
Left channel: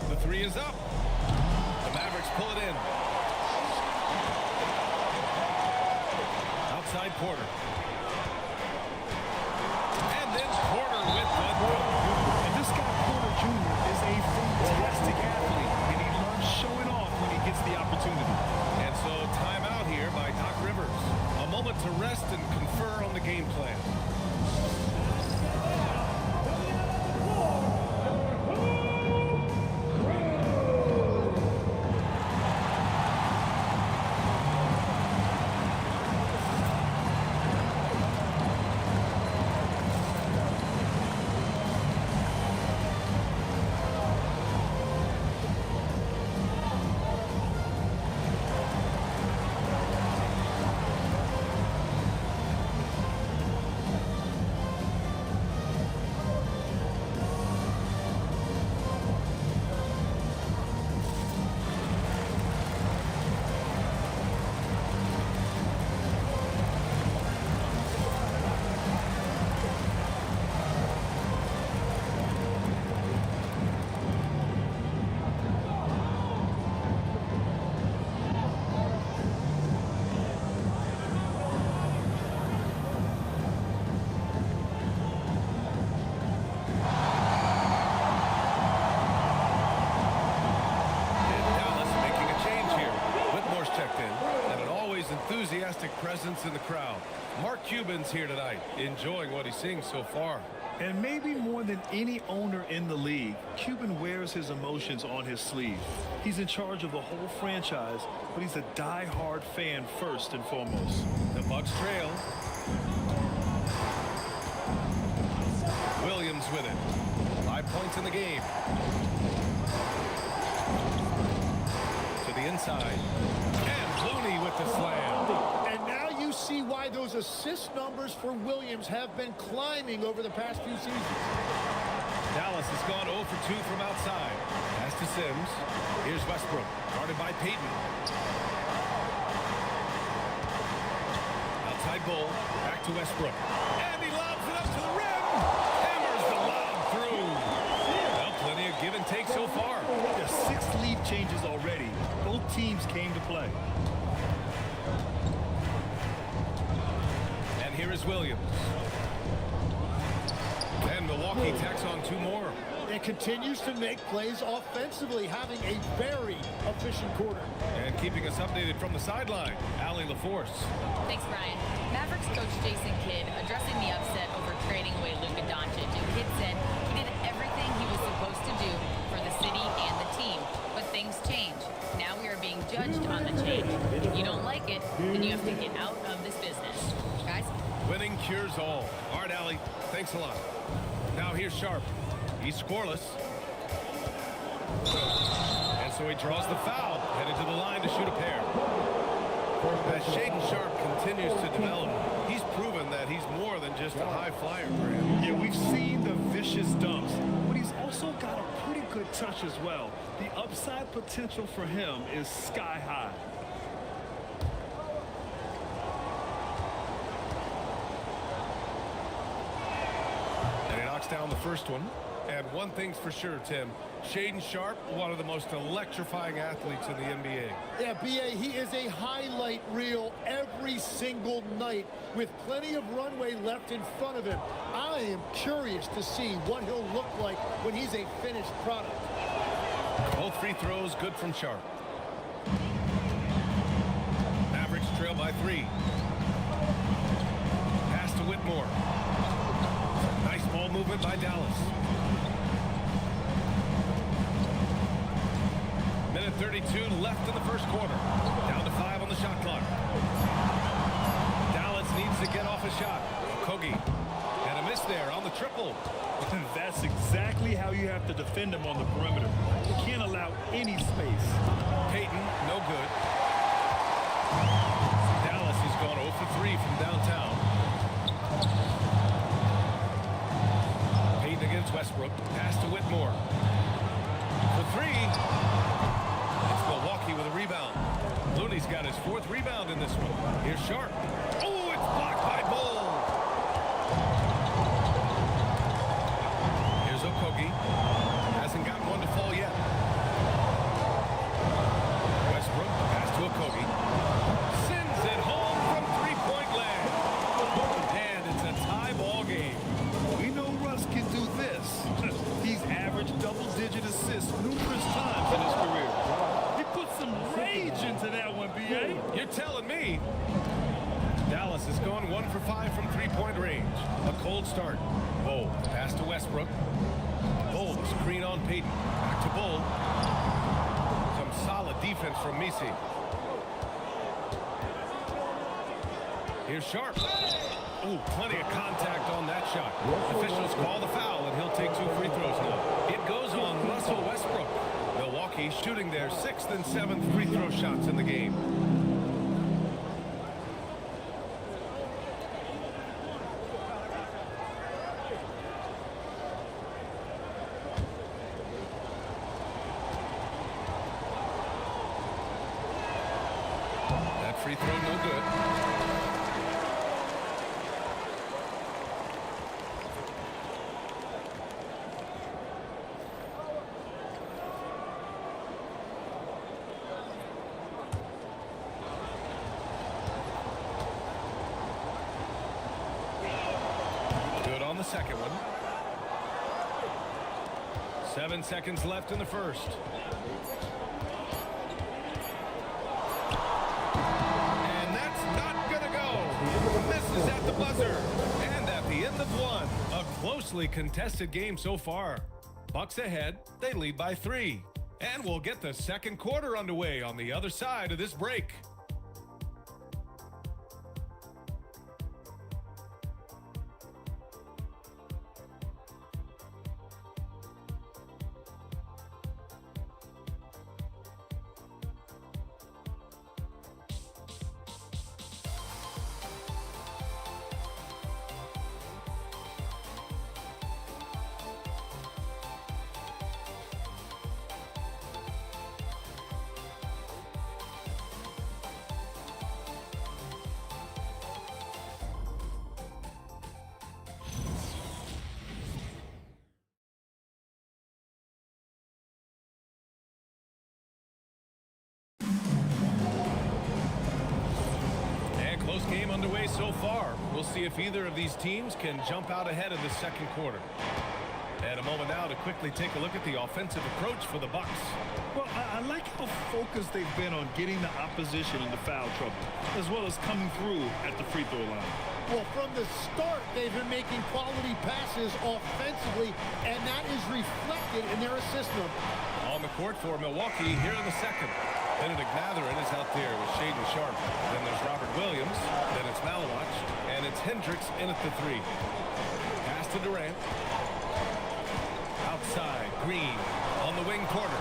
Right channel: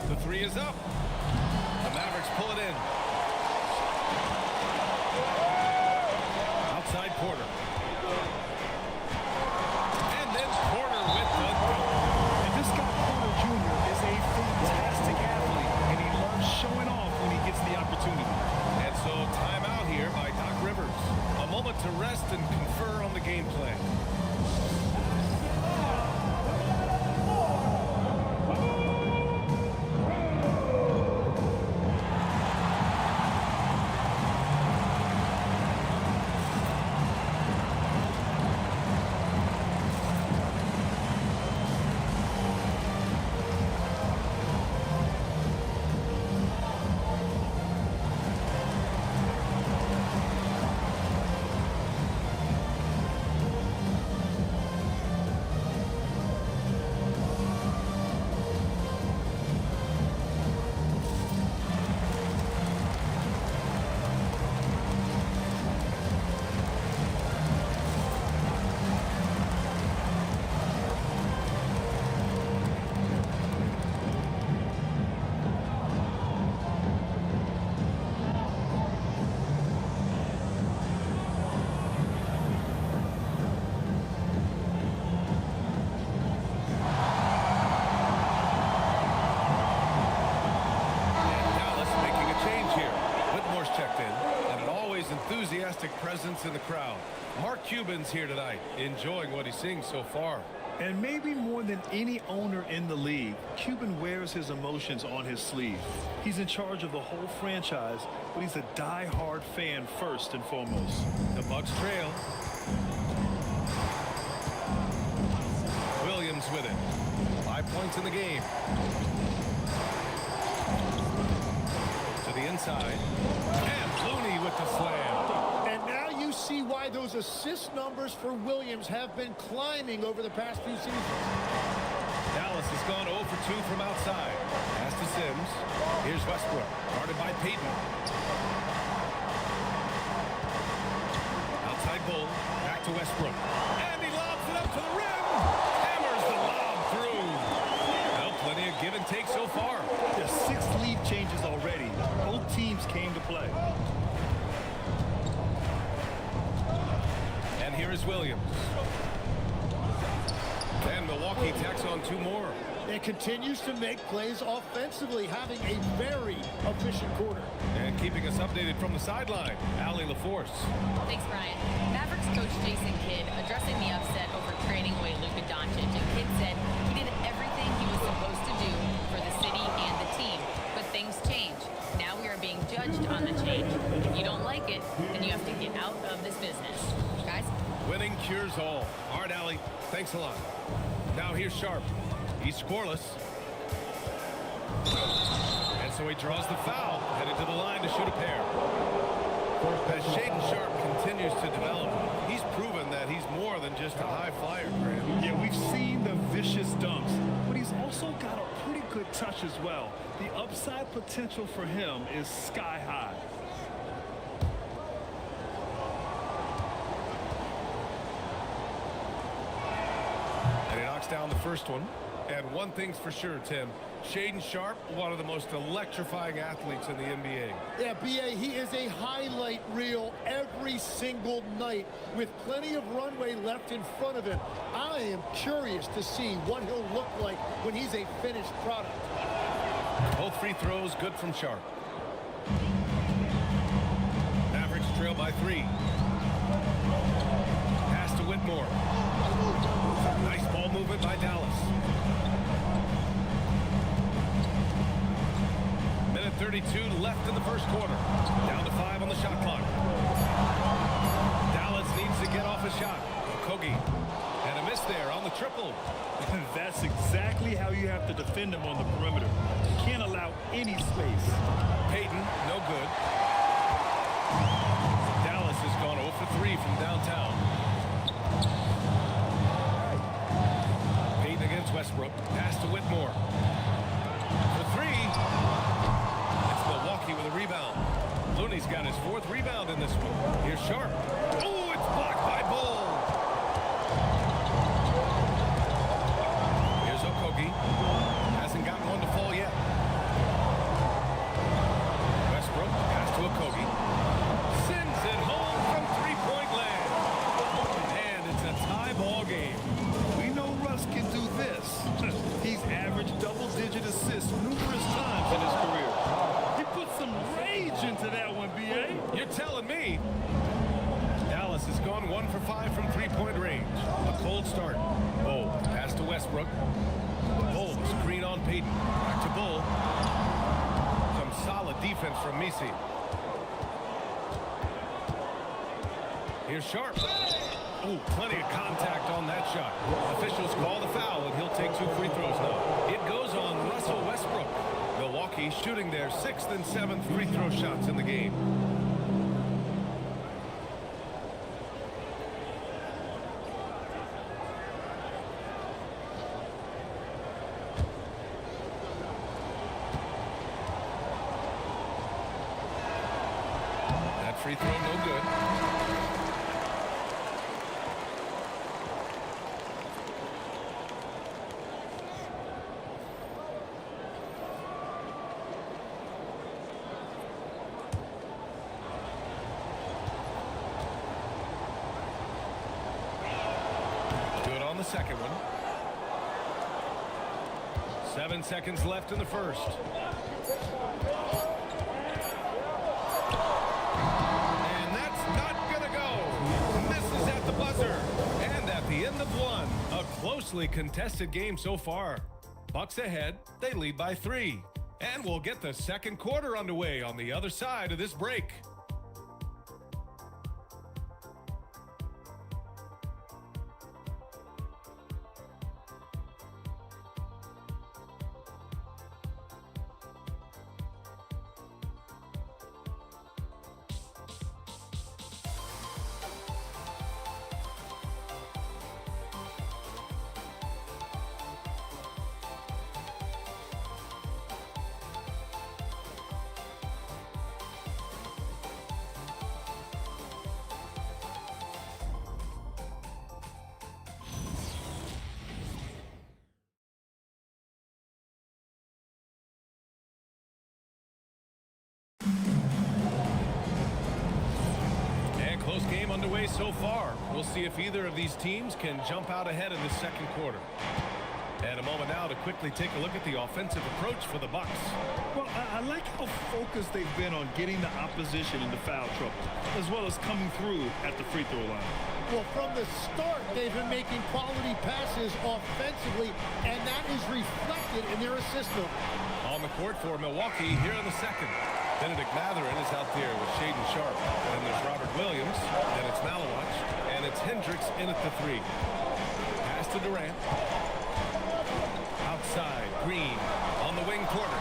The 3 is up. The Mavericks pull it in. Outside Porter. And then Porter with the dunk. And this guy Porter Jr. is a fantastic athlete, and he loves showing off when he gets the opportunity. And so timeout here by Doc Rivers. A moment to rest and confer on the game plan. Change here. Whitmore's checked in, and an always enthusiastic presence in the crowd. Mark Cuban's here tonight, enjoying what he's seeing so far. And maybe more than any owner in the league, Cuban wears his emotions on his sleeve. He's in charge of the whole franchise, but he's a die-hard fan first and foremost. The Bucks trail. Williams with it. 5 points in the game. To the inside. And Looney with the slam. And now you see why those assist numbers for Williams have been climbing over the past few seasons. Dallas has gone 0 for 2 from outside. Pass to Sims. Here's Westbrook, guarded by Payton. Outside Bull, back to Westbrook. And he lobs it up to the rim. Hammers the lob through. Well plenty of give and take so far. There's 6 lead changes already. Both teams came to play. And here is Williams. And Milwaukee tacks on 2 more. It continues to make plays offensively, having a very efficient quarter. And keeping us updated from the sideline, Allie LaForce. Thanks, Brian. Mavericks coach Jason Kidd addressing the upset over trading away Luka Doncic. And Kidd said he did everything he was supposed to do for the city and the team. But things change. Now we are being judged on the change. If you don't like it, then you have to get out of this business. Guys? Winning cures all. All right, Allie, thanks a lot. Now here's Sharp. He's scoreless. And so he draws the foul, headed to the line to shoot a pair. As Shaedon Sharp continues to develop, he's proven that he's more than just a high flyer, Grant. Yeah, we've seen the vicious dunks, but he's also got a pretty good touch as well. The upside potential for him is sky high. And he knocks down the first one. And one thing's for sure, Tim. Shaedon Sharp, one of the most electrifying athletes in the NBA. Yeah, B.A., he is a highlight reel every single night with plenty of runway left in front of him. I am curious to see what he'll look like when he's a finished product. Both free throws good from Sharp. Mavericks trail by 3. Pass to Whitmore. Some nice ball movement by Dallas. Minute 32 left in the first quarter. Down to 5 on the shot clock. Dallas needs to get off a shot. Okogie. And a miss there on the triple. That's exactly how you have to defend him on the perimeter. You can't allow any space. Payton, no good. Dallas has gone 0 for 3 from downtown. Payton against Westbrook. Pass to Whitmore. For 3. It's Milwaukee with a rebound. Looney's got his 4th rebound in this one. Here's Sharp. Oh, it's blocked by Bull. Here's Okogie. Hasn't gotten one to fall yet. Westbrook, the pass to Okogie. Sends it home from 3-point land. And it's a tie ball game. We know Russ can do this. He's averaged double-digit assists numerous times in his career. He put some rage into that one, B.A. You're telling me. Dallas has gone 1 for 5 from 3-point range. A cold start. Bull, the pass to Westbrook. Bull, a screen on Payton. Back to Bull. Some solid defense from Misi. Here's Sharp. Oh, plenty of contact on that shot. Officials call the foul, and he'll take 2 free throws now. It goes on Russell Westbrook. Milwaukee shooting their 6th and 7th free throw shots in the game. That free throw no good. Good on the second one. 7 seconds left in the first. And that's not gonna go. Misses at the buzzer. And at the end of 1, a closely contested game so far. Bucks ahead, they lead by 3. And we'll get the second quarter underway on the other side of this break. And close game underway so far. We'll see if either of these teams can jump out ahead in the second quarter. And a moment now to quickly take a look at the offensive approach for the Bucks. Well, I like how focused they've been on getting the opposition into foul trouble, as well as coming through at the free throw line. Well, from the start, they've been making quality passes offensively, and that is reflected in their assist number. On the court for Milwaukee here in the second. Benedict Mathurin is out there with Shaden Sharp. Then there's Robert Williams. Then it's Malawach. And it's Hendricks in at the 3. Pass to Durant. Outside, Green. On the wing, Porter.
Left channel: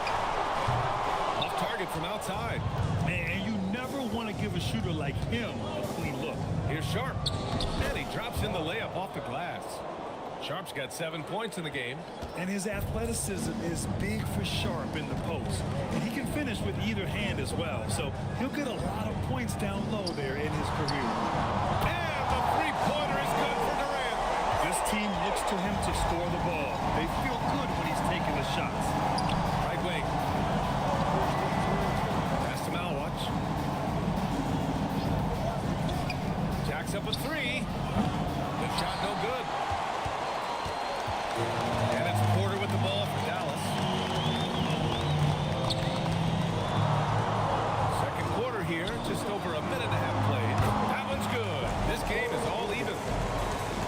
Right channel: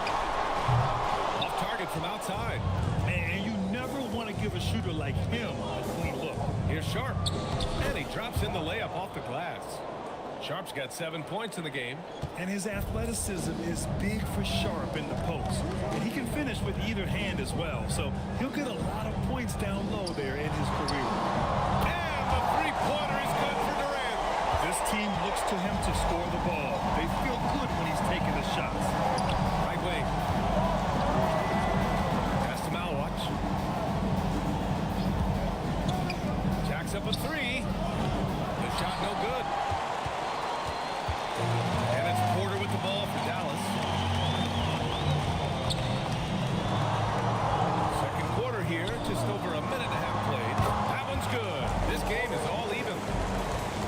Off target from outside. And you never want to give a shooter like him a clean look. Here's Sharp. And he drops in the layup off the glass. Sharp's got 7 points in the game. And his athleticism is big for Sharp in the post. And he can finish with either hand as well. So he'll get a lot of points down low there in his career. And the three-pointer is good for Durant. This team looks to him to score the ball. They feel good when he's taking the shots. Right wing. Pass to Malawach. Jacks up a 3. The shot no good. And it's Porter with the ball for Dallas. Second quarter here, just over a minute and a half played. That one's good. This game is all even.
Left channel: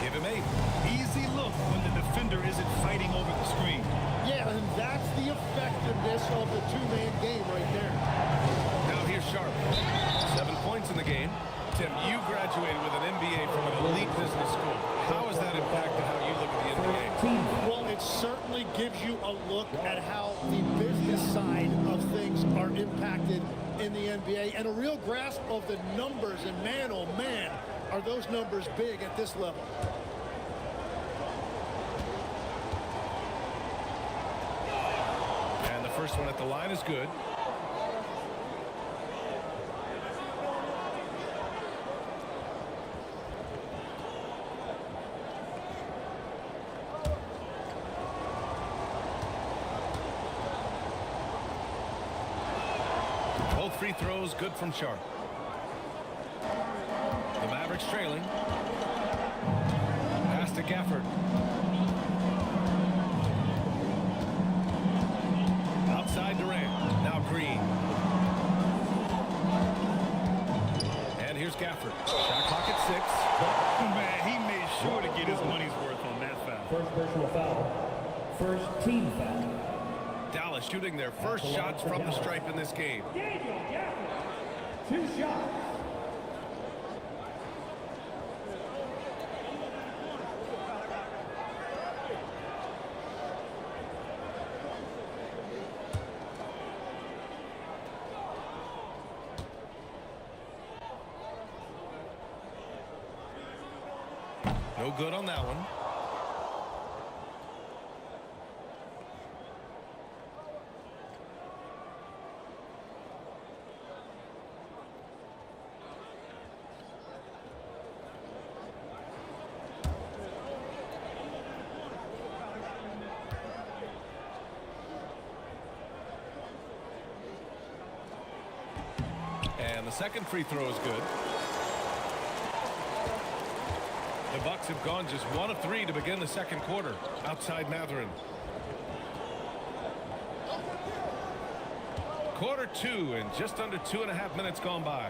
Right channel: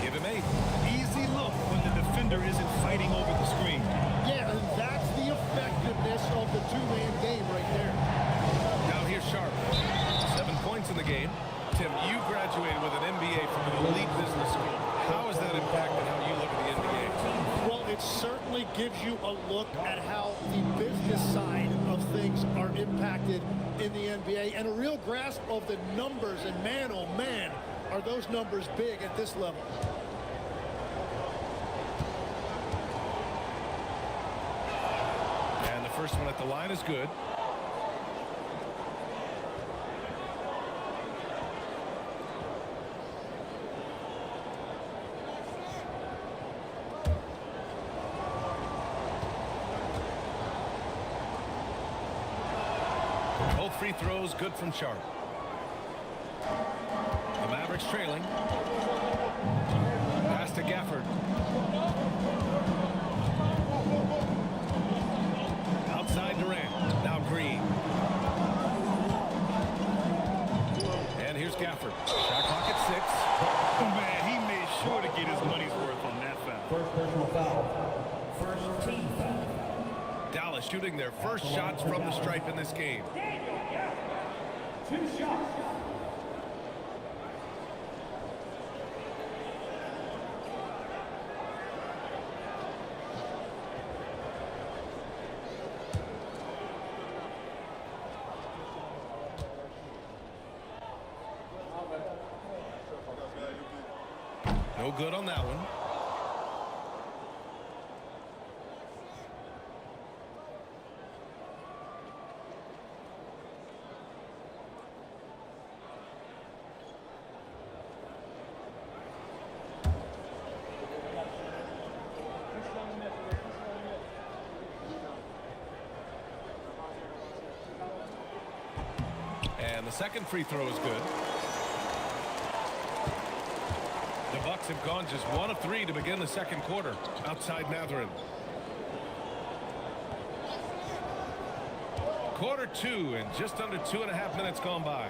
Give him 8. Easy look when the defender isn't fighting over the screen. Yeah, and that's the effectiveness of the two-man game right there. Now here's Sharp. 7 points in the game. Tim, you graduated with an MBA from an elite business school. How has that impacted how you look at the NBA? Well, it certainly gives you a look at how the business side of things are impacted in the NBA and a real grasp of the numbers. And man, oh man, are those numbers big at this level. And the first one at the line is good. Both free throws good from Sharp. The Mavericks trailing. Pass to Gafford. Outside Durant. Now Green. And here's Gafford. Shot clock at 6. Man, he made sure to get his money's worth on that foul. First personal foul. First team foul. Dallas shooting their first shots from the stripe in this game. 2 shots. No good on that one. And the second free throw is good. The Bucks have gone just 1 of 3 to begin the second quarter. Outside Mathurin. Quarter 2 and just under 2.5 minutes gone by.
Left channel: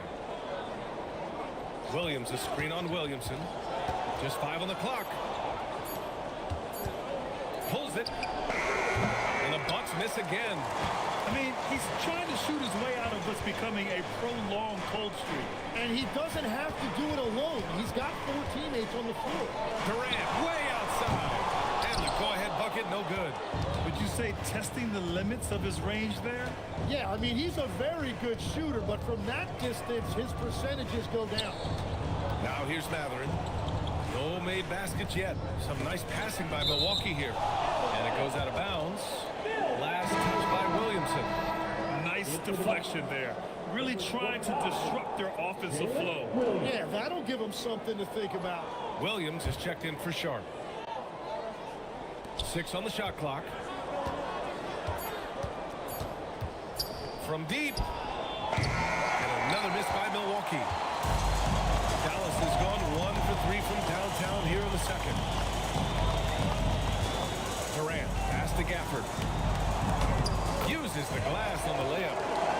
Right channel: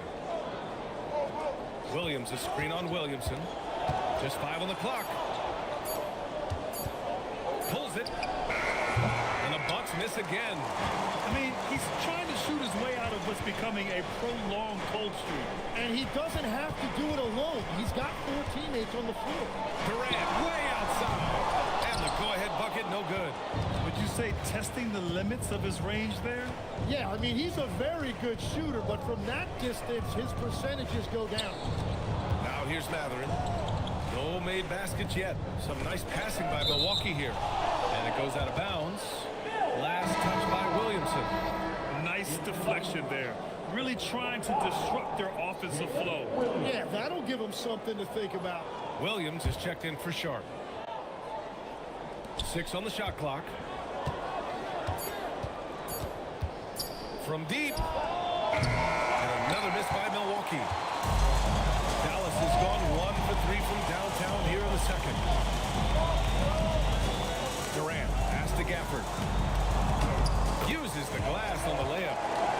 Williams, a screen on Williamson. Just 5 on the clock. Pulls it. And the Bucks miss again. I mean, he's trying to shoot his way out of what's becoming a prolonged cold streak. And he doesn't have to do it alone. He's got 4 teammates on the floor. Durant way outside. And the go-ahead bucket, no good. Would you say testing the limits of his range there? Yeah, I mean, he's a very good shooter, but from that distance, his percentages go down. Now here's Mathurin. No made baskets yet. Some nice passing by Milwaukee here. And it goes out of bounds. Last touch by Williamson. Nice deflection there. Really trying to disrupt their offensive flow. Yeah, that'll give them something to think about. Williams is checked in for Sharp. 6 on the shot clock. From deep. And another miss by Milwaukee. Dallas has gone 1 for 3 from downtown here in the second. Durant, pass to Gafford. Uses the glass on the layup.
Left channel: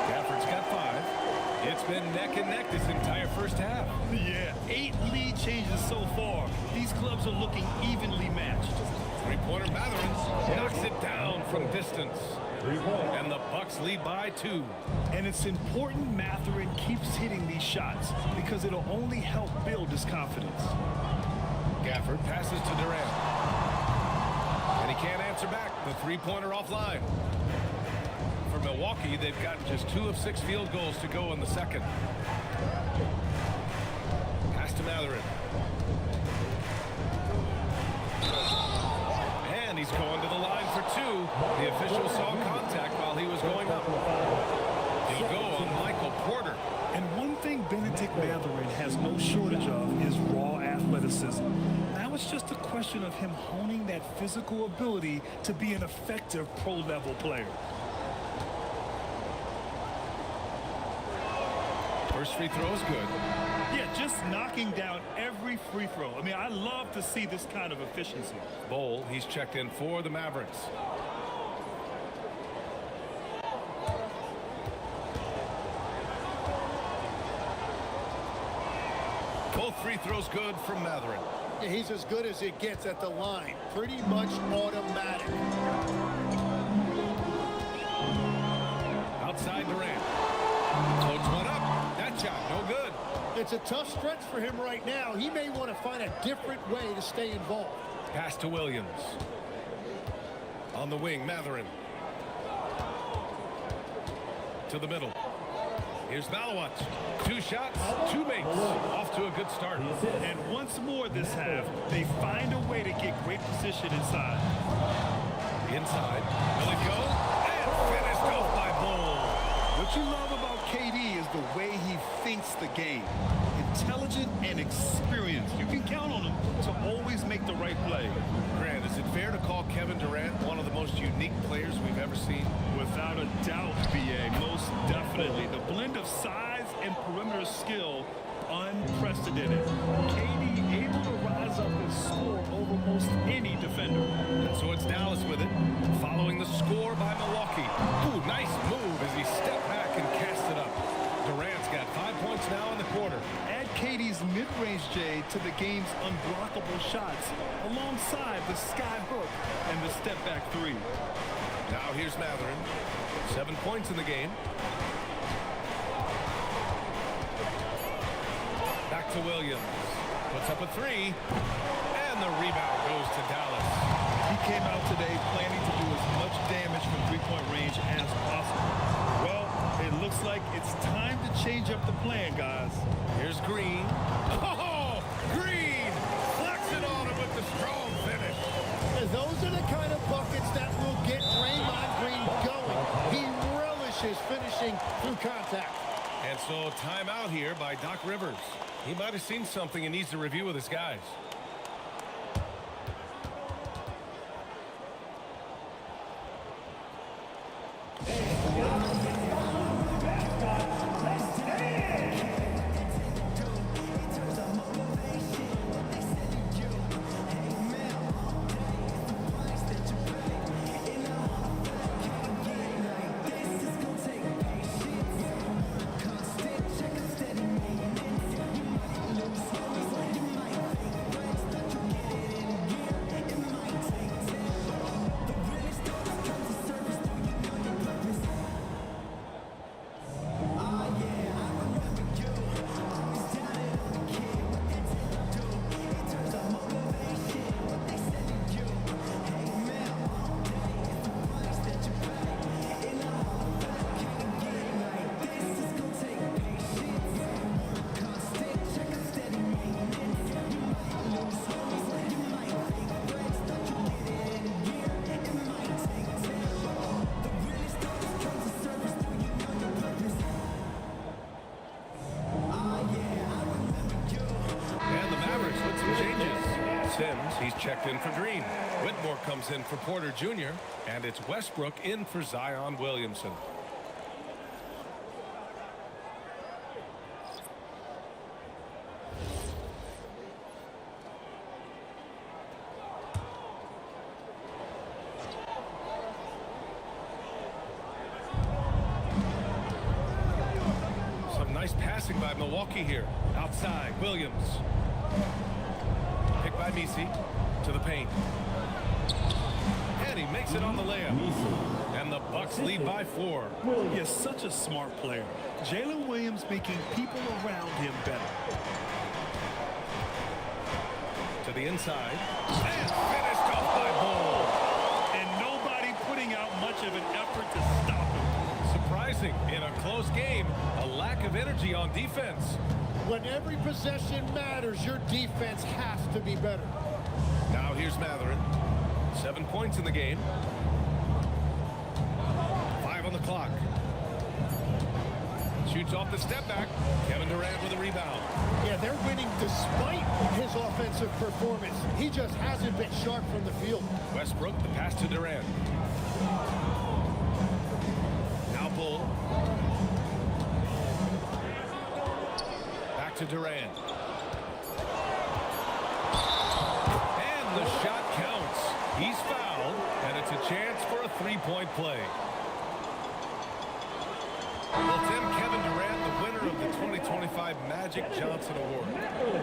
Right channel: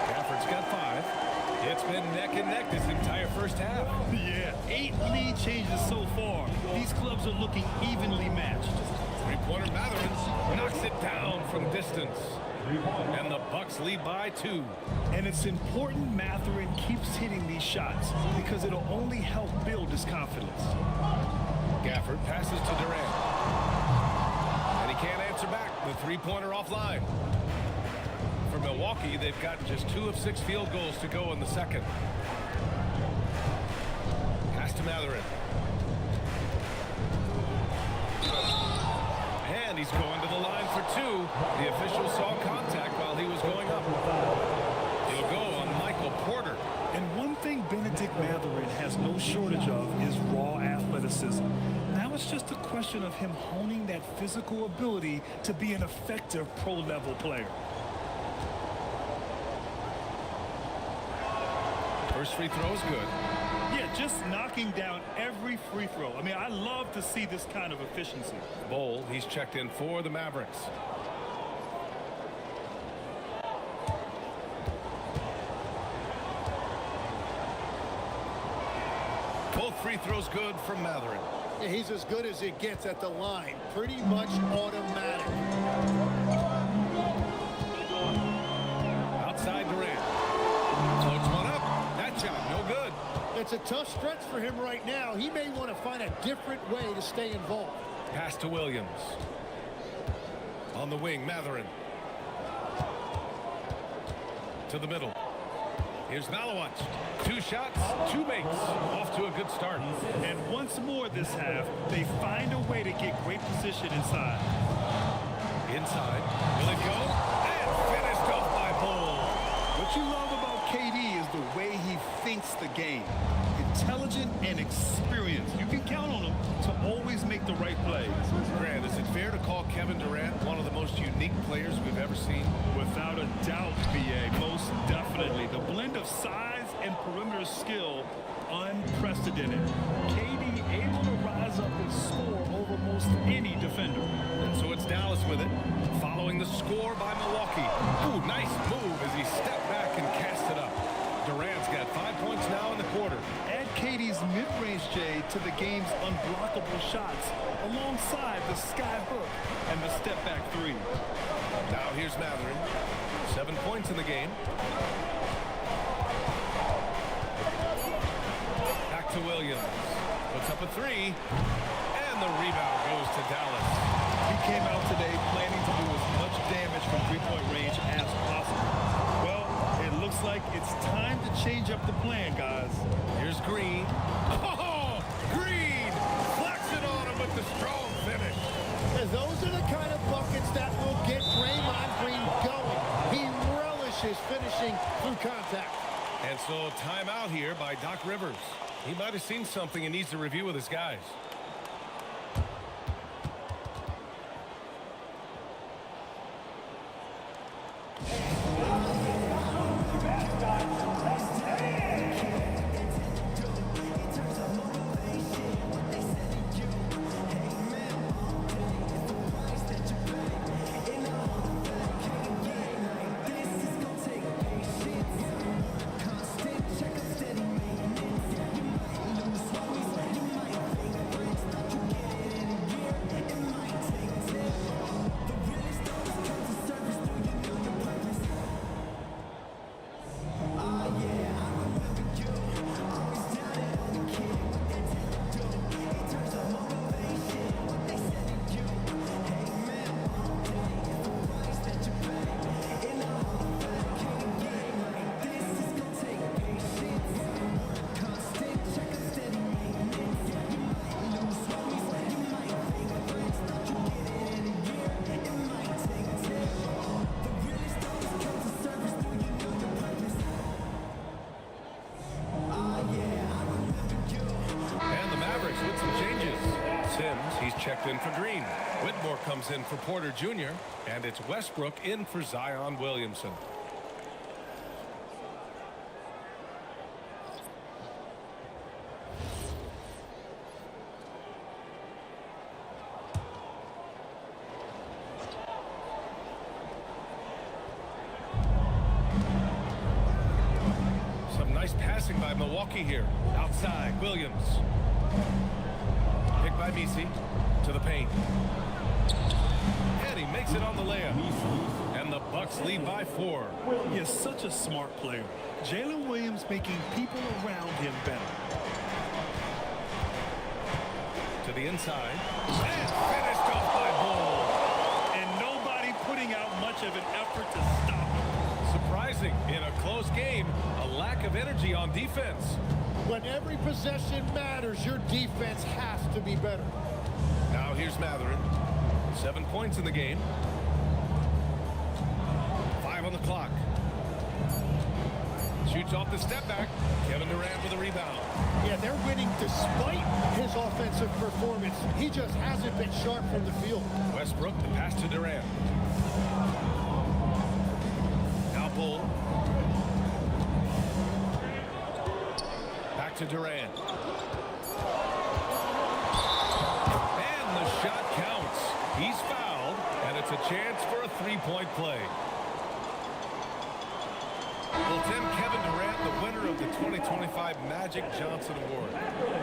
Gafford's got 5. It's been neck and neck this entire first half. Yeah, 8 lead changes so far. These clubs are looking evenly matched. Three-pointer Mathurin knocks it down from distance. And the Bucks lead by 2. And it's important Mathurin keeps hitting these shots because it'll only help build his confidence. Gafford passes to Durant. And he can't answer back. The three-pointer offline. For Milwaukee, they've gotten just 2 of 6 field goals to go in the second. Pass to Mathurin. And he's going to the line for 2. The official saw contact while he was going up. He'll go on Michael Porter. And one thing Benedict Mathurin has no shortage of is raw athleticism. Now it's just a question of him honing that physical ability to be an effective pro-level player. First free throw is good. Yeah, just knocking down every free throw. I mean, I love to see this kind of efficiency. Bol, he's checked in for the Mavericks. Both free throws good from Mathurin. Yeah, he's as good as it gets at the line. Pretty much automatic. Outside Durant. Floats one up. That shot, no good. It's a tough stretch for him right now. He may want to find a different way to stay involved. Pass to Williams. On the wing, Mathurin. To the middle. Here's Malawat. 2 shots, 2 makes. Off to a good start. And once more this half, they find a way to get great position inside. Inside. Will it go? And finished off by Bol. What you love about KD is the way he thinks the game. Intelligent and experienced. You can count on him to always make the right play. Grant, is it fair to call Kevin Durant one of the most unique players we've ever seen? Without a doubt, BA, most definitely. The blend of size and perimeter skill, unprecedented. KD able to rise up his score over most any defender. And so it's Dallas with it, following the score by Milwaukee. Ooh, nice move as he stepped back and cast it up. Durant's got 5 points now in the quarter. Add KD's mid-range J to the game's unblockable shots alongside the sky hook and the step-back 3. Now here's Mathurin. 7 points in the game. Back to Williams. Puts up a 3. And the rebound goes to Dallas. He came out today planning to do as much damage from three-point range as possible. Well, it looks like it's time to change up the plan, guys. Here's Green. Oh, Green flexing on him with the strong finish. And those are the kind of buckets that will get Draymond Green going. He relishes finishing through contact. And so timeout here by Doc Rivers. He might have seen something and needs to review with his guys. With some changes. Sims, he's checked in for Green. Whitmore comes in for Porter Jr. And it's Westbrook in for Zion Williamson. nice passing by Milwaukee here. Outside, Williams. Picked by Misi to the paint. And he makes it on the layup. And the Bucks lead by 4. He is such a smart player. Jalen Williams making people around him better. To the inside. And finished off by Bull. And nobody putting out much of an effort to stop him. Surprising in a close game, a lack of energy on defense. When every possession matters, your defense has to be better. Now here's Matherin. 7 points in the game. 5 on the clock. Shoots off the step back. Kevin Durant with a rebound. Yeah, they're winning despite his offensive performance. He just hasn't been sharp from the field. Westbrook, the pass to Durant. Now Bull. Back to Durant. And the shot counts. He's fouled, and it's a chance for a three-point play. Well, Tim, Kevin Durant, the winner of the 2025 Magic Johnson Award,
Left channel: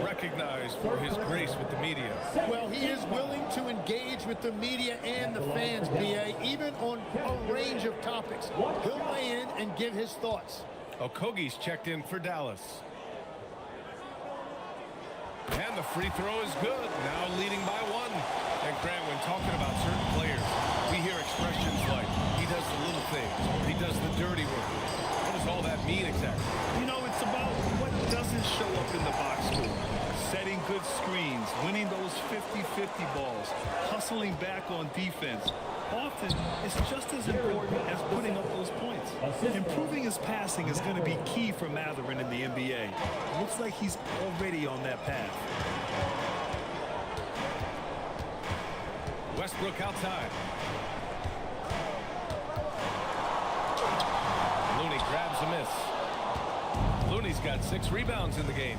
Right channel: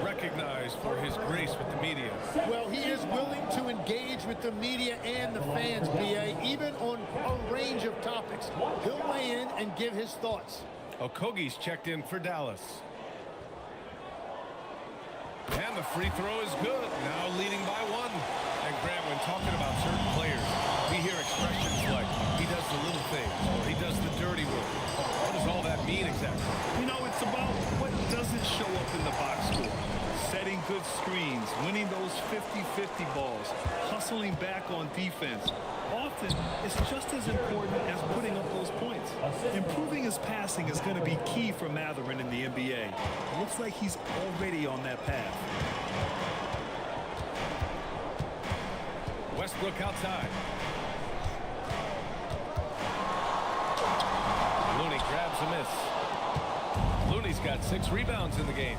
recognized for his grace with the media. Well, he is willing to engage with the media and the fans, B.A., even on a range of topics. He'll weigh in and give his thoughts. Okogie's checked in for Dallas. And the free throw is good, now leading by 1. And Grant, when talking about certain players, we hear expressions like, he does the little things, or he does the dirty work. What does all that mean exactly? You know, it's about what doesn't show up in the box score. Setting good screens, winning those 50-50 balls, hustling back on defense. Often, it's just as important as putting up those points. Improving his passing is going to be key for Matherin in the NBA. Looks like he's already on that path. Westbrook outside. Looney grabs a miss. Looney's got 6 rebounds in the game.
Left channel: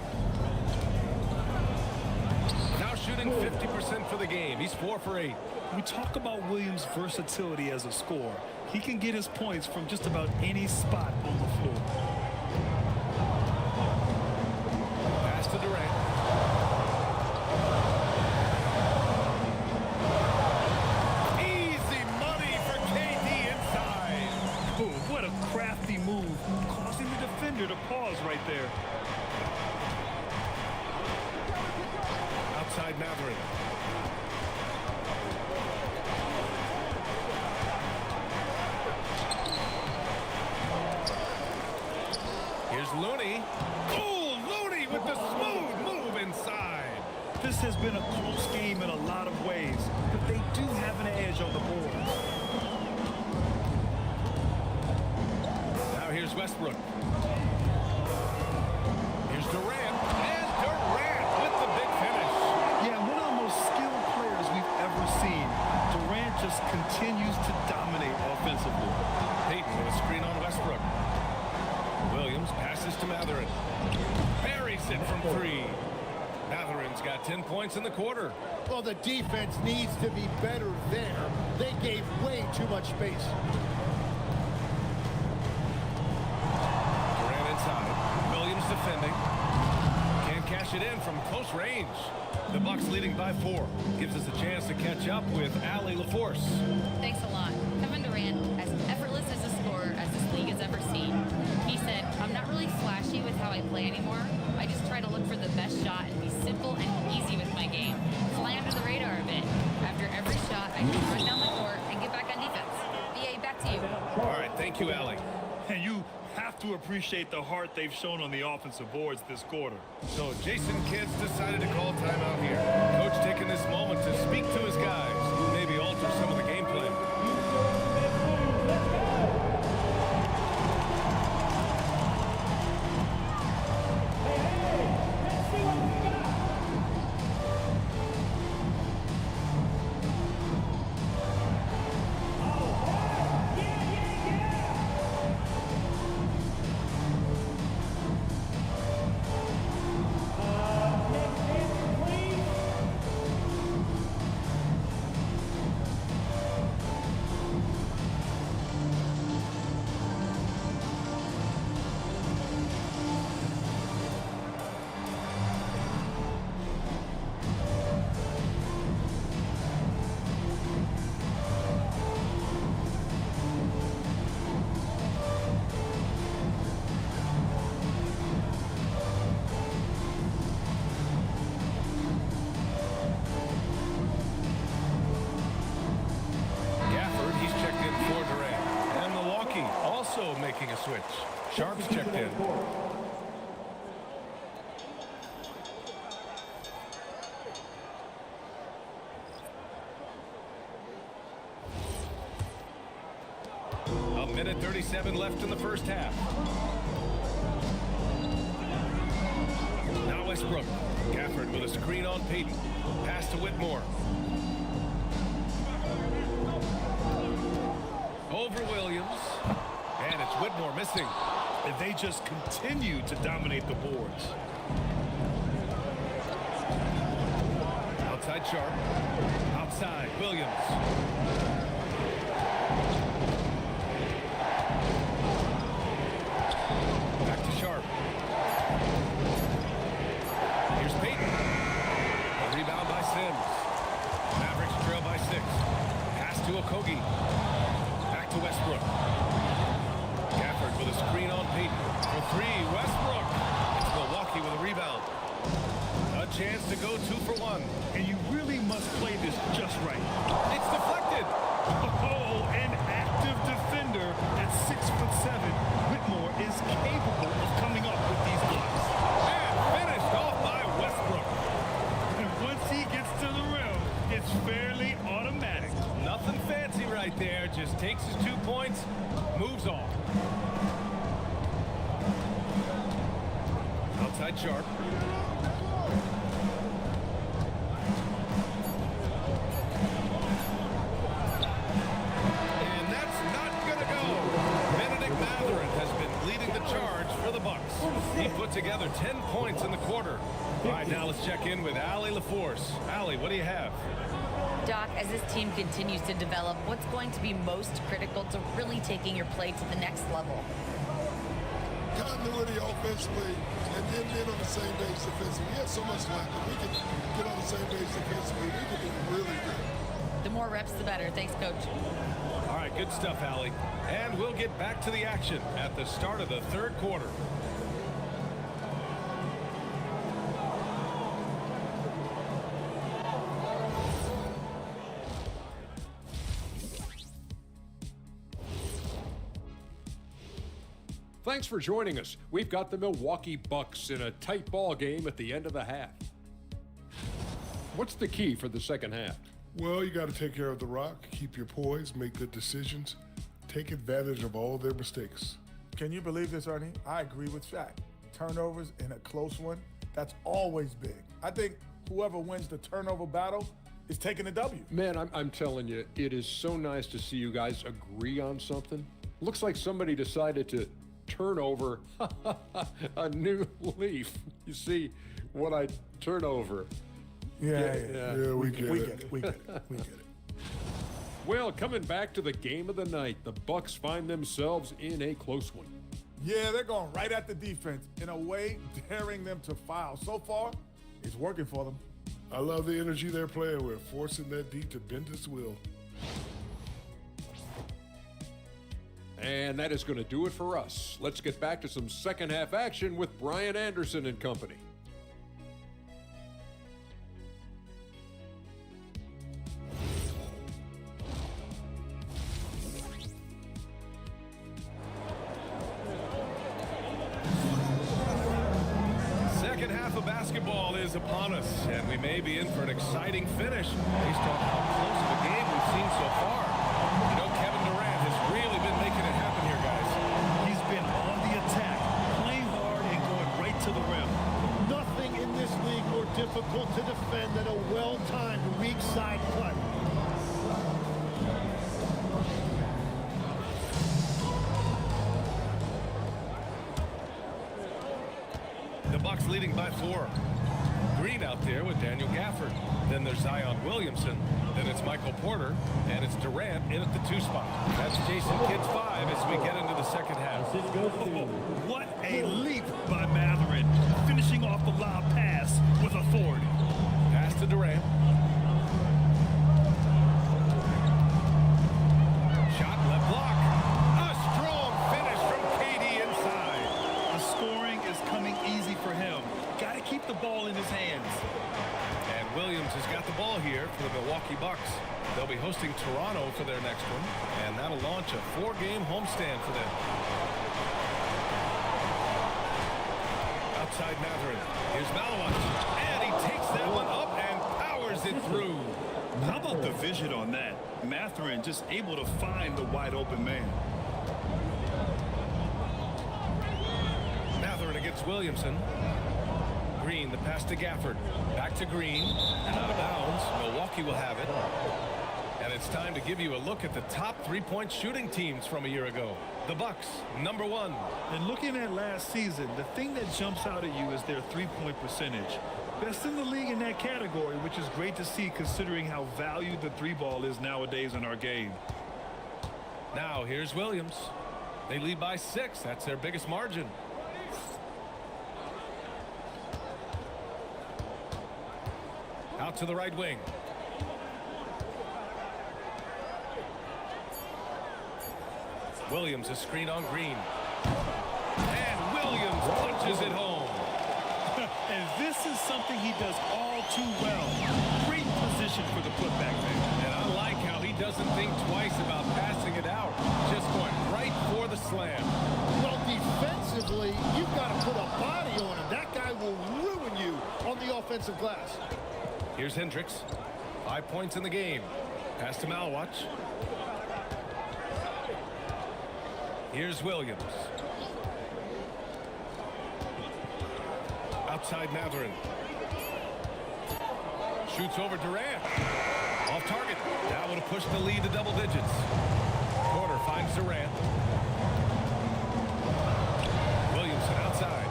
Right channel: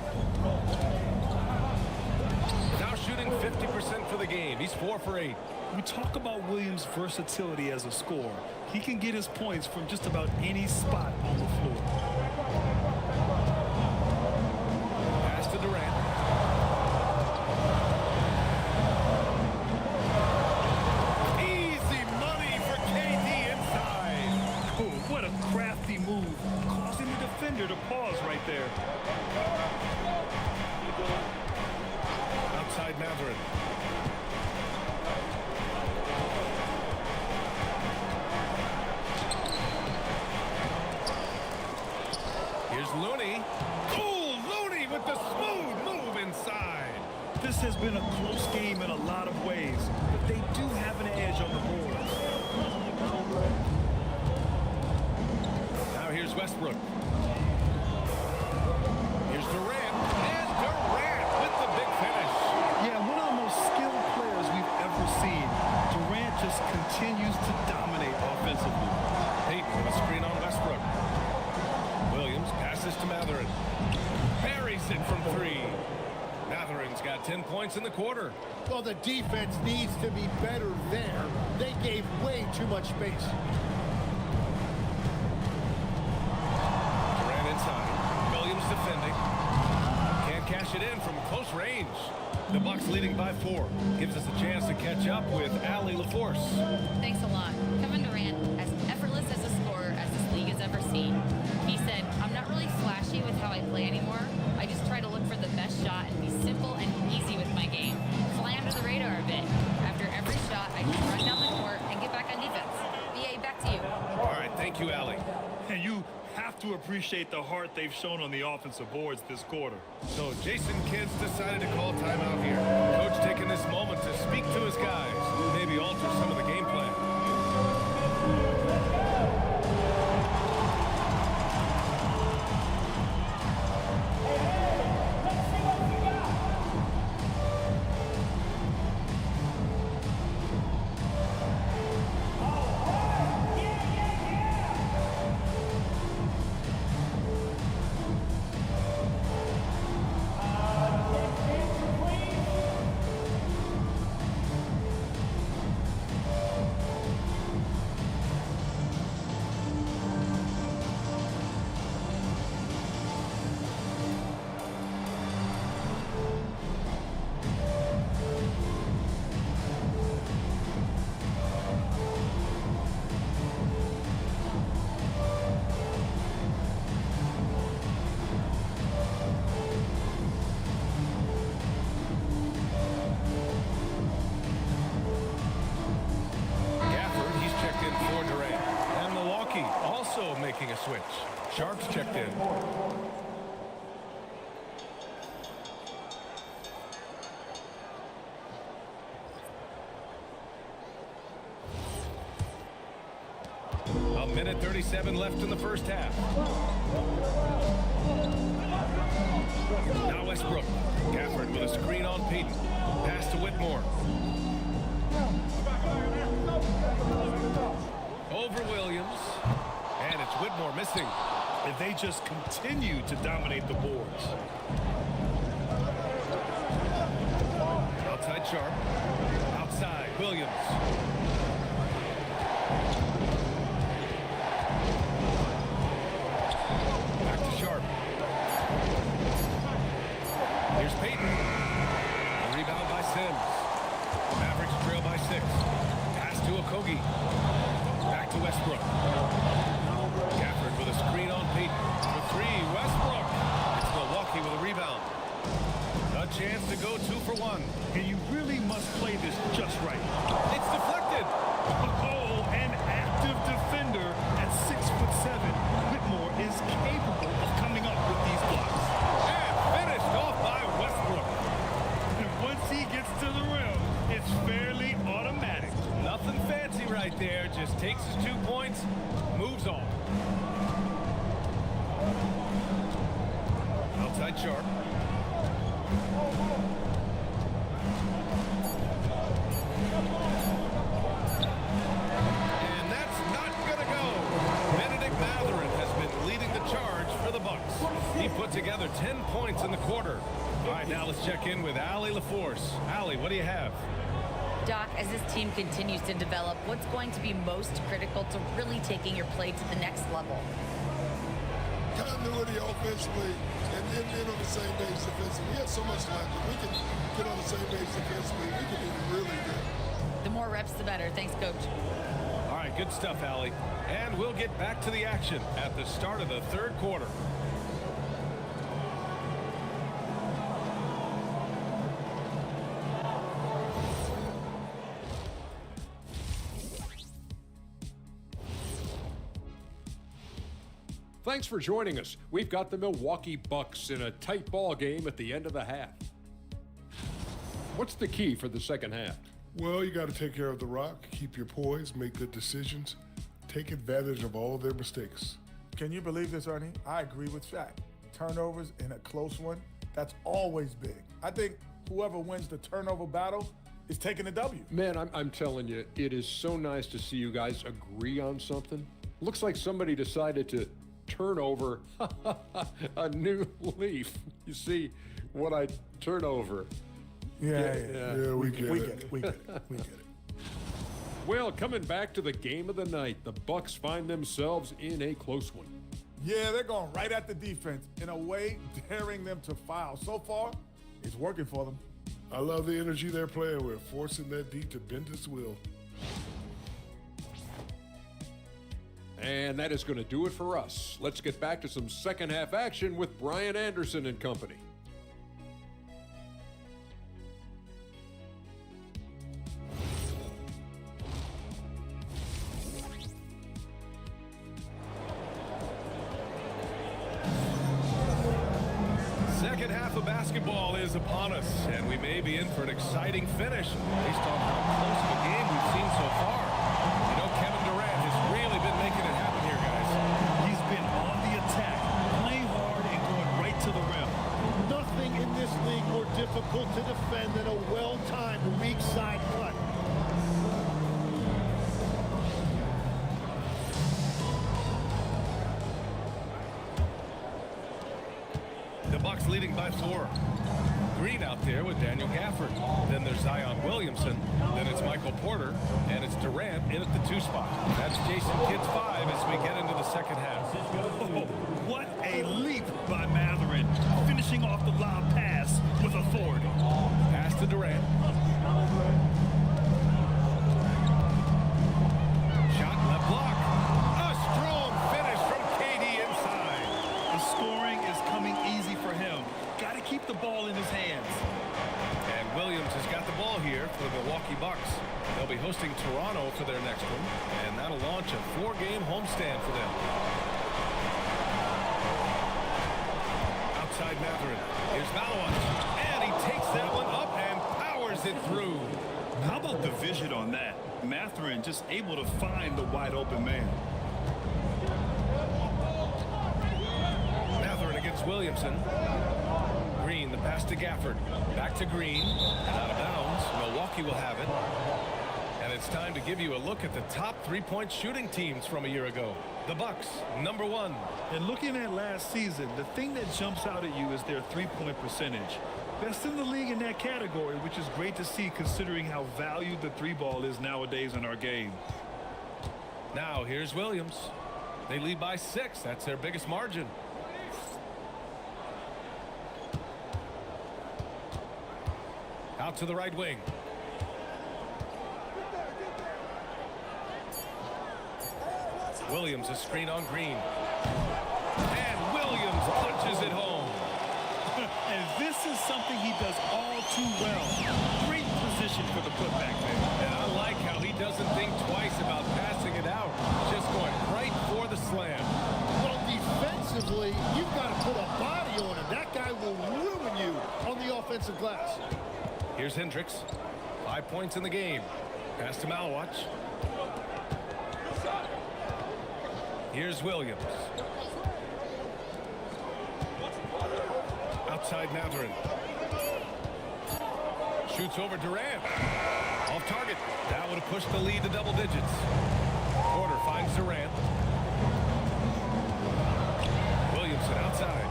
Now shooting 50% for the game. He's 4 for 8. We talk about Williams' versatility as a scorer. He can get his points from just about any spot on the floor. Pass to Durant. Easy money for KD inside. Oh, what a crafty move, causing the defender to pause right there. Outside Matherin. Here's Looney. Oh, Looney with the smooth move inside. This has been a close game in a lot of ways, but they do have an edge on the board. Now here's Westbrook. Here's Durant. And Durant with the big finish. Yeah, one of the most skilled players we've ever seen. Durant just continues to dominate offensively. Payton with a screen on Westbrook. Williams passes to Matherin. Buries it from 3. Matherin's got 10 points in the quarter. Well, the defense needs to be better there. They gave way too much space. Durant inside. Williams defending. Can't cash it in from close range. The Bucks leading by 4. Gives us a chance to catch up with Allie LaForce. Thanks a lot. Kevin Durant, as effortless as a scorer as this league has ever seen. He said, I'm not really flashy with how I play anymore. I just try to look for the best shot and be simple and easy with my game. Fly under the radar a bit. After every shot, I just run down the court and get back on defense. BA, back to you. All right, thank you, Allie. And you have to appreciate the heart they've shown on the offensive boards this quarter. So Jason Kidd's decided to call timeout here. Coach taking this moment to speak to his guys, maybe alter some of the game plan. Durant. And Milwaukee also making a switch. Sharp's checked in. A minute 37 left in the first half. Now Westbrook. Gafford with a screen on Payton. Pass to Whitmore. Over Williams. And it's Whitmore missing. If they just continue to dominate the boards. Outside Sharp. Outside Williams. Back to Sharp. Here's Payton. A rebound by Sims. Mavericks trail by 6. Pass to Okogie. Back to Westbrook. Gafford with a screen on Payton. For 3, Westbrook. It's Milwaukee with a rebound. A chance to go 2 for 1. And you really must play this just right. It's deflected. Oh, an active defender at 6'7". Whitmore is capable of coming up with these blocks. And finished off by Westbrook. And once he gets to the rim, it's fairly automatic. Nothing fancy right there. Just takes his 2 points, moves on. Outside Sharp. And that's not gonna go. Benedict Mathurin has been leading the charge for the Bucks. He put together 10 points in the quarter. All right, now let's check in with Allie LaForce. Allie, what do you have? Doc, as this team continues to develop, what's going to be most critical to really taking your play to the next level? Continuity offensively, and then being on the same page defensively. We have so much left. If we can get on the same page defensively, we can be really good. The more reps, the better. Thanks, Coach. All right, good stuff, Allie. And we'll get back to the action at the start of the third quarter. Thanks for joining us. We've got the Milwaukee Bucks in a tight ball game at the end of the half. What's the key for the second half? Well, you got to take care of the rock, keep your poise, make good decisions, take advantage of all their mistakes. Can you believe this, Ernie? I agree with Shaq. Turnovers in a close one, that's always big. I think whoever wins the turnover battle is taking the W. Man, I'm telling you, it is so nice to see you guys agree on something. Looks like somebody decided to turn over a new leaf. You see what I turn over? Yeah, we get it. We get it. Well, coming back to the game of the night, the Bucks find themselves in a close one. Yeah, they're going right at the defense, in a way daring them to foul. So far, it's working for them. I love the energy they're playing with, forcing that D to bend its will. And that is going to do it for us. Let's get back to some second half action with Brian Anderson and company. Second half of basketball is upon us, and we may be in for an exciting finish based on how close of a game we've seen so far. You know, Kevin Durant has really been making it happen here, guys. He's been on the attack, playing hard and going right to the rim. Nothing in this league more difficult to defend than a well-timed weak side cut. The Bucks leading by 4. Green out there with Daniel Gafford. Then there's Zion Williamson. Then it's Michael Porter. And it's Durant in at the 2 spot. That's Jason Kidd's 5 as we get into the second half. Oh, what a leap by Mathurin, finishing off the lob pass with authority. Pass to Durant. Shot left block. A strong finish from KD inside. The scoring is coming easy for him. Got to keep the ball in his hands. And Williams has got the ball here for the Milwaukee Bucks. They'll be hosting Toronto for their next one, and that'll launch a 4-game homestand for them. Outside Matherin. Here's Malawat. And he takes that one up and powers it through. How about the vision on that? Matherin just able to find the wide open man. Matherin against Williamson. Green, the pass to Gafford. Back to Green, and out of bounds. Milwaukee will have it. And it's time to give you a look at the top three-point shooting teams from a year ago. The Bucks, number 1. And looking at last season, the thing that jumps out at you is their three-point percentage. Best in the league in that category, which is great to see considering how valued the three ball is nowadays in our game. Now here's Williams. They lead by 6. That's their biggest margin. Out to the right wing. Williams, a screen on Green. And Williams punches it home. And this is something he does all too well. Great position for the putback there. And I like how he doesn't think twice about passing it out. Just going right for the slam. Well, defensively, you've got to put a body on him. That guy will ruin you on the offensive glass. Here's Hendricks. 5 points in the game. Pass to Malawat. Here's Williams. Outside Matherin. Shoots over Durant. Off target. That would have pushed the lead to double digits. Porter finds Durant. Williamson outside.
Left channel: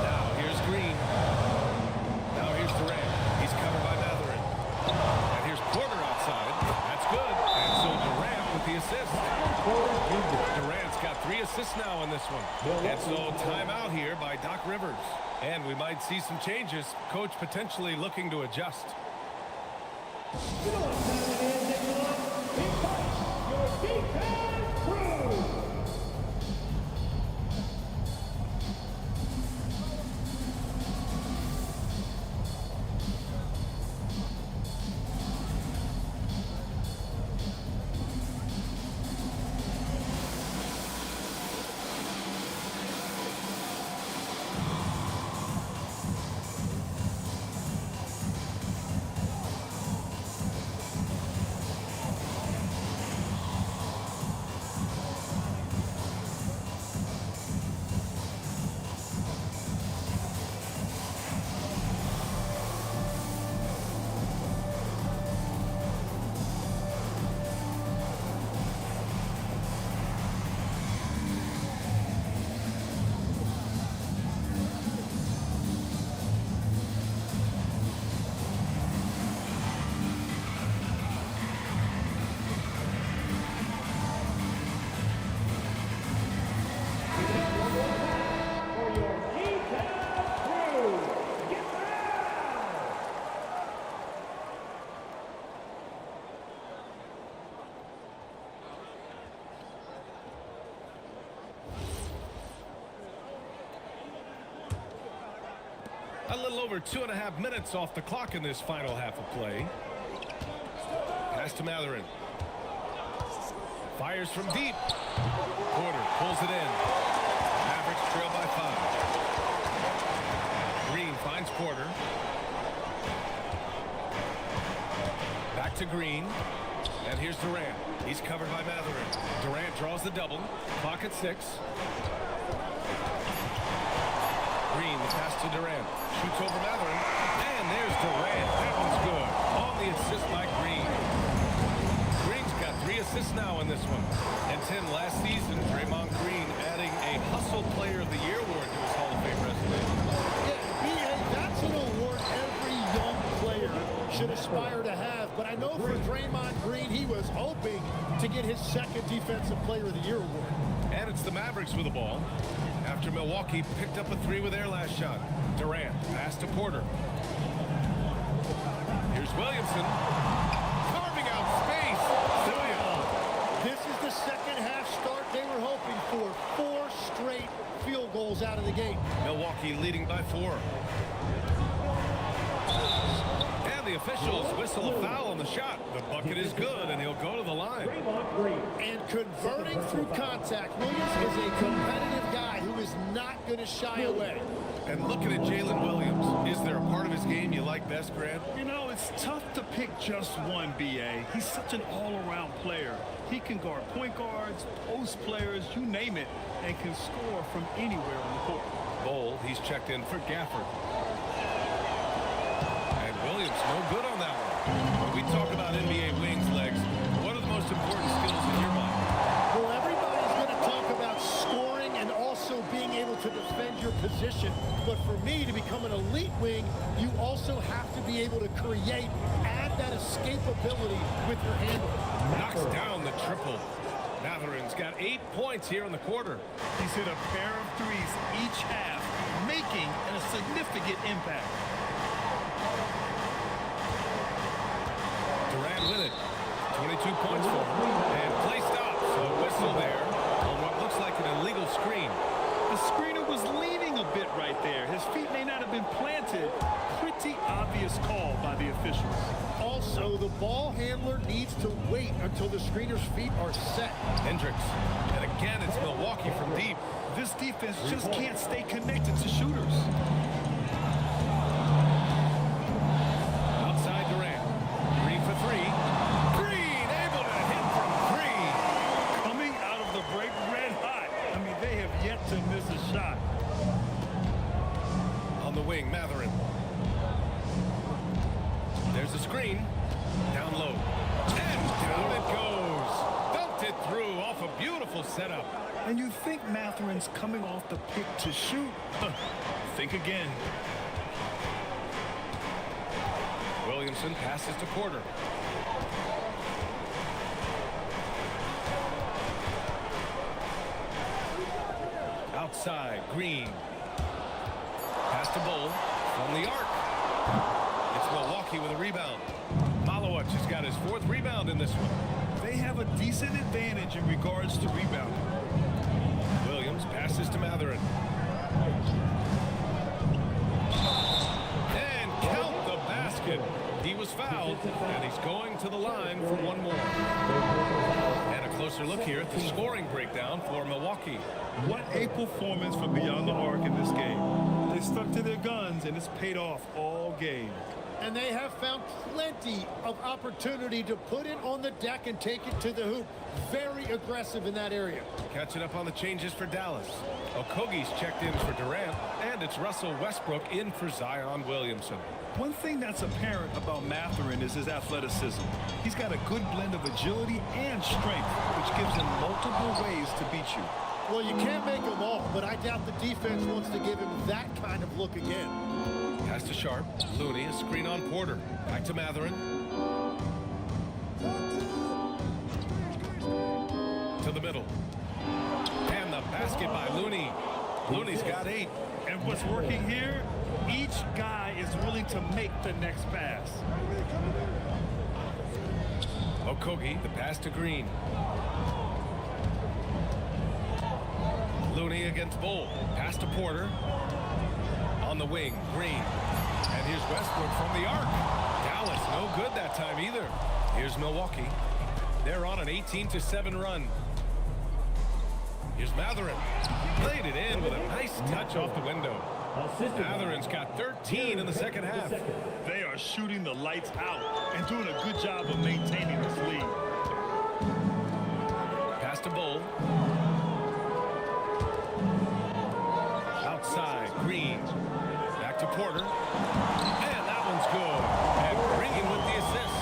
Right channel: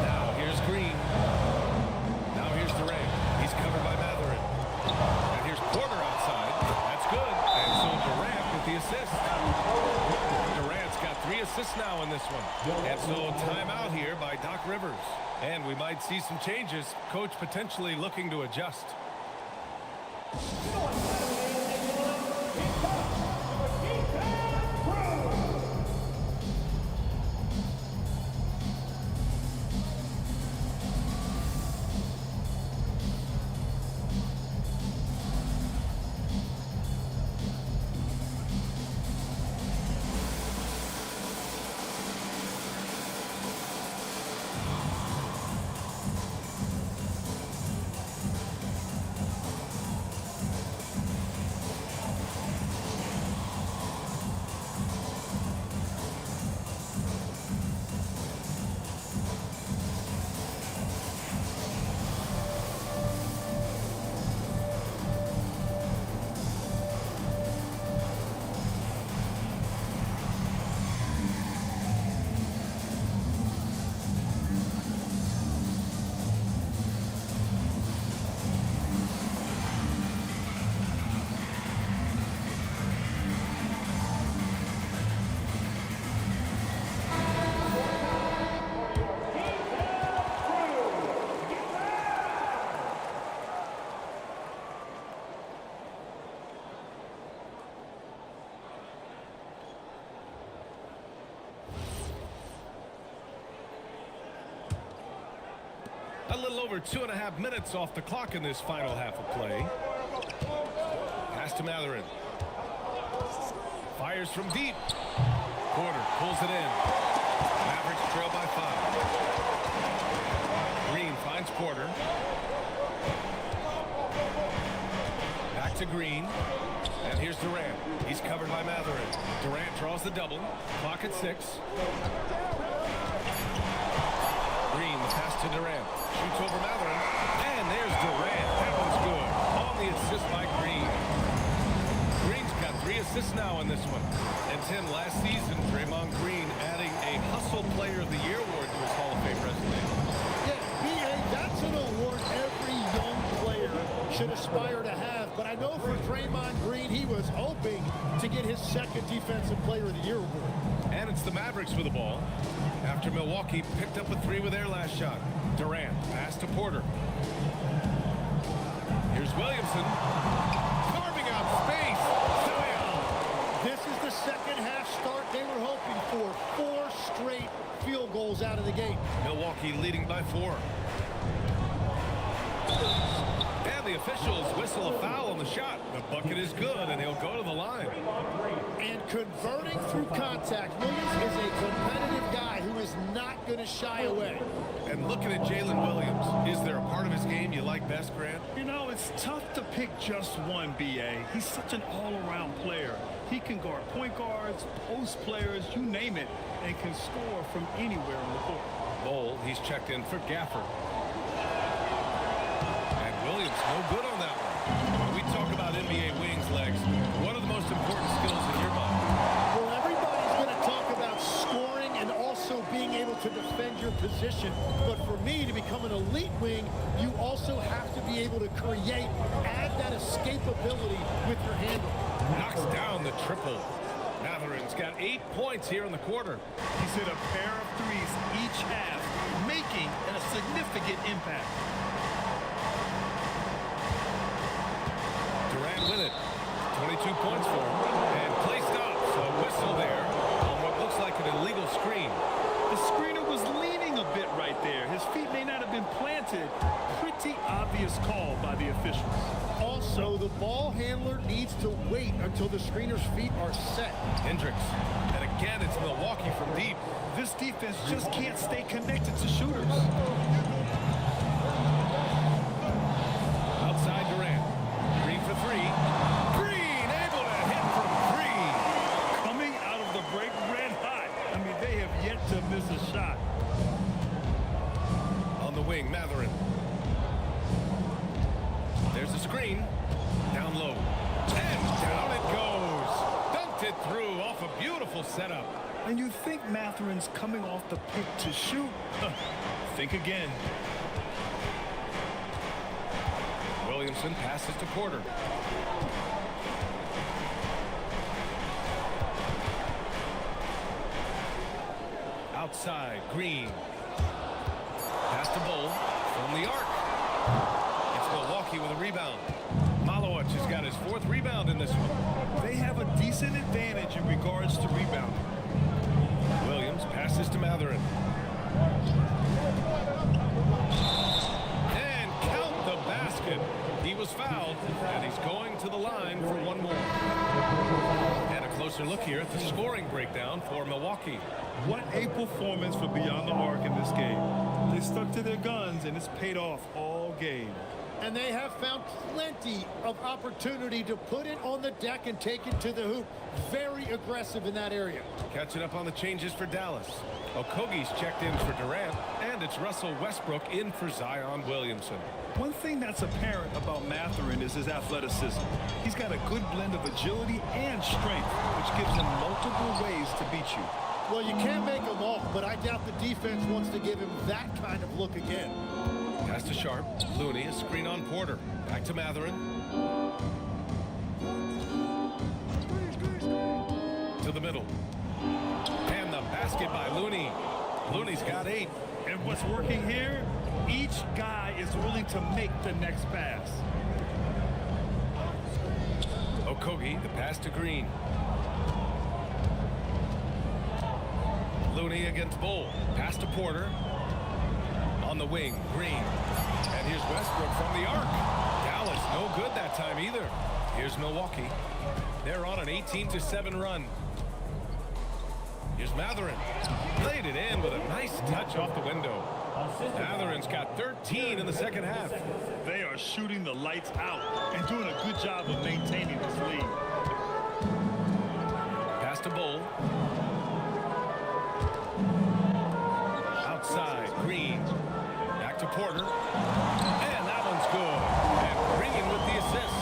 Now here's Green. Now here's Durant. He's covered by Matherin. And here's Porter outside. That's good. And so Durant with the assist. Durant's got 3 assists now in this one. And so timeout here by Doc Rivers. And we might see some changes. Coach potentially looking to adjust. A little over 2.5 minutes off the clock in this final half of play. Pass to Matherin. Fires from deep. Porter pulls it in. Mavericks trail by 5. Green finds Porter. Back to Green. And here's Durant. He's covered by Matherin. Durant draws the double. Clock at 6. Green, the pass to Durant. Shoots over Matherin. And there's Durant. That one's good. On the assist by Green. Green's got 3 assists now in this one. And Tim, last season, Draymond Green adding a Hustle Player of the Year award to his Hall of Fame resume. Yeah, B.A., that's an award every young player should aspire to have. But I know for Draymond Green, he was hoping to get his 2nd Defensive Player of the Year award. And it's the Mavericks with the ball. After Milwaukee picked up a 3 with their last shot. Durant, pass to Porter. Here's Williamson. Carving out space. Zion. This is the second half start they were hoping for. 4 straight field goals out of the gate. Milwaukee leading by 4. And the officials whistle a foul on the shot. The bucket is good, and he'll go to the line. And converting through contact, Williams is a competitive guy who is not going to shy away. And looking at Jalen Williams, is there a part of his game you like best, Grant? You know, it's tough to pick just one, B.A. He's such an all-around player. He can guard point guards, post players, you name it, and can score from anywhere on the court. Bowl, he's checked in for Gafford. And Williams no good on that one. When we talk about NBA wings, Legs, what are the most important skills in your mind? Well, everybody's going to talk about scoring and also being able to defend your position. But for me, to become an elite wing, you also have to be able to create, add that escapability with your handle. Knocks down the triple. Matherin's got 8 points here in the quarter. He's hit a pair of threes each half, making a significant impact. Durant with it. 22 points for him. And play stops. A whistle there on what looks like an illegal screen. The screener was leaning a bit right there. His feet may not have been planted. Pretty obvious call by the officials. Also, the ball handler needs to wait until the screener's feet are set. Hendricks. And again, it's Milwaukee from deep. This defense just can't stay connected to shooters. Outside Durant. Green for three. Green able to hit from three. Coming out of the break red hot. I mean, they have yet to miss a shot. On the wing, Matherin. There's a screen. Down low. And down it goes. Dunked it through off a beautiful setup. And you think Matherin's coming off the pick to shoot? Think again. Williamson passes to Porter. Outside, Green. Pass to Bowl from the arc. It's Milwaukee with a rebound. Malowicz has got his 4th rebound in this one. They have a decent advantage in regards to rebounding. Williams passes to Matherin. And count the basket. He was fouled, and he's going to the line for one more. And a closer look here at the scoring breakdown for Milwaukee. What a performance for Beyond the Arc in this game. They stuck to their guns, and it's paid off all game. And they have found plenty of opportunity to put it on the deck and take it to the hoop. Very aggressive in that area. Catching up on the changes for Dallas. Okogie's checked in for Durant, and it's Russell Westbrook in for Zion Williamson. One thing that's apparent about Matherin is his athleticism. He's got a good blend of agility and strength, which gives him multiple ways to beat you. Well, you can't make them all, but I doubt the defense wants to give him that kind of look again. Pass to Sharp. Looney, a screen on Porter. Back to Matherin. To the middle. And the basket by Looney. Looney's got 8. And what's working here? Each guy is willing to make the next pass. Okogie, the pass to Green. Looney against Bowl. Pass to Porter. On the wing, Green. And here's Westbrook from the arc. Dallas, no good that time either. Here's Milwaukee. They're on an 18-7 run. Here's Matherin. Laid it in with a nice touch off the window. Matherin's got 13 in the second half. They are shooting the lights out and doing a good job of maintaining this lead. Pass to Bowl. Outside, Green. Back to Porter. And that one's good. And Green with the assist.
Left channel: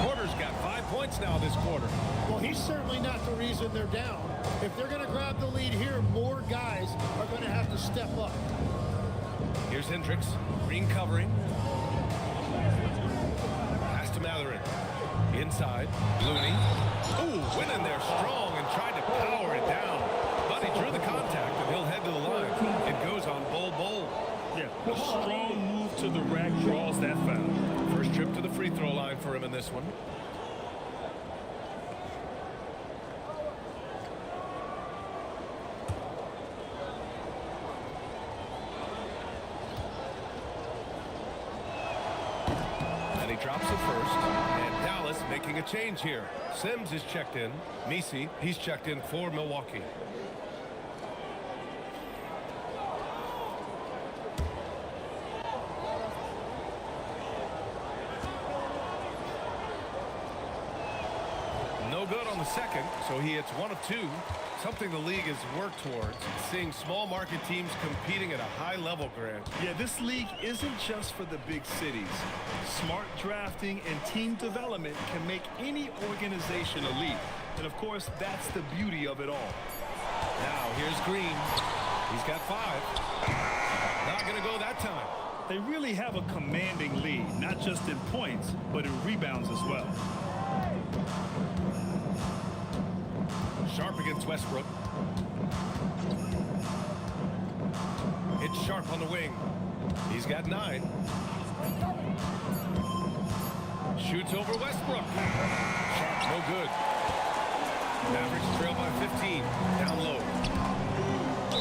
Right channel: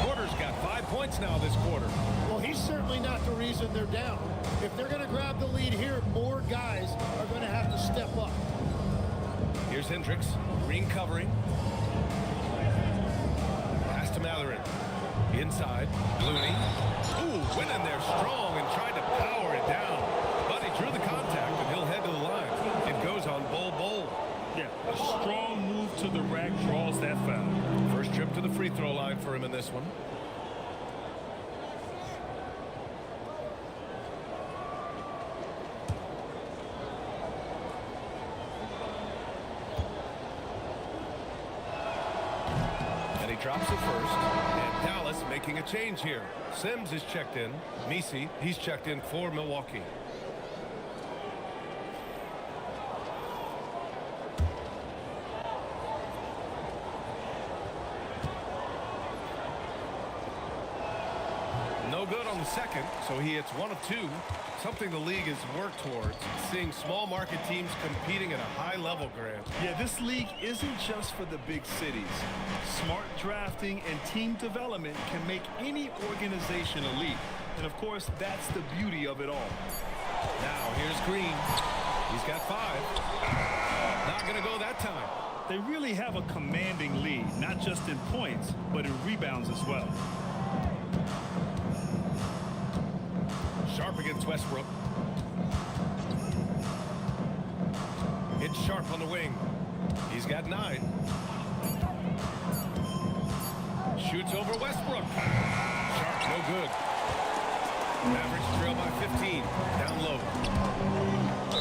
Porter's got 5 points now this quarter. Well, he's certainly not the reason they're down. If they're going to grab the lead here, more guys are going to have to step up. Here's Hendricks. Green covering. Pass to Matherin. Inside. Looney. Ooh, went in there strong and tried to power it down. But he drew the contact, and he'll head to the line. It goes on Bowl. Yeah, a strong move to the rack draws that foul. First trip to the free throw line for him in this one. They drops to first, and Dallas making a change here. Sims is checked in. Misi, he's checked in for Milwaukee. No good on the second, so he hits 1 of 2. Something the league has worked towards, seeing small market teams competing at a high level, Grant. Yeah, this league isn't just for the big cities. Smart drafting and team development can make any organization elite. And of course, that's the beauty of it all. Now here's Green. He's got 5. Not gonna go that time. They really have a commanding lead, not just in points, but in rebounds as well. Sharp against Westbrook. It's Sharp on the wing. He's got 9. Shoots over Westbrook. Sharp, no good. Mavericks trail by 15. Down low.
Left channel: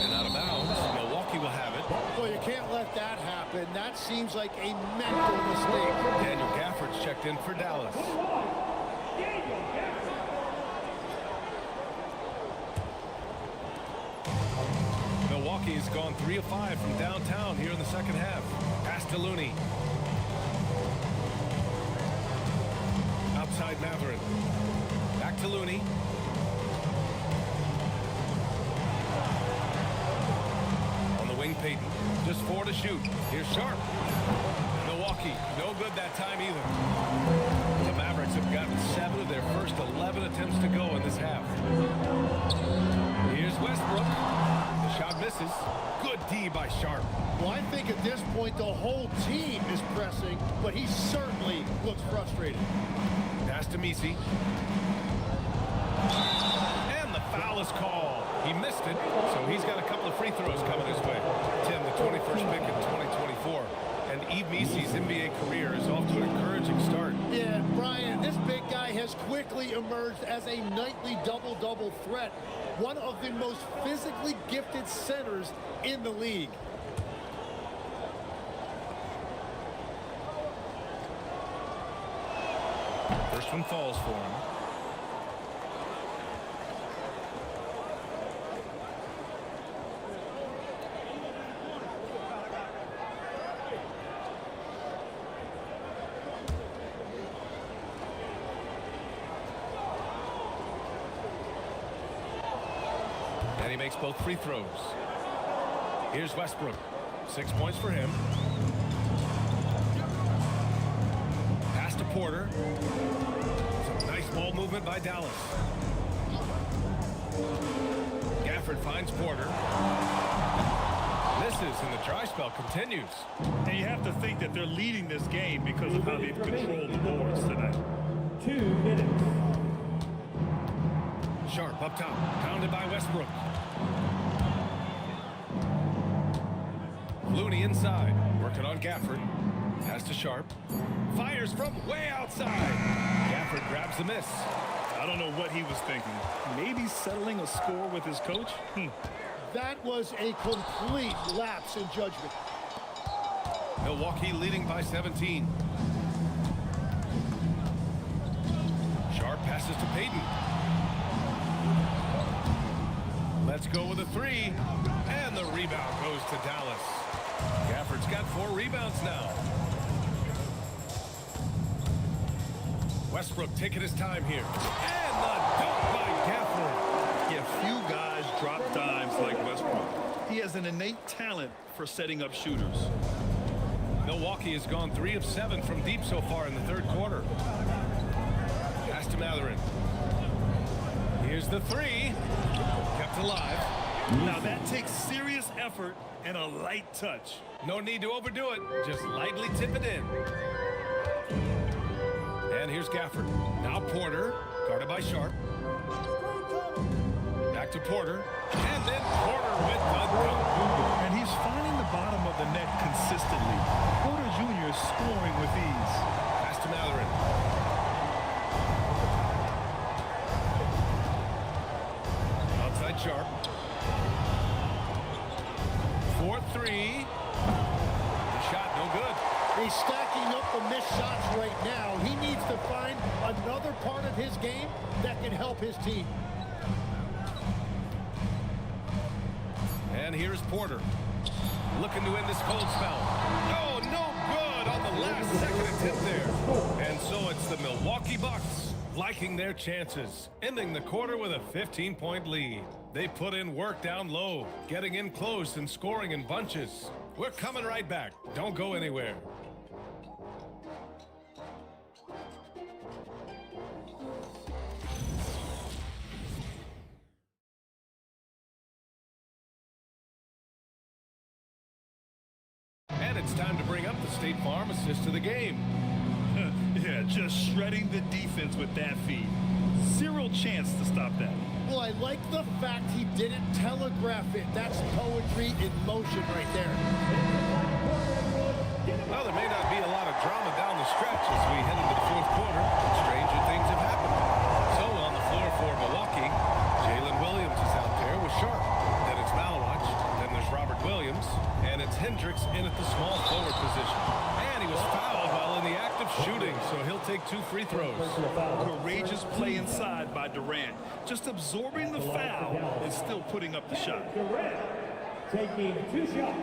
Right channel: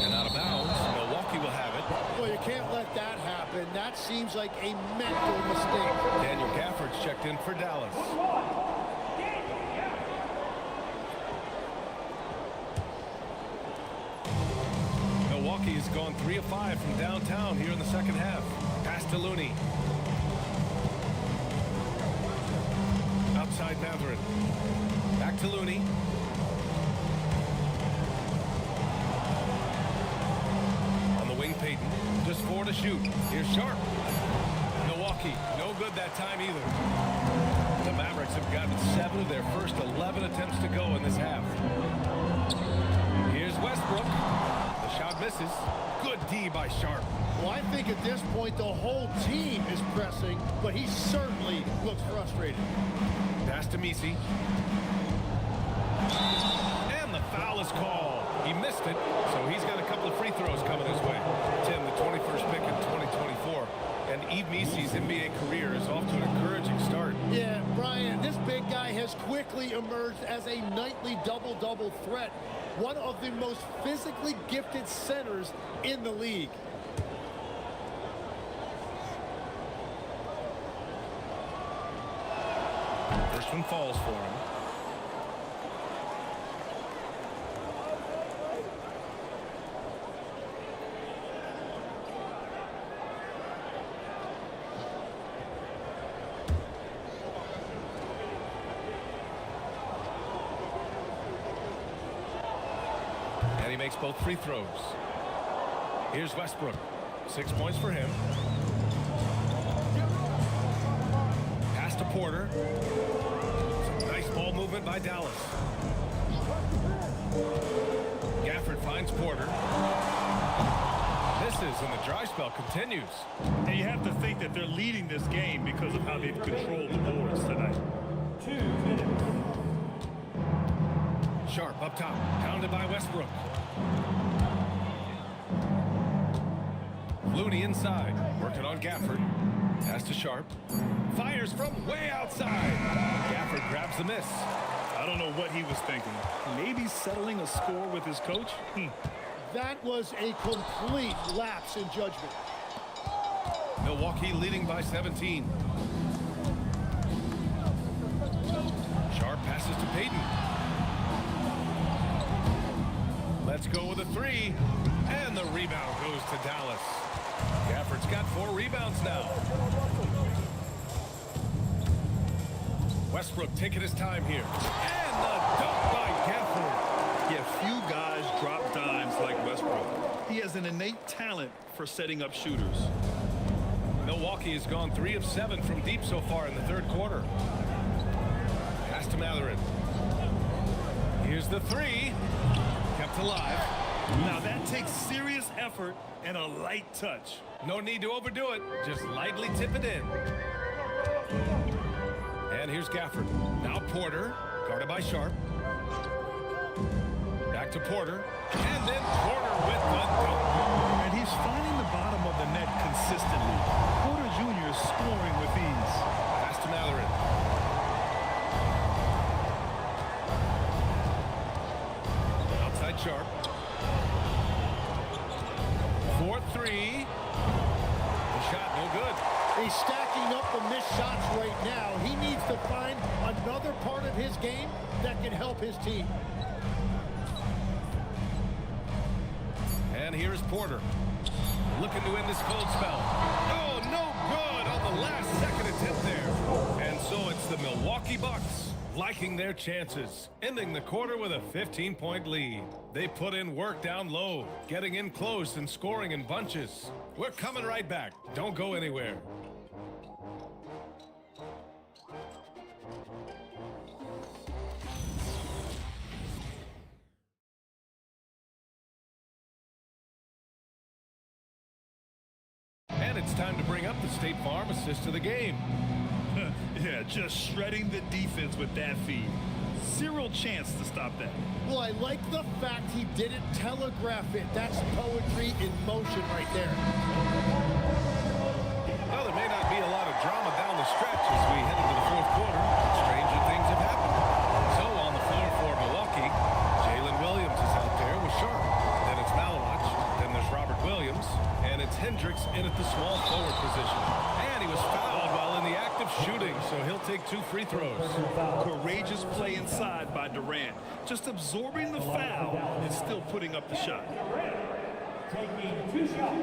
And out of bounds. Milwaukee will have it. Well, you can't let that happen. That seems like a mental mistake. Daniel Gafford's checked in for Dallas. Milwaukee has gone 3 of 5 from downtown here in the second half. Pass to Looney. Outside Matherin. Back to Looney. On the wing, Payton. Just 4 to shoot. Here's Sharp. Milwaukee, no good that time either. The Mavericks have gotten 7 of their first 11 attempts to go in this half. Here's Westbrook. The shot misses. Good D by Sharp. Well, I think at this point the whole team is pressing, but he certainly looks frustrated. Pass to Misi. And the foul is called. He missed it, so he's got a couple of free throws coming his way. Tim, the 21st pick in 2024. And Yves Misi's NBA career is off to an encouraging start. Yeah, Brian, this big guy has quickly emerged as a nightly double-double threat. One of the most physically gifted centers in the league. First one falls for him. And he makes both free throws. Here's Westbrook. 6 points for him. Pass to Porter. Some nice ball movement by Dallas. Gafford finds Porter. Misses, and the dry spell continues. And you have to think that they're leading this game because of how they've controlled the boards tonight. 2 minutes. Sharp up top, pounded by Westbrook. Looney inside, working on Gafford. Pass to Sharp. Fires from way outside. Gafford grabs the miss. I don't know what he was thinking. Maybe settling a score with his coach? That was a complete lapse in judgment. Milwaukee leading by 17. Sharp passes to Payton. Let's go with a 3. And the rebound goes to Dallas. Gafford's got 4 rebounds now. Westbrook taking his time here. And the dunk by Gafford. Yeah, few guys drop dimes like Westbrook. He has an innate talent for setting up shooters. Milwaukee has gone 3 of 7 from deep so far in the third quarter. Pass to Matherin. Here's the 3. Kept alive. Now that takes serious effort and a light touch. No need to overdo it. Just lightly tip it in. And here's Gafford. Now Porter, guarded by Sharp. Back to Porter. And then Porter with the dunk. And he's finding the bottom of the net consistently. Porter Jr. is scoring with ease. Pass to Matherin. Outside Sharp. 4-3. The shot no good. He's stacking up the missed shots right now. He needs to find another part of his game that can help his team. And here's Porter. Looking to end this cold spell. Oh, no good on the last second attempt there. And so it's the Milwaukee Bucks liking their chances, ending the quarter with a 15-point lead. They put in work down low, getting in close and scoring in bunches. We're coming right back. Don't go anywhere. And it's time to bring up the State Farm assist of the game. Yeah, just shredding the defense with that feed. Zero chance to stop that. Well, I like the fact he didn't telegraph it. That's poetry in motion right there. Well, there may not be a lot of drama down the stretch as we head into the fourth quarter, but stranger things have happened. So on the floor for Milwaukee, Jalen Williams is out there with Sharp. Then it's Malawach. Then there's Robert Williams. And it's Hendricks in at the small forward position. And he was fouled while in the act of shooting, so he'll take 2 free throws. Courageous play inside by Durant. Just absorbing the foul and still putting up the shot. Durant taking 2 shots.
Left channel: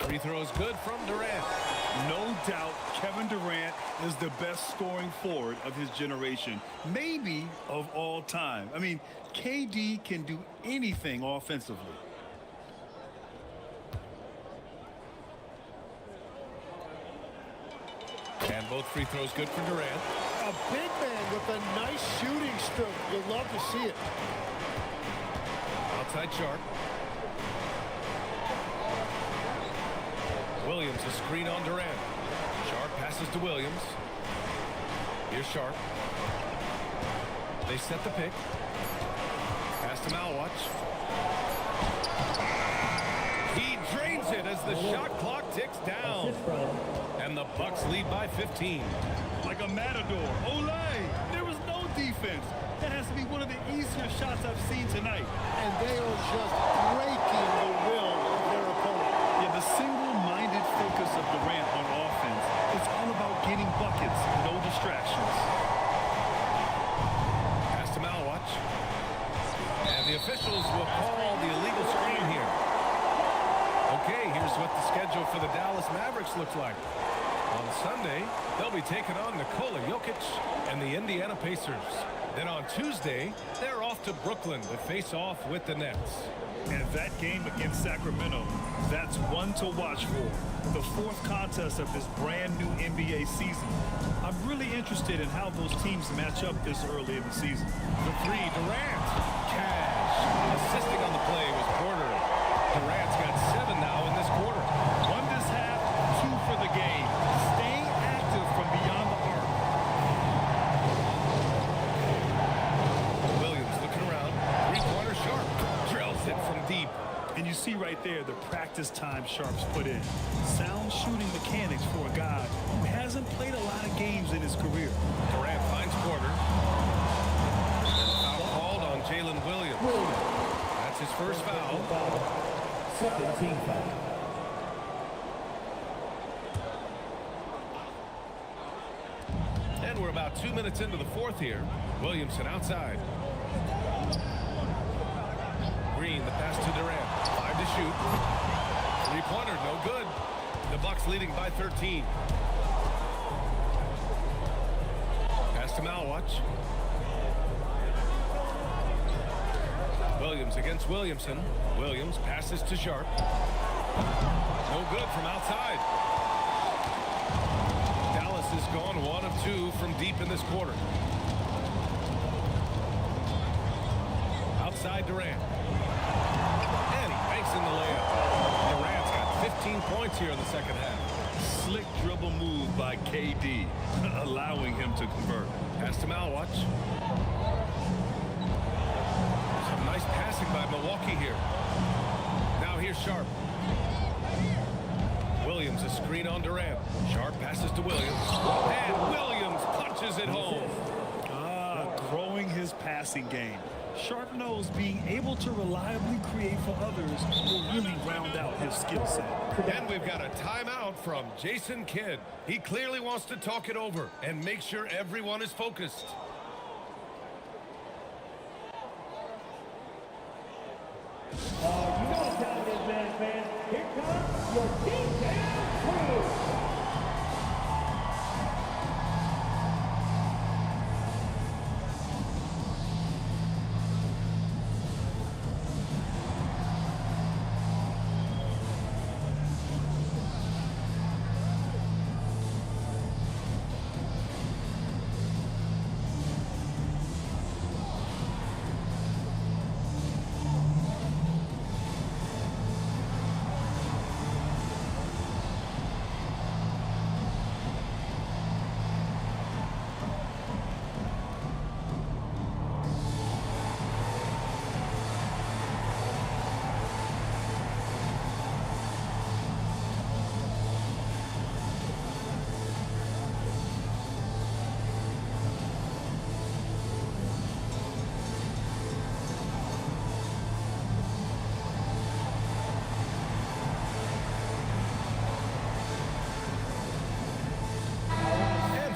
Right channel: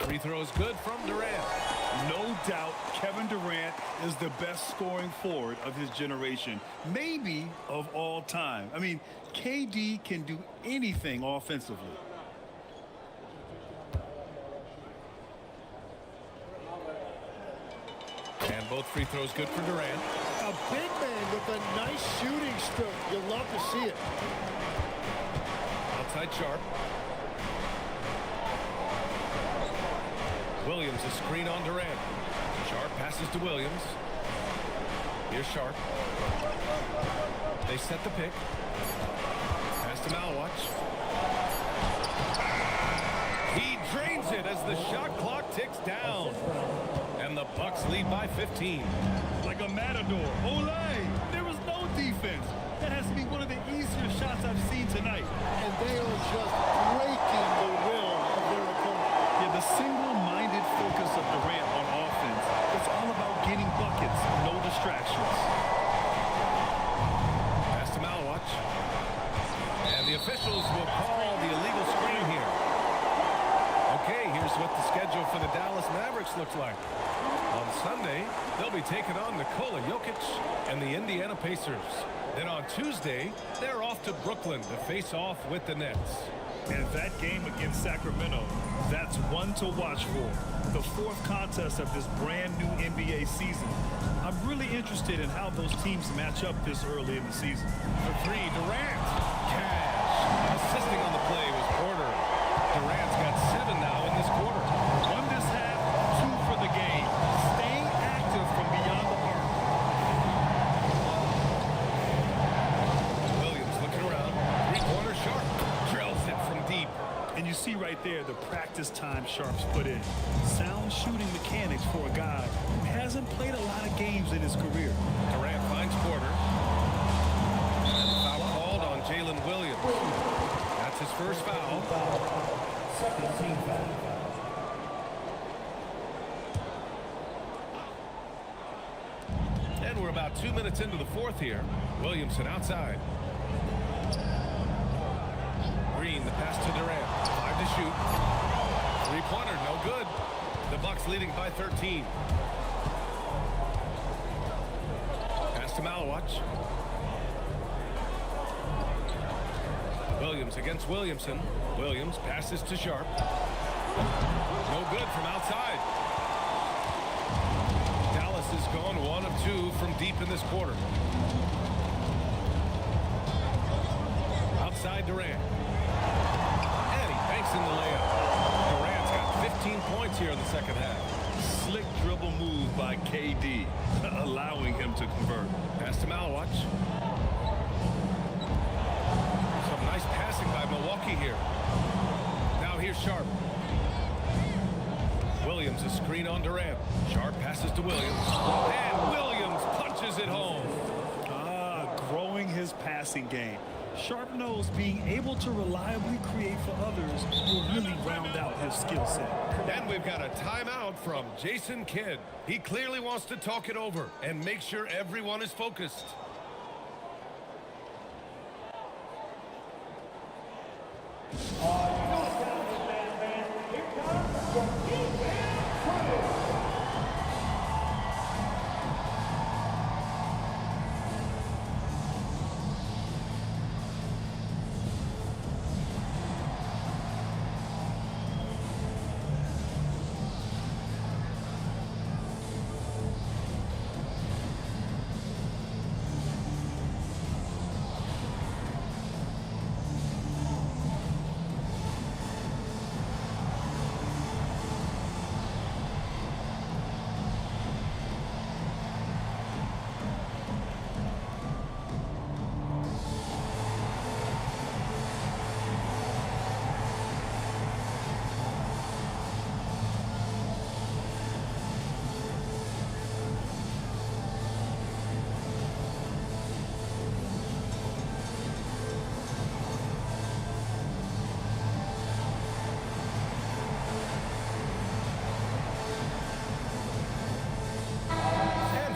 Free throw is good from Durant. No doubt Kevin Durant is the best scoring forward of his generation, maybe of all time. I mean, KD can do anything offensively. And both free throws good for Durant. A big man with a nice shooting stroke. You'll love to see it. Outside Sharp. Williams a screen on Durant. Sharp passes to Williams. Here's Sharp. They set the pick. Pass to Malawach. He drains it as the shot clock ticks down. And the Bucks lead by 15. Like a matador. Olay! There was no defense. That has to be one of the easier shots I've seen tonight. And they are just breaking the will of their opponent. Yeah, the single-minded focus of Durant on offense, it's all about getting buckets, no distractions. Pass to Malawach. And the officials will call the illegal screen here. Okay, here's what the schedule for the Dallas Mavericks looks like. On Sunday, they'll be taking on Nikola Jokic and the Indiana Pacers. Then on Tuesday, they're off to Brooklyn to face off with the Nets. And that game against Sacramento, that's one to watch for. The 4th contest of this brand new NBA season. I'm really interested in how those teams match up this early in the season. For 3, Durant. Cash. Assisting on the play was Porter. Durant's got 7 now in this quarter. 1 this half, 2 for the game. Staying active from beyond the arc. Williams looking around. 3-pointer Sharp. Drills it from deep. And you see right there the practice time Sharp's put in. Sound shooting mechanics for a guy who hasn't played a lot of games in his career. Durant finds Porter. And the foul called on Jalen Williams. That's his first foul. Second team foul. And we're about 2 minutes into the fourth here. Williamson outside. Green, the pass to Durant. 5 to shoot. 3-pointer, no good. The Bucks leading by 13. Pass to Malawach. Williams against Williamson. Williams passes to Sharp. No good from outside. Dallas has gone 1 of 2 from deep in this quarter. Outside Durant. And he banks in the layup. Durant's got 15 points here in the second half. Slick dribble move by KD, allowing him to convert. Pass to Malawach. Some nice passing by Milwaukee here. Now here's Sharp. Williams a screen on Durant. Sharp passes to Williams. And Williams punches it home. Growing his passing game. Sharp knows being able to reliably create for others will really round out his skill set. And we've got a timeout from Jason Kidd. He clearly wants to talk it over and make sure everyone is focused.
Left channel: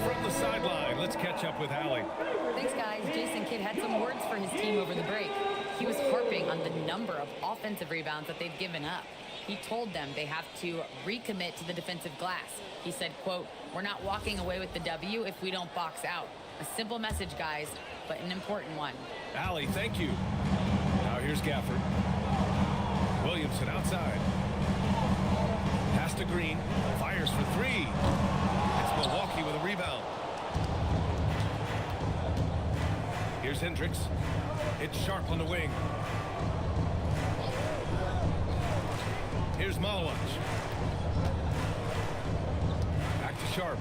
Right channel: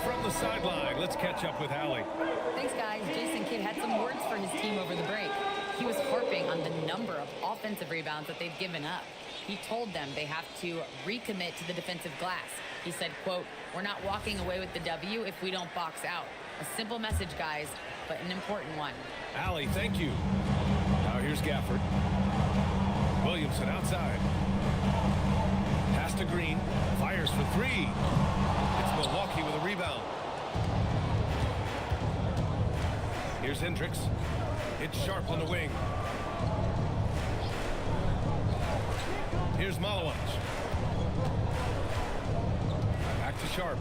From the sideline, let's catch up with Allie. Thanks, guys. Jason Kidd had some words for his team over the break. He was harping on the number of offensive rebounds that they've given up. He told them they have to recommit to the defensive glass. He said, quote, "We're not walking away with the W if we don't box out." A simple message, guys, but an important one. Allie, thank you. Now here's Gafford. Williamson outside. Pass to Green. Fires for three. It's Milwaukee with a rebound. Here's Hendricks. It's Sharp on the wing. Here's Malawach. Back to Sharp.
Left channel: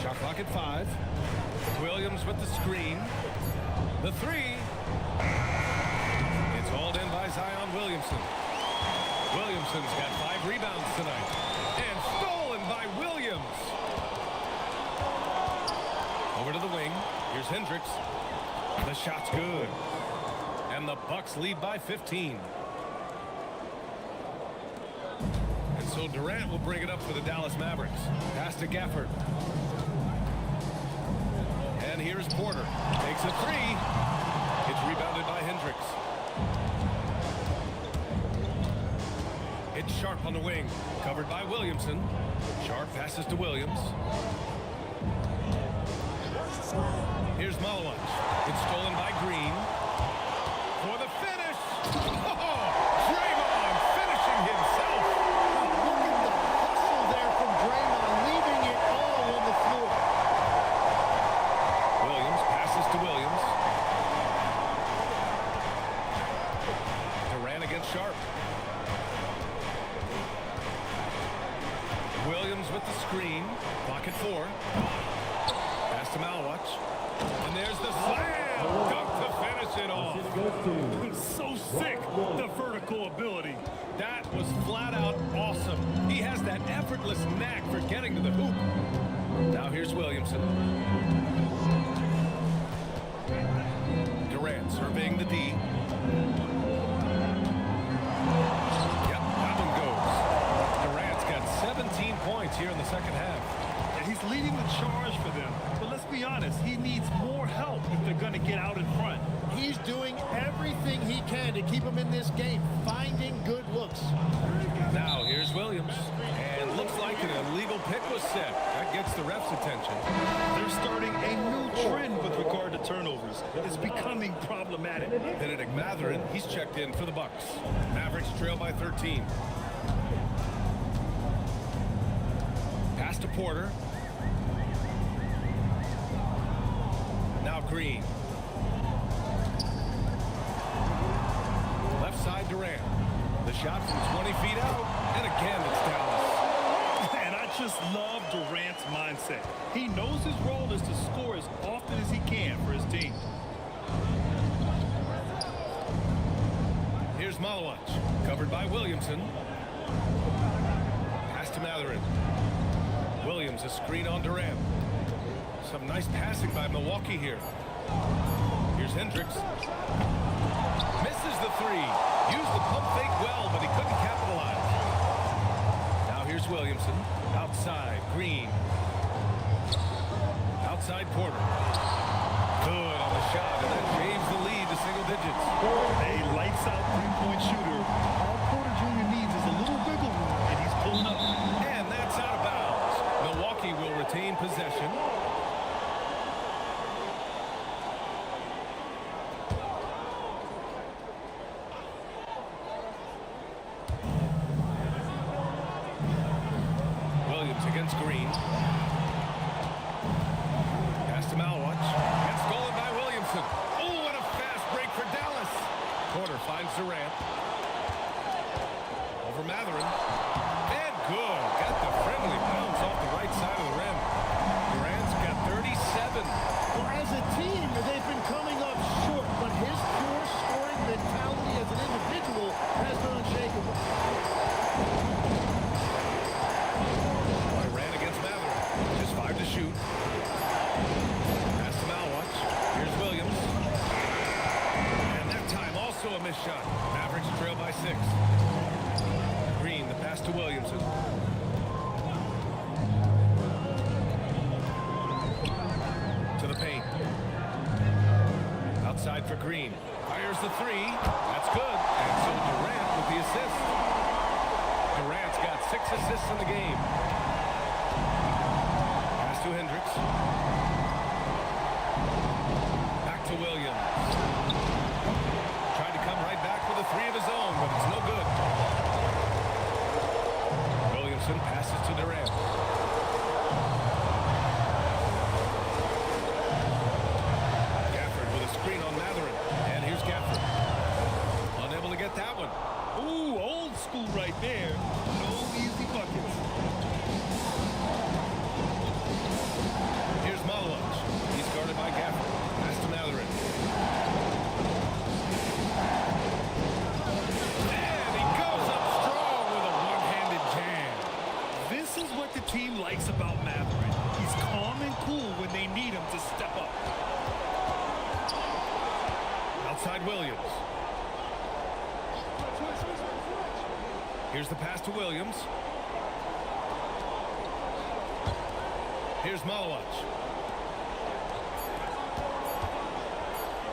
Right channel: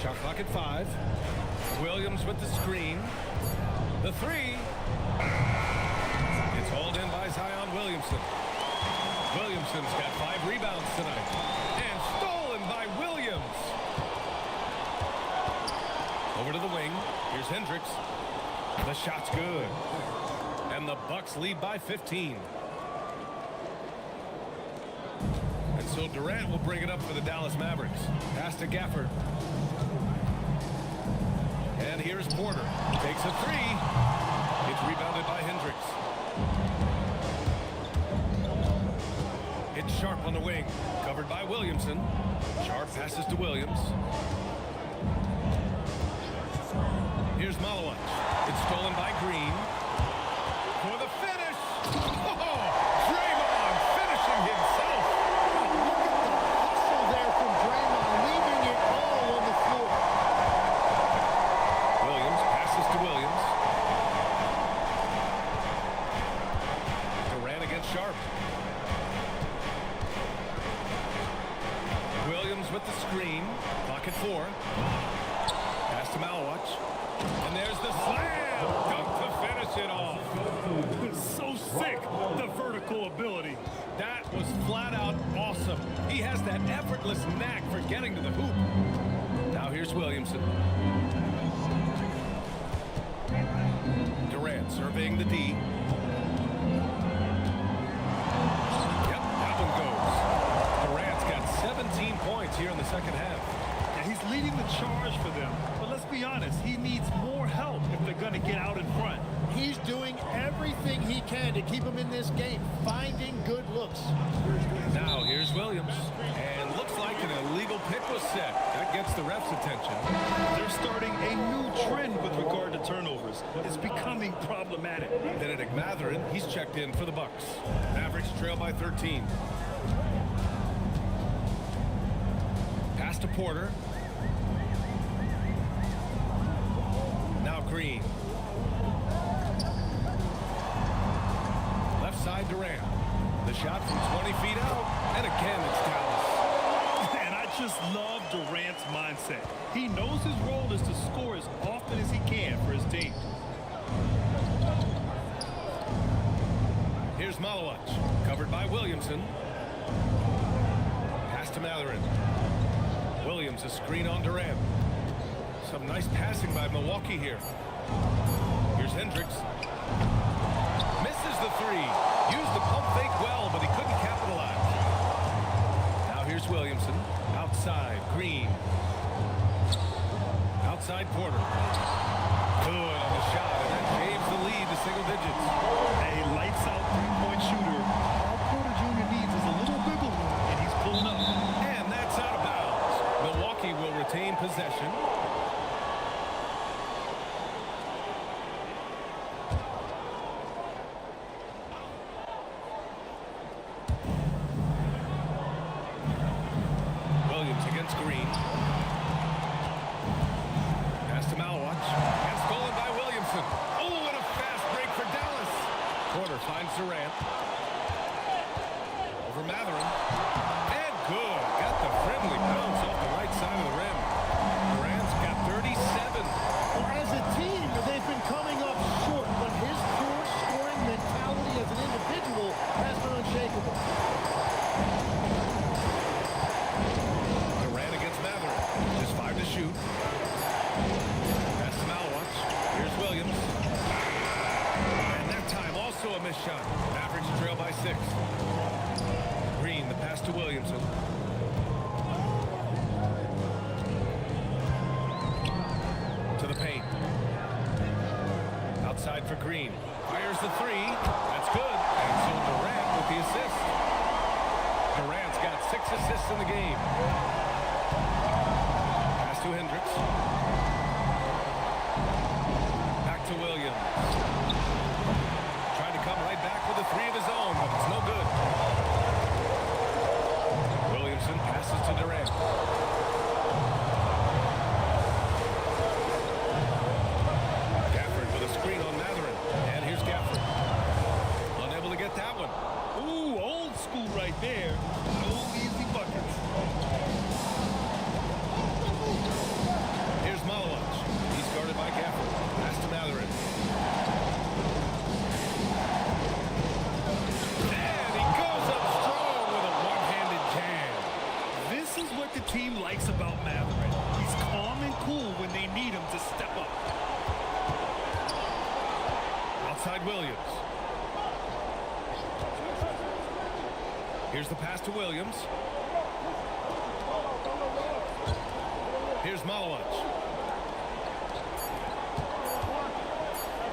Shot clock at 5. Williams with the screen. The three. It's hauled in by Zion Williamson. Williamson's got 5 rebounds tonight. And stolen by Williams. Over to the wing. Here's Hendricks. The shot's good. And the Bucks lead by 15. And so Durant will bring it up for the Dallas Mavericks. Pass to Gafford. And here's Porter. Takes a three. It's rebounded by Hendricks. It's Sharp on the wing. Covered by Williamson. Sharp passes to Williams. Here's Malawach. It's stolen by Green. For the finish. Oh, Draymond finishing himself. Oh, look at the hustle there from Draymond, leaving it all on the floor. Williams passes to Williams. Durant against Sharp. Williams with the screen. Clock at 4. Pass to Malawach. And there's the slam dunk to finish it off. So sick, the vertical ability. That was flat out awesome. He has that effortless knack for getting to the hoop. Now here's Williamson. Durant surveying the D. Yep, that one goes. Durant's got 17 points here in the second half. Yeah, he's leading the charge for them. But let's be honest, he needs more help if they're going to get out in front. He's doing everything he can to keep them in this game, finding good looks. Now here's Williams. And looks like an illegal pick was set. That gets the ref's attention. They're starting a new trend with regard to turnovers. It's becoming problematic. Benedict Mathurin, he's checked in for the Bucks. Mavericks trail by 13. Pass to Porter. Now Green. Left side Durant. The shot from 20 feet out. And again, it's Dallas. And I just love Durant's mindset. He knows his role is to score as often as he can for his team. Here's Malawach. Covered by Williamson. Pass to Mathurin. Williams a screen on Durant. Some nice passing by Milwaukee here. Here's Hendricks. Misses the three. Used the pump fake well, but he couldn't capitalize. Now here's Williamson. Outside, Green. Outside, Porter. Good on the shot, and that shaves the lead to single digits. A lights-out three-point shooter. All Porter Jr. needs is a little wiggle room, and he's pulling up. And that's out of bounds. Milwaukee will retain possession. Williams against Green. Pass to Malwatch. And stolen by Williamson. Oh, and a fast break for Dallas. Porter finds Durant. Over Matherin. And good. Got the friendly bounce off the right side of the rim. Durant's got 37. Well, as a team, they've been coming up short, but his pure scoring mentality as an individual has been unshakable. Durant against Matherin. Just 5 to shoot. Pass to Malwatch. Here's Williams. And that time also a missed shot. Mavericks trail by 6. Green, the pass to Williamson. To the paint. Outside for Green. Fires the three. That's good. And so Durant with the assist. Durant's got 6 assists in the game. Pass to Hendricks. Back to Williams. Tried to come right back with a 3 of his own, but it's no good. Williamson passes to Durant. Gafford with a screen on Matherin. And here's Gafford. Unable to get that one. Ooh, old school right there. No easy buckets. Here's Malwatch. He's guarded by Gafford. Pass to Matherin. And he goes up strong with a one-handed jam. This is what the team likes about Matherin. He's calm and cool when they need him to step up. Outside Williams. Here's the pass to Williams. Here's Malwatch.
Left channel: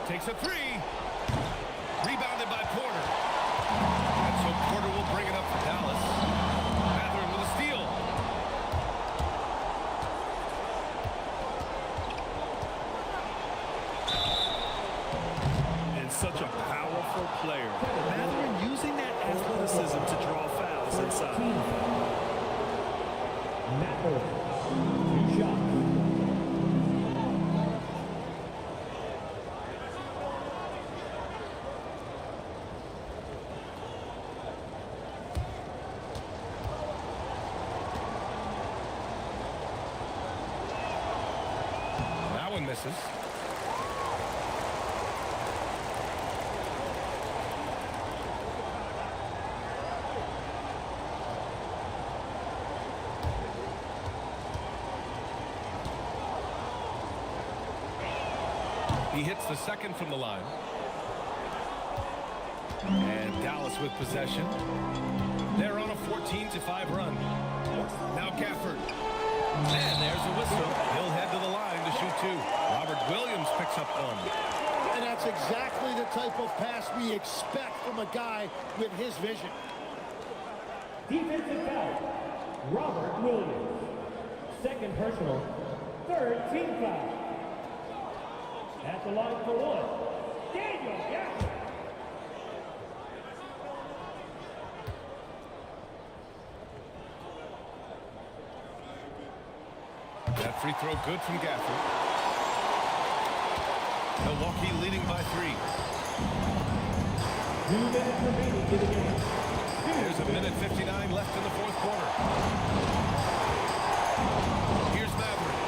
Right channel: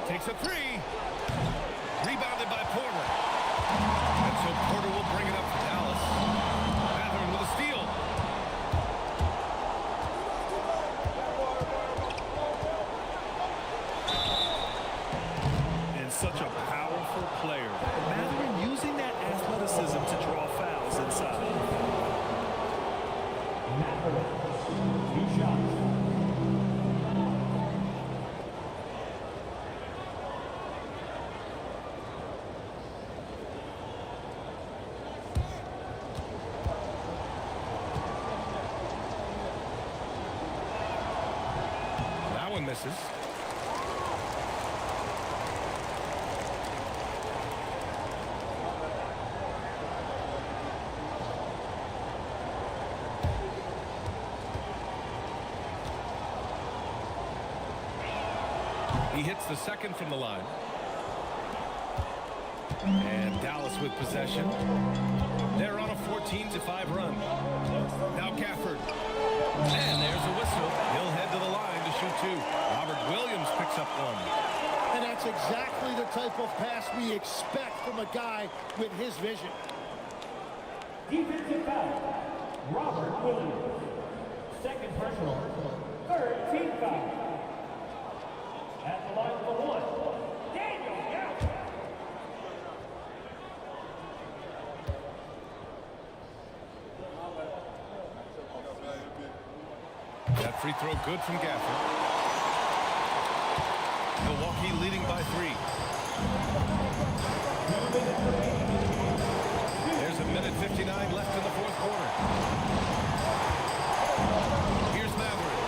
Takes a 3. Rebounded by Porter. And so Porter will bring it up for Dallas. Matherin with a steal. And such a powerful player. Matherin using that athleticism to draw fouls inside. That one misses. He hits the second from the line. And Dallas with possession. They're on a 14-5 run. Now Gafford. And there's a whistle. He'll head to the line to shoot 2. Robert Williams picks up 1. And that's exactly the type of pass we expect from a guy with his vision. Defensive foul, Robert Williams. Second personal, third team foul. At the line for 1, Daniel Gafford. That free throw good from Gafford. Milwaukee leading by 3. There's a minute 59 left in the 4th quarter. Here's Matherin.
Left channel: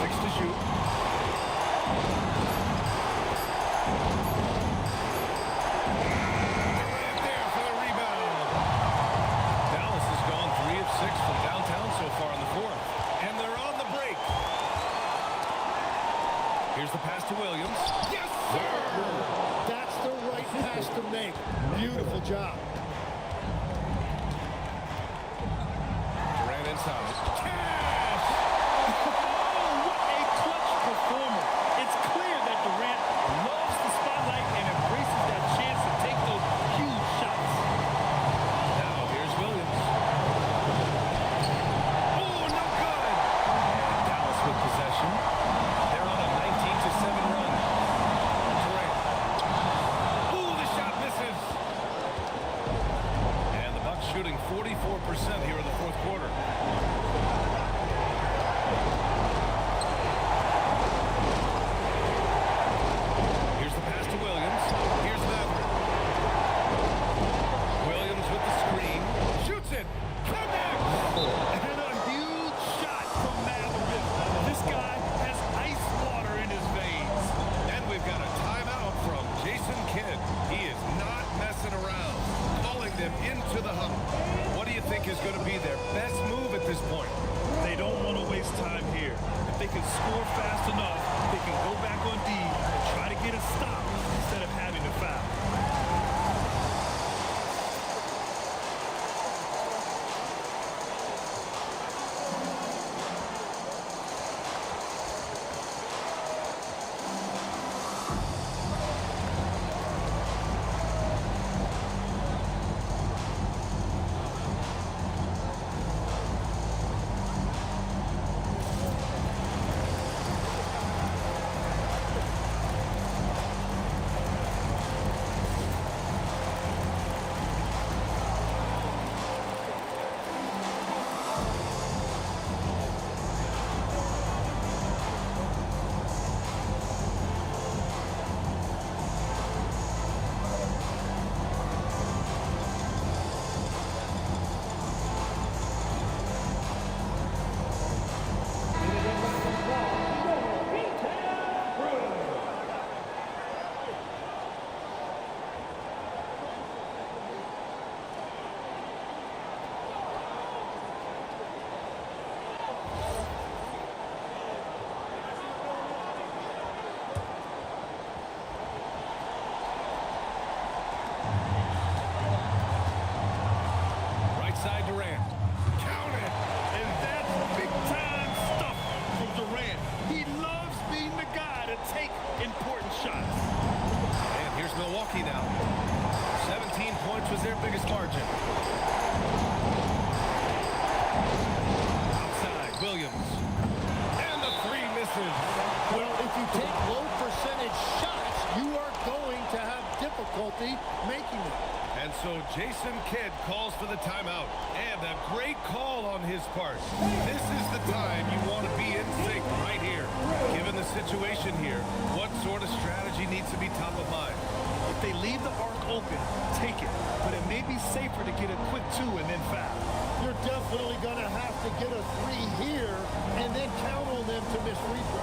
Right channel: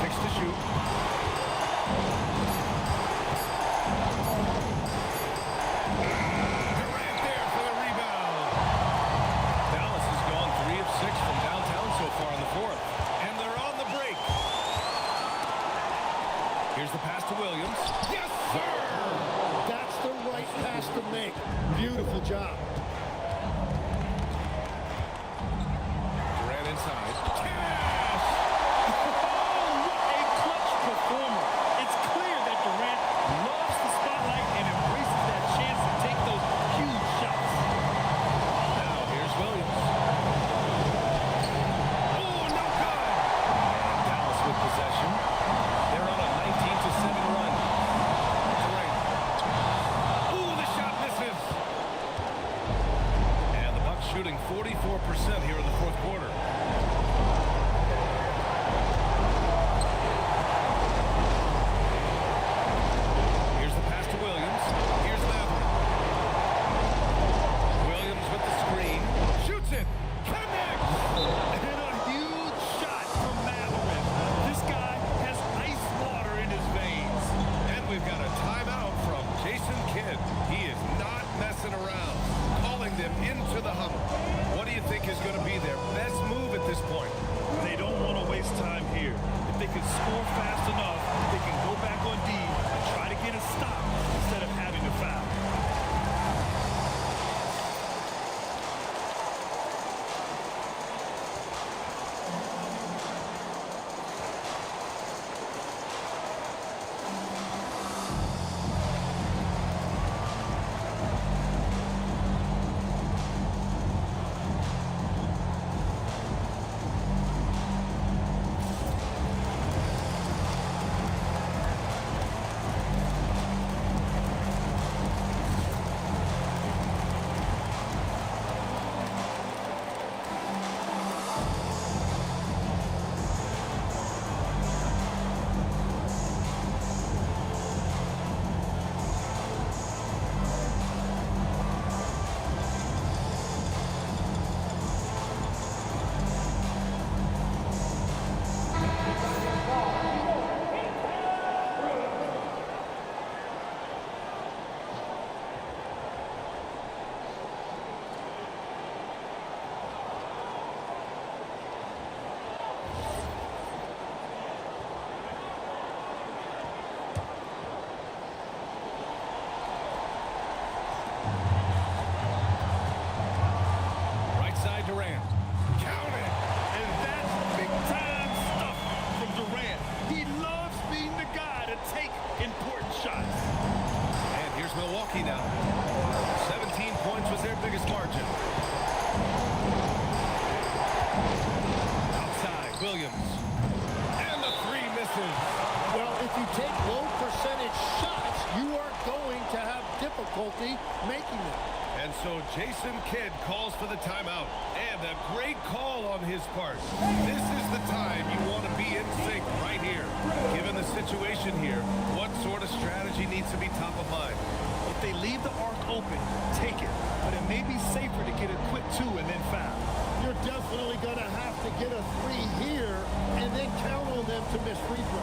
6 to shoot. Durant there for the rebound. Dallas has gone 3 of 6 from downtown so far in the fourth. And they're on the break. Here's the pass to Williams. Yes, sir! That's the right pass to make. Beautiful job. Durant inside. Cash! Oh, what a clutch performer. It's clear that Durant loves the spotlight and embraces that chance to take those huge shots. Now here's Williams. Oh, no good! And Dallas with possession. They're on a 19-7 run. Durant. Ooh, the shot misses. And the Bucks shooting 44% here in the fourth quarter. Here's the pass to Williams. Here's Matherin. Williams with the screen. Shoots it. Connects! And a huge shot from Matherin. This guy has ice water in his veins. And we've got a timeout from Jason Kidd. He is not messing around, calling them into the huddle. What do you think is going to be their best move at this point? They don't want to waste time here. If they can score fast enough, they can go back on D and try to get a stop instead of having to foul. Right side Durant. Count it! And that's big-time stuff from Durant. He loves being the guy to take important shots. And here's Milwaukee now. 17 points was their biggest margin. Outside, Williams. And the three misses. Well, if you take low percentage shots, you are going to have difficulty making them. And so Jason Kidd calls for the timeout. And a great call on his part. This is the time you want to be in sync right here. Given the situation here, what sort of strategy needs to be top of mind? If they leave the arc open, take it. But it may be safer to get a quick two and then foul. You're definitely going to have to get a three here and then count on them to miss free throw.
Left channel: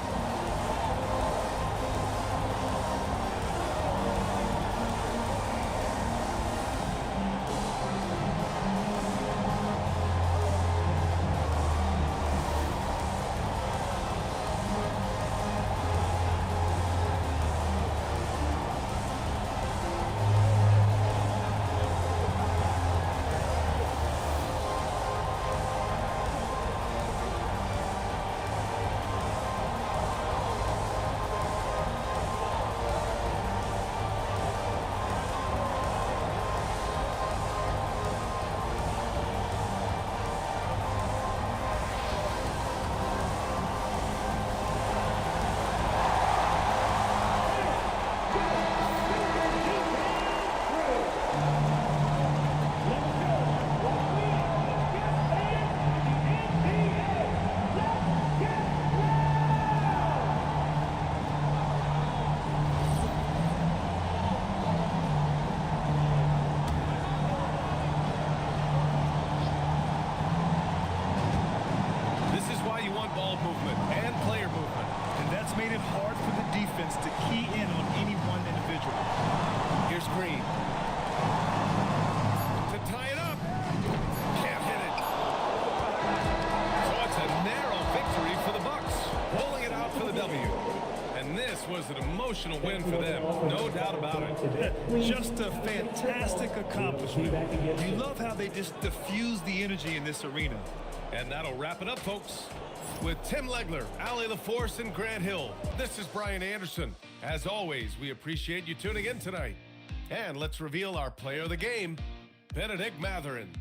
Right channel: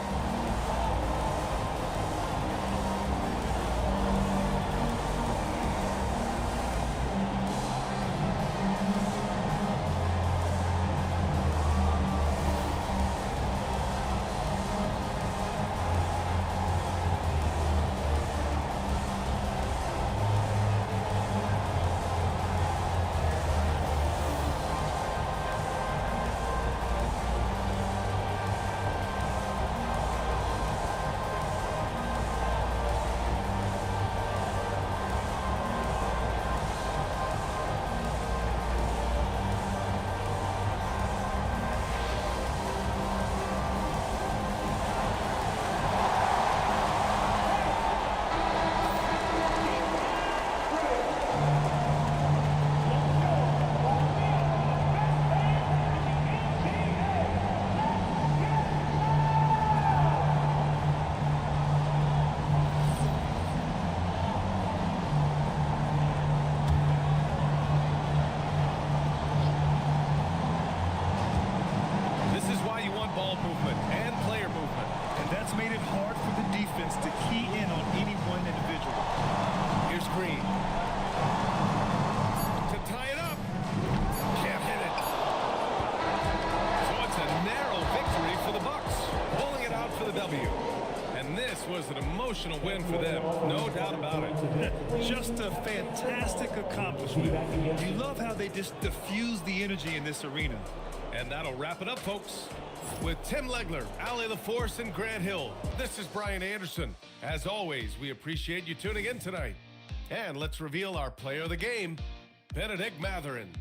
This is why you want ball movement and player movement. And that's made it hard for the defense to key in on any one individual. Here's Green. To tie it up. Can't it's a narrow victory for the Bucks, pulling it out for the W. And this was an emotional win for them, no doubt about it. Just a fantastic accomplishment. You love how they just diffuse the energy in this arena. And that'll wrap it up, folks. With Tim Legler, Allie LaForce, and Grant Hill, this is Brian Anderson. As always, we appreciate you tuning in tonight. And let's reveal our player of the game, Benedict Mathurin.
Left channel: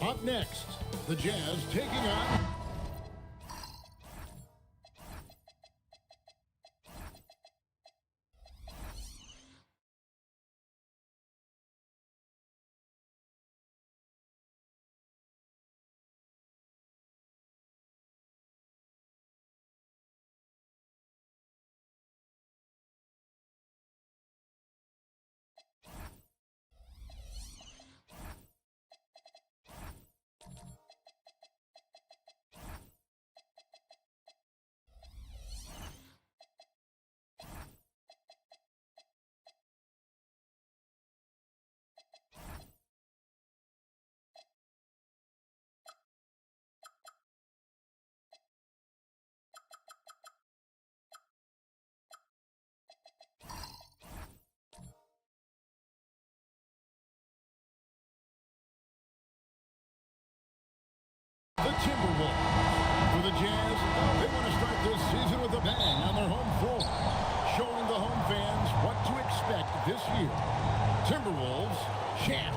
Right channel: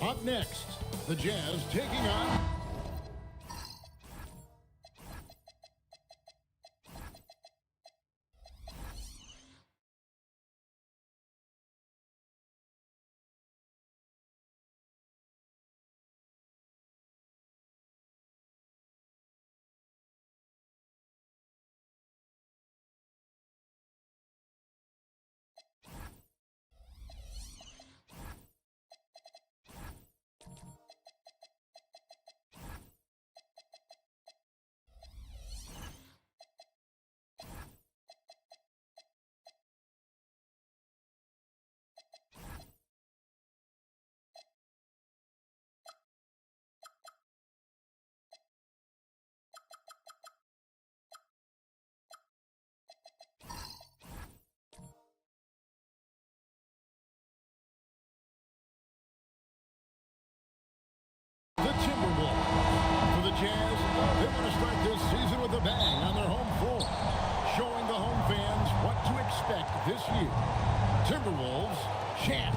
Up next, the Jazz taking on... The Timberwolves. For the Jazz, they want to start this season with a bang on their home floor, showing the home fans what to expect this year. Timberwolves, Jazz.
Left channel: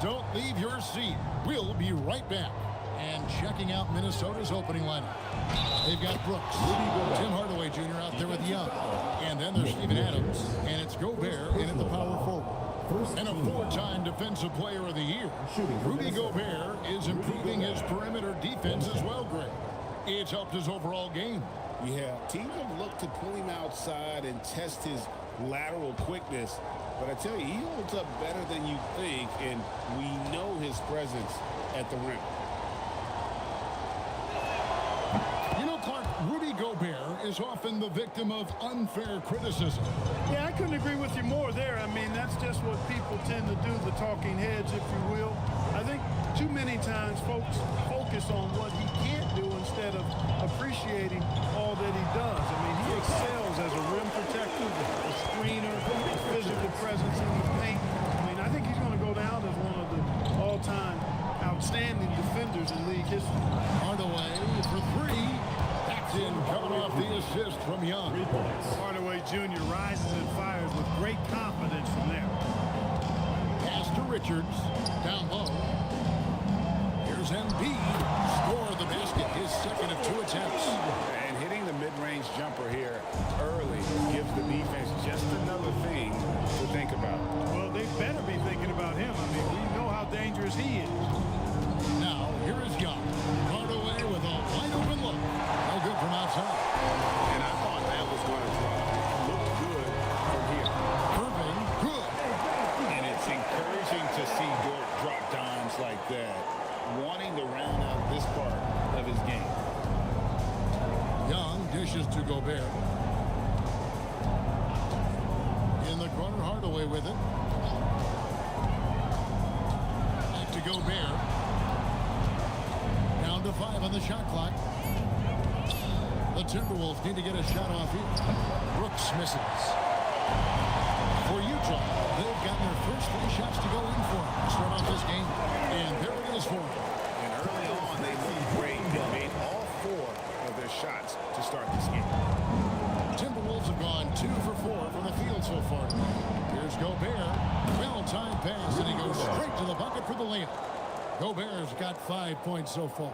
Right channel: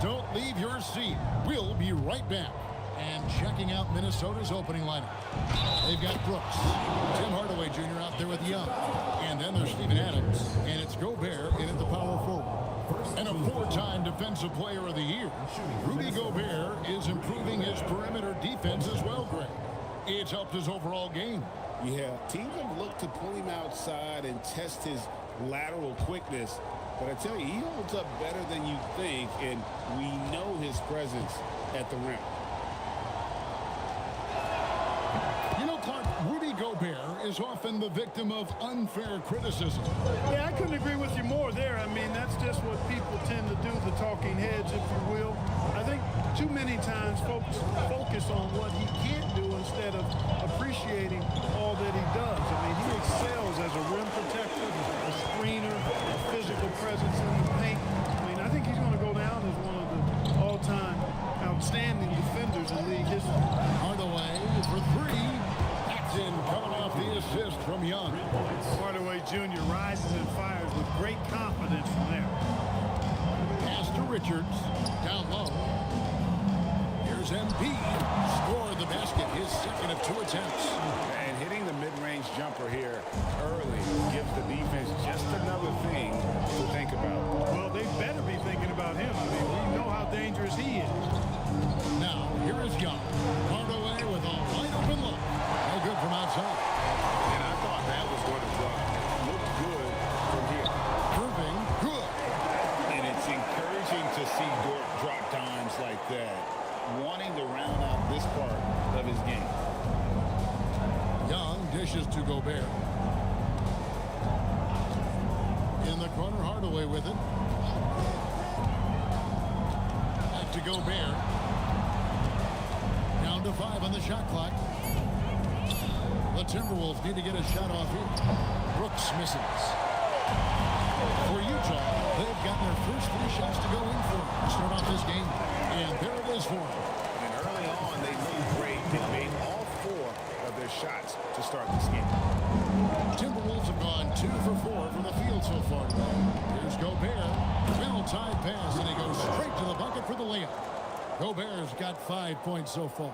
Don't leave your seat. We'll be right back. And checking out Minnesota's opening lineup. They've got Brooks, Tim Hardaway Jr. out there with Young. And then there's Steven Adams, and it's Gobert in at the power forward. And a four-time Defensive Player of the Year, Rudy Gobert is improving his perimeter defense as well, Greg. It's helped his overall game. Yeah, teams have looked to pull him outside and test his lateral quickness. But I tell you, he holds up better than you think, and we know his presence at the rim. You know, Clark, Rudy Gobert is often the victim of unfair criticism. Yeah, I couldn't agree with you more there. I mean, that's just what people tend to do, the talking heads, if you will. I think too many times folks focus on what he can't do instead of appreciating all that he does. I mean, he excels as a rim protector, a screener, a physical presence in the paint. I mean, I think he's going to go down as one of the all-time outstanding defenders in league history. Hardaway for three. That's in, coming off the assist from Young. Hardaway Jr. rises and fires with great confidence from there. Pass to Richards. Down low. Here's Embiid. Score the basket, his second of 2 attempts. And hitting the mid-range jumper here early gives the defense just another thing to think about. Well, they better be thinking about him. I mean, we know how dangerous he is. Now, here is Young. Hardaway with a wide open look. No good from outside. And I thought that was going to drop. It looked good from here. Irving, good. And it's encouraging to see Dort drop dimes like that, wanting to round out this part of his game. Young dishes to Gobert. In the corner, Hardaway with it. Back to Gobert. Down to 5 on the shot clock. The Timberwolves need to get a shot off here. Brooks misses. For Utah, they've gotten their first 3 shots to go in for him to start off this game. And there it is for him. And early on, they looked great. They made all 4 of their shots to start this game. Timberwolves have gone 2 for 4 from the field so far today. Here's Gobert. Well-timed pass, and he goes straight to the bucket for the layup. Gobert's got 5 points so far.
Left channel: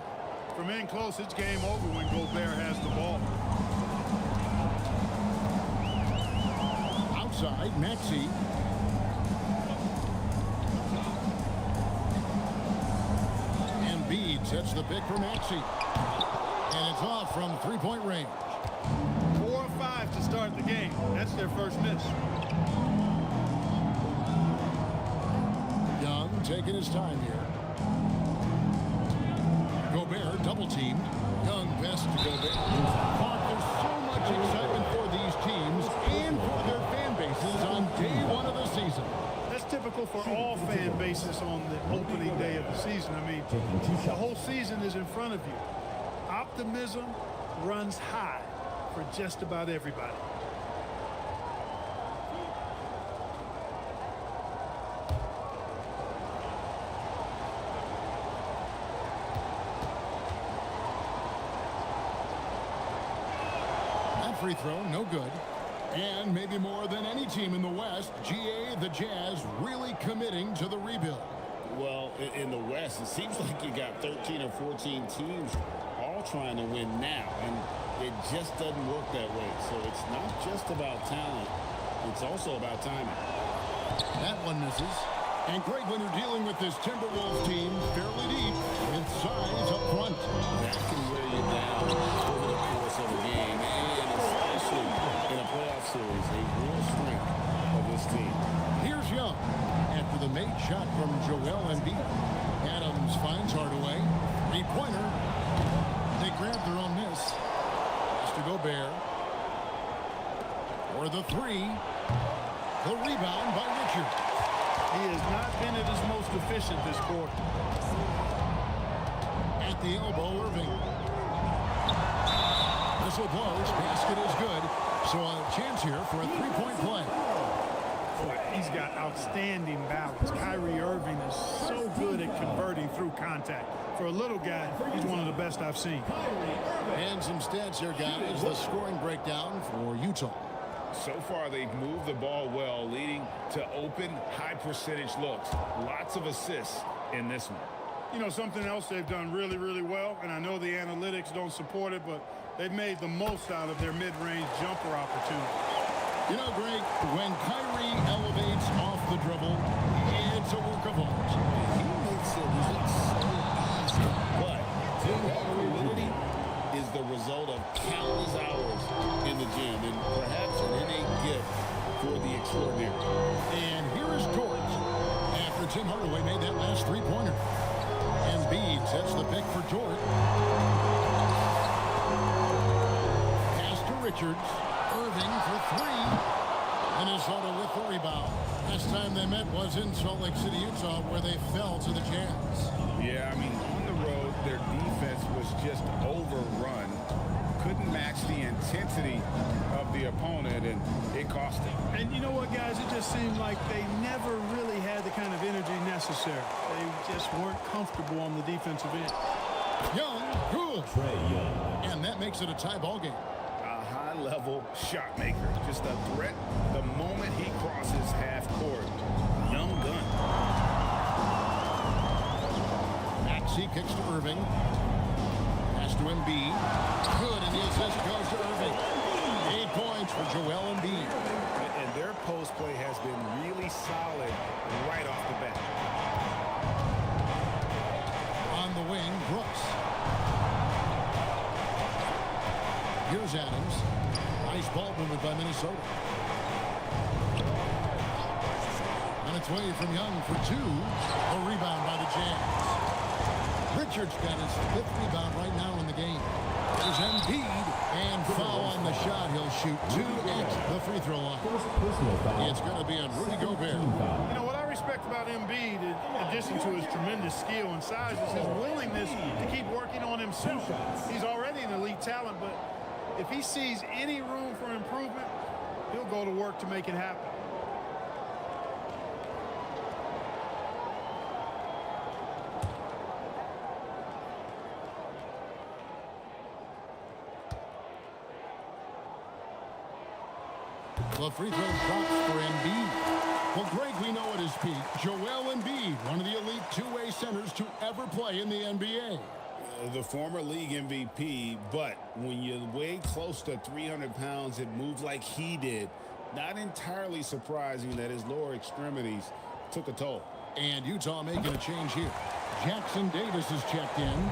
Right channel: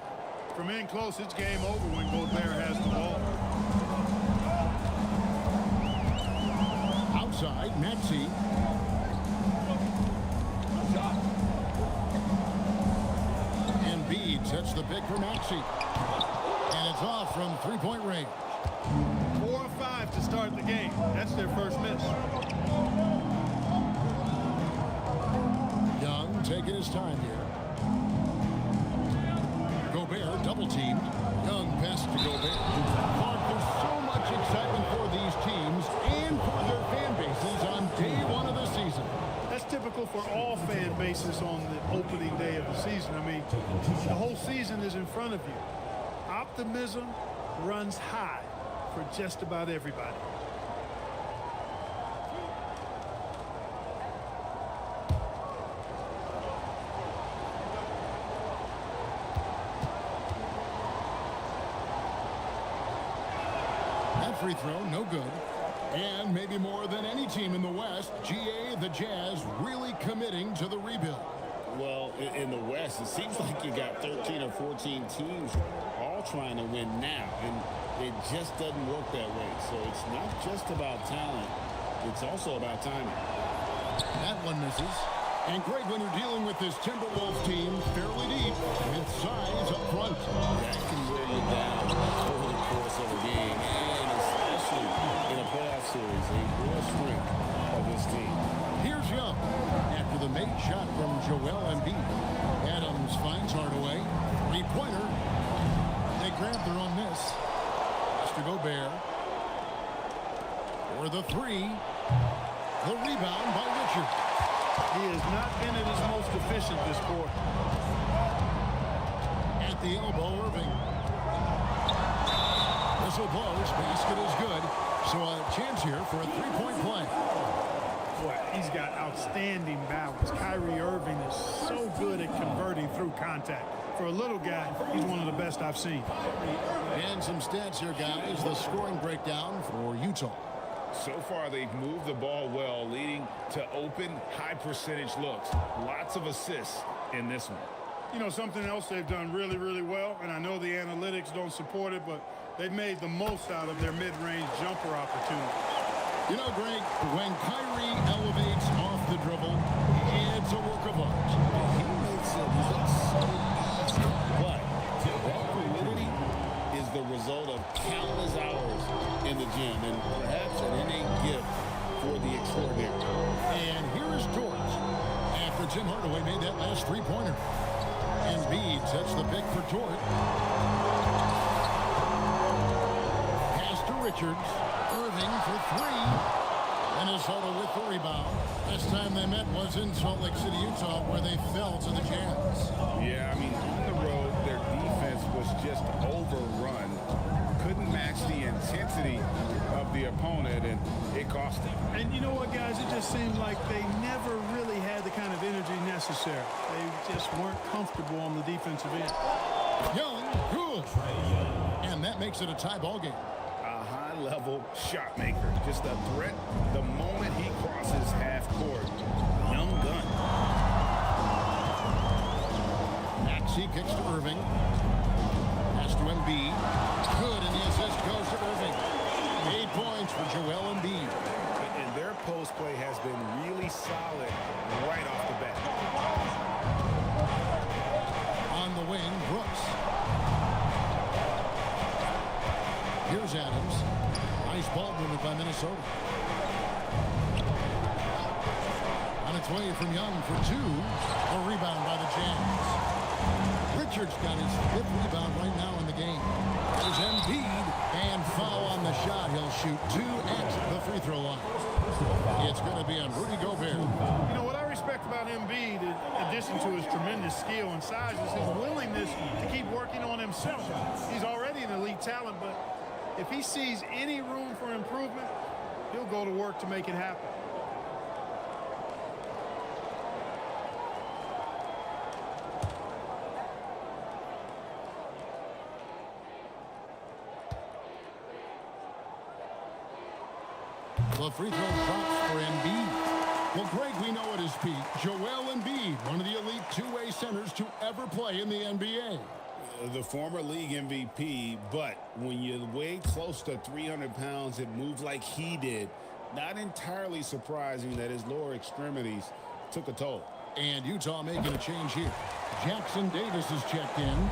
From in close, it's game over when Gobert has the ball. Outside, Maxey. Embiid sets the pick for Maxey. And it's off from 3-point range. 4 or 5 to start the game. That's their first miss. Young taking his time here. Gobert double teamed. Young passes to Gobert. Clark, there's so much excitement for these teams and for their fan bases on day 1 of the season. That's typical for all fan bases on the opening day of the season. I mean, the whole season is in front of you. Optimism runs high for just about everybody. That free throw, no good. And maybe more than any team in the West, GA, the Jazz, really committing to the rebuild. Well, in the West, it seems like you got 13 or 14 teams all trying to win now, and it just doesn't work that way. So it's not just about talent, it's also about timing. That one misses. And Greg, when you're dealing with this Timberwolves team fairly deep with size up front, that can wear you down over the course of a game, and especially in a playoff series, a real strength of this team. Here's Young after the made shot from Joel Embiid. Adams finds Hardaway. Three-pointer. They grab their own miss. Has to Gobert. For the three. The rebound by Richard. He has not been at his most efficient this quarter. At the elbow, Irving. Whistle blows. Basket is good. So a chance here for a three-point play. Boy, he's got outstanding balance. Kyrie Irving is so good at converting through contact. For a little guy, he's one of the best I've seen. And some stats here, guys. The scoring breakdown for Utah. So far, they've moved the ball well, leading to open, high-percentage looks. Lots of assists in this one. You know, something else they've done really, really well, and I know the analytics don't support it, but they've made the most out of their mid-range jumper opportunities. You know, Greg, when Kyrie elevates off the dribble, it's a work of art. He makes it look so easy, but that fluidity is the result of countless hours in the gym and perhaps an innate gift for the extraordinary. And here is Dort after Tim Hardaway made that last three-pointer. Embiid sets the pick for Dort. Pass to Richards. Irving for three. Minnesota with the rebound. Last time they met was in Salt Lake City, Utah, where they fell to the Jazz. Yeah, I mean, on the road, their defense was just overrun. Couldn't match the intensity of the opponent, and it cost them. And you know what, guys? It just seemed like they never really had the kind of energy necessary. They just weren't comfortable on the defensive end. Young, good. And that makes it a tie ball game. A high-level shot maker. Just a threat the moment he crosses half court. Young gun. Maxey kicks to Irving. Pass to Embiid. Good, and the assist goes to Irving. 8 points for Joel Embiid. And their post play has been really solid right off the bat. On the wing, Brooks. Here's Adams. Nice ball movement by Minnesota. On its way from Young for two. A rebound by the Jazz. Richards got his 5th rebound right now in the game. There's Embiid, and foul on the shot. He'll shoot 2 at the free throw line. It's going to be on Rudy Gobert. You know, what I respect about Embiid, in addition to his tremendous skill and size, is his willingness to keep working on himself. He's already an elite talent, but if he sees any room for improvement, he'll go to work to make it happen. The free throw drops for Embiid. Well, Greg, we know at his peak, Joel Embiid, one of the elite two-way centers to ever play in the NBA. The former league MVP, but when you weigh close to 300 pounds and move like he did, not entirely surprising that his lower extremities took a toll. And Utah making a change here. Jackson Davis is checked in.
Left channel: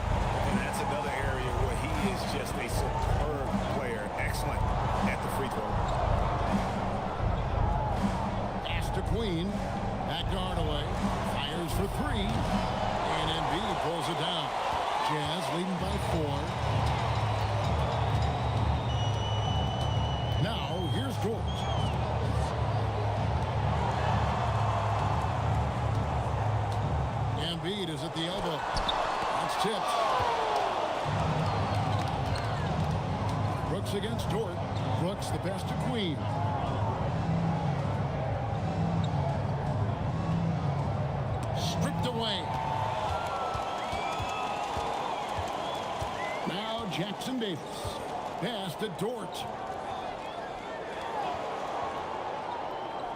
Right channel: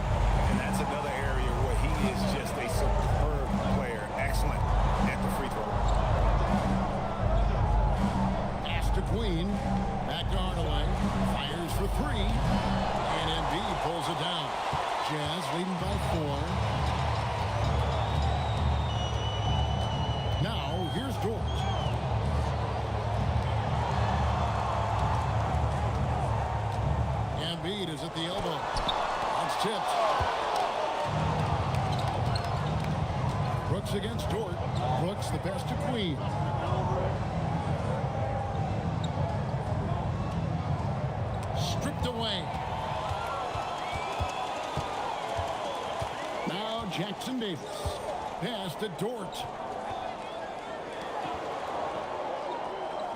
And that's another area where he is just a superb player. Excellent at the free throw line. Pass to Queen. Back to Hardaway. Fires for three. And Embiid pulls it down. Jazz leading by 4. Now, here's Dort. Embiid is at the elbow. That's tipped. Brooks against Dort. Brooks the pass to Queen. Stripped away. Now Jackson Davis. Pass to Dort.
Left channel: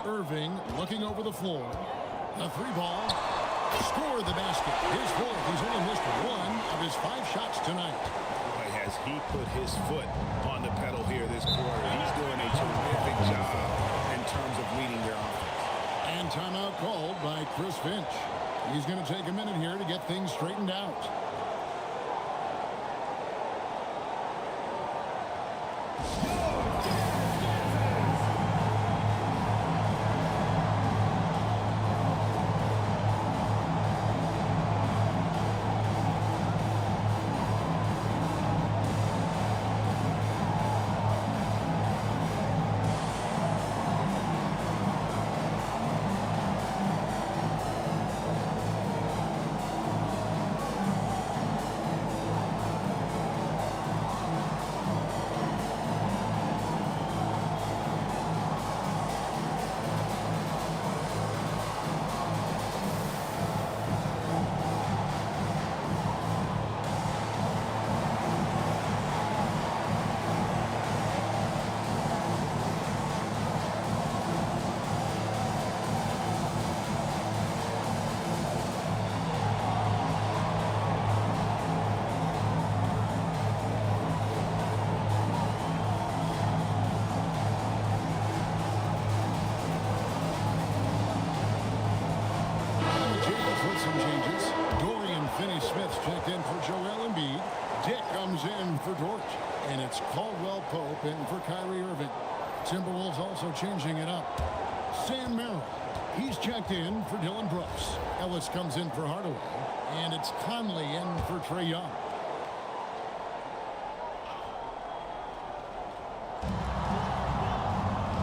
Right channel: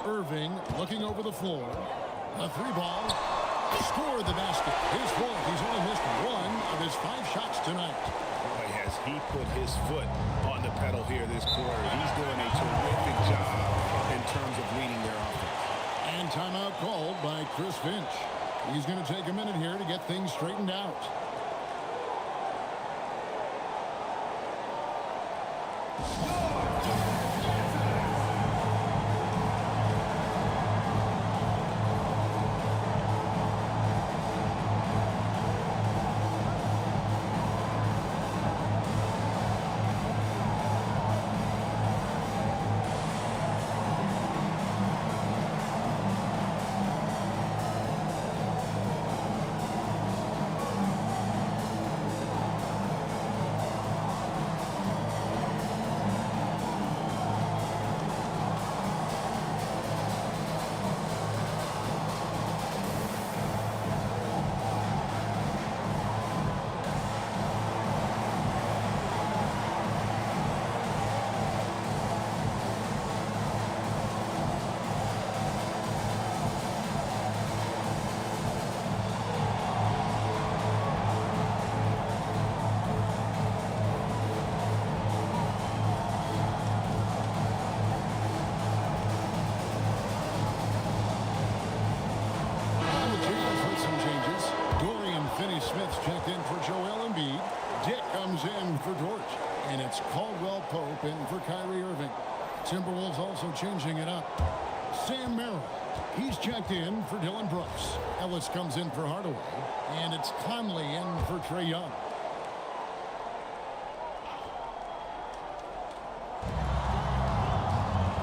Irving looking over the floor. A 3 ball. score the basket. His fourth. He's only missed one of his 5 shots tonight. Boy, has he put his foot on the pedal here this quarter. He's doing a terrific job in terms of leading their offense. And timeout called by Chris Finch. He's going to take a minute here to get things straightened out. Jazz with some changes. Dorian Finney-Smith's checked in for Joel Embiid. Dick comes in for Dort. And it's Caldwell Pope in for Kyrie Irving. Timberwolves also changing it up. Sam Merrill. He's checked in for Dylan Brooks. Ellis comes in for Hardaway. And it's Conley in for Trae Young.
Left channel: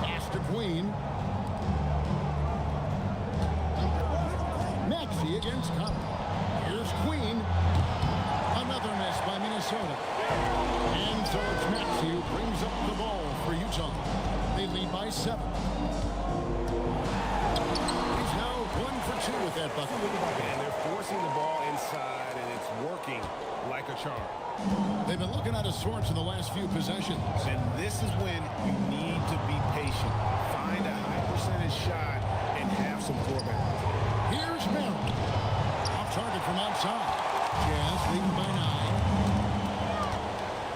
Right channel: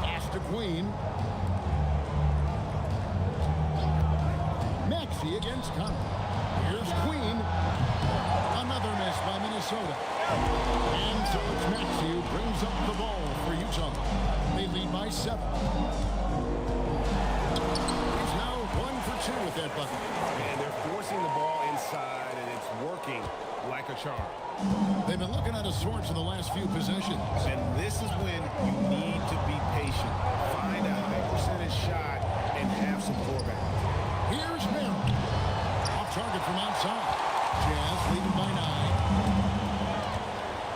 Pass to Queen. Maxey against Conley. Here's Queen. Another miss by Minnesota. And so it's Maxey who brings up the ball for Utah. They lead by 7. He's now 1 for 2 with that bucket. And they're forcing the ball inside, and it's working like a charm. They've been looking out of sorts in the last few possessions. And this is when you need to be patient. Find a high percentage shot and have some floor balance. Here's Merrill. Off target from outside. Jazz leading by 9.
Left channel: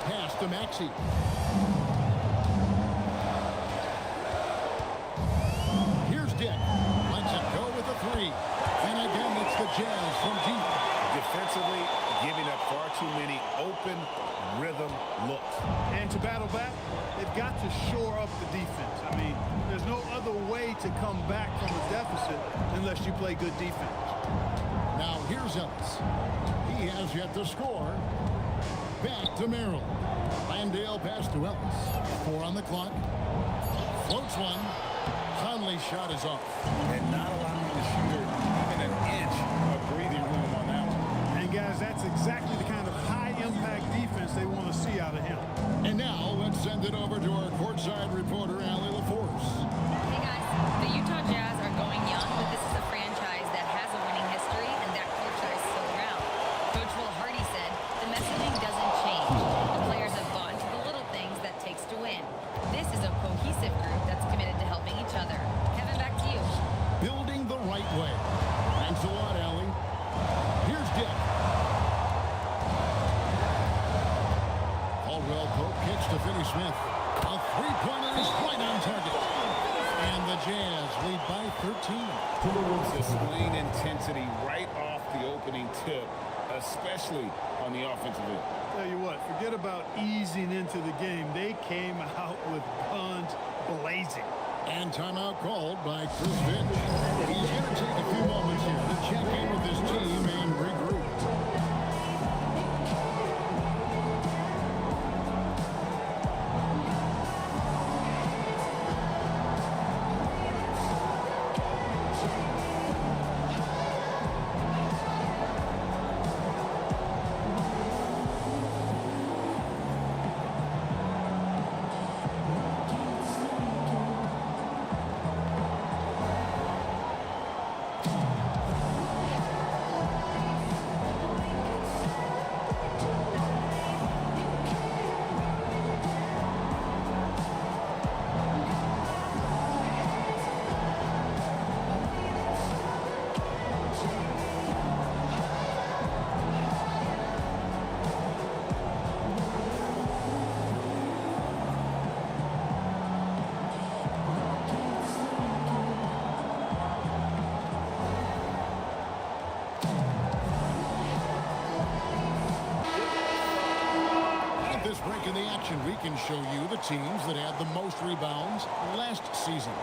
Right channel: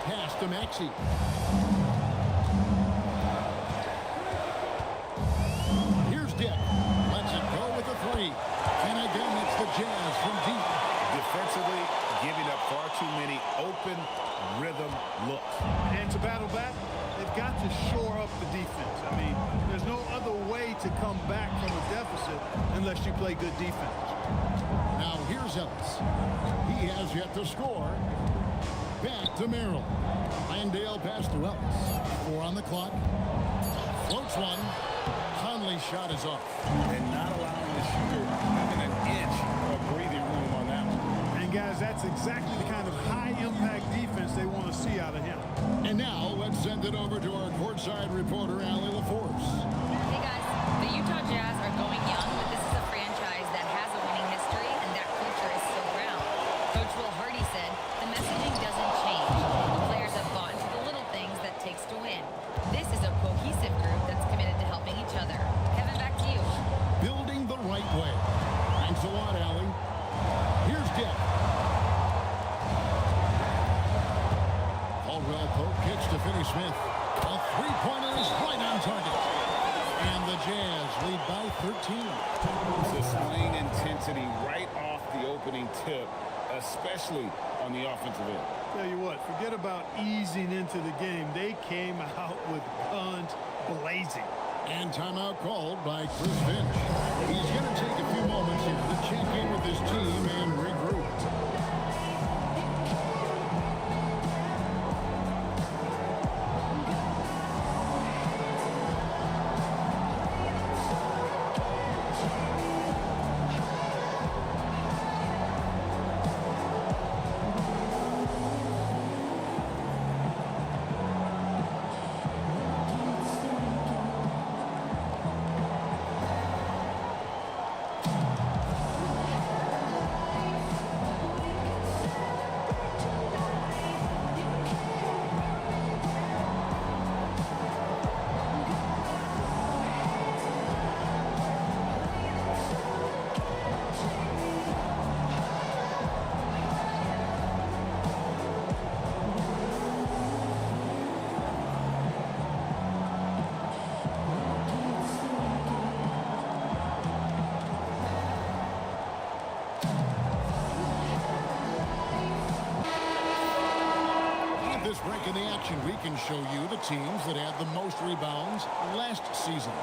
Pass to Maxey. Here's Dick. Lets it go with a 3. And again, it's the Jazz from deep. Defensively, giving up far too many open rhythm looks. And to battle back, they've got to shore up the defense. I mean, there's no other way to come back from a deficit unless you play good defense. Now here's Ellis. He has yet to score. Back to Merrill. Landale pass to Ellis. 4 on the clock. Floats one. Conley's shot is off. And not allowing the shooter even an inch of breathing room on that one. And guys, that's exactly the kind of high-impact defense they want to see out of him. And now let's send it over to our courtside reporter, Allie LaForce. Hey guys, the Utah Jazz are going young, but this is a franchise that has a winning history, and that culture is still around. Coach Will Hardy said, the messaging doesn't change. The players have bought into the little things that takes to win. This is a cohesive group that's committed to helping each other. Kevin, back to you. Building the right way. Thanks a lot, Allie. Here's Dick. Caldwell Pope kicks to Finney-Smith. A three-pointer is right on target. And the Jazz lead by 13. Displaying intensity right off the opening tip, especially on the offensive end. Tell you what, forget about easing into the game. They came out with guns blazing. And timeout called by Chris Finch. He's going to take a few moments here to check in with his team and regroup. At this break in the action, we can show you the teams that had the most rebounds last season.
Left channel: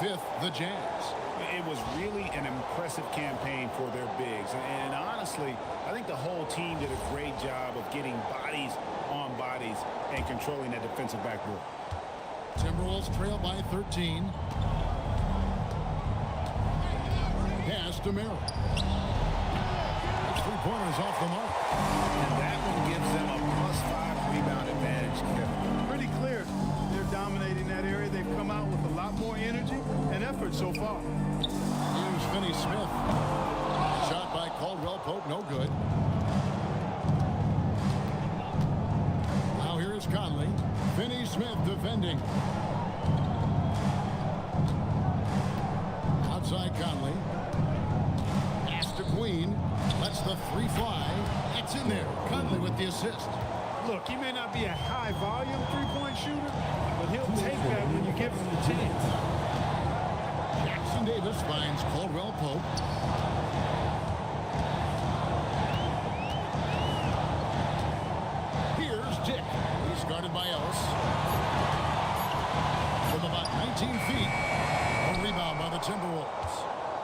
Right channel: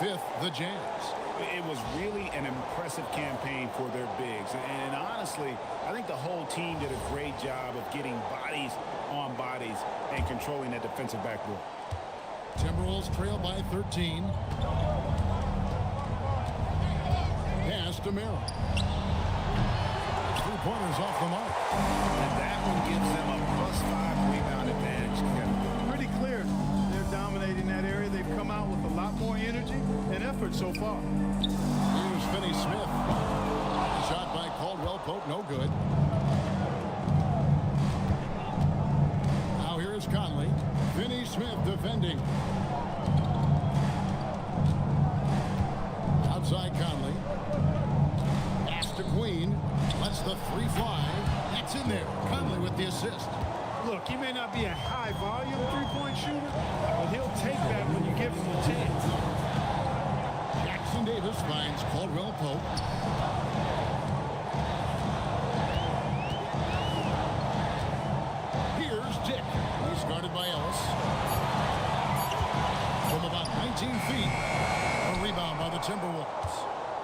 5th, the Jazz. It was really an impressive campaign for their bigs. And honestly, I think the whole team did a great job of getting bodies on bodies and controlling that defensive backboard. Timberwolves trail by 13. Pass to Merrill. His three-pointers off the mark. And that one gives them a +5 rebound advantage, Kevin. Pretty clear. They're dominating that area. They've come out with a lot more energy and effort so far. Here's Finney-Smith. Shot by Caldwell Pope, no good. Now here's Conley. Finney-Smith defending. Outside Conley. Pass to Queen. Lets the three fly. That's in there. Conley with the assist. Look, he may not be a high-volume three-point shooter, but he'll take that when you give him the chance. Jackson Davis finds Caldwell Pope. Here's Dick. He's guarded by Ellis. From about 19 feet, a rebound by the Timberwolves.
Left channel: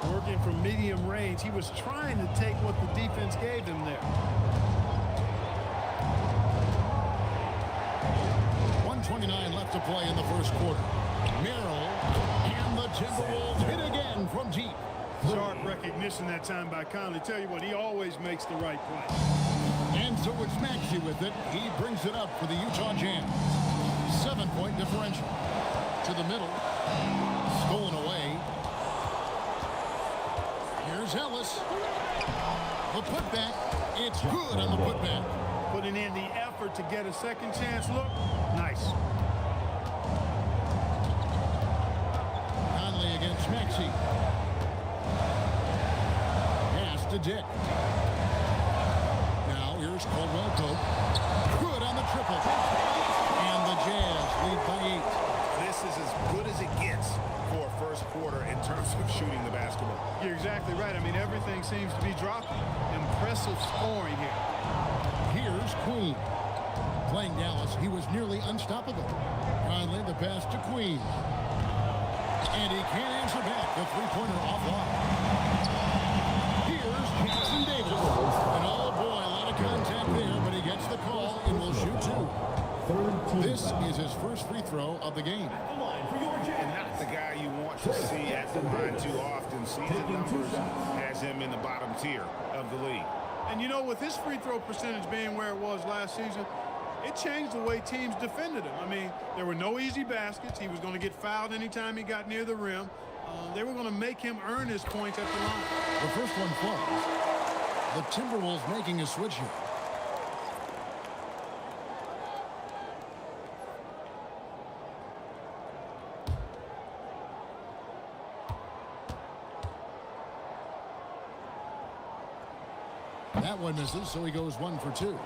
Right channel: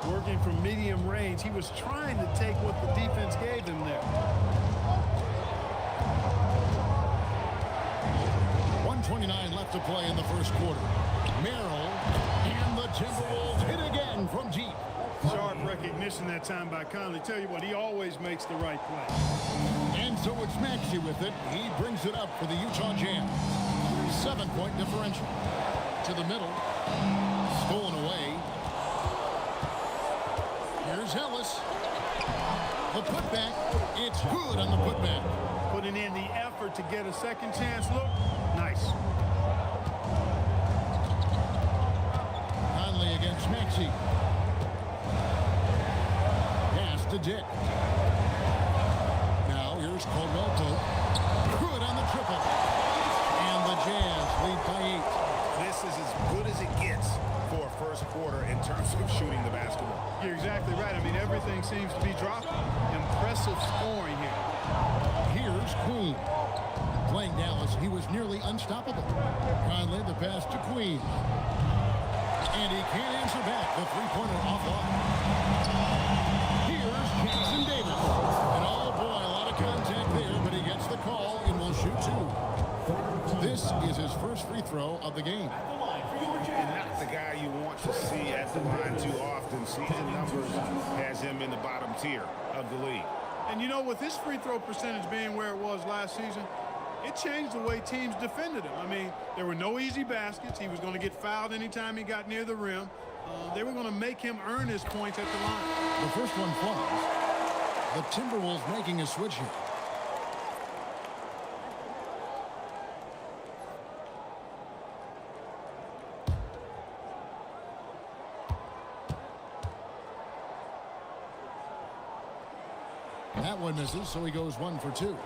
Working from medium range, he was trying to take what the defense gave him there. 1:29 left to play in the first quarter. Merrill and the Timberwolves hit again from deep. Sharp recognition that time by Conley. Tell you what, he always makes the right play. And so it's Maxey with it. He brings it up for the Utah Jazz. 7-point differential. To the middle. Stolen away. Here's Ellis. The putback. It's good on the putback. Putting in the effort to get a second chance look. Nice. Conley against Maxey. Pass to Dick. Now here's Caldwell Pope. Good on the triple. And the Jazz lead by 8. This is as good as it gets for a first quarter in terms of shooting the basketball. You're exactly right. I mean, everything seems to be dropping. Impressive scoring here. Here's Queen. Playing Dallas, he was nearly unstoppable. Conley, the pass to Queen. And he can't answer back. The three-pointer offline. Here's Jackson Davis. And oh boy, a lot of contact there, but he gets the call and will shoot 2. This is his first free throw of the game. And not the guy you want to see at the line too often. Season numbers has him in the bottom tier of the league. And you know, with his free throw percentage being where it was last season, it changed the way teams defended him. I mean, there were no easy baskets. He was going to get fouled anytime he got near the rim. They were going to make him earn his points at the line. The first one falls. The Timberwolves making a switch here. That one misses, so he goes 1 for 2.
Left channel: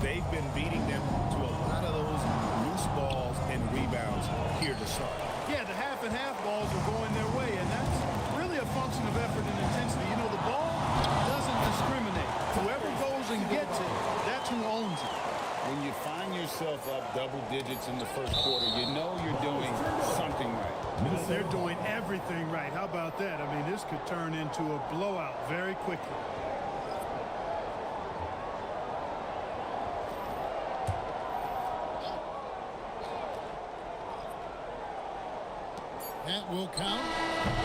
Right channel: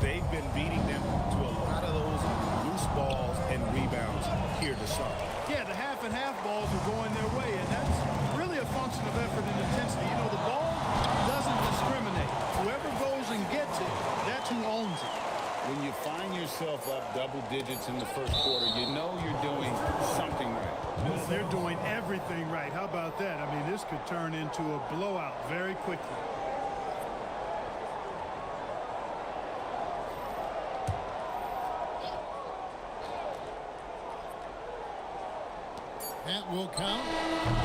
They've been beating them to a lot of those loose balls and rebounds here to start. Yeah, the half and half balls are going their way, and that's really a function of effort and intensity. You know, the ball doesn't discriminate. Whoever goes and gets it, that's who owns it. When you find yourself up double digits in the first quarter, you know you're doing something right. Well, they're doing everything right. How about that? I mean, this could turn into a blowout very quickly. That will count,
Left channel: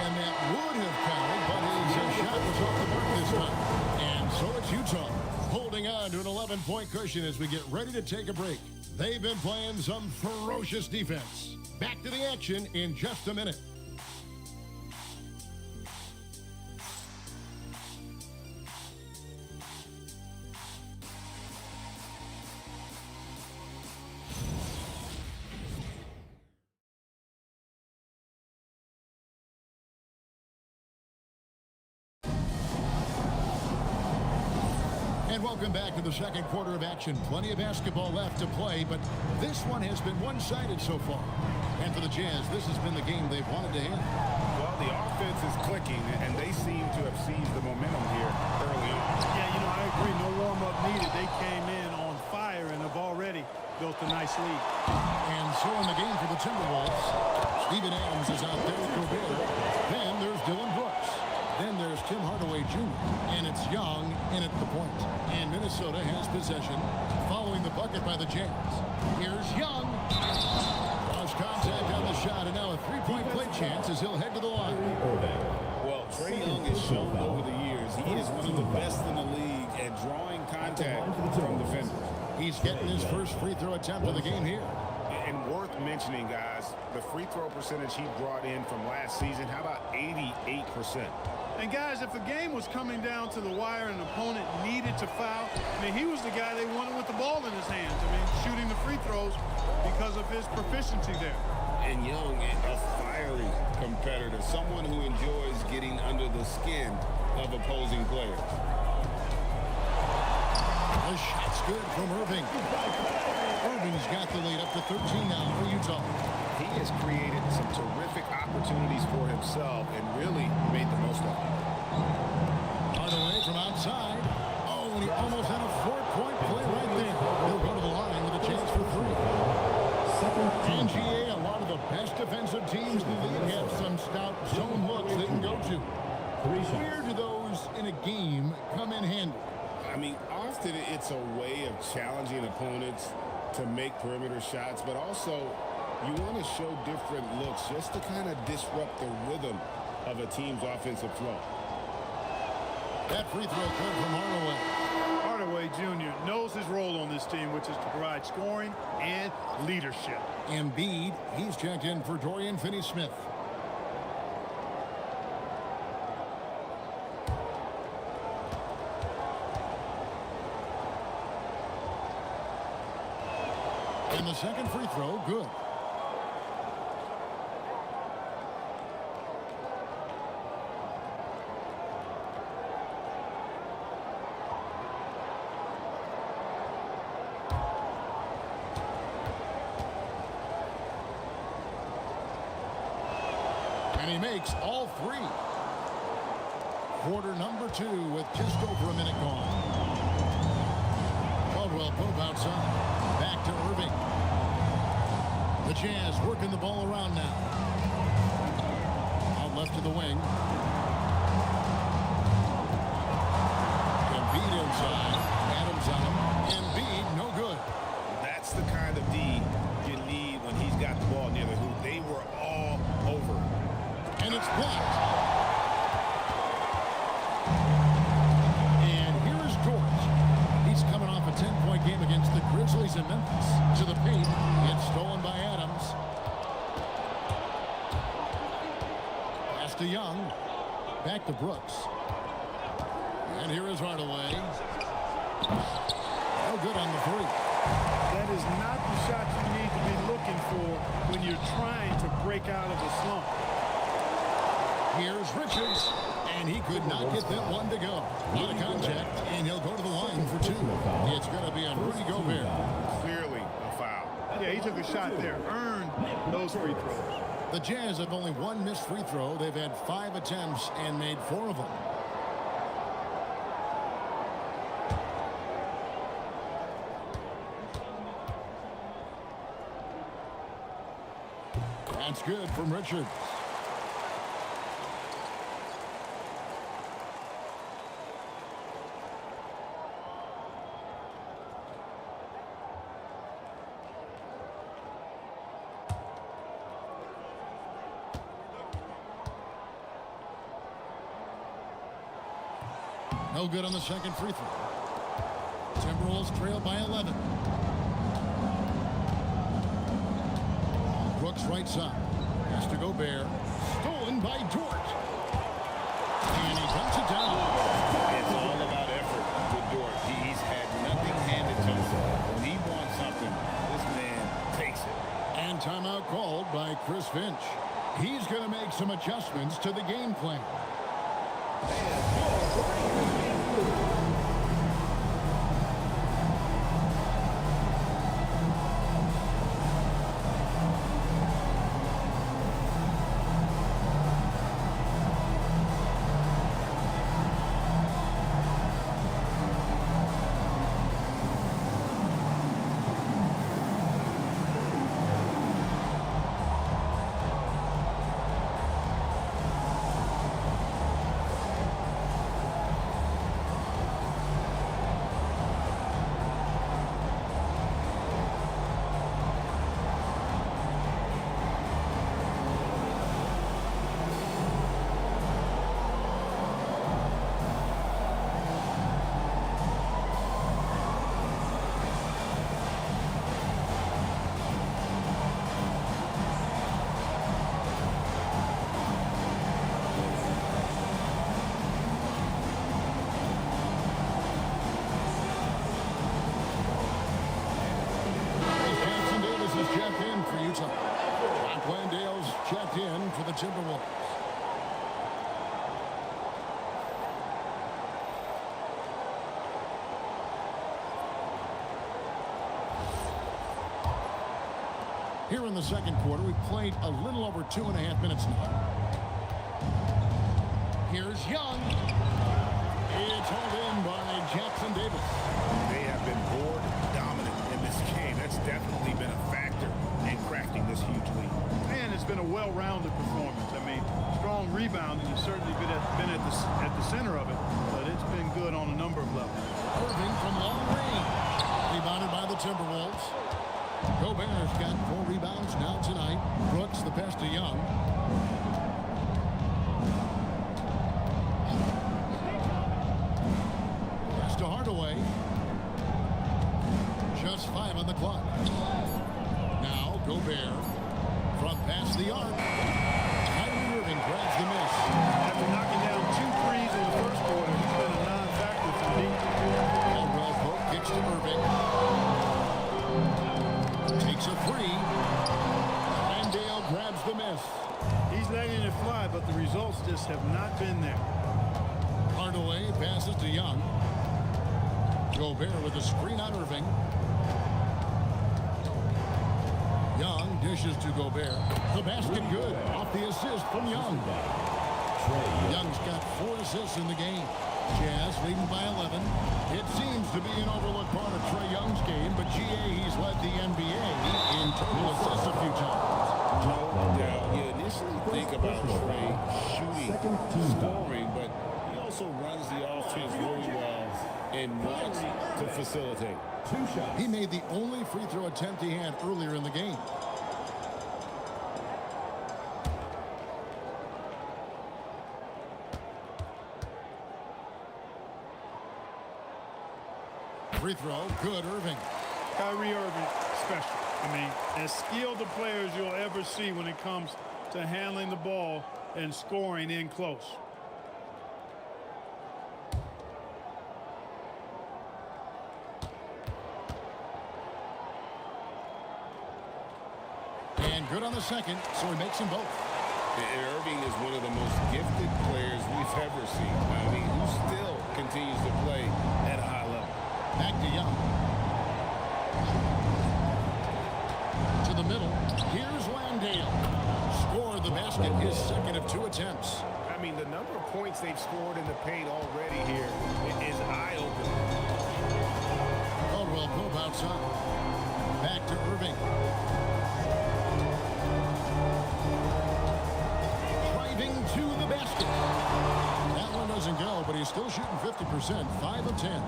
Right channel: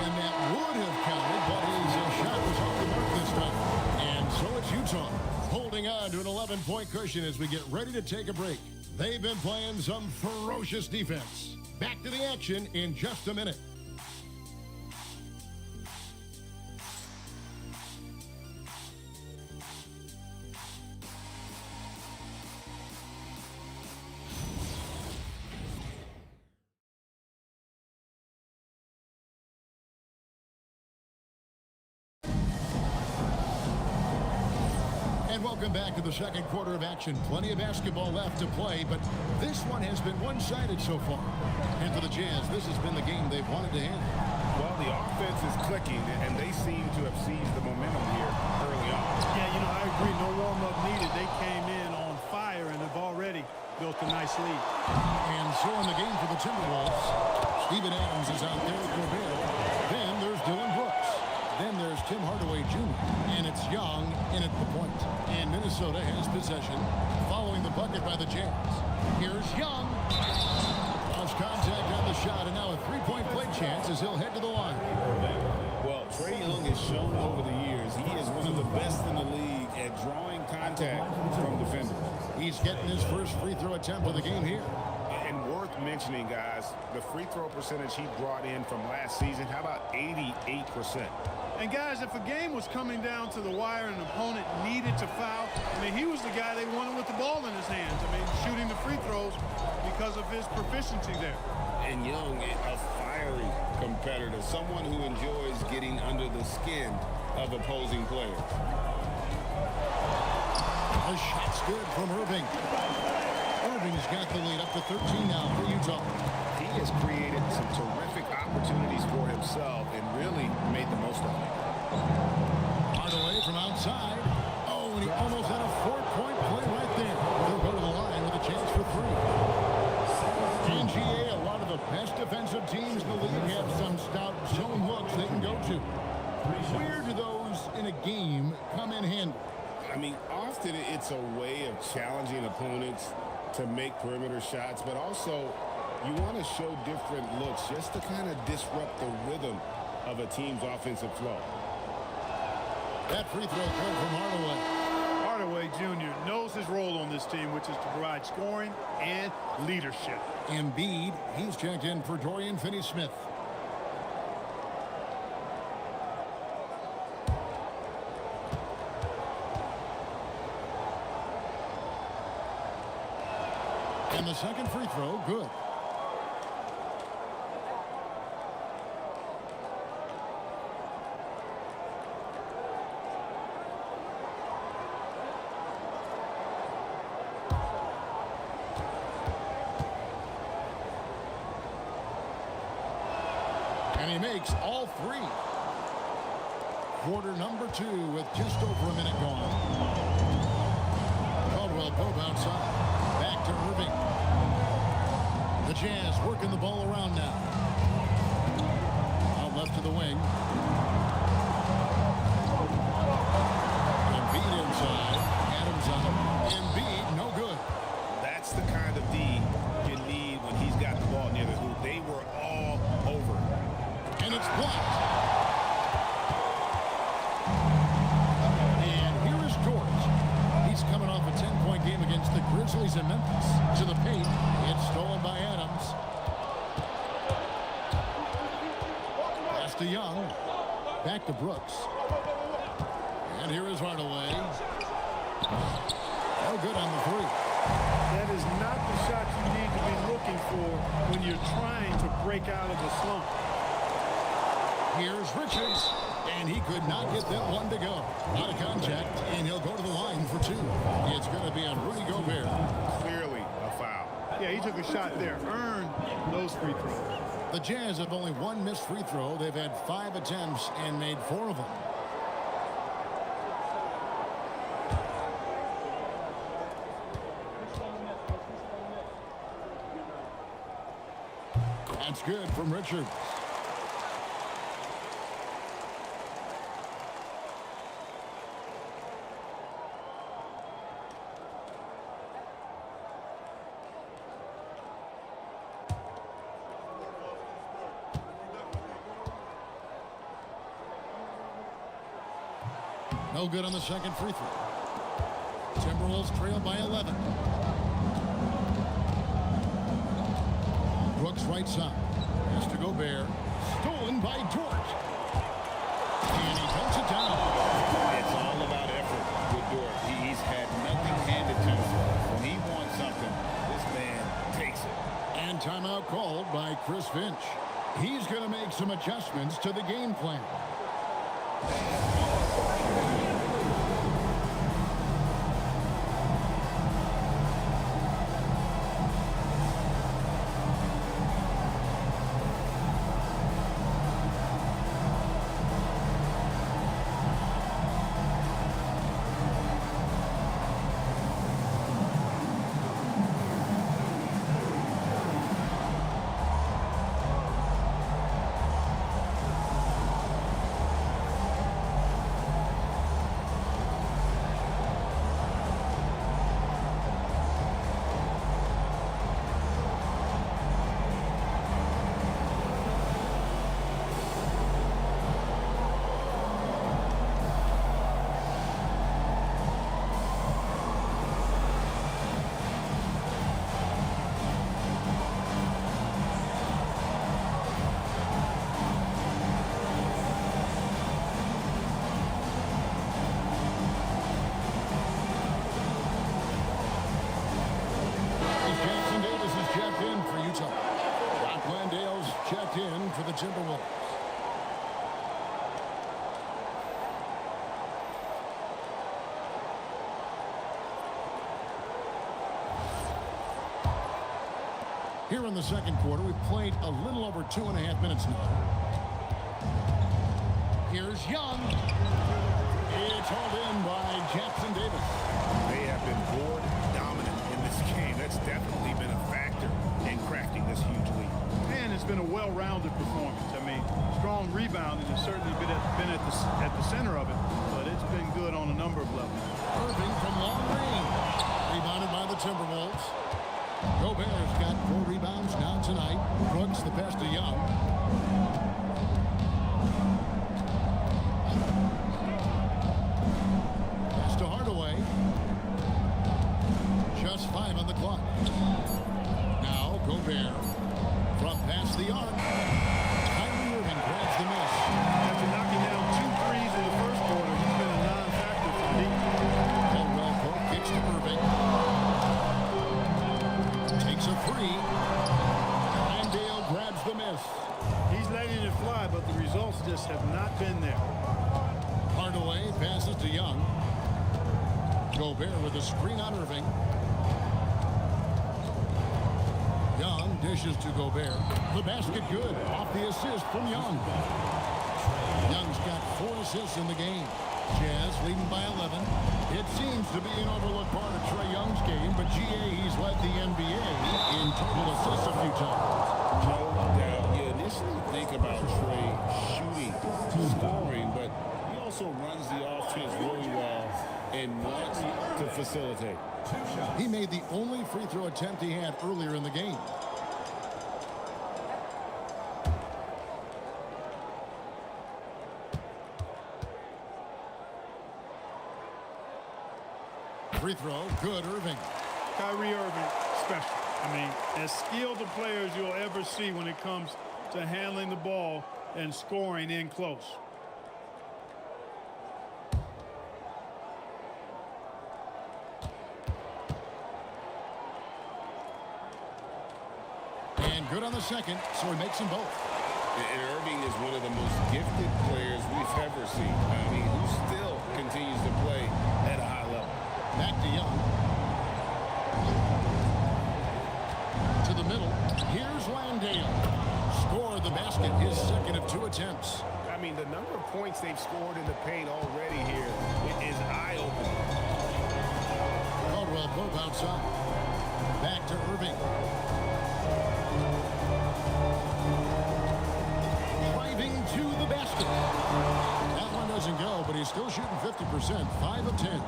and that would have counted, but his shot was off the mark this time. And so it's Utah holding on to an 11-point cushion as we get ready to take a break. They've been playing some ferocious defense. Back to the action in just a minute. And welcome back to the second quarter of action. Plenty of basketball left to play, but this one has been one-sided so far. And for the Jazz, this has been the game they've wanted to have. Well, the offense is clicking, and they seem to have seized the momentum here early on. Yeah, you know, I agree. No warm-up needed. They came in on fire and have already built a nice lead. And so in the game for the Timberwolves, Steven Adams is out there with Gobert. Then there's Dylan Brooks. Then there's Tim Hardaway Jr. And it's Young in at the point. And Minnesota has possession following the bucket by the Jazz. Here's Young. Lost contact on the shot, and now a three-point play chance as he'll head to the line. Well, Trae Young has shown over the years he is one of the best in the league at drawing contact from defenders. He's getting his first free throw attempt of the game here. And worth mentioning, guys, the free throw percentage he brought in from last season, how about 88%? And guys, if a game was coming down to the wire and an opponent needed to foul, I mean, he was the guy they wanted with the ball in his hands. I mean, shooting the free throws because of his proficiency there. And Young, a fiery competitor, someone who enjoys getting under the skin of opposing players. The shot's good from Irving. Irving's got the lead up to 13 now for Utah. He has created some terrific opportunities for himself and really made the most of it. Hardaway from outside. Oh, and he almost had a 4-point play right there. He'll go to the line with a chance for three. And GA, a lot of the best defensive teams in the league have some stout zone looks they can go to. Where do those in a game come in handy? I mean, often it's a way of challenging opponents to make perimeter shots, but also you want to show different looks just to kind of disrupt the rhythm of a team's offensive flow. That free throw good from Hardaway. Hardaway Jr. knows his role on this team, which is to provide scoring and leadership. Embiid, he's checked in for Dorian Finney-Smith. And the second free throw, good. And he makes all three. Quarter number 2 with just over a minute gone. Caldwell Pope outside. Back to Irving. The Jazz working the ball around now. Out left to the wing. Embiid inside. Adams on him. Embiid, no good. That's the kind of D you need when he's got the ball near the hoop. They were all over it. And it's blocked. And here is Dort. He's coming off a 10-point game against the Grizzlies in Memphis. To the paint. It's stolen by Adams. Pass to Young. Back to Brooks. And here is Hardaway. No good on the three. That is not the shot you need to be looking for when you're trying to break out of a slump. Here's Richards, and he could not get that one to go. Out of contact, and he'll go to the line for 2. It's going to be on Rudy Gobert. Clearly a foul. Yeah, he took a shot there, earned those free throws. The Jazz have only one missed free throw. They've had 5 attempts and made 4 of them. That's good from Richards. No good on the second free throw. Timberwolves trail by 11. Brooks right side. Has to Gobert. Stolen by Dort. And he dumps it down. It's all about effort with Dort. He's had nothing handed to him. When he wants something, this man takes it. And timeout called by Chris Finch. He's going to make some adjustments to the game plan. Davis is checked in for Utah. Jock Landale's checked in for the Timberwolves. Here in the second quarter, we've played a little over 2.5 minutes now. Here's Young. It's hauled in by Jackson Davis. They have been board dominant in this game. That's definitely been a factor in crafting this huge lead. And it's been a well-rounded performance. I mean, strong rebounding has certainly been at the center of it, but it's been good on a number of levels. Irving from long range. Rebounded by the Timberwolves. Gobert's got 4 rebounds now tonight. Brooks the pass to Young. Pass to Hardaway. Just 5 on the clock. Now Gobert from past the arc. Kyrie Irving grabs the miss. After knocking down 2 threes in the first quarter, he's been a non-factor from deep. Caldwell Pope kicks to Irving. Takes a 3. Landale grabs the miss. He's letting it fly, but the results just have not been there. Hardaway passes to Young. Gobert with a screen on Irving. Young dishes to Gobert. The basket good off the assist from Young. Young's got 4 assists in the game. Jazz leading by 11. It seems to be an overlooked part of Trae Young's game, but GA, he's led the NBA in total assists a few times. No doubt. You initially think about Trae shooting, scoring, but he also runs the offense really well and wants to facilitate. He made the only free throw attempt he had earlier in the game. Free throw, good, Irving. Kyrie Irving, special. I mean, as skilled a player as you'll ever see when it comes to handling the ball and scoring in close. And good on the second, so he makes them both. And Irving is one of the most gifted players we've ever seen. I mean, who still continues to play at a high level. Back to Young. To the middle. Here's Landale. Scored the basket, his second of 2 attempts. I mean, the number of points they've scored in the paint already here is eye-opening. Caldwell Pope outside. Back to Irving. Driving to the basket. That one doesn't go, but he's still shooting 50%, 5 of 10.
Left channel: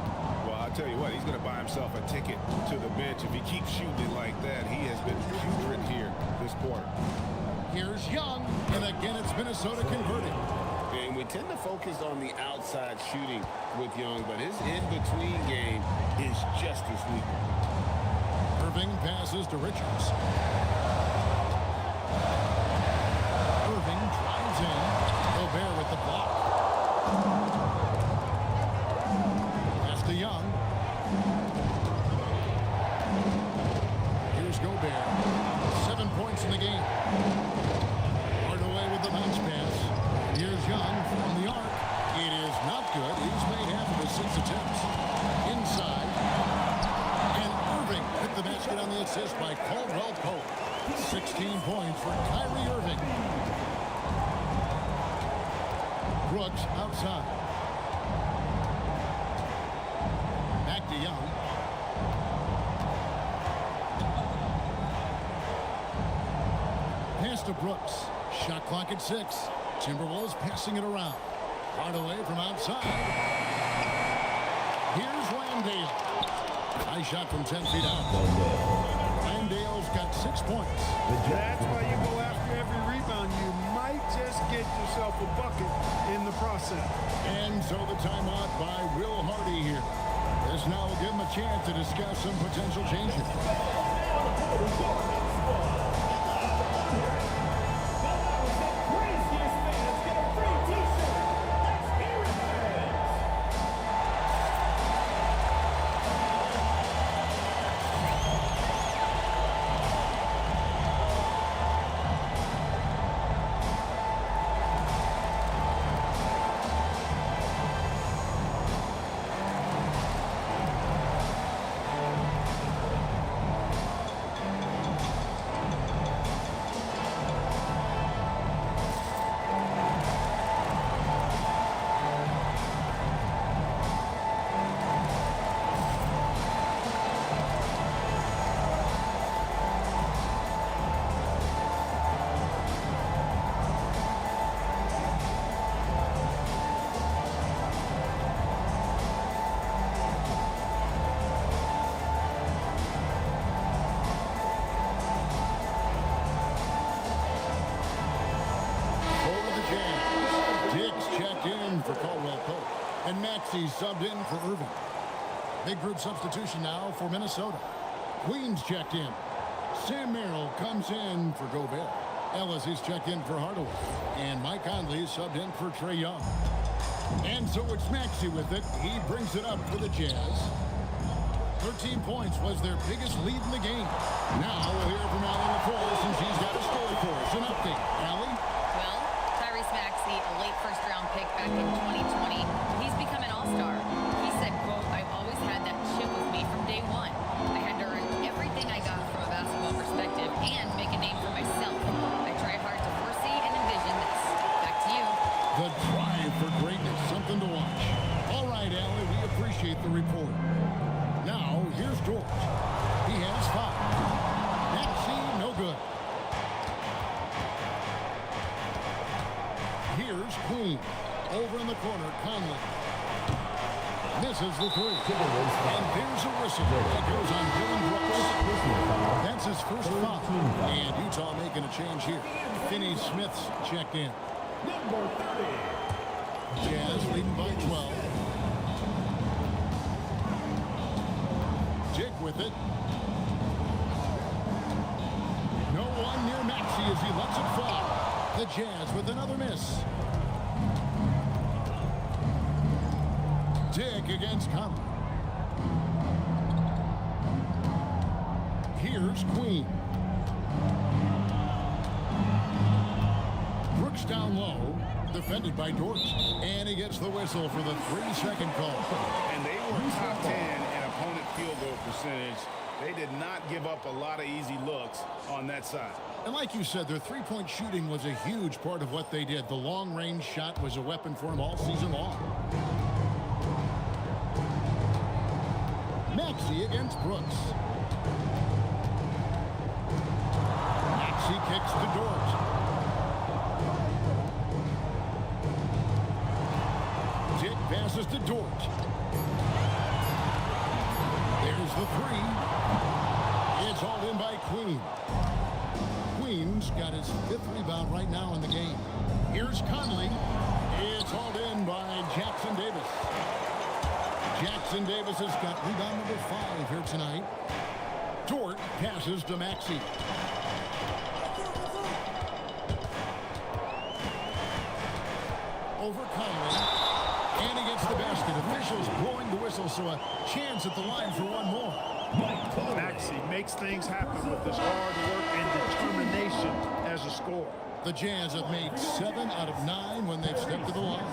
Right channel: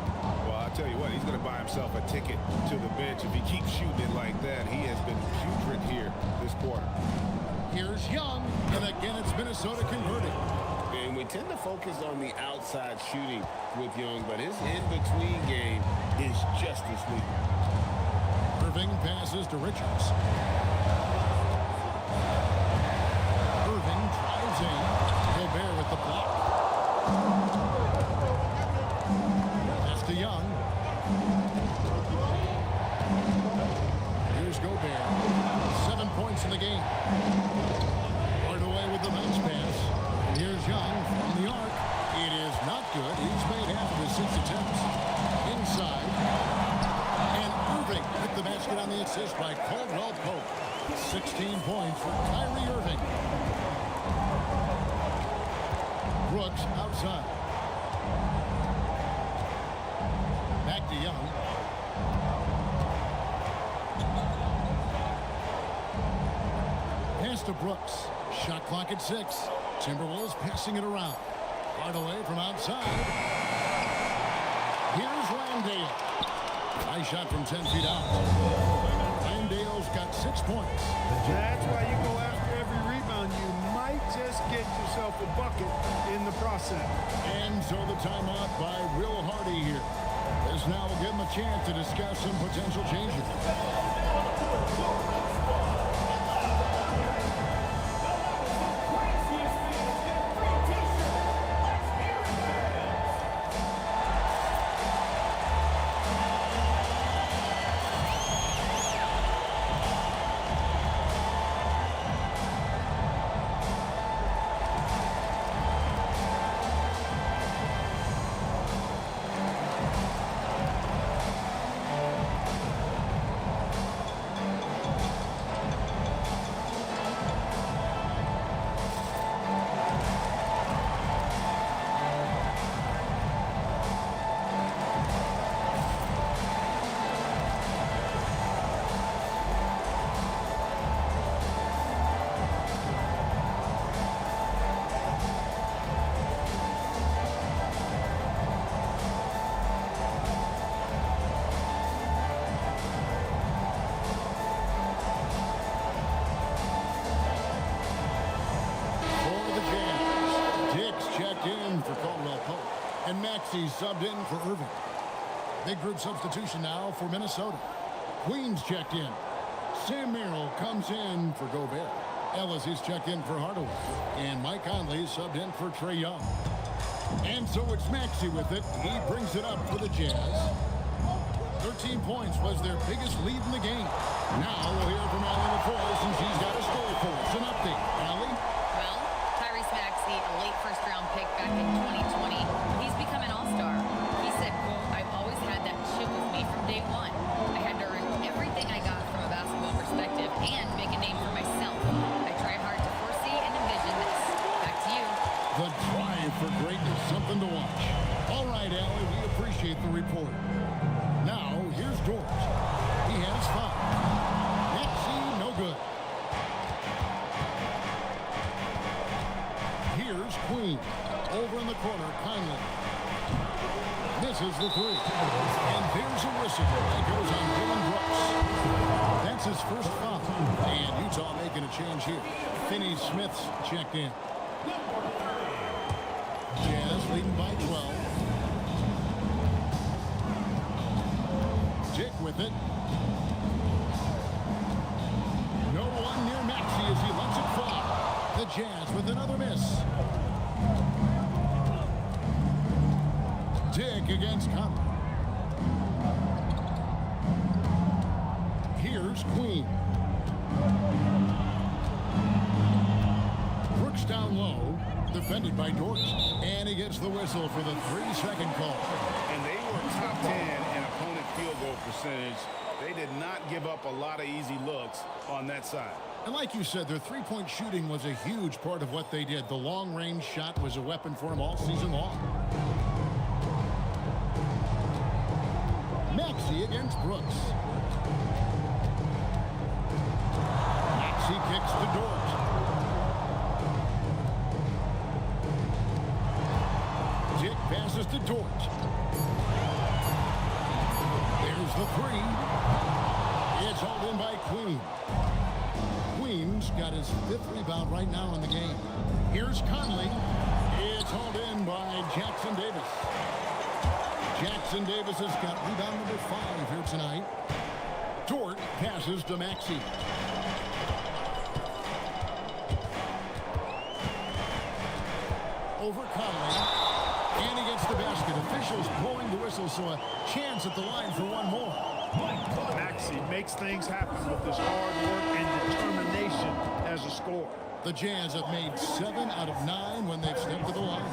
Well, I'll tell you what, he's going to buy himself a ticket to the bench. If he keeps shooting it like that, he has been putrid here this quarter. Here's Young, and again it's Minnesota converting. And we tend to focus on the outside shooting with Young, but his in-between game is just as lethal. Irving passes to Richards. Irving drives in. Gobert with the block. Pass to Young. Here's Gobert. 7 points in the game. Hardaway with the bounce pass. And here's Young from the arc. It is not good. He's made half of his 6 attempts. Inside. And Irving with the basket on the assist by Caldwell Pope. 16 points for Kyrie Irving. Brooks outside. Back to Young. Pass to Brooks. Shot clock at 6. Timberwolves passing it around. Hardaway from outside. Here's Landale. Nice shot from 10 feet out. Landale's got 6 points. That's why you go after every rebound. You might just get yourself a bucket in the process. And so the timeout by Will Hardy here. This now will give him a chance to discuss some potential changes. the Jazz. Dick's checked in for Caldwell Pope. And Maxey subbed in for Irving. Big group substitution now for Minnesota. Queens checked in. Sam Merrill comes in for Gobert. Ellis is checked in for Hardaway. And Mike Conley subbed in for Trae Young. And so it's Maxey with it. He brings it up for the Jazz. 13 points was their biggest lead in the game. Now we'll hear from Allie LaForce, and she's got a story for us. An update. Allie? Well, Tyrese Maxey, a late first-round pick back in 2020, but he's become an all-star. He said, quote, "I've always had that chip with me from day one. I had to earn everything I got from a basketball perspective and make a name for myself. I try hard to foresee and envision this." Back to you. The drive for greatness, something to watch. All right, Allie, we appreciate the report. Now, here's George. He has 5. Maxey, no good. Here's Queen. Over in the corner, Conley. Misses the 3. And there's a whistle. That goes on Dylan Brooks. That's his first foul. And Utah making a change here. Finney Smith's checked in. Jazz leading by 12. Dick with it. No one near Maxey as he lets it fly. The Jazz with another miss. Dick against Conley. Here's Queen. Brooks down low, defended by Dort. And he gets the whistle for the 3-second call. And they were top 10 in opponent field goal percentage. They did not give up a lot of easy looks on that side. And like you said, their three-point shooting was a huge part of what they did. The long-range shot was a weapon for them all season long. Maxey against Brooks. Maxey kicks to Dort. Dick passes to Dort. There's the 3. It's hauled in by Queen. Queen's got his 5th rebound right now in the game. Here's Conley. It's hauled in by Jackson Davis. Jackson Davis has got rebound number 5 here tonight. Dort passes to Maxey. Over Conley. And he gets the basket. Officials blowing the whistle, so a chance at the line for one more. Maxey makes things happen with his hard work and determination as a scorer. The Jazz have made 7 out of 9 when they've stepped to the line.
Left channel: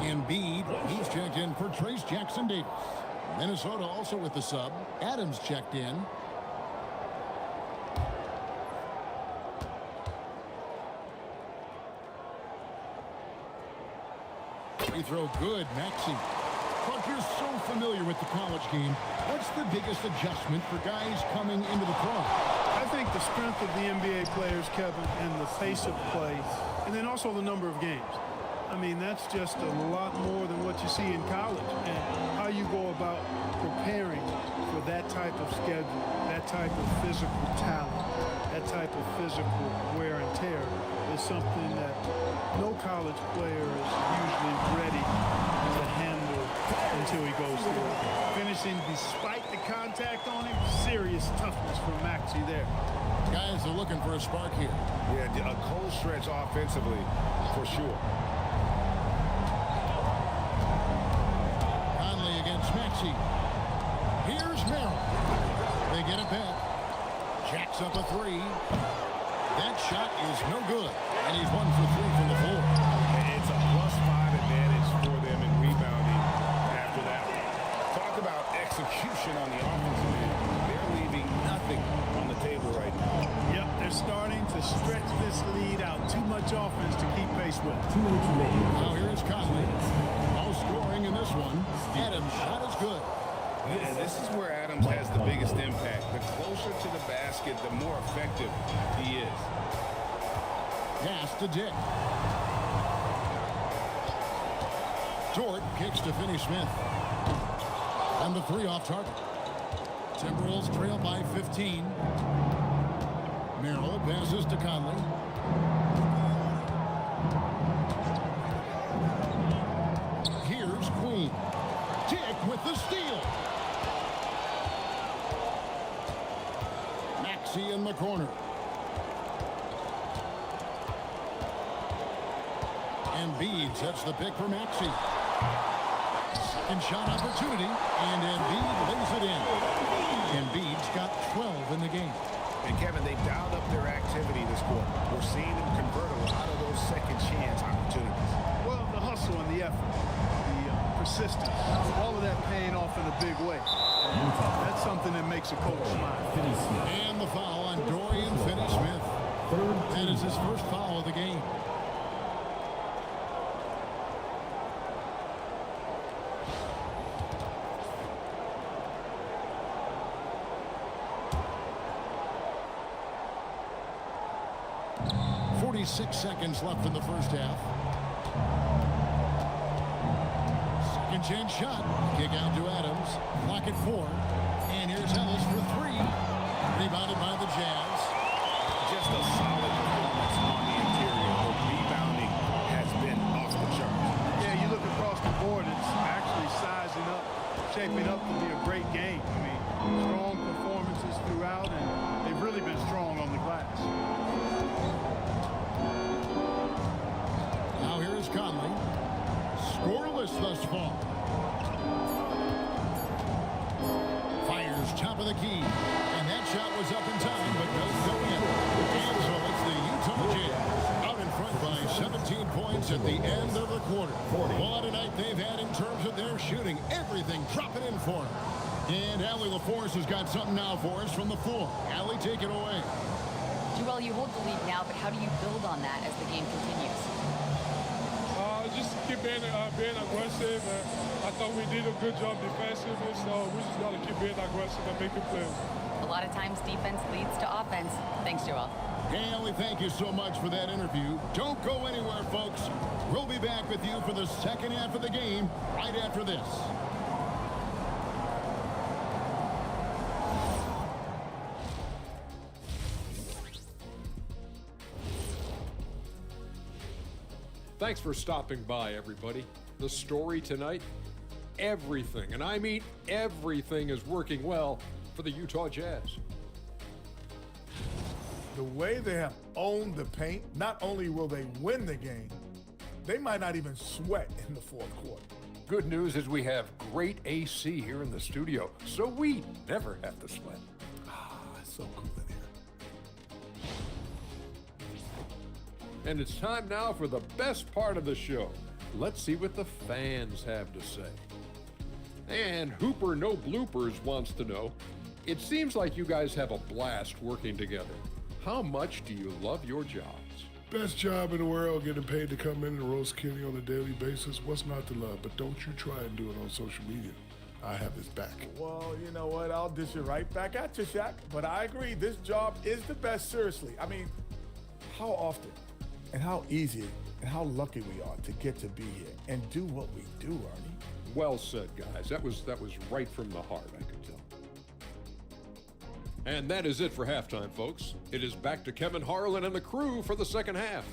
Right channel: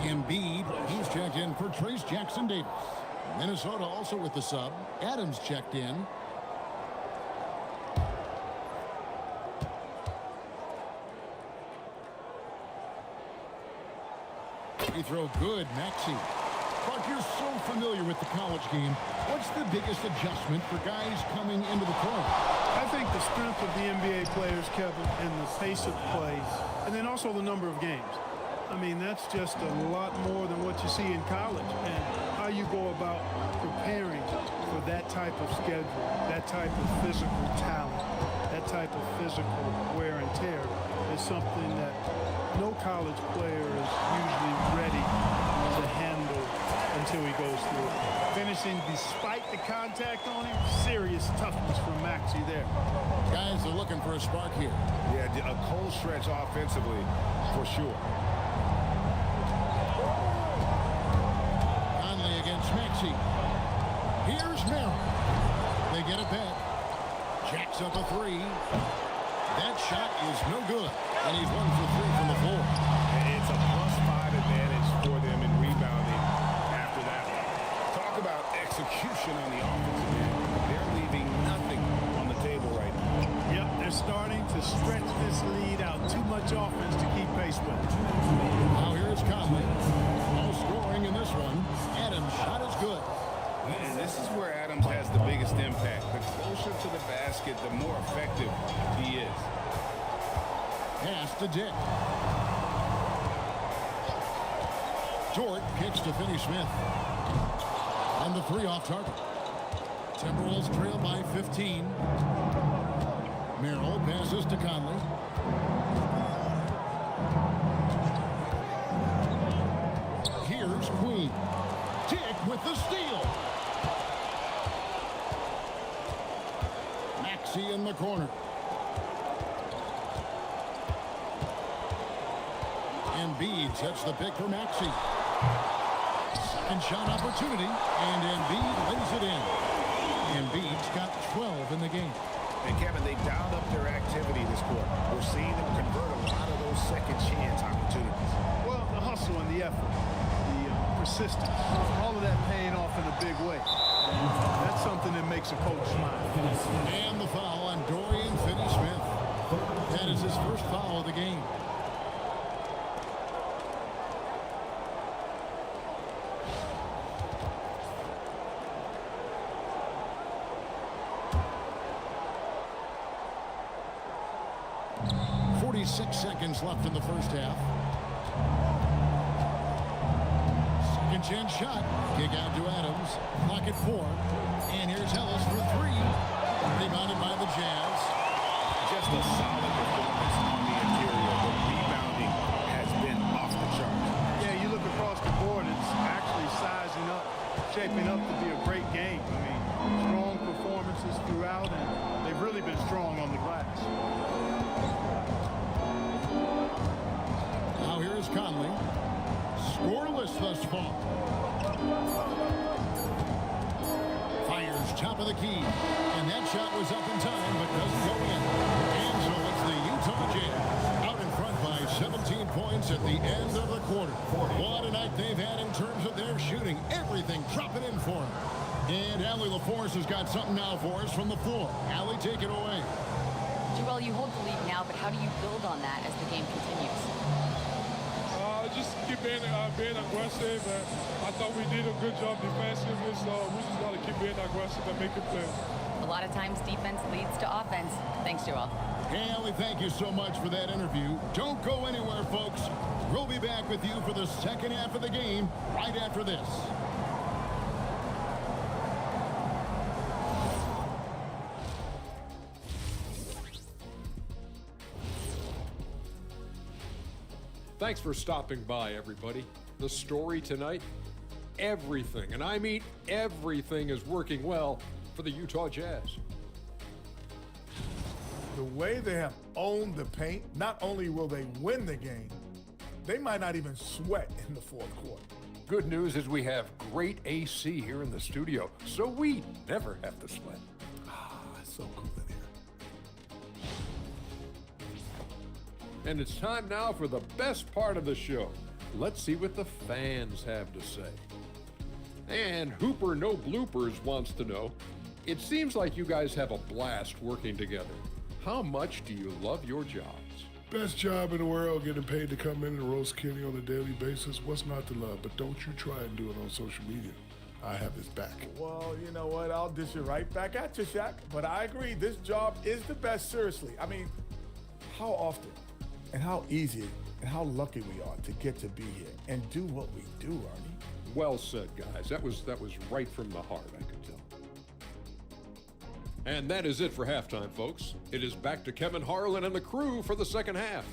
Embiid, he's checked in for Trace Jackson Davis. Minnesota also with the sub. Adams checked in. Free throw good, Maxey. Clark, you're so familiar with the college game. What's the biggest adjustment for guys coming into the pro? I think the strength of the NBA players, Kevin, and the pace of play, and then also the number of games. I mean, that's just a lot more than what you see in college, and how you go about preparing for that type of schedule, that type of physical talent, that type of physical wear and tear is something that no college player is usually ready to handle until he goes through it. Finishing despite the contact on him, serious toughness from Maxey there. Guys are looking for a spark here. Yeah, a cold stretch offensively for sure. Conley against Maxey. Here's Merrill. They get it back. Jacks up a 3. That shot is no good, and he's 1 for 3 from the floor. It's a +5 advantage for them in rebounding after that one. Talk about execution on the offensive end. They're leaving nothing on the table right now. Yep, they're starting to stretch this lead out. Too much offense to keep pace with. Now here is Conley. No scoring in this one. Adams' shot is good. And this is where Adams has the biggest impact. The closer to the basket, the more effective he is. Pass to Dick. Dort kicks to Finney Smith. And the 3 off target. Timberwolves trail by 15. Merrill passes to Conley. Here's Queen. Dick with the steal. Maxey in the corner. Embiid sets the pick for Maxey. Second shot opportunity, and Embiid lays it in. Embiid's got 12 in the game. And Kevin, they dialed up their activity this quarter. We're seeing them convert a lot of those second chance opportunities. Well, the hustle and the effort, the persistence, all of that paying off in a big way. And that's something that makes a coach smile. And the foul on Dorian Finney-Smith. That is his first foul of the game. .46 seconds left in the first half. Second chance shot. Kick out to Adams. Clock at 4. And here's Ellis for 3. Rebounded by the Jazz. Just a solid performance on the interior. The rebounding has been off the charts. Yeah, you look across the board, it's actually sizing up, shaping up to be a great game. I mean, strong performances throughout, and they've really been strong on the glass. Now here is Conley. Scoreless thus far. Fires top of the key. And that shot was up in time, but doesn't go in. And so it's the Utah Jazz out in front by 17 points at the end of the quarter. What a night they've had in terms of their shooting. Everything dropping in for them. And Allie LaForce has got something now for us from the floor. Allie, take it away. Joel, you hold the lead now, but how do you build on that as the game continues? Just keep being aggressive. I thought we did a good job defensively, so we just got to keep being aggressive and making plays. A lot of times defense leads to offense. Thanks, Joel. Hey, Allie, thank you so much for that interview. Don't go anywhere, folks. We'll be back with you for the second half of the game right after this. Thanks for stopping by, everybody. The story tonight, everything, and I mean everything, is working well for the Utah Jazz. The way they have owned the paint, not only will they win the game, they might not even sweat in the fourth quarter. Good news is we have great AC here in the studio, so we never have to sweat. It's so cool in here. And it's time now for the best part of the show. Let's see what the fans have to say. And Hooper No Bloopers wants to know, it seems like you guys have a blast working together. How much do you love your jobs? Best job in the world, getting paid to come in and roast Kenny on a daily basis. What's not to love? But don't you try and do it on social media. I have his back. Well, you know what? I'll dish it right back at you, Shaq. But I agree, this job is the best, seriously. I mean, how often and how easy and how lucky we are to get to be here and do what we do, Arnie. Well said, guys. That was right from the heart, I could tell. And that is it for halftime, folks. It is back to Kevin Harlan and the crew for the second half.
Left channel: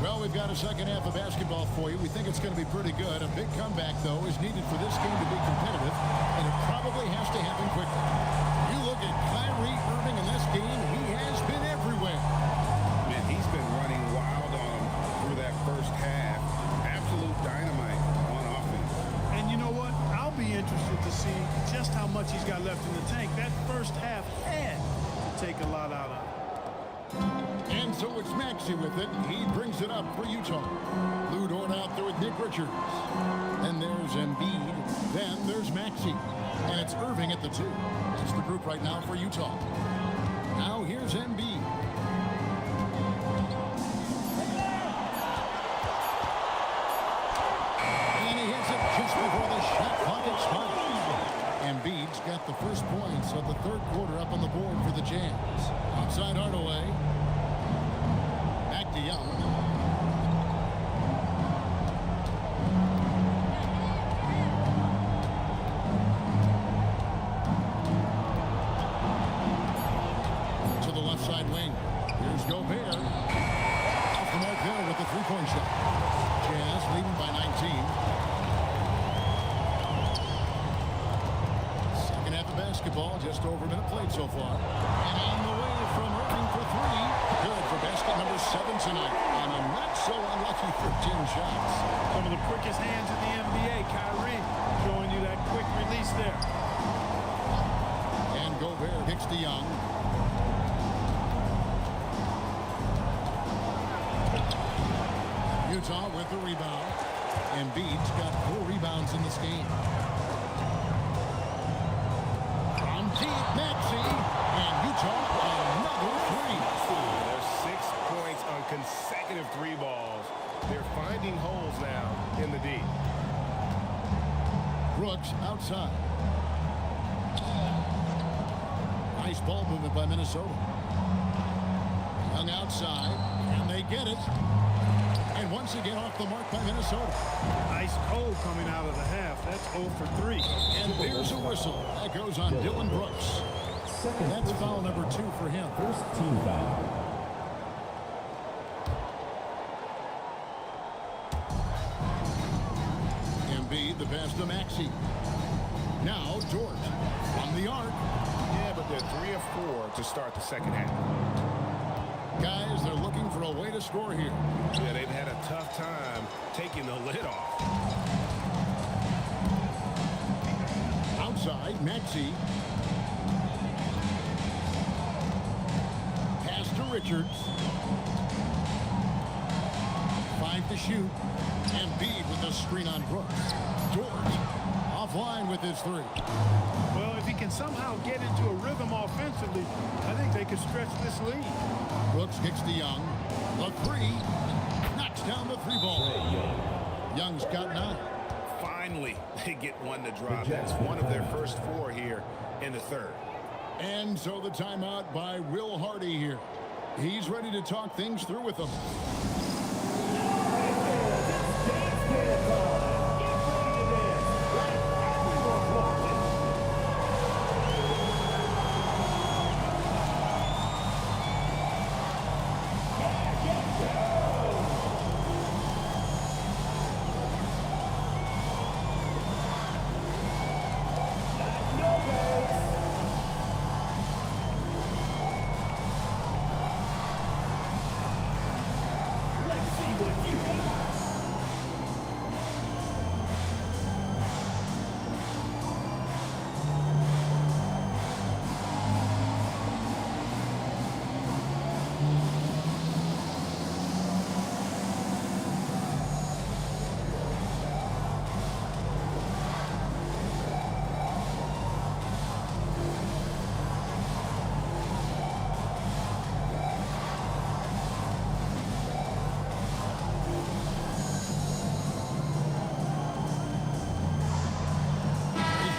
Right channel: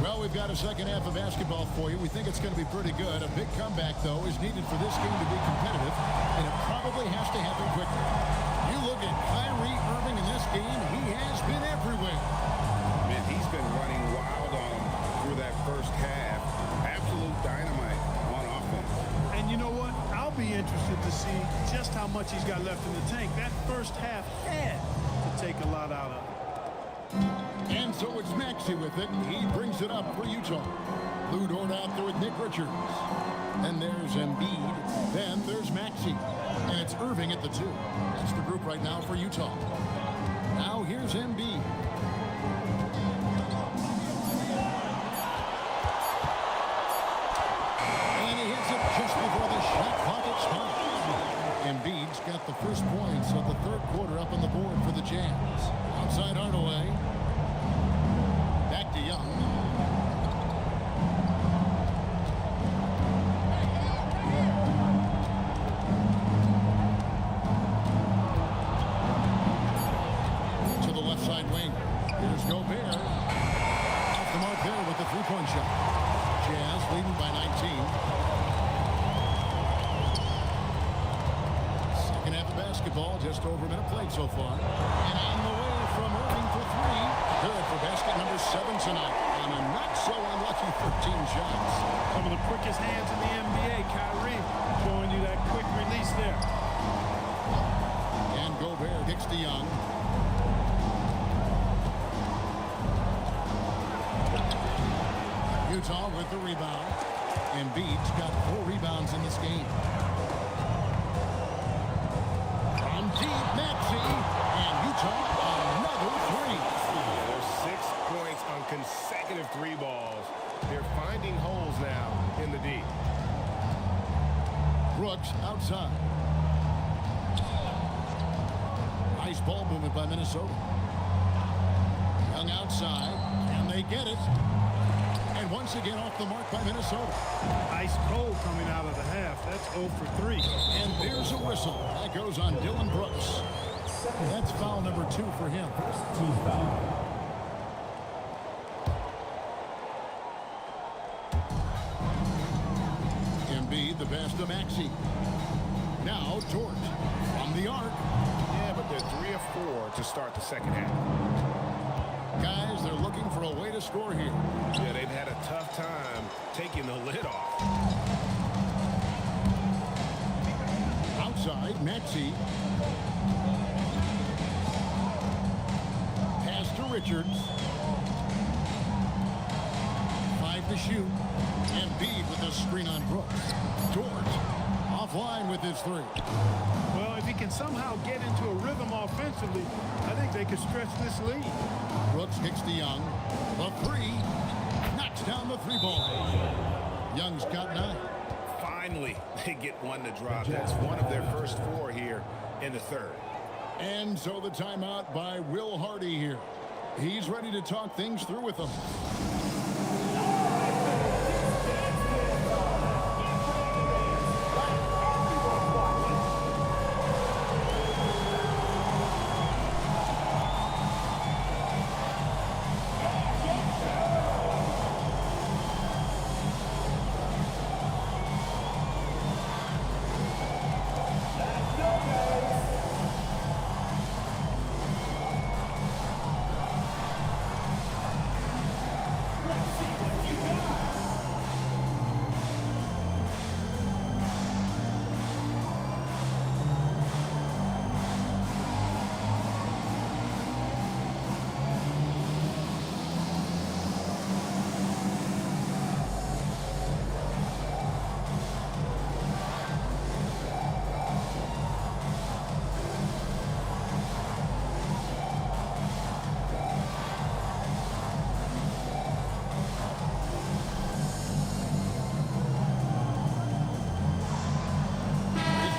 Well, we've got a second half of basketball for you. We think it's going to be pretty good. A big comeback, though, is needed for this game to be competitive, and it probably has to happen quickly. You look at Kyrie Irving in this game, he has been everywhere. Man, he's been running wild on them through that first half. Absolute dynamite on offense. And you know what? I'll be interested to see just how much he's got left in the tank. That first half had to take a lot out of it. And so it's Maxey with it. He brings it up for Utah. Lou Dort out there with Nick Richards. Then there's Embiid. Then there's Maxey. And it's Irving at the 2. That's the group right now for Utah. Now here's Embiid. And he hits it just before the shot clock expires. Embiid's got the first points of the third quarter up on the board for the Jazz. Outside Hardaway. Back to Young. side wing. Here's Gobert. Off the mark there with the three-point shot. Jazz leading by 19. Second half of basketball, just over a minute played so far. And on the way from Irving for three. Good for basket number 7 tonight on a not-so-unlucky 13 shots. Some of the quickest hands in the NBA. Kyrie showing you that quick release there. And Gobert kicks to Young. Utah with the rebound. Embiid's got 4 rebounds in this game. From deep, Maxey, and Utah another 3. Yeah, there's 6 points on consecutive 3 balls. They're finding holes now in the D. Brooks outside. Nice ball movement by Minnesota. Young outside. Can they get it? And once again off the mark by Minnesota. Ice cold coming out of the half. That's 0 for 3. And there's a whistle. That goes on Dillon Brooks. That's foul number 2 for him. First team foul. Embiid, the pass to Maxey. Now Dort from the arc. Yeah, but they're 3 of 4 to start the second half. Guys, they're looking for a way to score here. Yeah, they've had a tough time taking the lid off. Outside, Maxey. Pass to Richards. 5 to shoot. Embiid with a screen on Brooks. Dort offline with his 3. Well, if he can somehow get into a rhythm offensively, I think they could stretch this lead. Brooks kicks to Young. The 3. Knocks down the 3 ball. Young's got 9. Finally, they get one to drop. That's one of their first 4 here in the third. And so the timeout by Will Hardy here. He's ready to talk things through with them.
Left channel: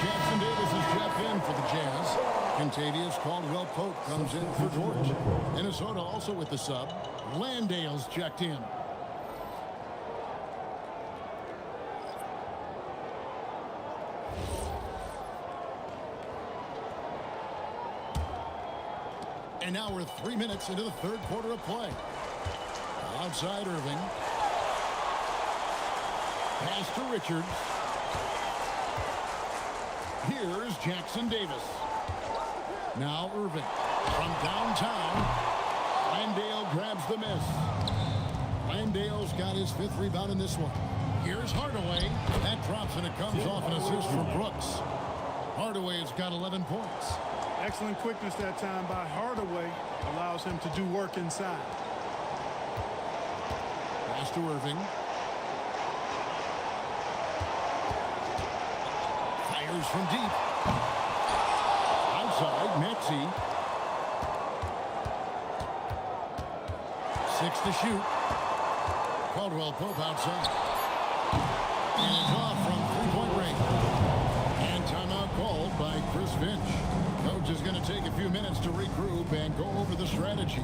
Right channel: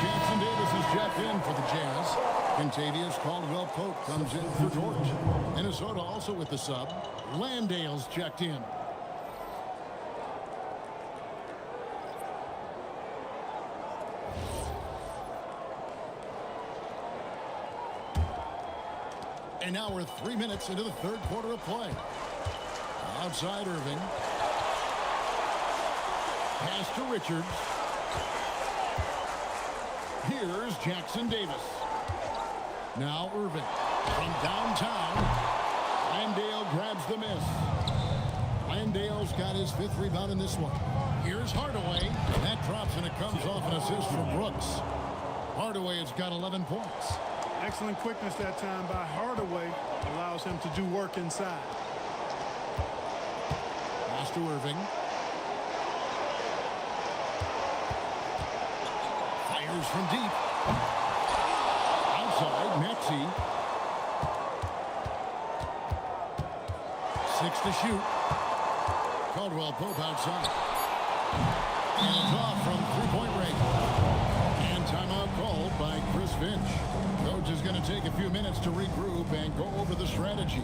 Jackson Davis is checked in for the Jazz. Contavious Caldwell-Pope comes in for George. Minnesota also with the sub. Landale's checked in. And now we're 3 minutes into the third quarter of play. Outside Irving. Pass to Richards. Here's Jackson Davis. Now Irving from downtown. Landale grabs the miss. Landale's got his 5th rebound in this one. Here's Hardaway. That drops and it comes off an assist from Brooks. Hardaway has got 11 points. Excellent quickness that time by Hardaway. Allows him to do work inside. Pass to Irving. Fires from deep. Outside, Maxey. 6 to shoot. Caldwell-Pope outside. And it's off from 3-point range. And timeout called by Chris Finch. Coach is going to take a few minutes to regroup and go over the strategy.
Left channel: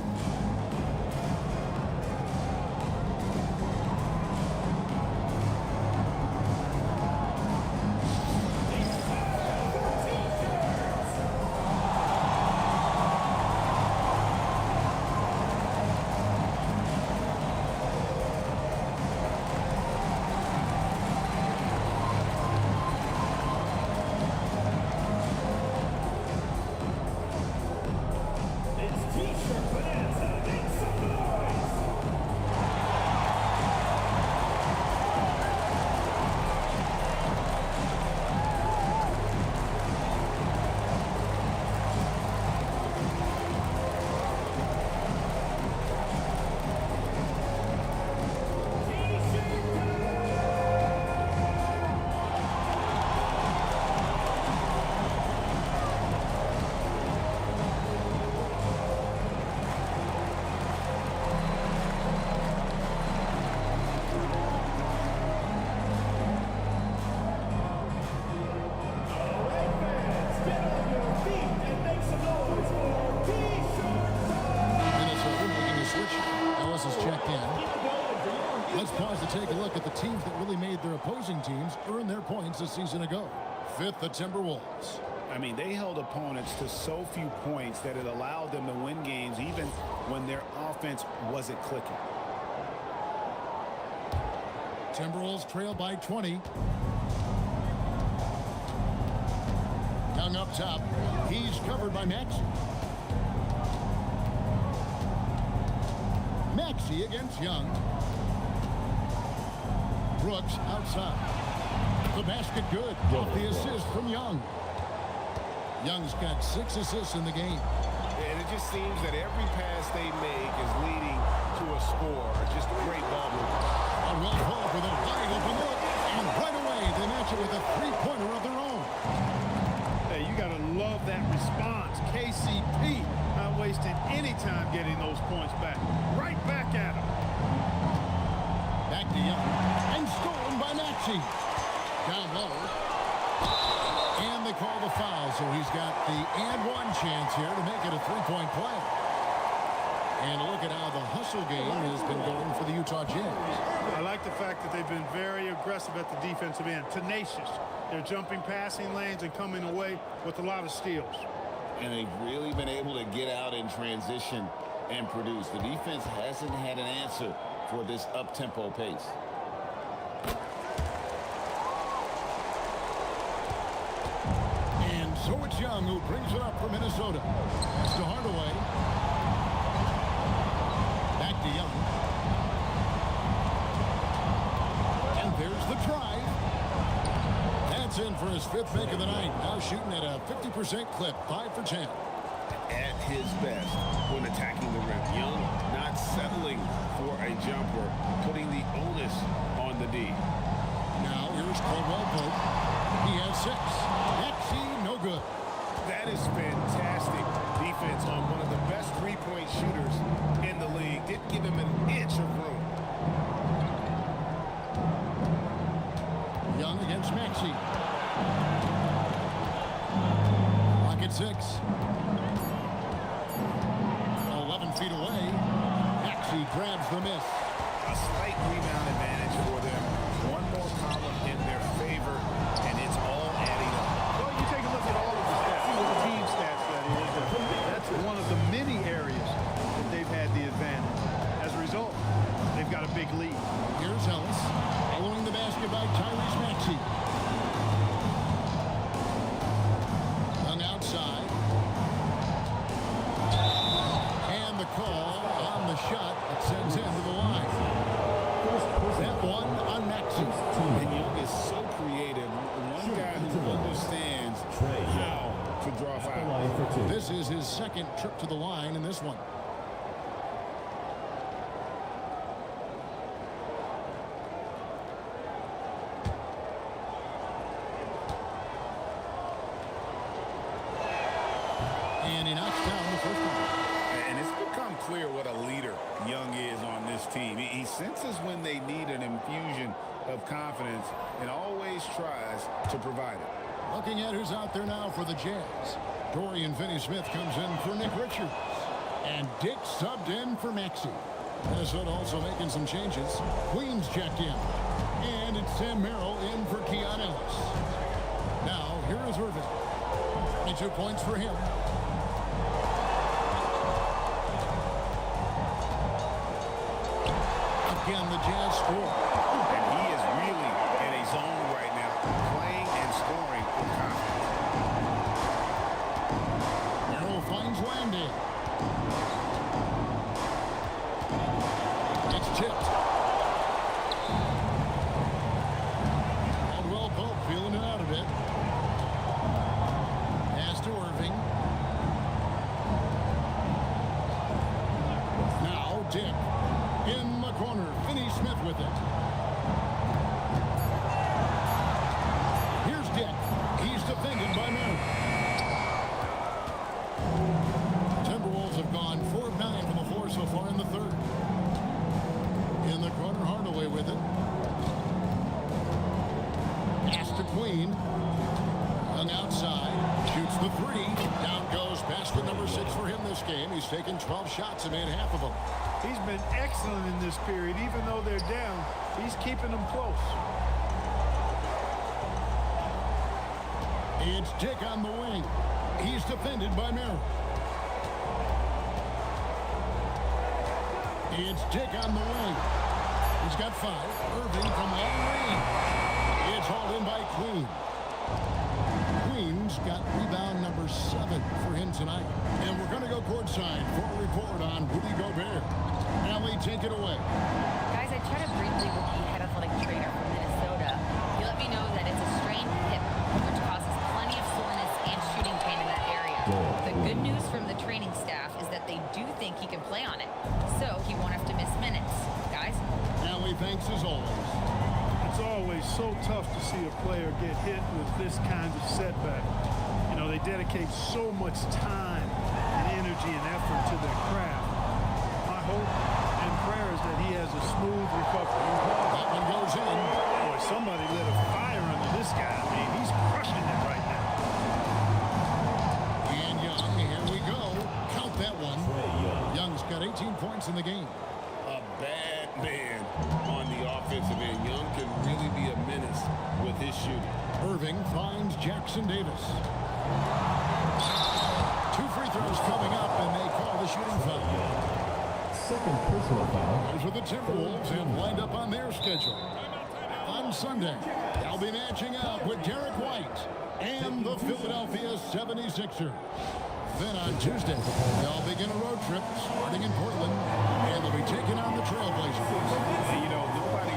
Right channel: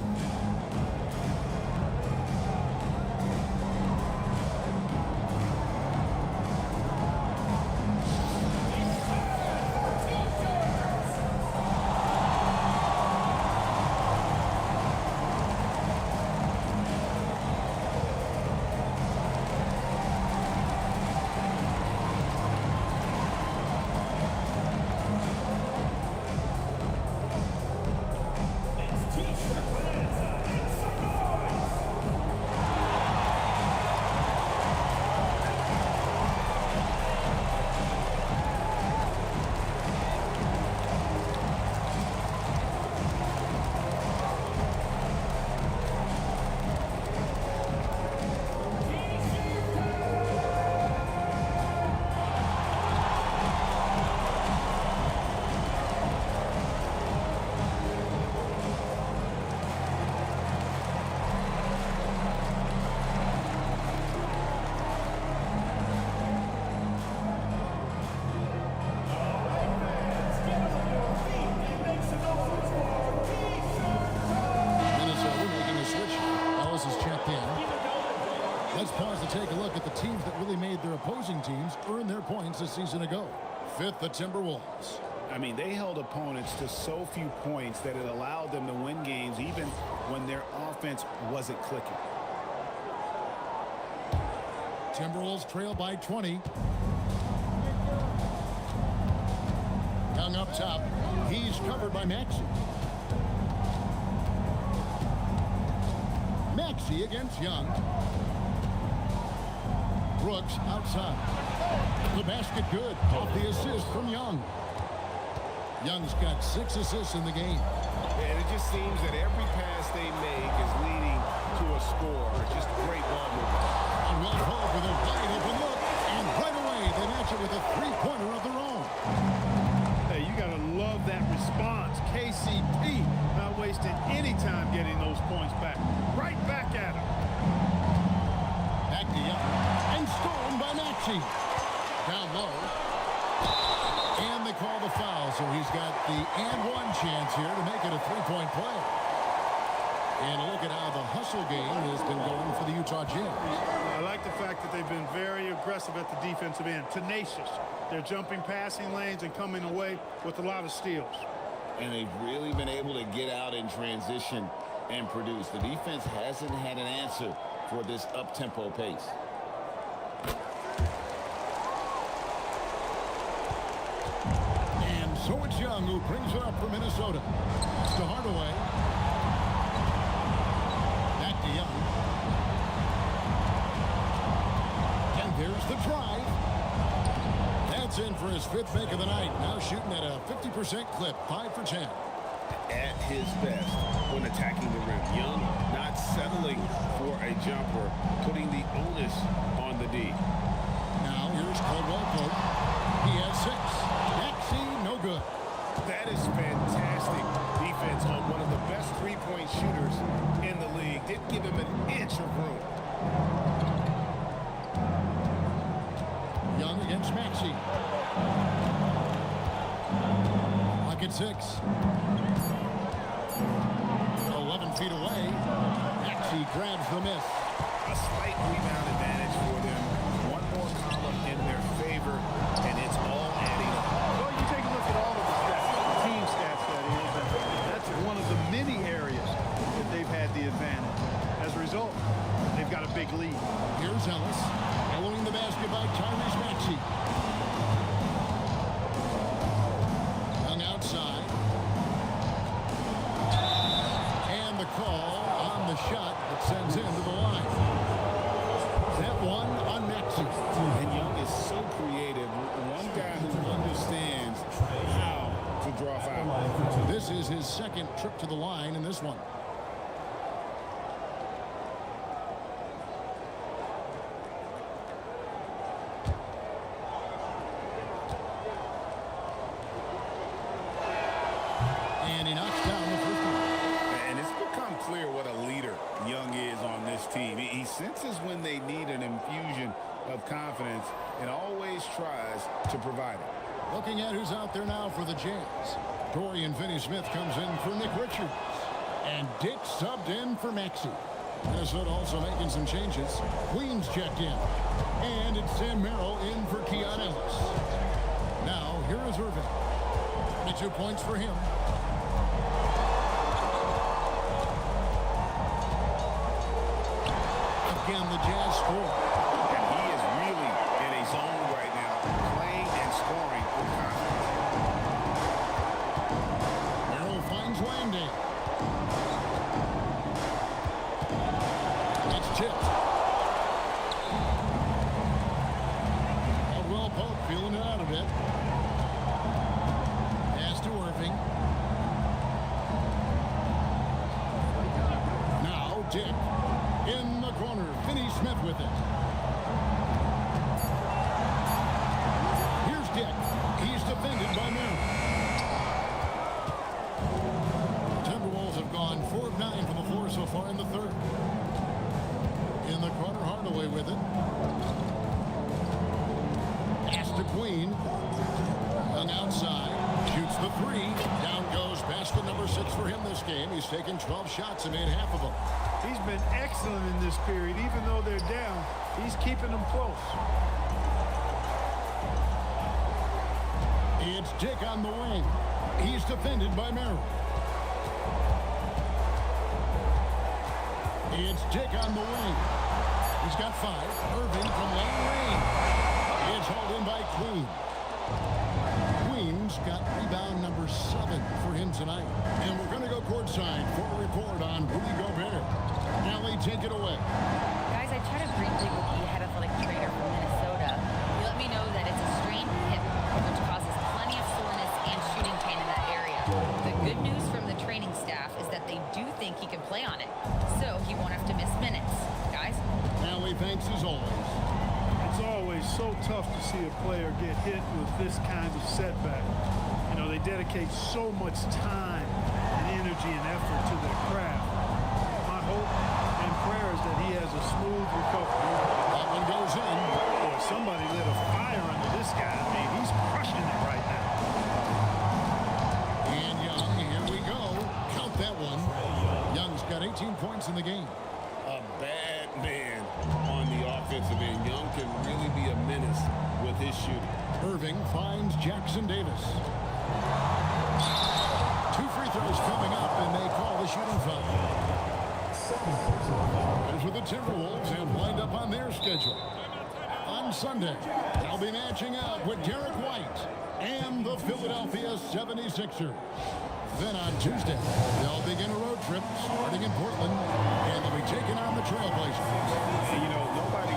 Ellis has checked in. Let's pause to take a look at the teams that really made their opposing teams earn their points a season ago. Fifth, the Timberwolves. I mean, they held opponents to so few points that it allowed them to win games even when their offense wasn't clicking. Timberwolves trail by 20. Young up top. He's covered by Maxey. Maxey against Young. Brooks outside. The basket good off the assist from Young. Young's got 6 assists in the game. And it just seems that every pass they make is leading to a score. Just great ball movement. Caldwell Pope with a wide open look, and right away they match it with a three-pointer of their own. Hey, you got to love that response. KCP not wasting any time getting those points back. Right back at him. Back to Young, and stolen by Maxey. Down low. And they call the foul, so he's got the and one chance here to make it a three-point play. And look at how the hustle game has been going for the Utah Jazz. I like the fact that they've been very aggressive at the defensive end, tenacious. They're jumping passing lanes and coming away with a lot of steals. And they've really been able to get out in transition and produce. The defense hasn't had an answer for this up-tempo pace. And so it's Young who brings it up for Minnesota. Pass to Hardaway. Back to Young. And there's the drive. That's in for his 5th make of the night. Now shooting at a 50% clip, 5 for 10. At his best when attacking the rim. Young not settling for a jumper, putting the onus on the D. Now here's Caldwell Pope. He has 6. Maxey, no good. That is fantastic defense on one of the best three-point shooters in the league. Didn't give him an inch of room. Young against Maxey. Clock at 6. 11 feet away. Maxey grabs the miss. A slight rebound advantage for them. One more column in their favor, and it's all adding up. Well, you take a look at all of the stats, the team stats, that is, and that's one of the many areas that they've had the advantage. As a result, they've got a big lead. Here's Ellis, following the basket by Tyrese Maxey. Young outside. And the call on the shot that sends him to the line. That one on Maxey. And Young is so creative. One guy who understands how to draw foul. This is his 2nd trip to the line in this one. And he knocks down the first one. And it's become clear what a leader Young is on this team. He senses when they need an infusion of confidence and always tries to provide it. Looking at who's out there now for the Jazz. Dorian Finney-Smith comes in for Nick Richards. And Dick subbed in for Maxey. Minnesota also making some changes. Queens checked in. And it's Sam Merrill in for Keon Ellis. Now, here is Irvin. 22 points for him. Again, the Jazz score. And he is really in a zone right now, playing and scoring with confidence. Merrill finds Landale. It's tipped. Caldwell Pope feeling it out a bit. Pass to Irving. Now Dick. In the corner, Finney-Smith with it. Here's Dick. He's defended by Merrill. The Timberwolves have gone 4 of 9 from the floor so far in the 3rd. In the corner, Hardaway with it. Pass to Queen. Young outside. Shoots the three. Down goes basket number 6 for him this game. He's taken 12 shots and made half of them. He's been excellent in this period. Even though they're down, he's keeping them close. It's Dick on the wing. He's defended by Merrill. It's Dick on the wing. He's got 5. Irving from long range. It's hauled in by Queen. Queen's got rebound number 7 for him tonight. And we're going to go courtside for a report on Rudy Gobert. Allie, take it away. Guys, I chatted briefly with the head athletic trainer from Minnesota. He let me know that it's a strained hip, which causes plenty of soreness and shooting pain in that area. The good news from the training staff is that they do think he can play on it, so he won't have to miss minutes. Guys? Allie, thanks as always. It's always so tough to see a player get hit with this kind of setback. You know, they dedicate so much time and energy and effort to their craft. My hope and prayer is that he has a smooth recovery. That one goes in. Boy, somebody lit a fire under this guy. I mean, he's crushing it right now. And Young, here we go. Count that one. Young's got 18 points in the game. A bad man on the offensive end. Young can really be a menace with his shooting. Irving finds Jackson Davis. 2 free throws coming up, and they call the shooting foul. Second personal foul. Here's what the Timberwolves have lined up on their schedule. On Sunday, they'll be matching up with Derek White and the Philadelphia 76ers. Then on Tuesday, they'll begin a road trip starting in Portland, and they'll be taking on the Trailblazers. You know, nobody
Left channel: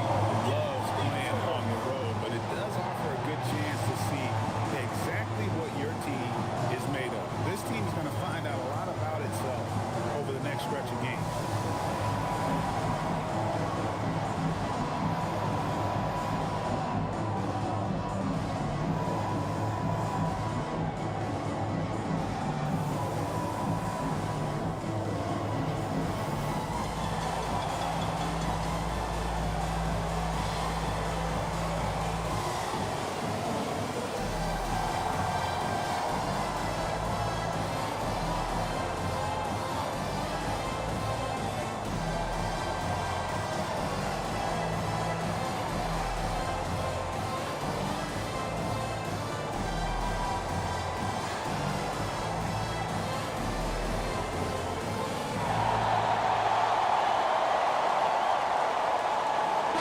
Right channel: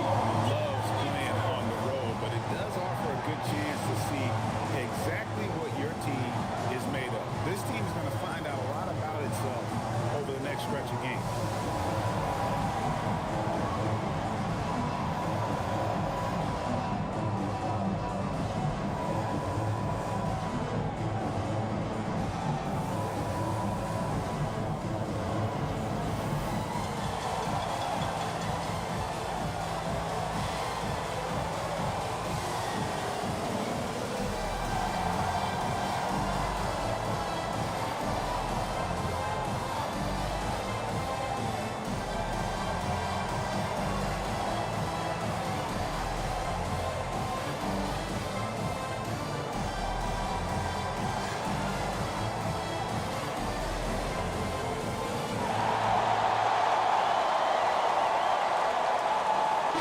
loves playing on the road, but it does offer a good chance to see exactly what your team is made of. This team is going to find out a lot about itself over the next stretch of games.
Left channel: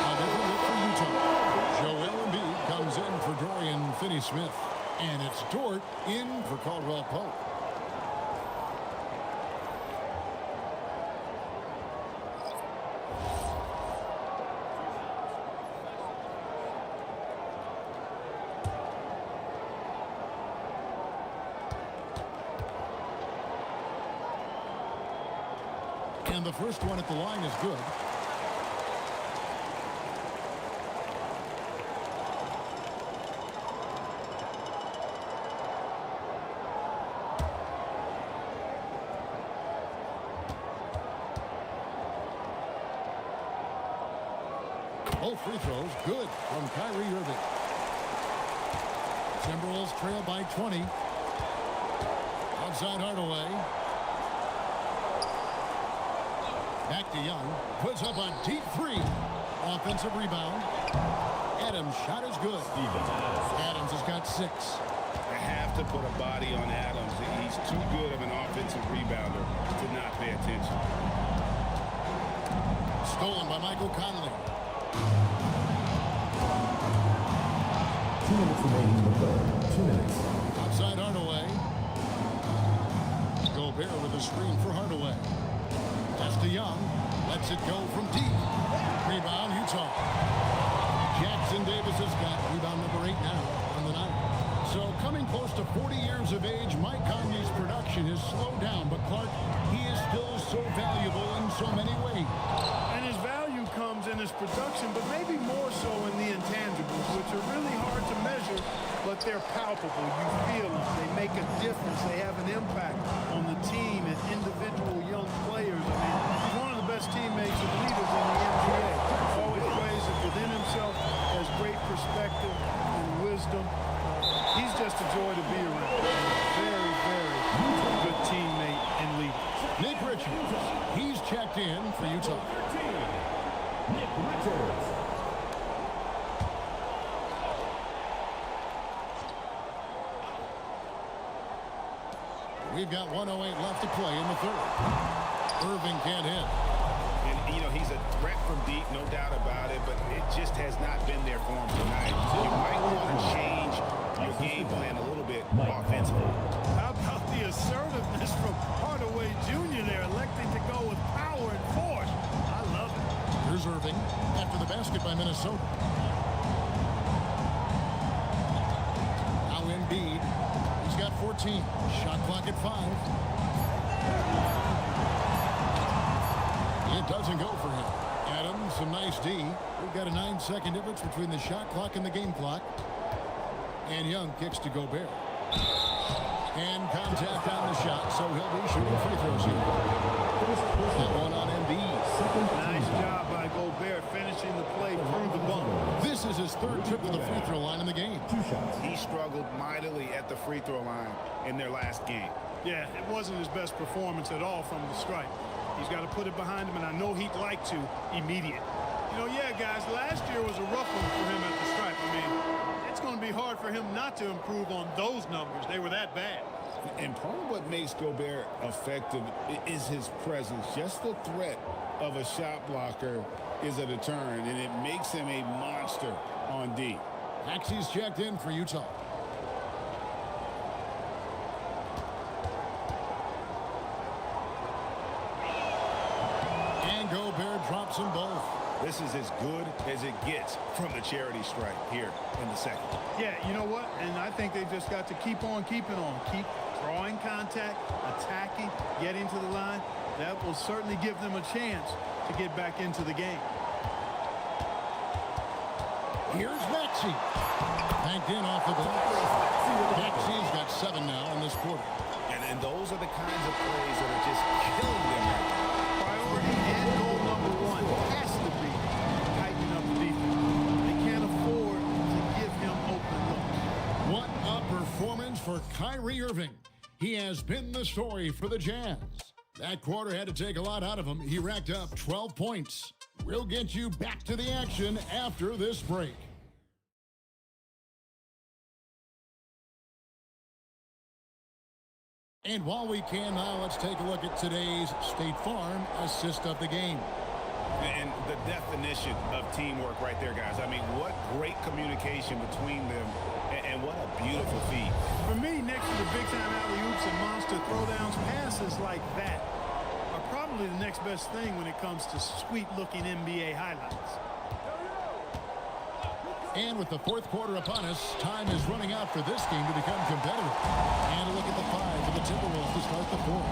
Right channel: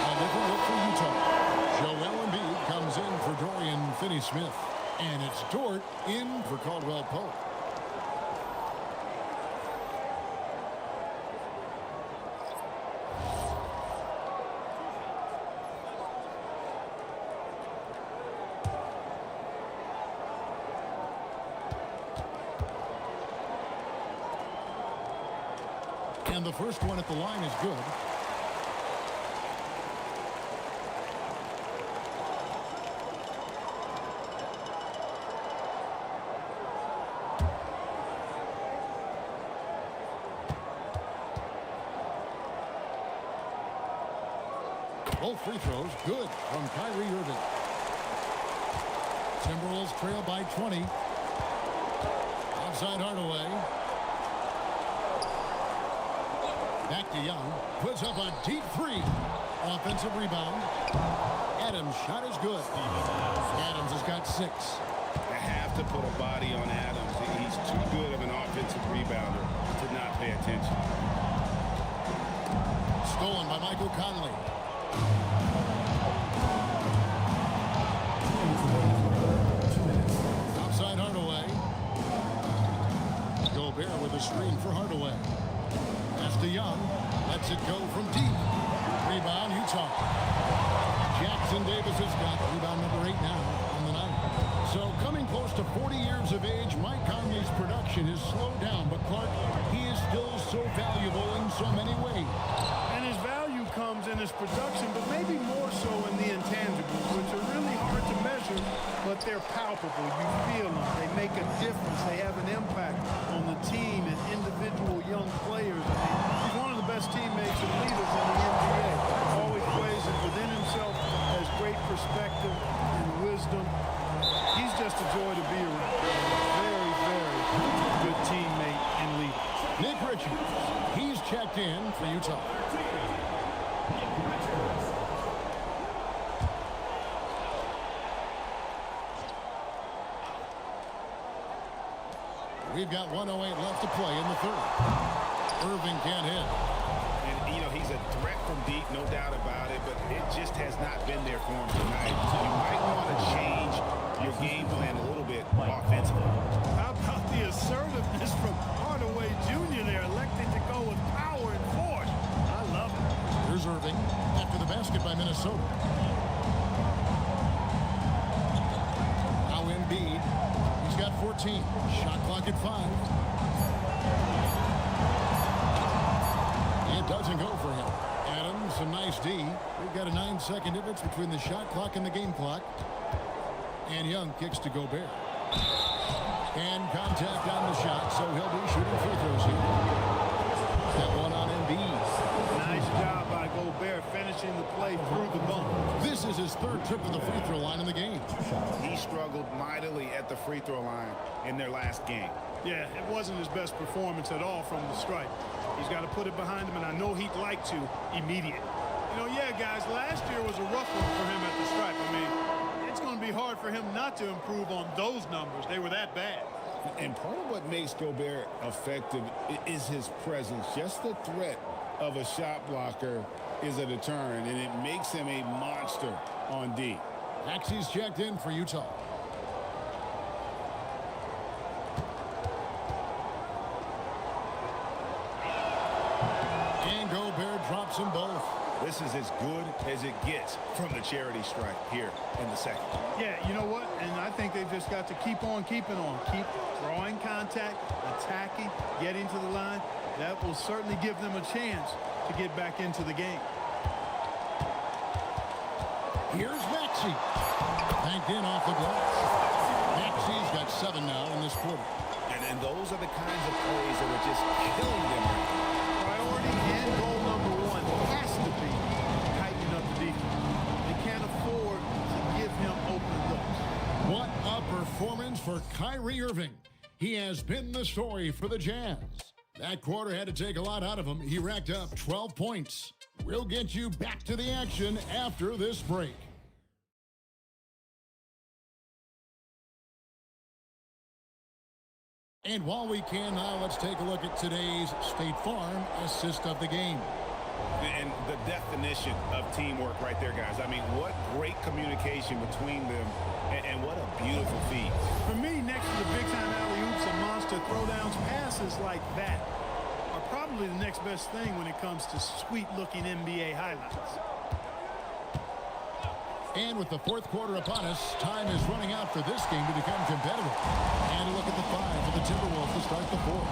A different look for Utah. Joel Embiid comes in for Dorian Finney-Smith. And it's Dort in for Caldwell Pope. And the first one at the line is good. Both free throws good from Kyrie Irving. Timberwolves trail by 20. Outside Hardaway. Back to Young. Puts up a deep 3. Offensive rebound. Adams' shot is good. Adams has got 6. They have to put a body on Adams. He's too good of an offensive rebounder to not pay attention. Stolen by Michael Conley. 2 minutes remaining. 2 minutes. Outside Hardaway. Gobert with a screen for Hardaway. Pass to Young. Lets it go from deep. Rebound, Utah. Jackson Davis has got rebound number 8 now on the night. So coming close to 40 years of age, Mike Conley's production has slowed down. But Clark, he is still so valuable in so many ways. And his value comes in his production, but maybe more so in the intangibles, which are really hard to measure, but they're palpable. You feel them. They make a difference. They have an impact on the team and individual young players. I mean, he's one of the best teammates and leaders in the NBA. Always plays it within himself, has great perspective and wisdom. He's just a joy to be around and a very, very good teammate and leader. Nick Richards, he's checked in for Utah. We've got 1:08 left to play in the third. Irving can't hit. And, you know, he's a threat from deep, no doubt about it, but it just has not been there for him tonight. You might want to change your game plan a little bit offensively. How about the assertiveness from Hardaway Jr. there, electing to go with power and force? I love it. Here's Irving after the basket by Minnesota. Now Embiid. He's got 14. Shot clock at 5. It doesn't go for him. Adams, some nice D. We've got a 9-second difference between the shot clock and the game clock. And Young kicks to Gobert. And contact on the shot, so he'll be shooting free throws here. That one on Embiid. Nice job by Gobert finishing the play through the bump. This is his third trip to the free throw line in the game. He struggled mightily at the free throw line in their last game. Yeah, it wasn't his best performance at all from the stripe. He's got to put it behind him, and I know he'd like to immediate. You know, yeah, guys, last year was a rough one for him at the stripe. I mean, it's going to be hard for him not to improve on those numbers. They were that bad. And part of what makes Gobert effective is his presence. Just the threat of a shot blocker is a deterrent, and it makes him a monster on D. Axie's checked in for Utah. And Gobert drops them both. This is as good as it gets from the charity stripe here in the second. Yeah, you know what? And I think they've just got to keep on keeping on. Keep drawing contact, attacking, getting to the line. That will certainly give them a chance to get back into the game. Here's Maxey. Banked in off the glass. Maxey's got 7 now in this quarter. And those are the kinds of plays that are just killing them right now. Priority and goal number 1 has to be tightening up the defense. They can't afford to give him open looks. What a performance for Kyrie Irving. He has been the story for the Jazz. That quarter had to take a lot out of him. He racked up 12 points. We'll get you back to the action after this break. And while we can now, let's take a look at today's State Farm assist of the game. And the definition of teamwork right there, guys. I mean, what great communication between them, and what a beautiful feed. For me, next to the big-time alley-oops and monster throwdowns, passes like that are probably the next best thing when it comes to sweet-looking NBA highlights. And with the fourth quarter upon us, time is running out for this game to become competitive. And a look at the 5 for the Timberwolves to start the fourth.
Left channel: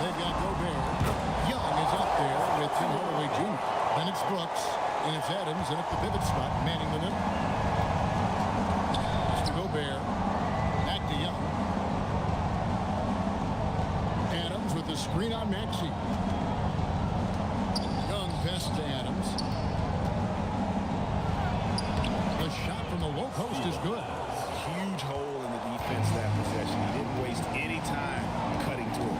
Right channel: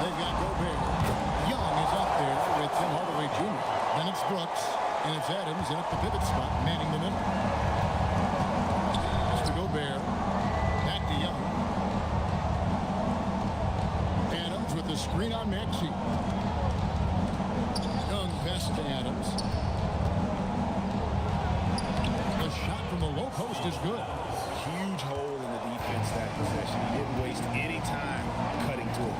They've got Gobert. Young is up there with Tim Hardaway Jr. Then it's Brooks, and it's Adams, and at the pivot spot, manning the middle. Pass to Gobert. Back to Young. Adams with the screen on Maxey. Young pass to Adams. The shot from the low post is good. Huge hole in the defense that possession. He didn't waste any time cutting through it.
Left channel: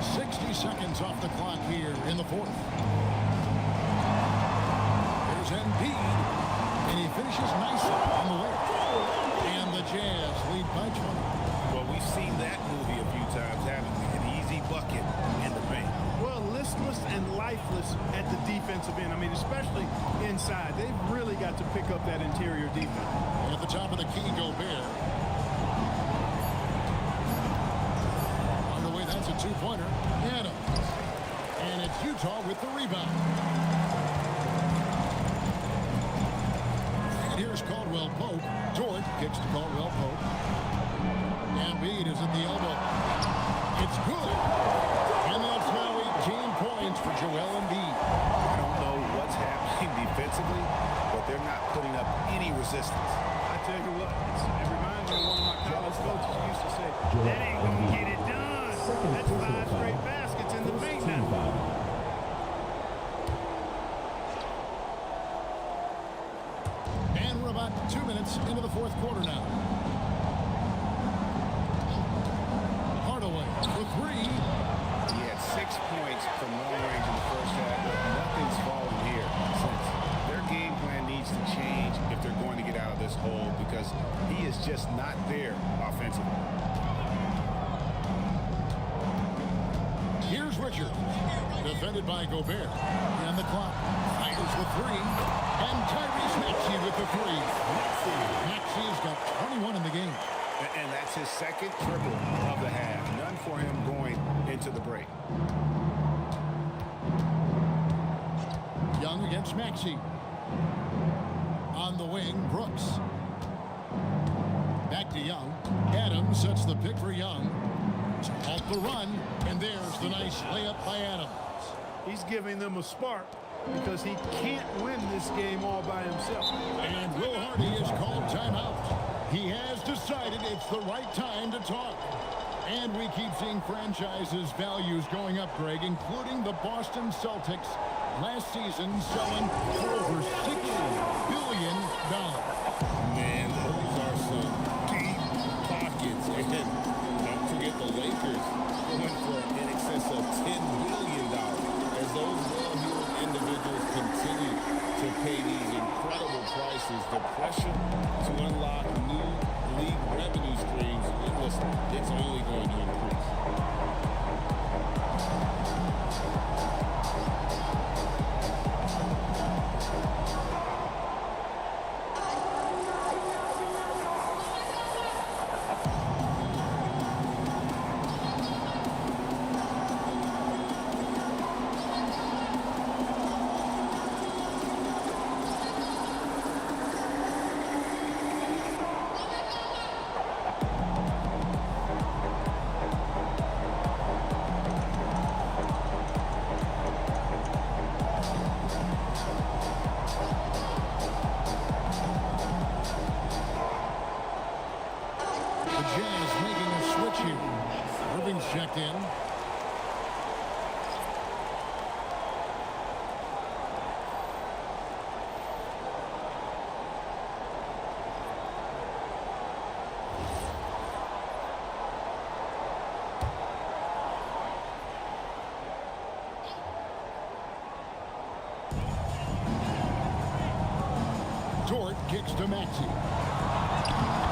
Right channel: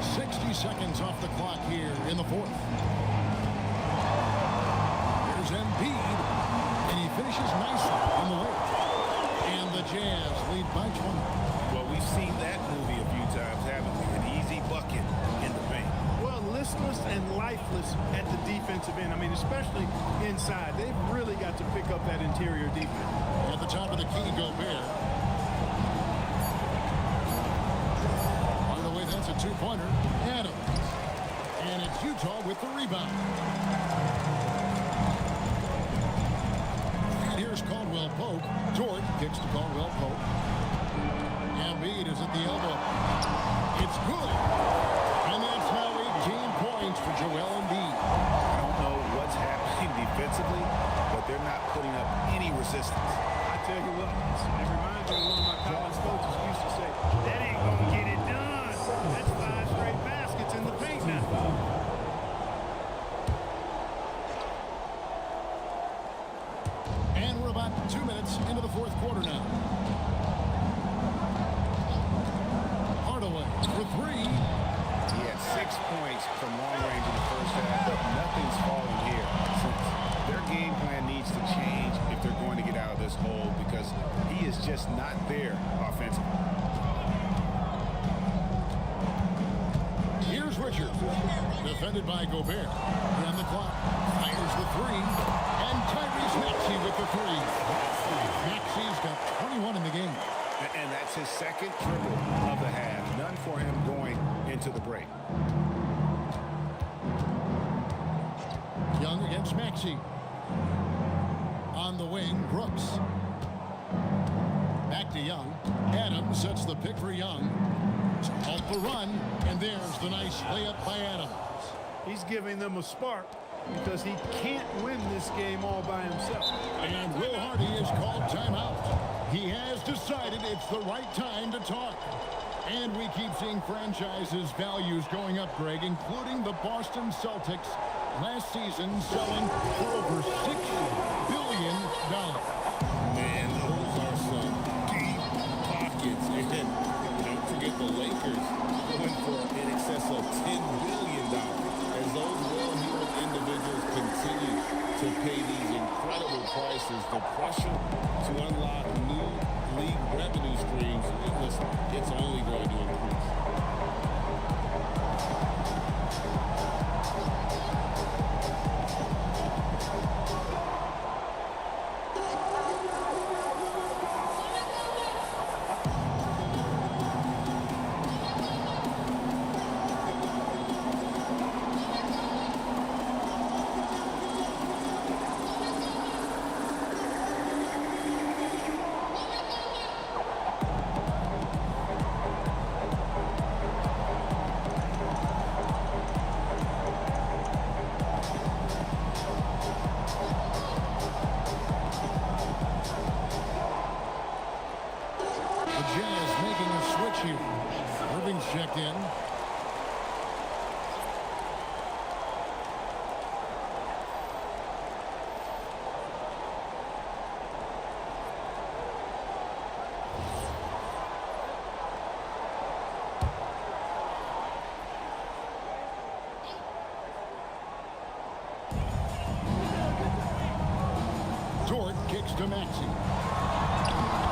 60 seconds off the clock here in the fourth. Here's Embiid, and he finishes nicely on the layup. And the Jazz lead by 20. Well, we've seen that movie a few times, haven't we? An easy bucket in the paint. Well, listless and lifeless at the defensive end. I mean, especially inside. They've really got to pick up that interior defense. At the top of the key, Gobert. Hardaway, that's a two-pointer. Adams. And it's Utah with the rebound. And here's Caldwell Pope. Dort kicks to Caldwell Pope. Embiid is at the elbow. It's good. And that's now 18 points for Joel Embiid. I don't know what's happening defensively, but they're not putting up any resistance. I tell you what, it reminds me of one of my college coaches who used to say, that ain't going to get it done. That's 5 straight baskets in the paint now. spot. 2 minutes into the fourth quarter now. Hardaway for three. He had 6 points from long range in the first half, but nothing's fallen here since. Their game plan needs to change if they're going to get out of this hole because he is just not there offensively. Here's Richards, defended by Gobert. He on the clock, fires the three, and Tyrese Maxey with the three. Maxey's got 21 in the game. And that's his second triple of the half. None for him going into the break. Young against Maxey. On the wing, Brooks. Back to Young. Adams sets the pick for Young to halt the run, and there's the nice layup by Adams. He's giving them a spark because he can't win this game all by himself. And Will Hardy is called timeout. He has decided it's the right time to talk. And we keep seeing franchises' values going up, Greg, including the Boston Celtics last season selling for over $6 billion. Man, those are some deep pockets. And don't forget the Lakers going for in excess of $10 billion. As those well-heeled individuals continue to pay these incredible prices, the pressure to unlock new league revenue streams, listen, it's only going to increase. The Jazz making a switch here. Irving's checked in. Dort kicks to Maxey.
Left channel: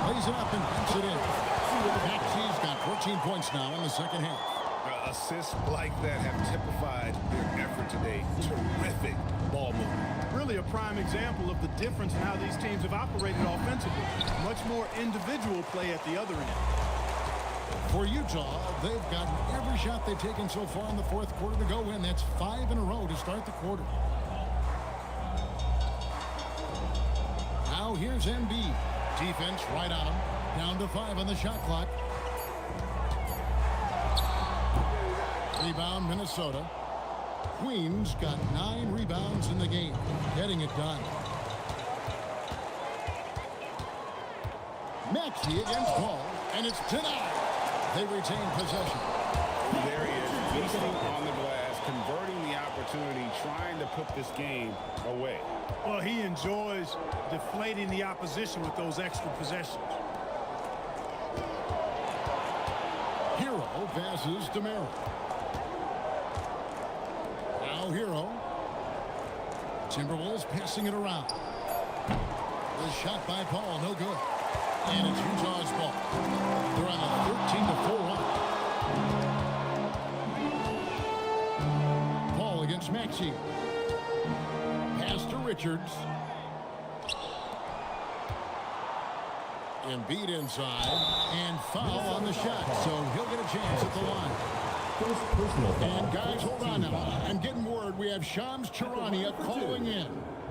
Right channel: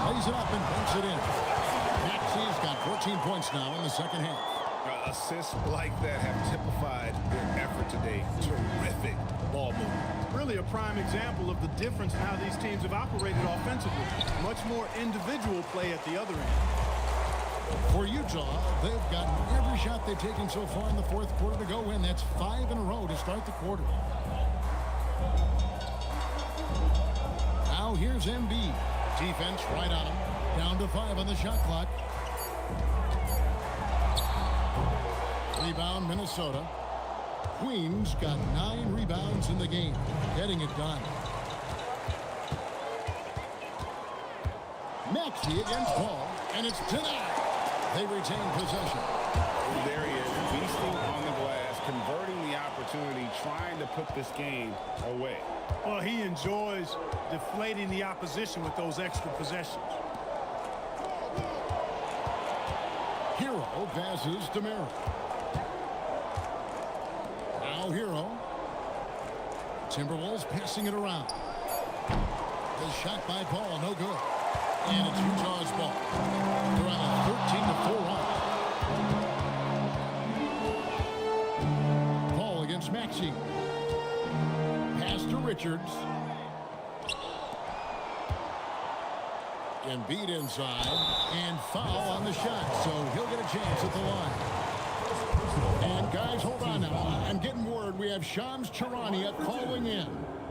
Plays it up and banks it in. Maxey's got 14 points now in the second half. Assists like that have typified their effort today. Terrific ball movement. Really a prime example of the difference in how these teams have operated offensively. Much more individual play at the other end. For Utah, they've gotten every shot they've taken so far in the fourth quarter to go win. That's 5 in a row to start the quarter. Now here's Embiid. Defense right on him. Down to 5 on the shot clock. Rebound, Minnesota. Queens got 9 rebounds in the game. Getting it done. Maxey against Paul, and it's denied. They retain possession. There he is, feasting on the glass, converting the opportunity, trying to put this game away. Well, he enjoys deflating the opposition with those extra possessions. Hero passes to Merrill. Now Hero. Timberwolves passing it around. The shot by Paul, no good. And it's Utah's ball. They're on a 13-4 run. Paul against Maxey. Pass to Richards. Embiid inside, and foul on the shot, so he'll get a chance at the line. And guys, hold on now. I'm getting word we have Shams Charania calling in.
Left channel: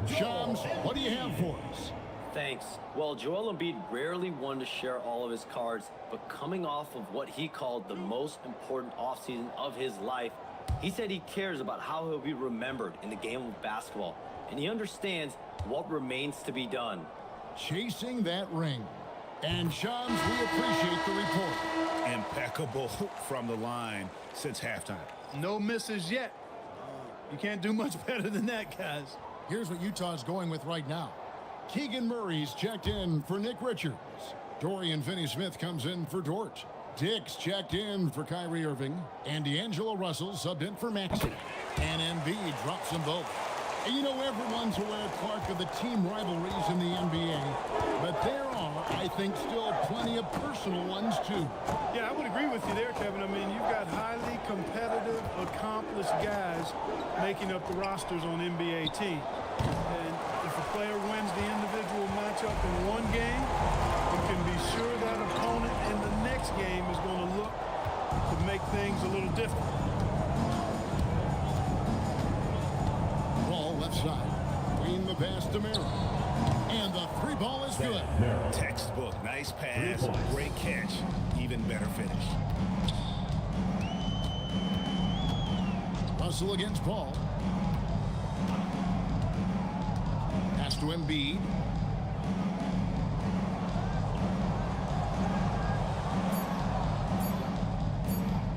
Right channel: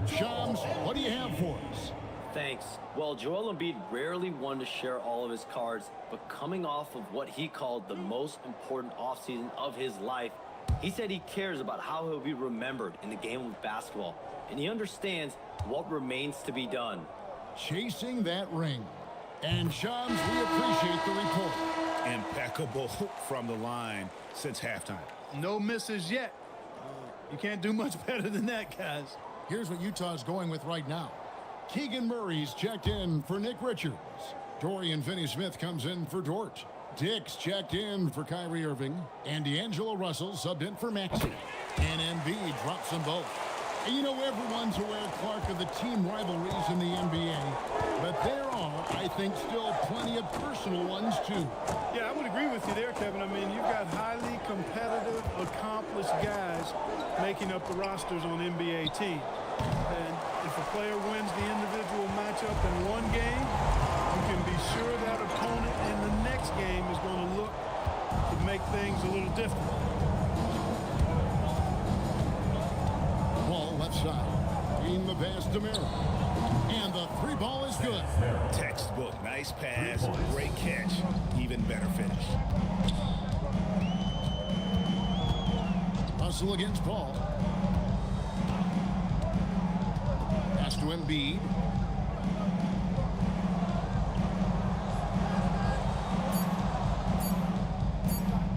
Shams, what do you have for us? Thanks. Well, Joel Embiid rarely wanted to share all of his cards, but coming off of what he called the most important offseason of his life, he said he cares about how he'll be remembered in the game of basketball, and he understands what remains to be done. Chasing that ring. And Shams, we appreciate the report. Impeccable from the line since halftime. No misses yet. You can't do much better than that, guys. Here's what Utah's going with right now. Keegan Murray's checked in for Nick Richards. Dorian Finney-Smith comes in for Dort. Dick's checked in for Kyrie Irving. And D'Angelo Russell subbed in for Maxey. And Embiid drops them both. And you know, everyone's aware, Clark, of the team rivalries in the NBA. But there are, I think, still plenty of personal ones, too. Yeah, I would agree with you there, Kevin. I mean, you've got highly competitive, accomplished guys making up the rosters on NBA teams. And if a player wins the individual matchup in one game, you can be sure that opponent in the next game is going to look to make things a little different. Ball left side. Queen the pass to Merrill. And the three ball is good. Textbook. Nice pass. Great catch. Even better finish. Russell against Paul. Pass to Embiid.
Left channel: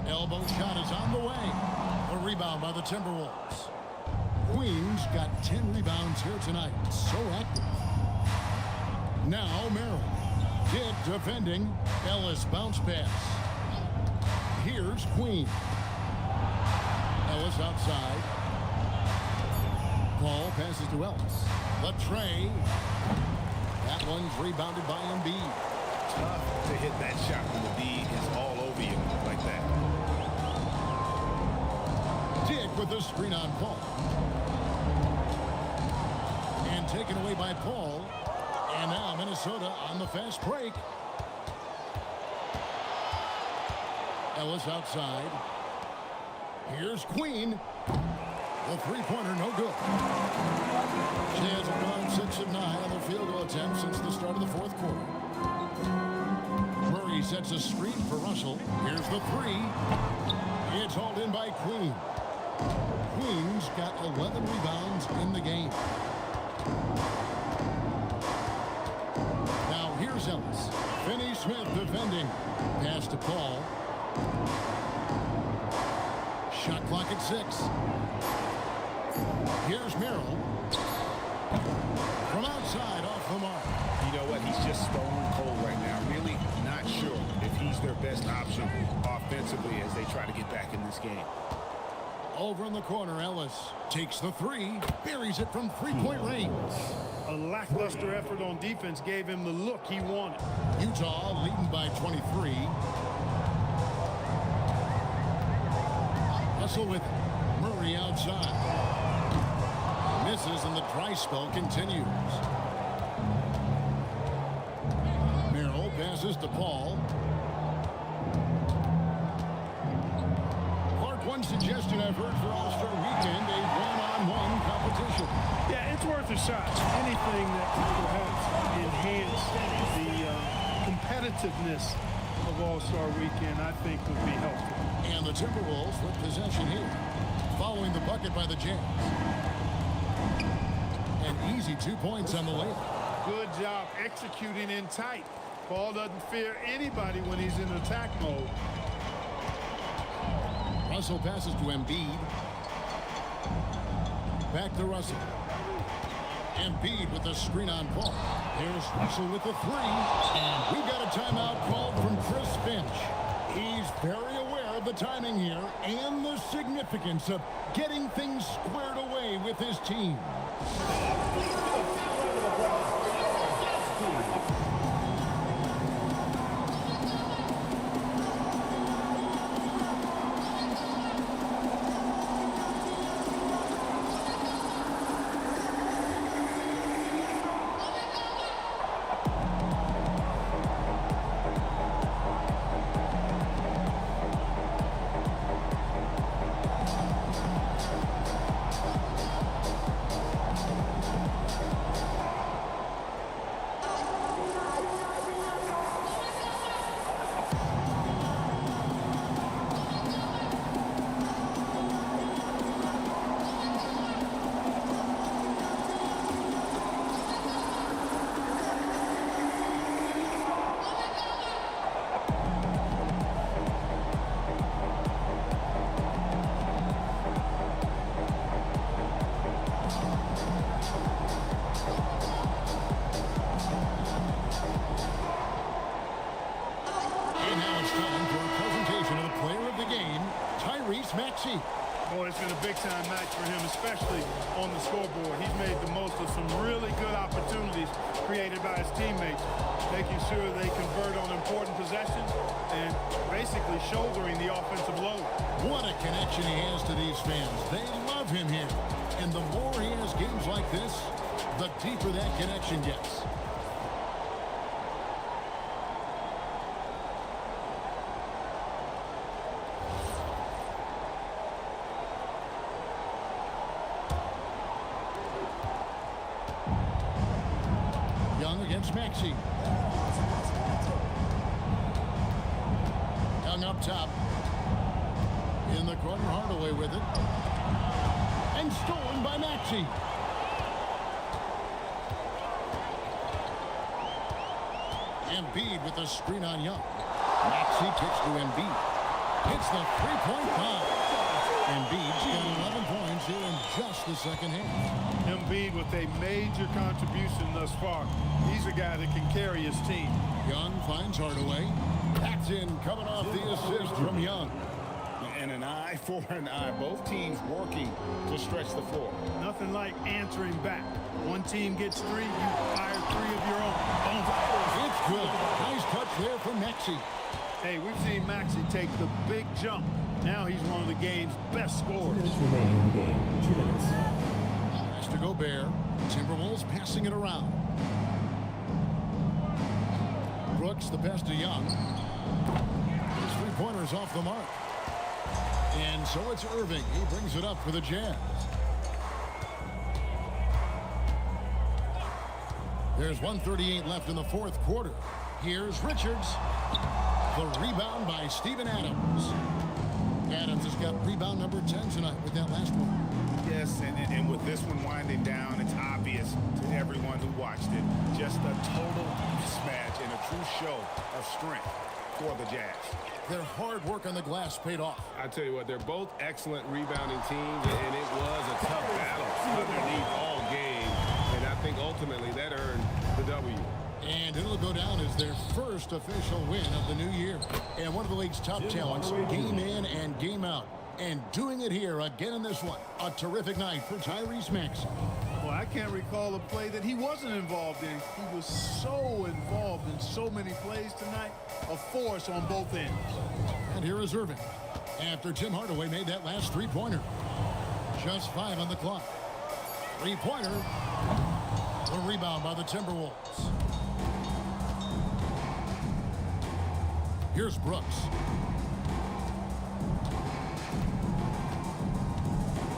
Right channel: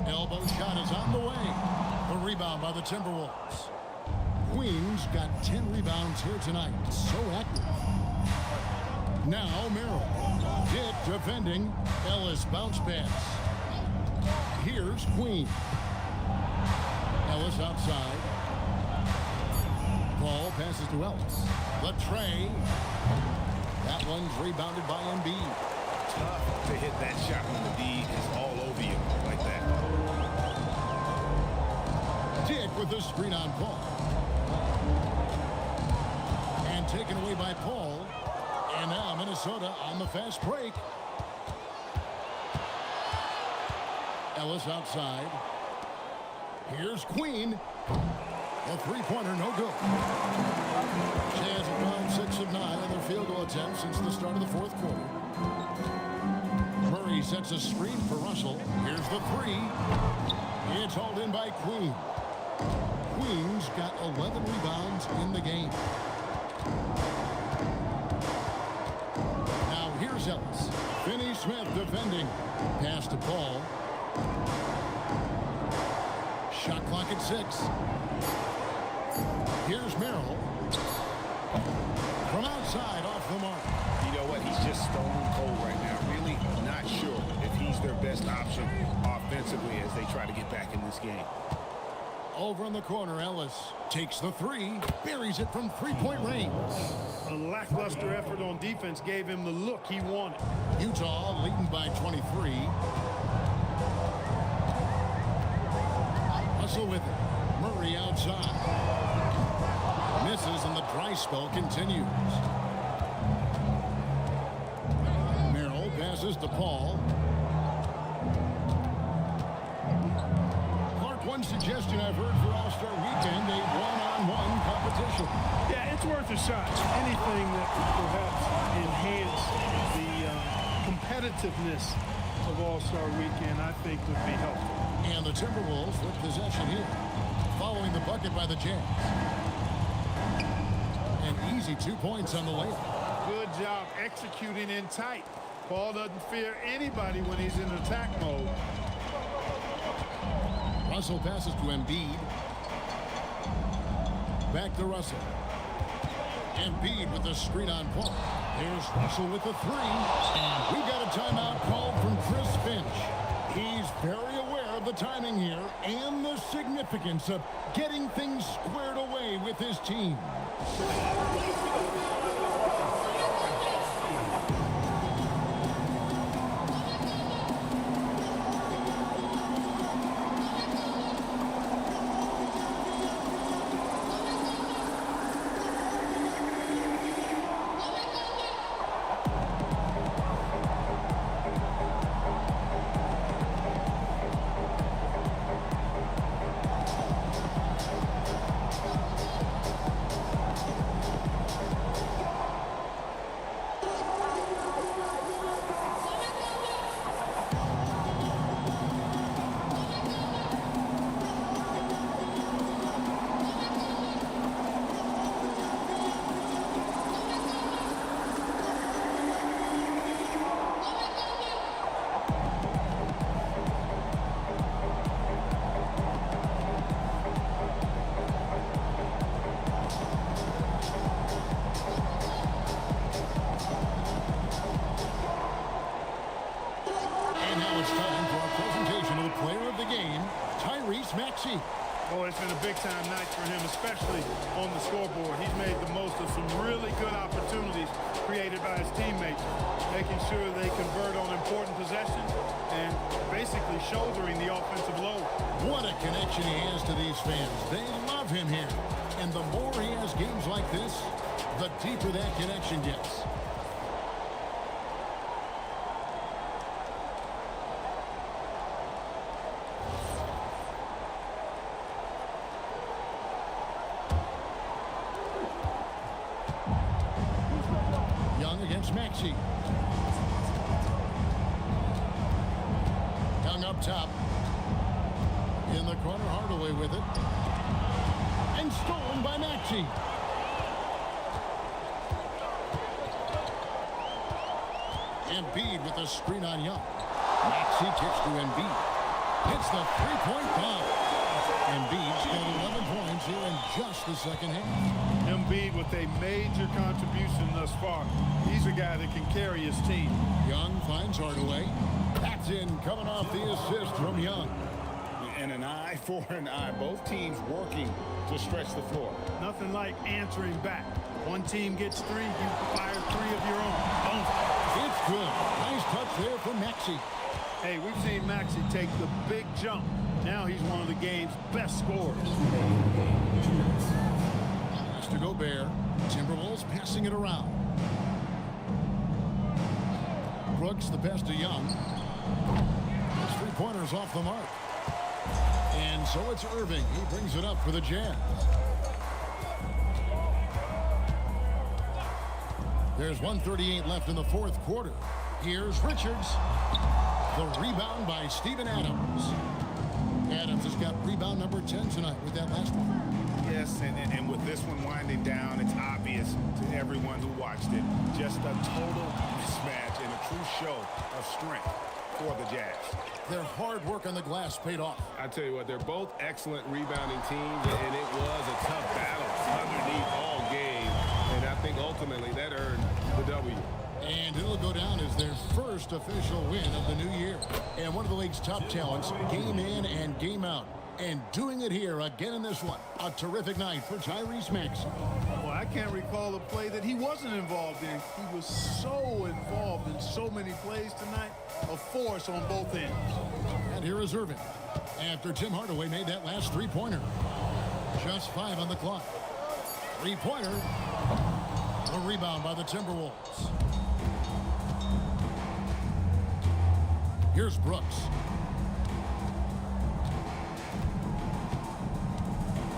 Elbow shot is on the way. The rebound by the Timberwolves. Queens got 10 rebounds here tonight. So active. Now Merrill. Dick defending. Ellis bounce pass. Here's Queen. Ellis outside. Paul passes to Ellis. The tray. That one's rebounded by Embiid. Tough to hit that shot when the D is all over you like that. Dick with the screen on Paul. And taken away by Paul. And now Minnesota on the fast break. Ellis outside. Here's Queen. The three-pointer no good. Jazz have gone 6 of 9 on their field goal attempts since the start of the fourth quarter. Murray sets a screen for Russell. Here's the three. It's hauled in by Queen. Queen's got 11 rebounds in the game. Now here's Ellis. Finney-Smith defending. Pass to Paul. Shot clock at 6. Here's Merrill. From outside, off the mark. You know what? He's just stone cold right now. Really not sure if he's their best option offensively as they try to get back in this game. Over in the corner, Ellis takes the three, buries it from three-point range. A lackluster effort on defense gave him the look he wanted. Utah leading by 23. Russell with it. Murray outside. Misses and the dry spell continues. Merrill passes to Paul. Clark, one suggestion I've heard for All-Star Weekend, a one-on-one competition. Yeah, it's worth a shot. Anything that would perhaps enhance the competitiveness of All-Star Weekend, I think would be helpful. And the Timberwolves with possession here, following the bucket by the Jazz. An easy 2 points on the layup. Good job executing in tight. Paul doesn't fear anybody when he's in attack mode. Russell passes to Embiid. Back to Russell. Embiid with the screen on Paul. There's Russell with the three. And we've got a timeout called from Chris Finch. He's very aware of the timing here and the significance of getting things squared away with his team. it's time for our presentation of the player of the game, Tyrese Maxey. Boy, it's been a big-time night for him, especially on the scoreboard. He's made the most of some really good opportunities created by his teammates, making sure they convert on important possessions and basically shouldering the offensive load. What a connection he has to these fans. They love him here. And the more he has games like this, the deeper that connection gets. Young against Maxey. Young up top. In the corner, Hardaway with it. And stolen by Maxey. Embiid with a screen on Young. Maxey kicks to Embiid. Hits the three-point bomb. Embiid's got 11 points here in just the second half. Embiid with a major contribution thus far. He's a guy that can carry his team. Young finds Hardaway. That's in, coming off the assist from Young. And an eye for an eye. Both teams working to stretch the floor. Nothing like answering back. One team gets three, you fire three of your own. Boom. It's good. Nice touch there from Maxey. Hey, we've seen Maxey take the big jump. Now he's one of the game's best scorers. Pass to Gobert. Timberwolves passing it around. Brooks, the pass to Young. His three-pointers off the mark. And so it's Irving. He brings it up for the Jazz. There's 1:38 left in the fourth quarter. Here's Richards. The rebound by Steven Adams. Adams has got rebound number 10 tonight with that last one. Yes, and with this one winding down, it's obvious to everyone who watched it. Just a total mismatch and a true show of strength for the Jazz. Their hard work on the glass paid off. I tell you what, they're both excellent rebounding teams, and it was a tough battle underneath all game. And I think ultimately that earned the W. And it'll go down as their first official win of the new year. And one of the league's top talents, game in and game out. And doing it here again in this one. A terrific night for Tyrese Maxey. Well, I can't recall a play that he wasn't involved in. He was so involved in so many plays tonight. A force on both ends. And here is Irving. After Tim Hardaway made that last three-pointer. Just 5 on the clock. Three-pointer. A rebound by the Timberwolves. Here's Brooks.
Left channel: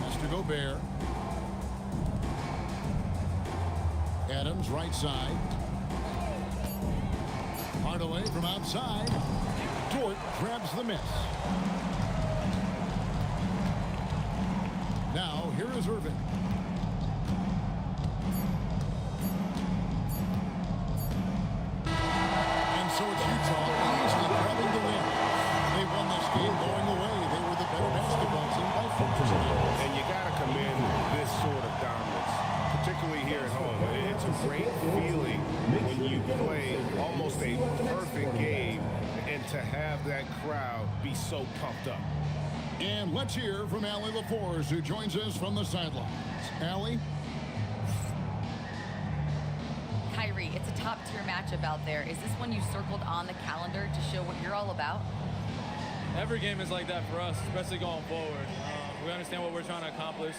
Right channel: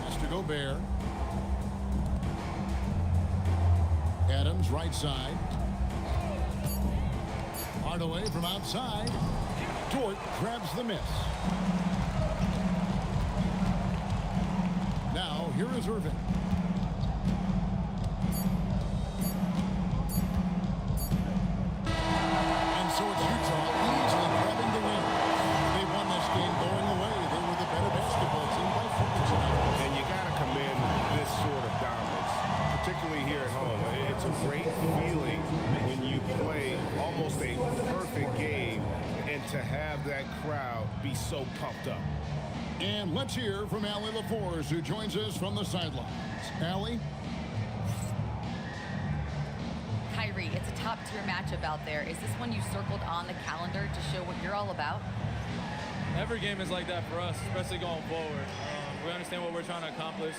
Pass to Gobert. Adams right side. Hardaway from outside. Dort grabs the miss. Now here is Irving. And so it's Utah easily grabbing the win. They won this game going away. They were the better basketball team by far tonight. And you got to commend this sort of dominance, particularly here at home. It's a great feeling when you play almost a perfect game and to have that crowd be so pumped up. And let's hear from Allie LaForce, who joins us from the sidelines. Allie? Kyrie, it's a top-tier matchup out there. Is this one you circled on the calendar to show what you're all about? Every game is like that for us, especially going forward. We understand what we're trying to accomplish.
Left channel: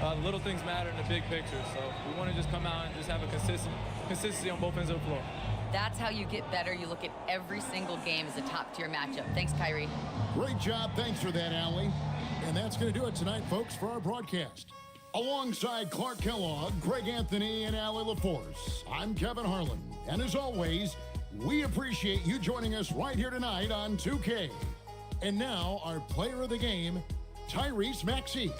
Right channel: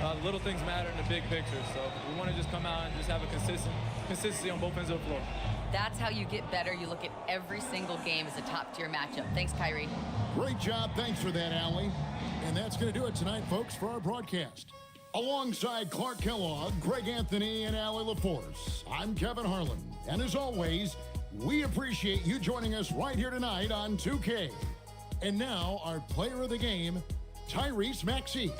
The little things matter in the big picture, so we want to just come out and just have a consistency on both ends of the floor. That's how you get better. You look at every single game as a top-tier matchup. Thanks, Kyrie. Great job. Thanks for that, Allie. And that's going to do it tonight, folks, for our broadcast. Alongside Clark Kellogg, Greg Anthony, and Allie LaForce, I'm Kevin Harlan. And as always, we appreciate you joining us right here tonight on 2K. And now, our player of the game, Tyrese Maxey.